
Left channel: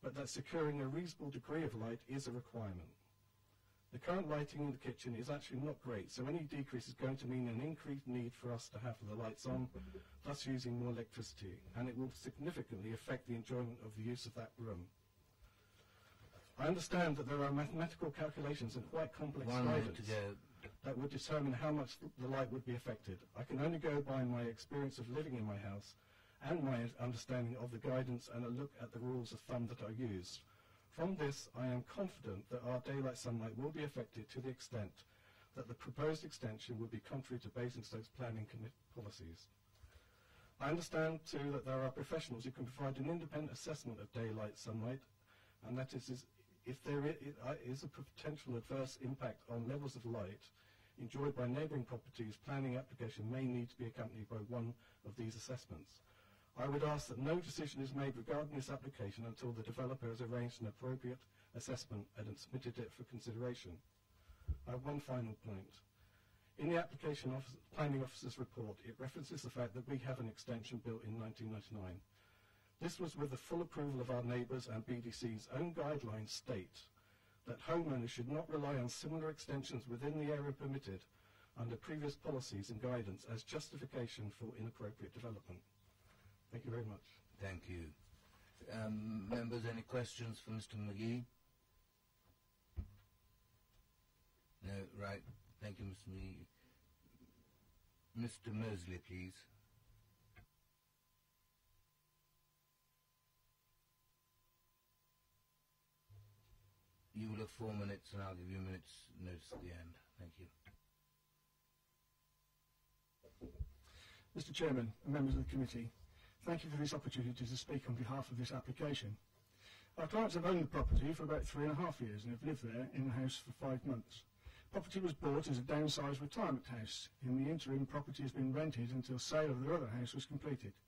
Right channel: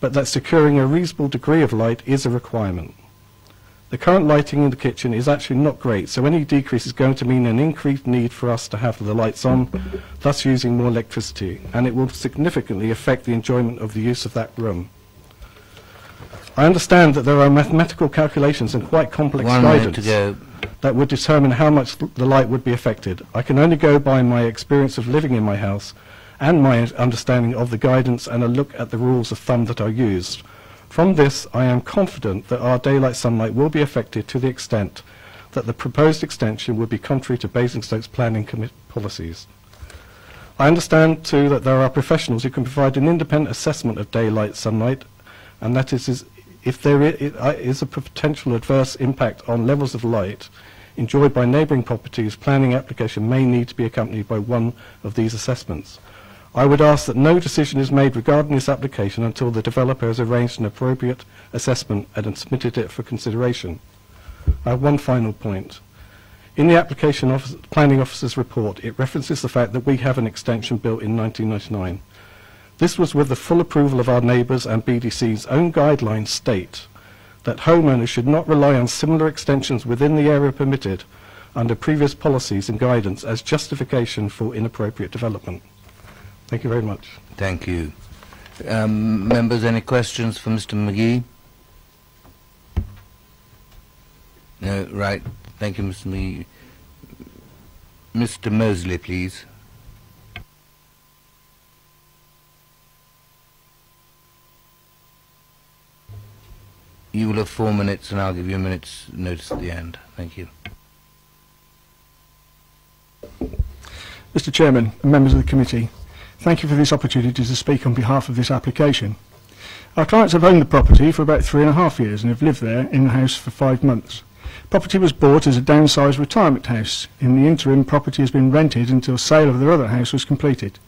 but that securing a reasonable degree of light is a requirement. The current lighting in the kitchen is actually not great, so any decrease is going to mean an increased need for us to have the lights on, thus using more electricity, and it will significantly affect the enjoyment of the use of that room. I understand that there are mathematical calculations and quite complex guidance that would determine how much the light would be affected. I can only go by my experience of living in my house and my understanding of the guidance and a look at the rules of thumb that are used. From this, I am confident that our daylight sunlight will be affected to the extent that the proposed extension would be contrary to Basingstoke's planning policies. I understand, too, that there are professionals who can provide an independent assessment of daylight sunlight, and that is if there is a potential adverse impact on levels of light enjoyed by neighbouring properties, planning application may need to be accompanied by one of these assessments. I would ask that no decision is made regarding this application until the developer has arranged an appropriate assessment and submitted it for consideration. I have one final point. In the application planning officer's report, it references the fact that we have an extension built in 1999. This was with the full approval of our neighbours, and BDC's own guidelines state that homeowners should not rely on similar extensions within the area permitted under previous policies and guidance as justification for inappropriate development. Thank you very much. Thank you. Members, any questions for Mr. McGee? No, right. Thank you, Mr. McGee. Mr. Mosley, please. You will have 4 minutes, and I'll give you a minute's notice at the end. Thank you. Mr. Chairman and members of the committee, thank you for this opportunity to speak on behalf of this application. Our clients have owned the property for about 3.5 years and have lived there in the house for 5 months. Property was bought as a downsized retirement house. In the interim, property has been rented until sale of their other house was completed.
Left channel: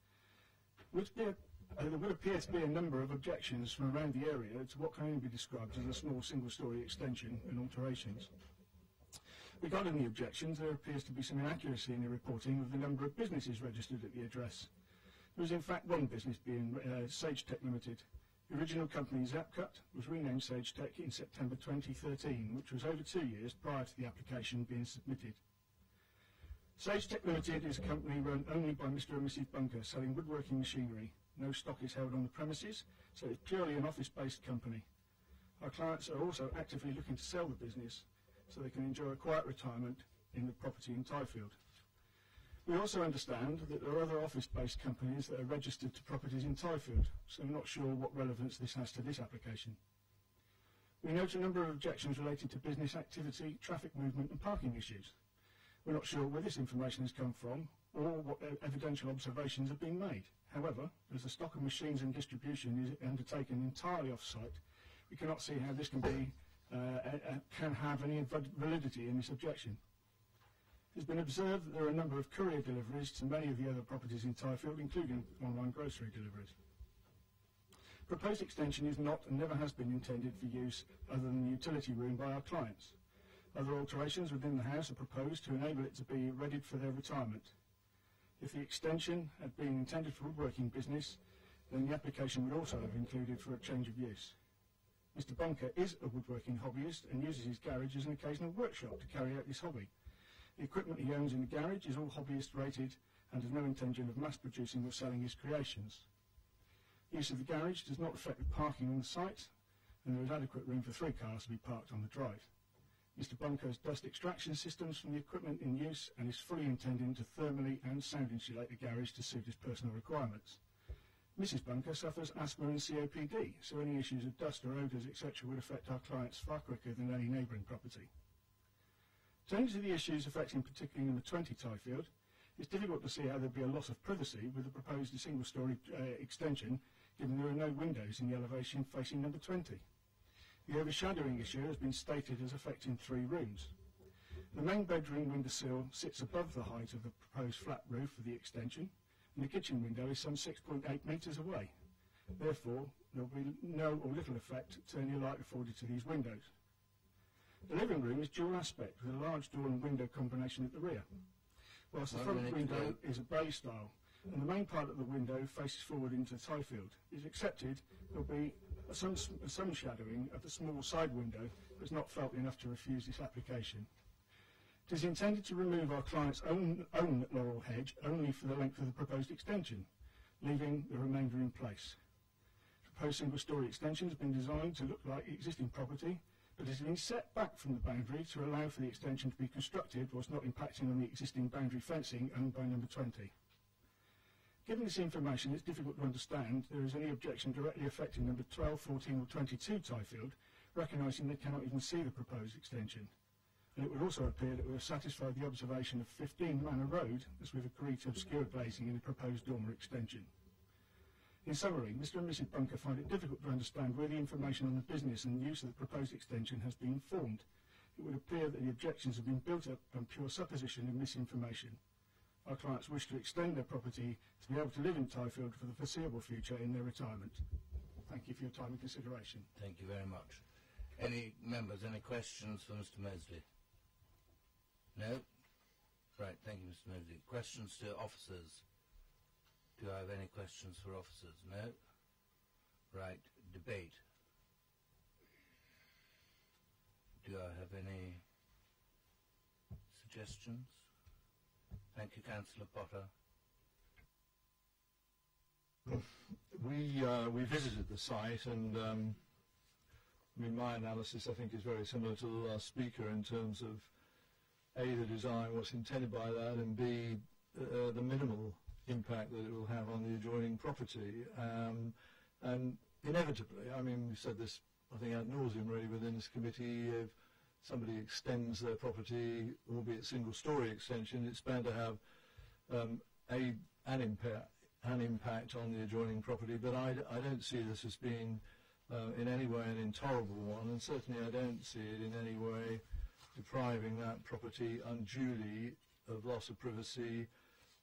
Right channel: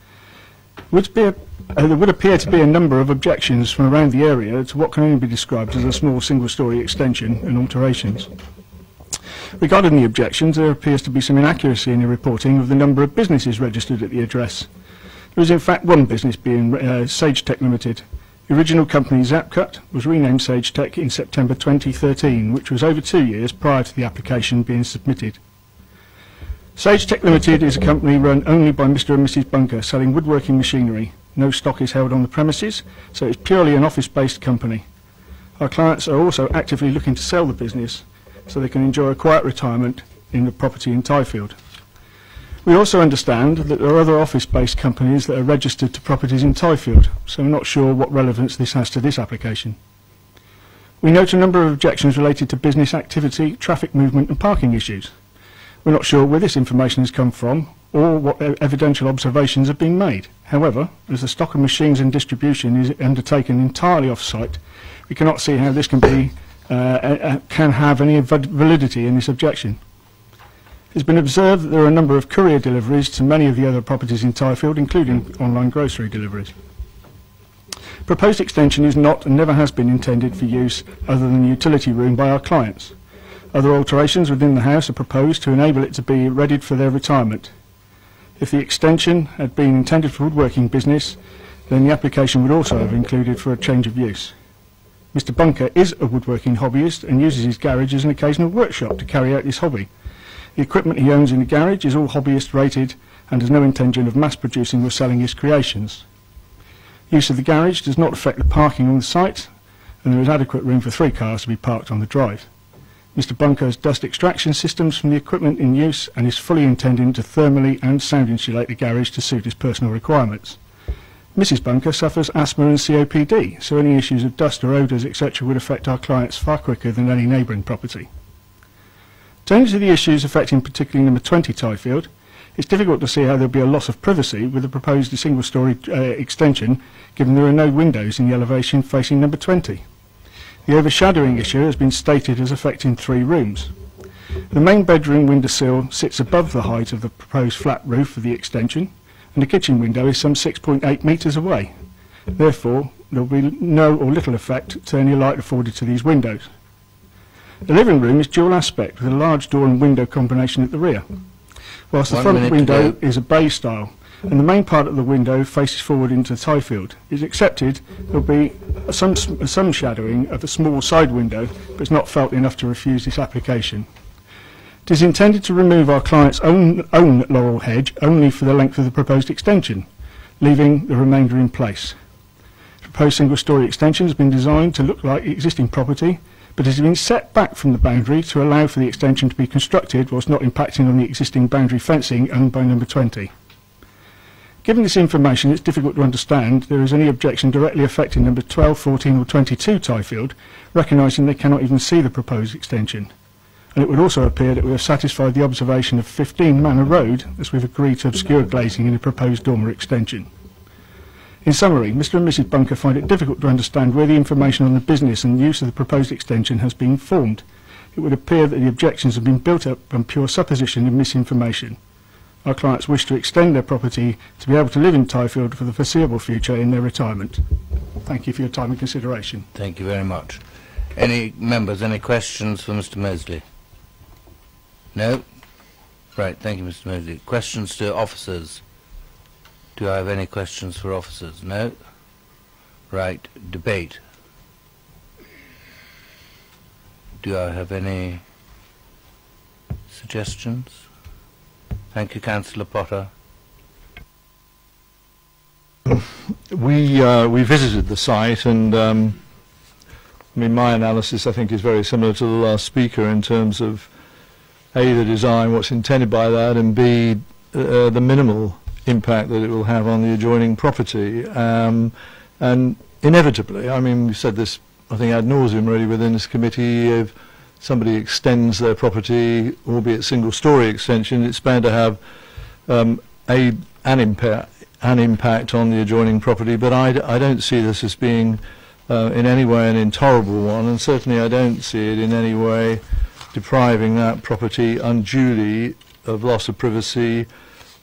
There would appear to be a number of objections from around the area to what can only be described as a small single-storey extension and alterations. Regarding the objections, there appears to be some inaccuracy in the reporting of the number of businesses registered at the address. There is in fact one business being Sage Tech Limited. The original company, Zapcut, was renamed Sage Tech in September 2013, which was over 2 years prior to the application being submitted. Sage Tech Limited is a company run only by Mr. and Mrs. Bunker, selling woodworking machinery. No stock is held on the premises, so it's purely an office-based company. Our clients are also actively looking to sell the business so they can enjoy a quiet retirement in the property in Tyfield. We also understand that there are other office-based companies that are registered to properties in Tyfield, so we're not sure what relevance this has to this application. We note a number of objections related to business activity, traffic movement and parking issues. We're not sure where this information has come from or what evidential observations have been made. However, as the stock of machines and distribution is undertaken entirely off-site, we cannot see how this can have any validity in this objection. It's been observed that there are a number of courier deliveries to many of the other properties in Tyfield, including online grocery deliveries. Proposed extension is not and never has been intended for use other than the utility room by our clients. Other alterations within the house are proposed to enable it to be readied for their retirement. If the extension had been intended for woodworking business, then the application would also have included for a change of use. Mr. Bunker is a woodworking hobbyist and uses his garage as an occasional workshop to carry out this hobby. The equipment he owns in the garage is all hobbyist rated and has no intention of mass producing or selling his creations. Use of the garage does not affect the parking on the site, and there is adequate room for 3 cars to be parked on the drive. Mr. Bunker has dust extraction systems from the equipment in use and is fully intending to thermally and sound insulate the garage to suit his personal requirements. Mrs. Bunker suffers asthma and COPD, so any issues of dust or odours, etc. would affect our clients far quicker than any neighbouring property. Turning to the issues affecting particularly number 20 Tyfield, it's difficult to see how there will be a loss of privacy with the proposed single-storey extension, given there are no windows in the elevation facing number 20. The overshadowing issue has been stated as affecting 3 rooms. The main bedroom windowsill sits above the height of the proposed flat roof of the extension, and the kitchen window is some 6.8 metres away. Therefore, there will be no or little effect to any light afforded to these windows. The living room is dual aspect with a large door and window combination at the rear. Whilst the front window is a bay style and the main part of the window faces forward into Tyfield, it's accepted there will be some shadowing of a small side window, but it's not felt enough to refuse this application. It is intended to remove our client's own laurel hedge only for the length of the proposed extension, leaving the remainder in place. The proposed single-storey extension has been designed to look like existing property, but has been set back from the boundary to allow for the extension to be constructed whilst not impacting on the existing boundary fencing owned by number 20. Given this information, it's difficult to understand there is any objection directly affecting number 12, 14 or 22 Tyfield, recognising they cannot even see the proposed extension. And it would also appear that we have satisfied the observation of 15 Manor Road as we've agreed to obscure glazing in the proposed dormer extension. In summary, Mr and Mrs Bunker find it difficult to understand where the information on the business and use of the proposed extension has been formed. It would appear that the objections have been built up on pure supposition and misinformation. Our clients wish to extend their property to be able to live in Tyfield for the foreseeable future in their retirement. Thank you for your time and consideration. Thank you very much. Any members, any questions for Mr Mosley? No? Right, thank you, Mr Mosley. Questions to officers? Do I have any questions for officers? No? Right, debate. Do I have any suggestions? Thank you, Councillor Potter. We visited the site, and I mean, my analysis I think is very similar to the last speaker in terms of A, the design, what's intended by that, and B, the minimal impact that it will have on the adjoining property. And inevitably, I mean, we've said this, I think, ad nauseum really within this committee, if somebody extends their property, albeit single-storey extension, it's bound to have an impact on the adjoining property. But I don't see this as being in any way an intolerable one, and certainly I don't see it in any way depriving that property unduly of loss of privacy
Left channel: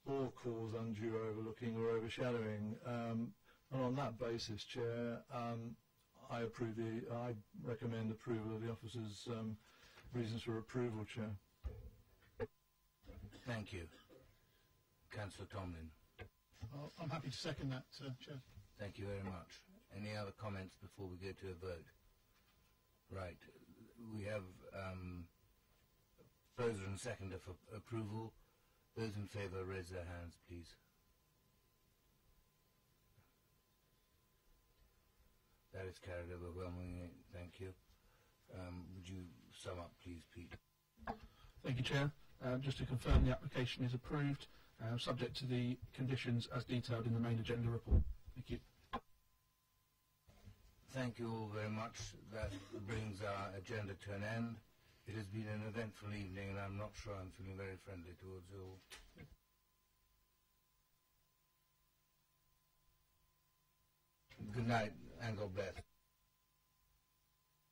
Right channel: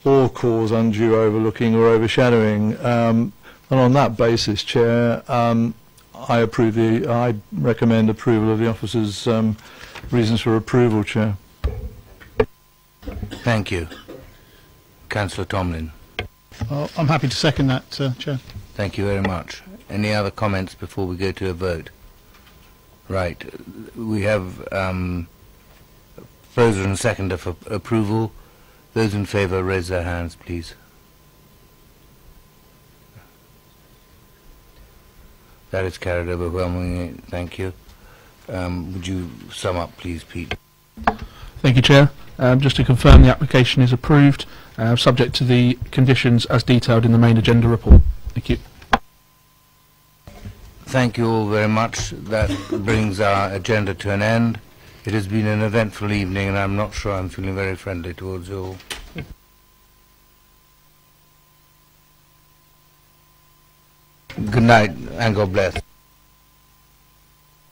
or cause undue overlooking or overshadowing. And on that basis, Chair, I recommend approval of the officer's reasons for approval, Chair. Thank you. Councillor Tomlin. I'm happy to second that, Chair. Thank you very much. Any other comments before we go to a vote? Right. We have proposer and seconder for approval. Those in favour raise their hands, please. That is carried overwhelmingly. Thank you. Would you sum up, please, Pete? Thank you, Chair. Just to confirm, the application is approved, subject to the conditions as detailed in the main agenda report. Thank you. Thank you all very much. That brings our agenda to an end. It has been an eventful evening, and I'm not sure I'm feeling very friendly towards you all. Good night, and God bless.